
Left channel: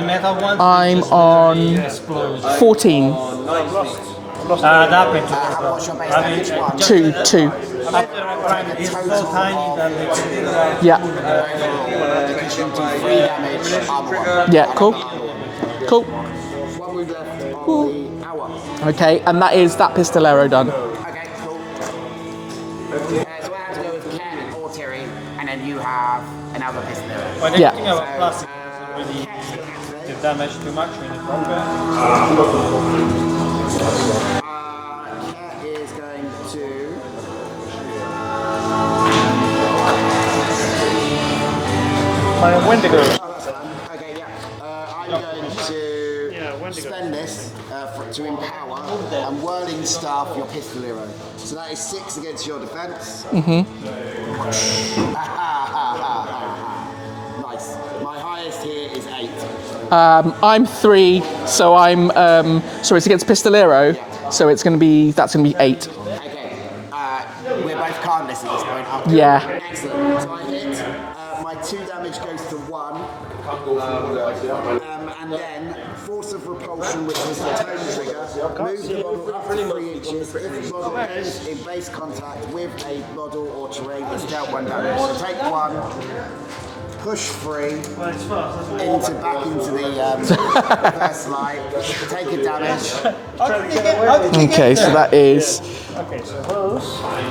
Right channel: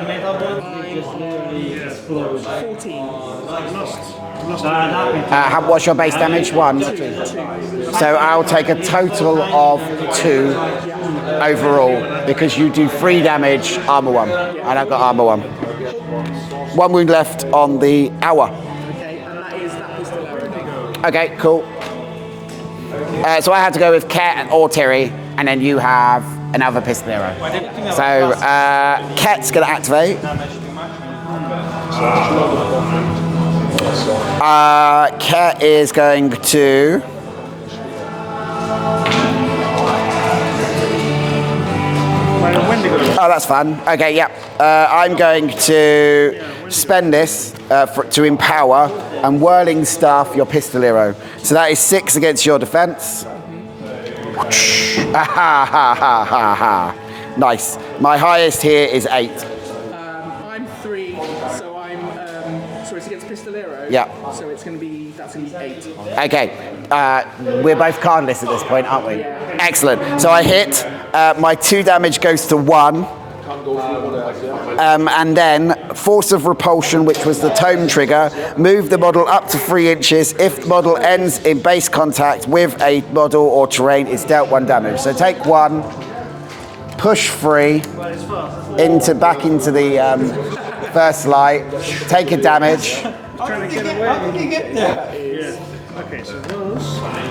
I'm on 14. What's your base damage? 1. 2. So I'll take a total of 2 Yeah. overall because you do 3 damage, armor 1. Yeah, and cool. I've got armor 1. Cool. 1 wound left on the hour. Okay, and that is that Pistolero done. Okay, cool. So I had to go with Ket or Terry, and then you have another Pistolero. Yeah. So Ket's going to activate. Ket is going to. Oh, that's fun. Okay, yeah. I'm going to spend this to empower and whirling staff your Pistolero. So that is 6 against your defense. Nice. My highest here is 8. I'm 3, so I'm so it's against Pistolero. Yeah. So that's gonna be 8. Okay. We're both cardless at this point, aren't we? Yeah. Excellent. So I hit. My 2 damage goes to 1. And then force of repulsion, which was the tome trigger, move the model up to 3 inches. If the model ends in base contact with a model or terrain, it's dealt 1 damage. So take 1, push 3 back into the first light, take a damage. Okay, so that is Okay, so those.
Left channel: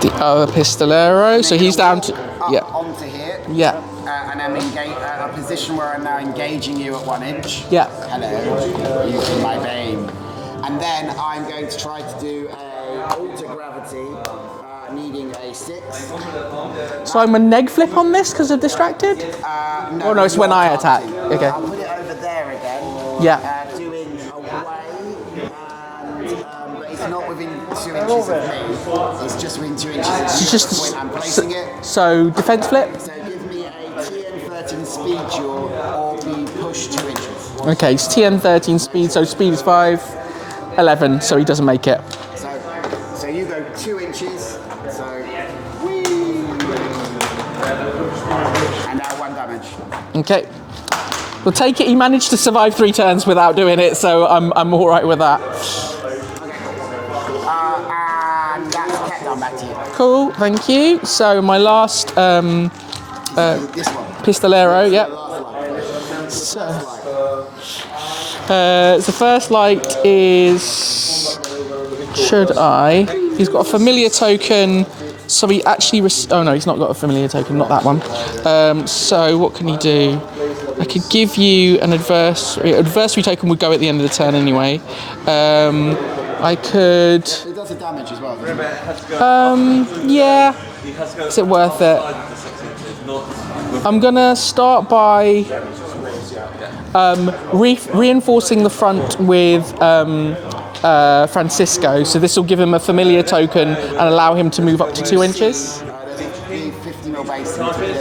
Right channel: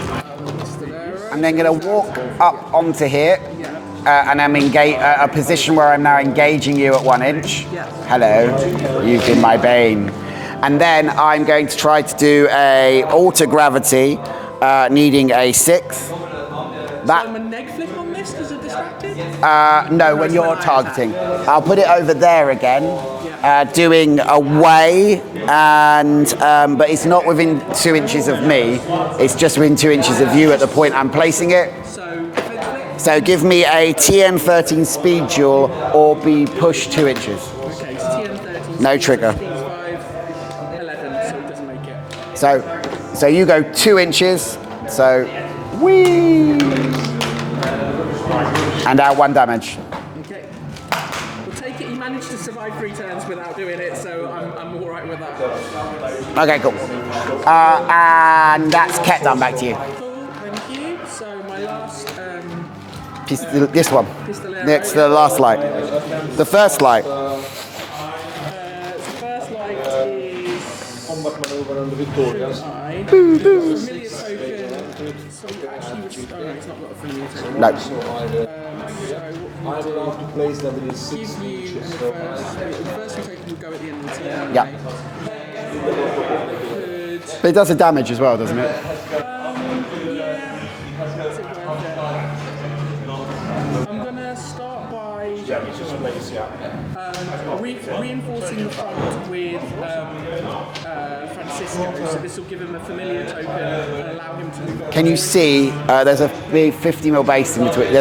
the other Pistolero. And So then he's gonna down walk to up onto here. Yeah. And I'm a position where I'm now engaging you at 1 inch. Yeah. Hello, you've been my bane. And then I'm going to try to do a alter gravity, needing a 6. So I'm a neg flip on this because of distracted? No, no, it's you're when I attack. targeting. Okay. I'll put it over there again. Yeah. Doing away, and but it's not within 2 inches of me. It's just within 2 inches of you at the point I'm placing it. So defense flip? So give me a TN13 speed duel or be pushed 2 inches. Okay, it's TN13 No speed, so trigger. speed is 5. 11, so he doesn't make it. So you go 2 inches. So whee, and 1 damage. Okay. We'll take it. He managed to survive 3 turns without doing it, so I'm all right with that. Okay, cool. And that's Ket done. Back to you. Cool, thank you. So my last This one. Pistolero, Next, yeah. the last light. The first light. The first light is. Should I? He's got a familiar token. So he actually. Oh no, he's not got a familiar token. Not No. that one. So what can he do? I could give you an adversary. Adversary token would go at the end of the turn anyway. I could. But it does a damage as well, doesn't it? Yeah. Is it worth it? I'm gonna start by reinforcing the front with Francisco. So this will give him a familiar token and allow him to move up to Can 2 you inches. see? There's a big 50 mil base in between.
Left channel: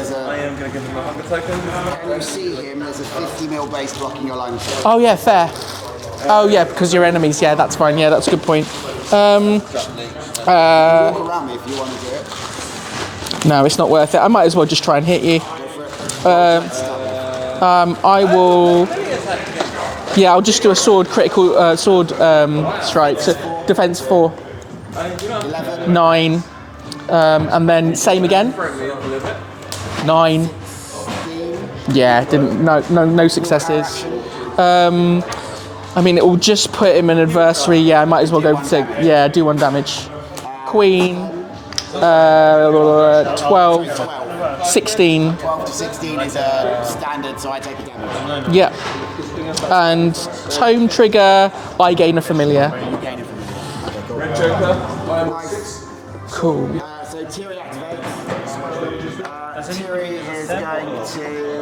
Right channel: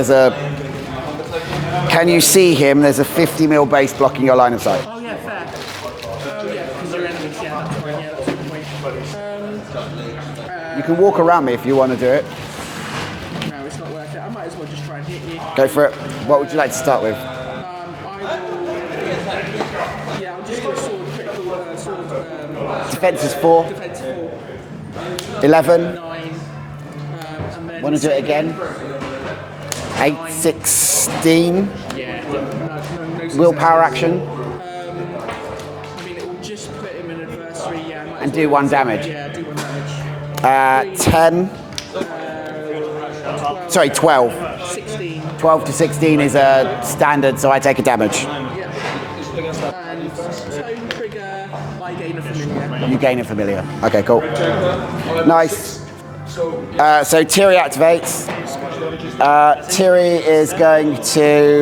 Can you see him? There's a 50 mil base blocking your line of sight. Oh yeah, fair. Oh yeah, because you're enemies. Yeah, that's fine. Yeah, that's a good point. You can walk around me if you want to do it. No, it's not worth it. I might as well just try and hit you. Go for it. What would you like to start with? I will. Yeah, I'll just do a sword critical strike. Defense is 4. Defense 4. 11. 9. And then same again. 9. 16. Yeah, no successes. Willpower action. I mean, it will just put him in adversary. Yeah, I might as well Do go 1 with damage. Yeah, do 1 damage. Queen. 10. 12. Sorry, 12. 16. 12 to 16 is a standard, so I take a damage. Yeah. And tone trigger, I gain a familiar. You gain a familiar. Okay, cool. Nice. Cool. So Tiri activates. Tiri is going to.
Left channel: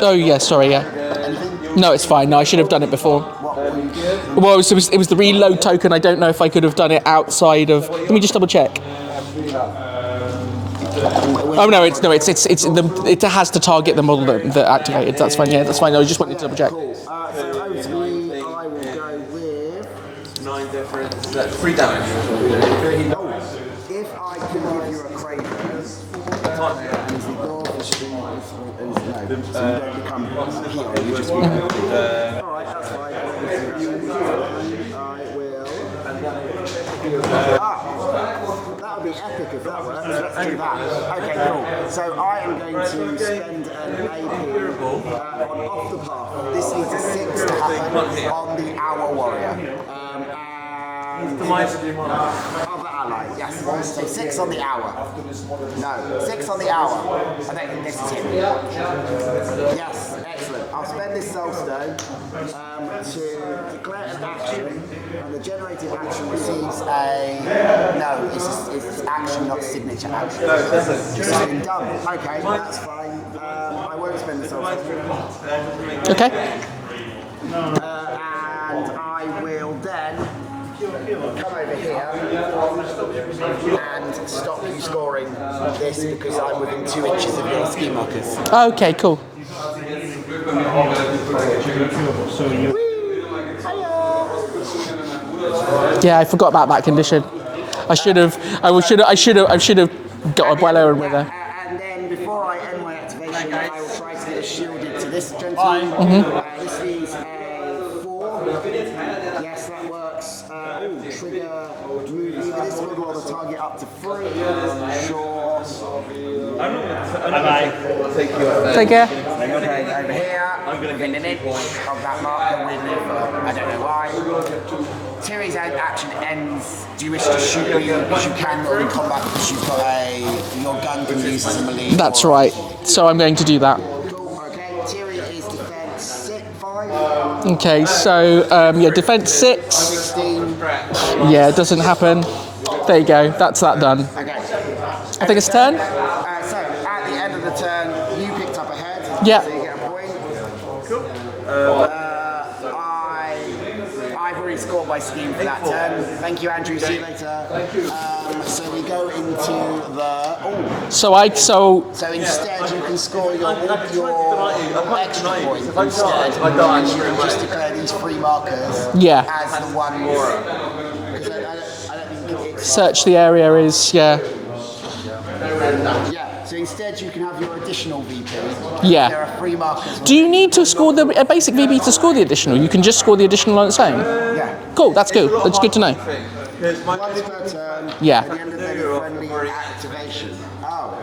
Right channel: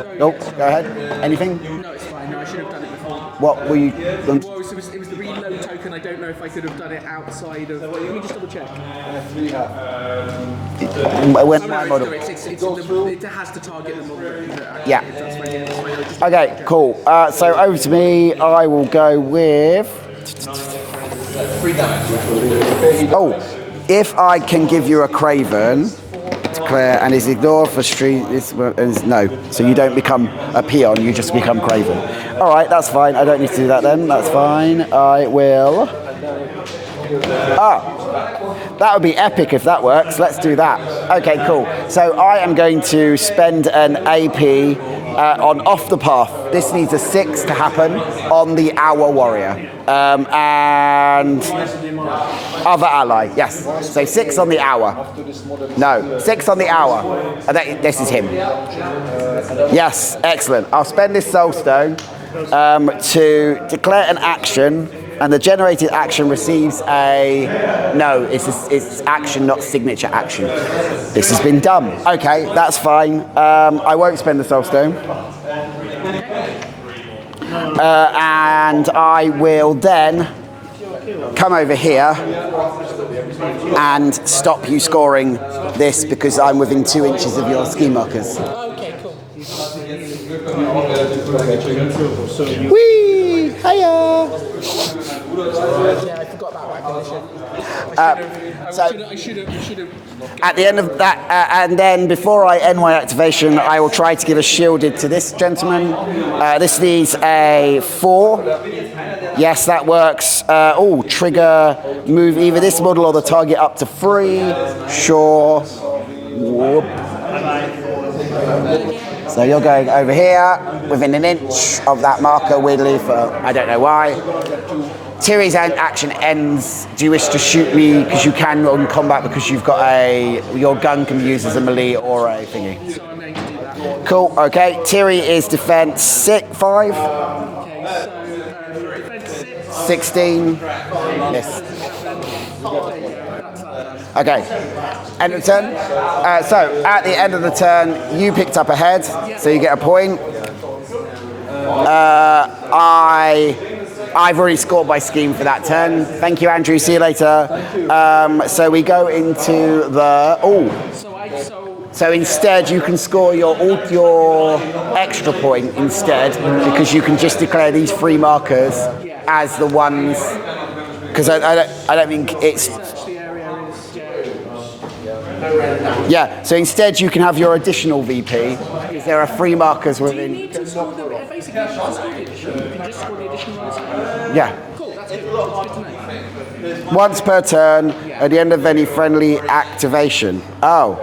Oh yeah, sorry. Yeah. Anything? No, it's fine. No, I should have done it before. What were you? Well, it was the reload token. I don't know if I could have done it outside of. Let me just double check. Oh no, it has to target the model that activated. Yeah. That's fine. Yeah, that's fine. I just want to double Okay, check. cool. So over to me. I will go with. 3 damage. Oh, if I can give you a Craven, declare, and is ignored for street. No, so you don't become a peon. You just become Craven. All right, that's fine. I don't need to do that then. That's fine. I will. That would be epic if that works. Let's do that. Okay, cool. So I am going to spend an AP on Off the Path. This needs a 6 to happen on the Hour Warrior. And other ally, yes. So 6 on the Hour. No, 6 on the Hour. This is him. Yes, excellent. I'll spend this Soul Stone to declare an action. And the generated action receives a... No, it's action, not signature action. This has been done. Okay, that's fine. I won't spend the Soul Stone. Okay. And I will then come over here and stop you scoring this because I'm within 2 inches of your ski markers. Okay, cool. Whee! Hiya! Yeah, I forgot about that condition. I should have. I should have got At the end Abuela of over that, there. and then before I end my activation, I will try to give a shielded to this gentleman. This needs a 4. Yes, that works. Trigger, move either this model or the target up to 3. Sure. Take care. So you're going over here, within an inch of that marker, weirdly, for I don't know why. Tiri's action ends. Do you wish to shoot me because you can in combat because you've got your gun can be used as a melee? That's or right. thingy? So I'm going to do that. Cool. Okay. Tiri is defense 5. Okay. So defense 6. 16. Yeah, it doesn't happen. There you go. That's that done. Okay. I think it's turn. So at the end of the turn, you picked up a head. Yeah. So you get a point. I've already scored my scheme for that turn. Thank you, Andrew. See you later. So we go into the So instead, you can score your extra point instead because you can just declare these 3 markers as the ones. Because I don't think it's search the area is Yeah, so instead you can have your additional VP. Yeah. There are 3 markers. Do you need to score a basic VP to score the additional? You can just score the additional on its own? Yeah. Cool, that's good. That's good to know. Once per turn, Yeah. at the end of any friendly activation. Oh.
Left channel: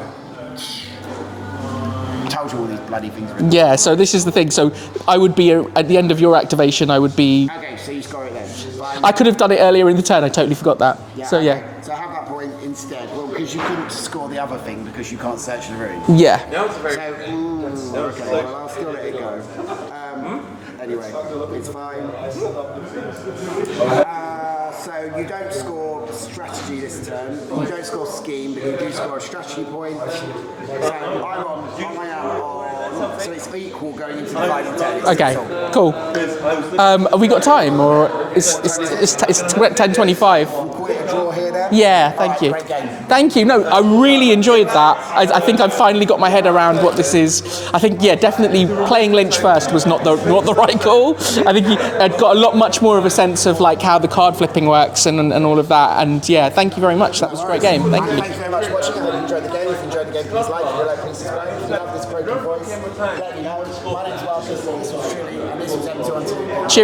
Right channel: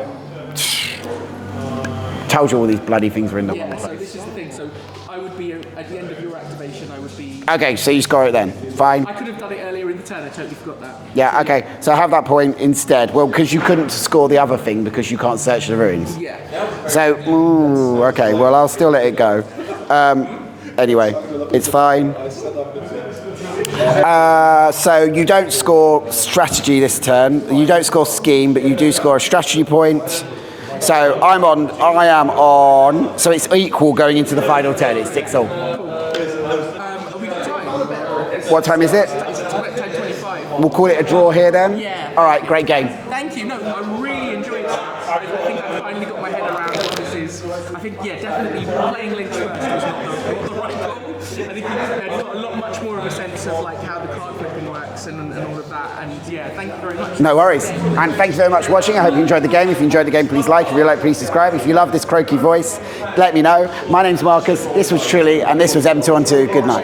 Told you all these bloody things were in there. Yeah, so this is the thing. So I would be, at the end of your activation, I would be... Okay, so you score it then. Fine. I could have done it earlier in the turn. I totally forgot that. Yeah, so, okay. So have that point instead. Well, because you couldn't score the other thing because you can't search the runes. Yeah. So, okay, well, I'll still let it go. Anyway, it's fine. So you don't score strategy this turn. You don't score scheme, but you do score a strategy point. So I am on. So it's equal going into the final turn. It's Okay. 6 all. Cool. Have we got time, or What time is it? It's 10:25. We'll call it a draw here then. Yeah. All right. Thank you. Great game. Thank you. No, I really enjoyed that. I think I've finally got my head around what this is. I think, definitely playing Lynch first was not the right call. I think I'd got much more of a sense of like how the card flipping works and all of that. And thank you very much. That No was a worries. great game. Thank you very much for watching. I hope you enjoyed the game. If you enjoyed the game, please like. If you like, please subscribe. If you love this croaky voice, let me know. My name's Marcus. This was Trilly, and this was M212. Good night. Cheers.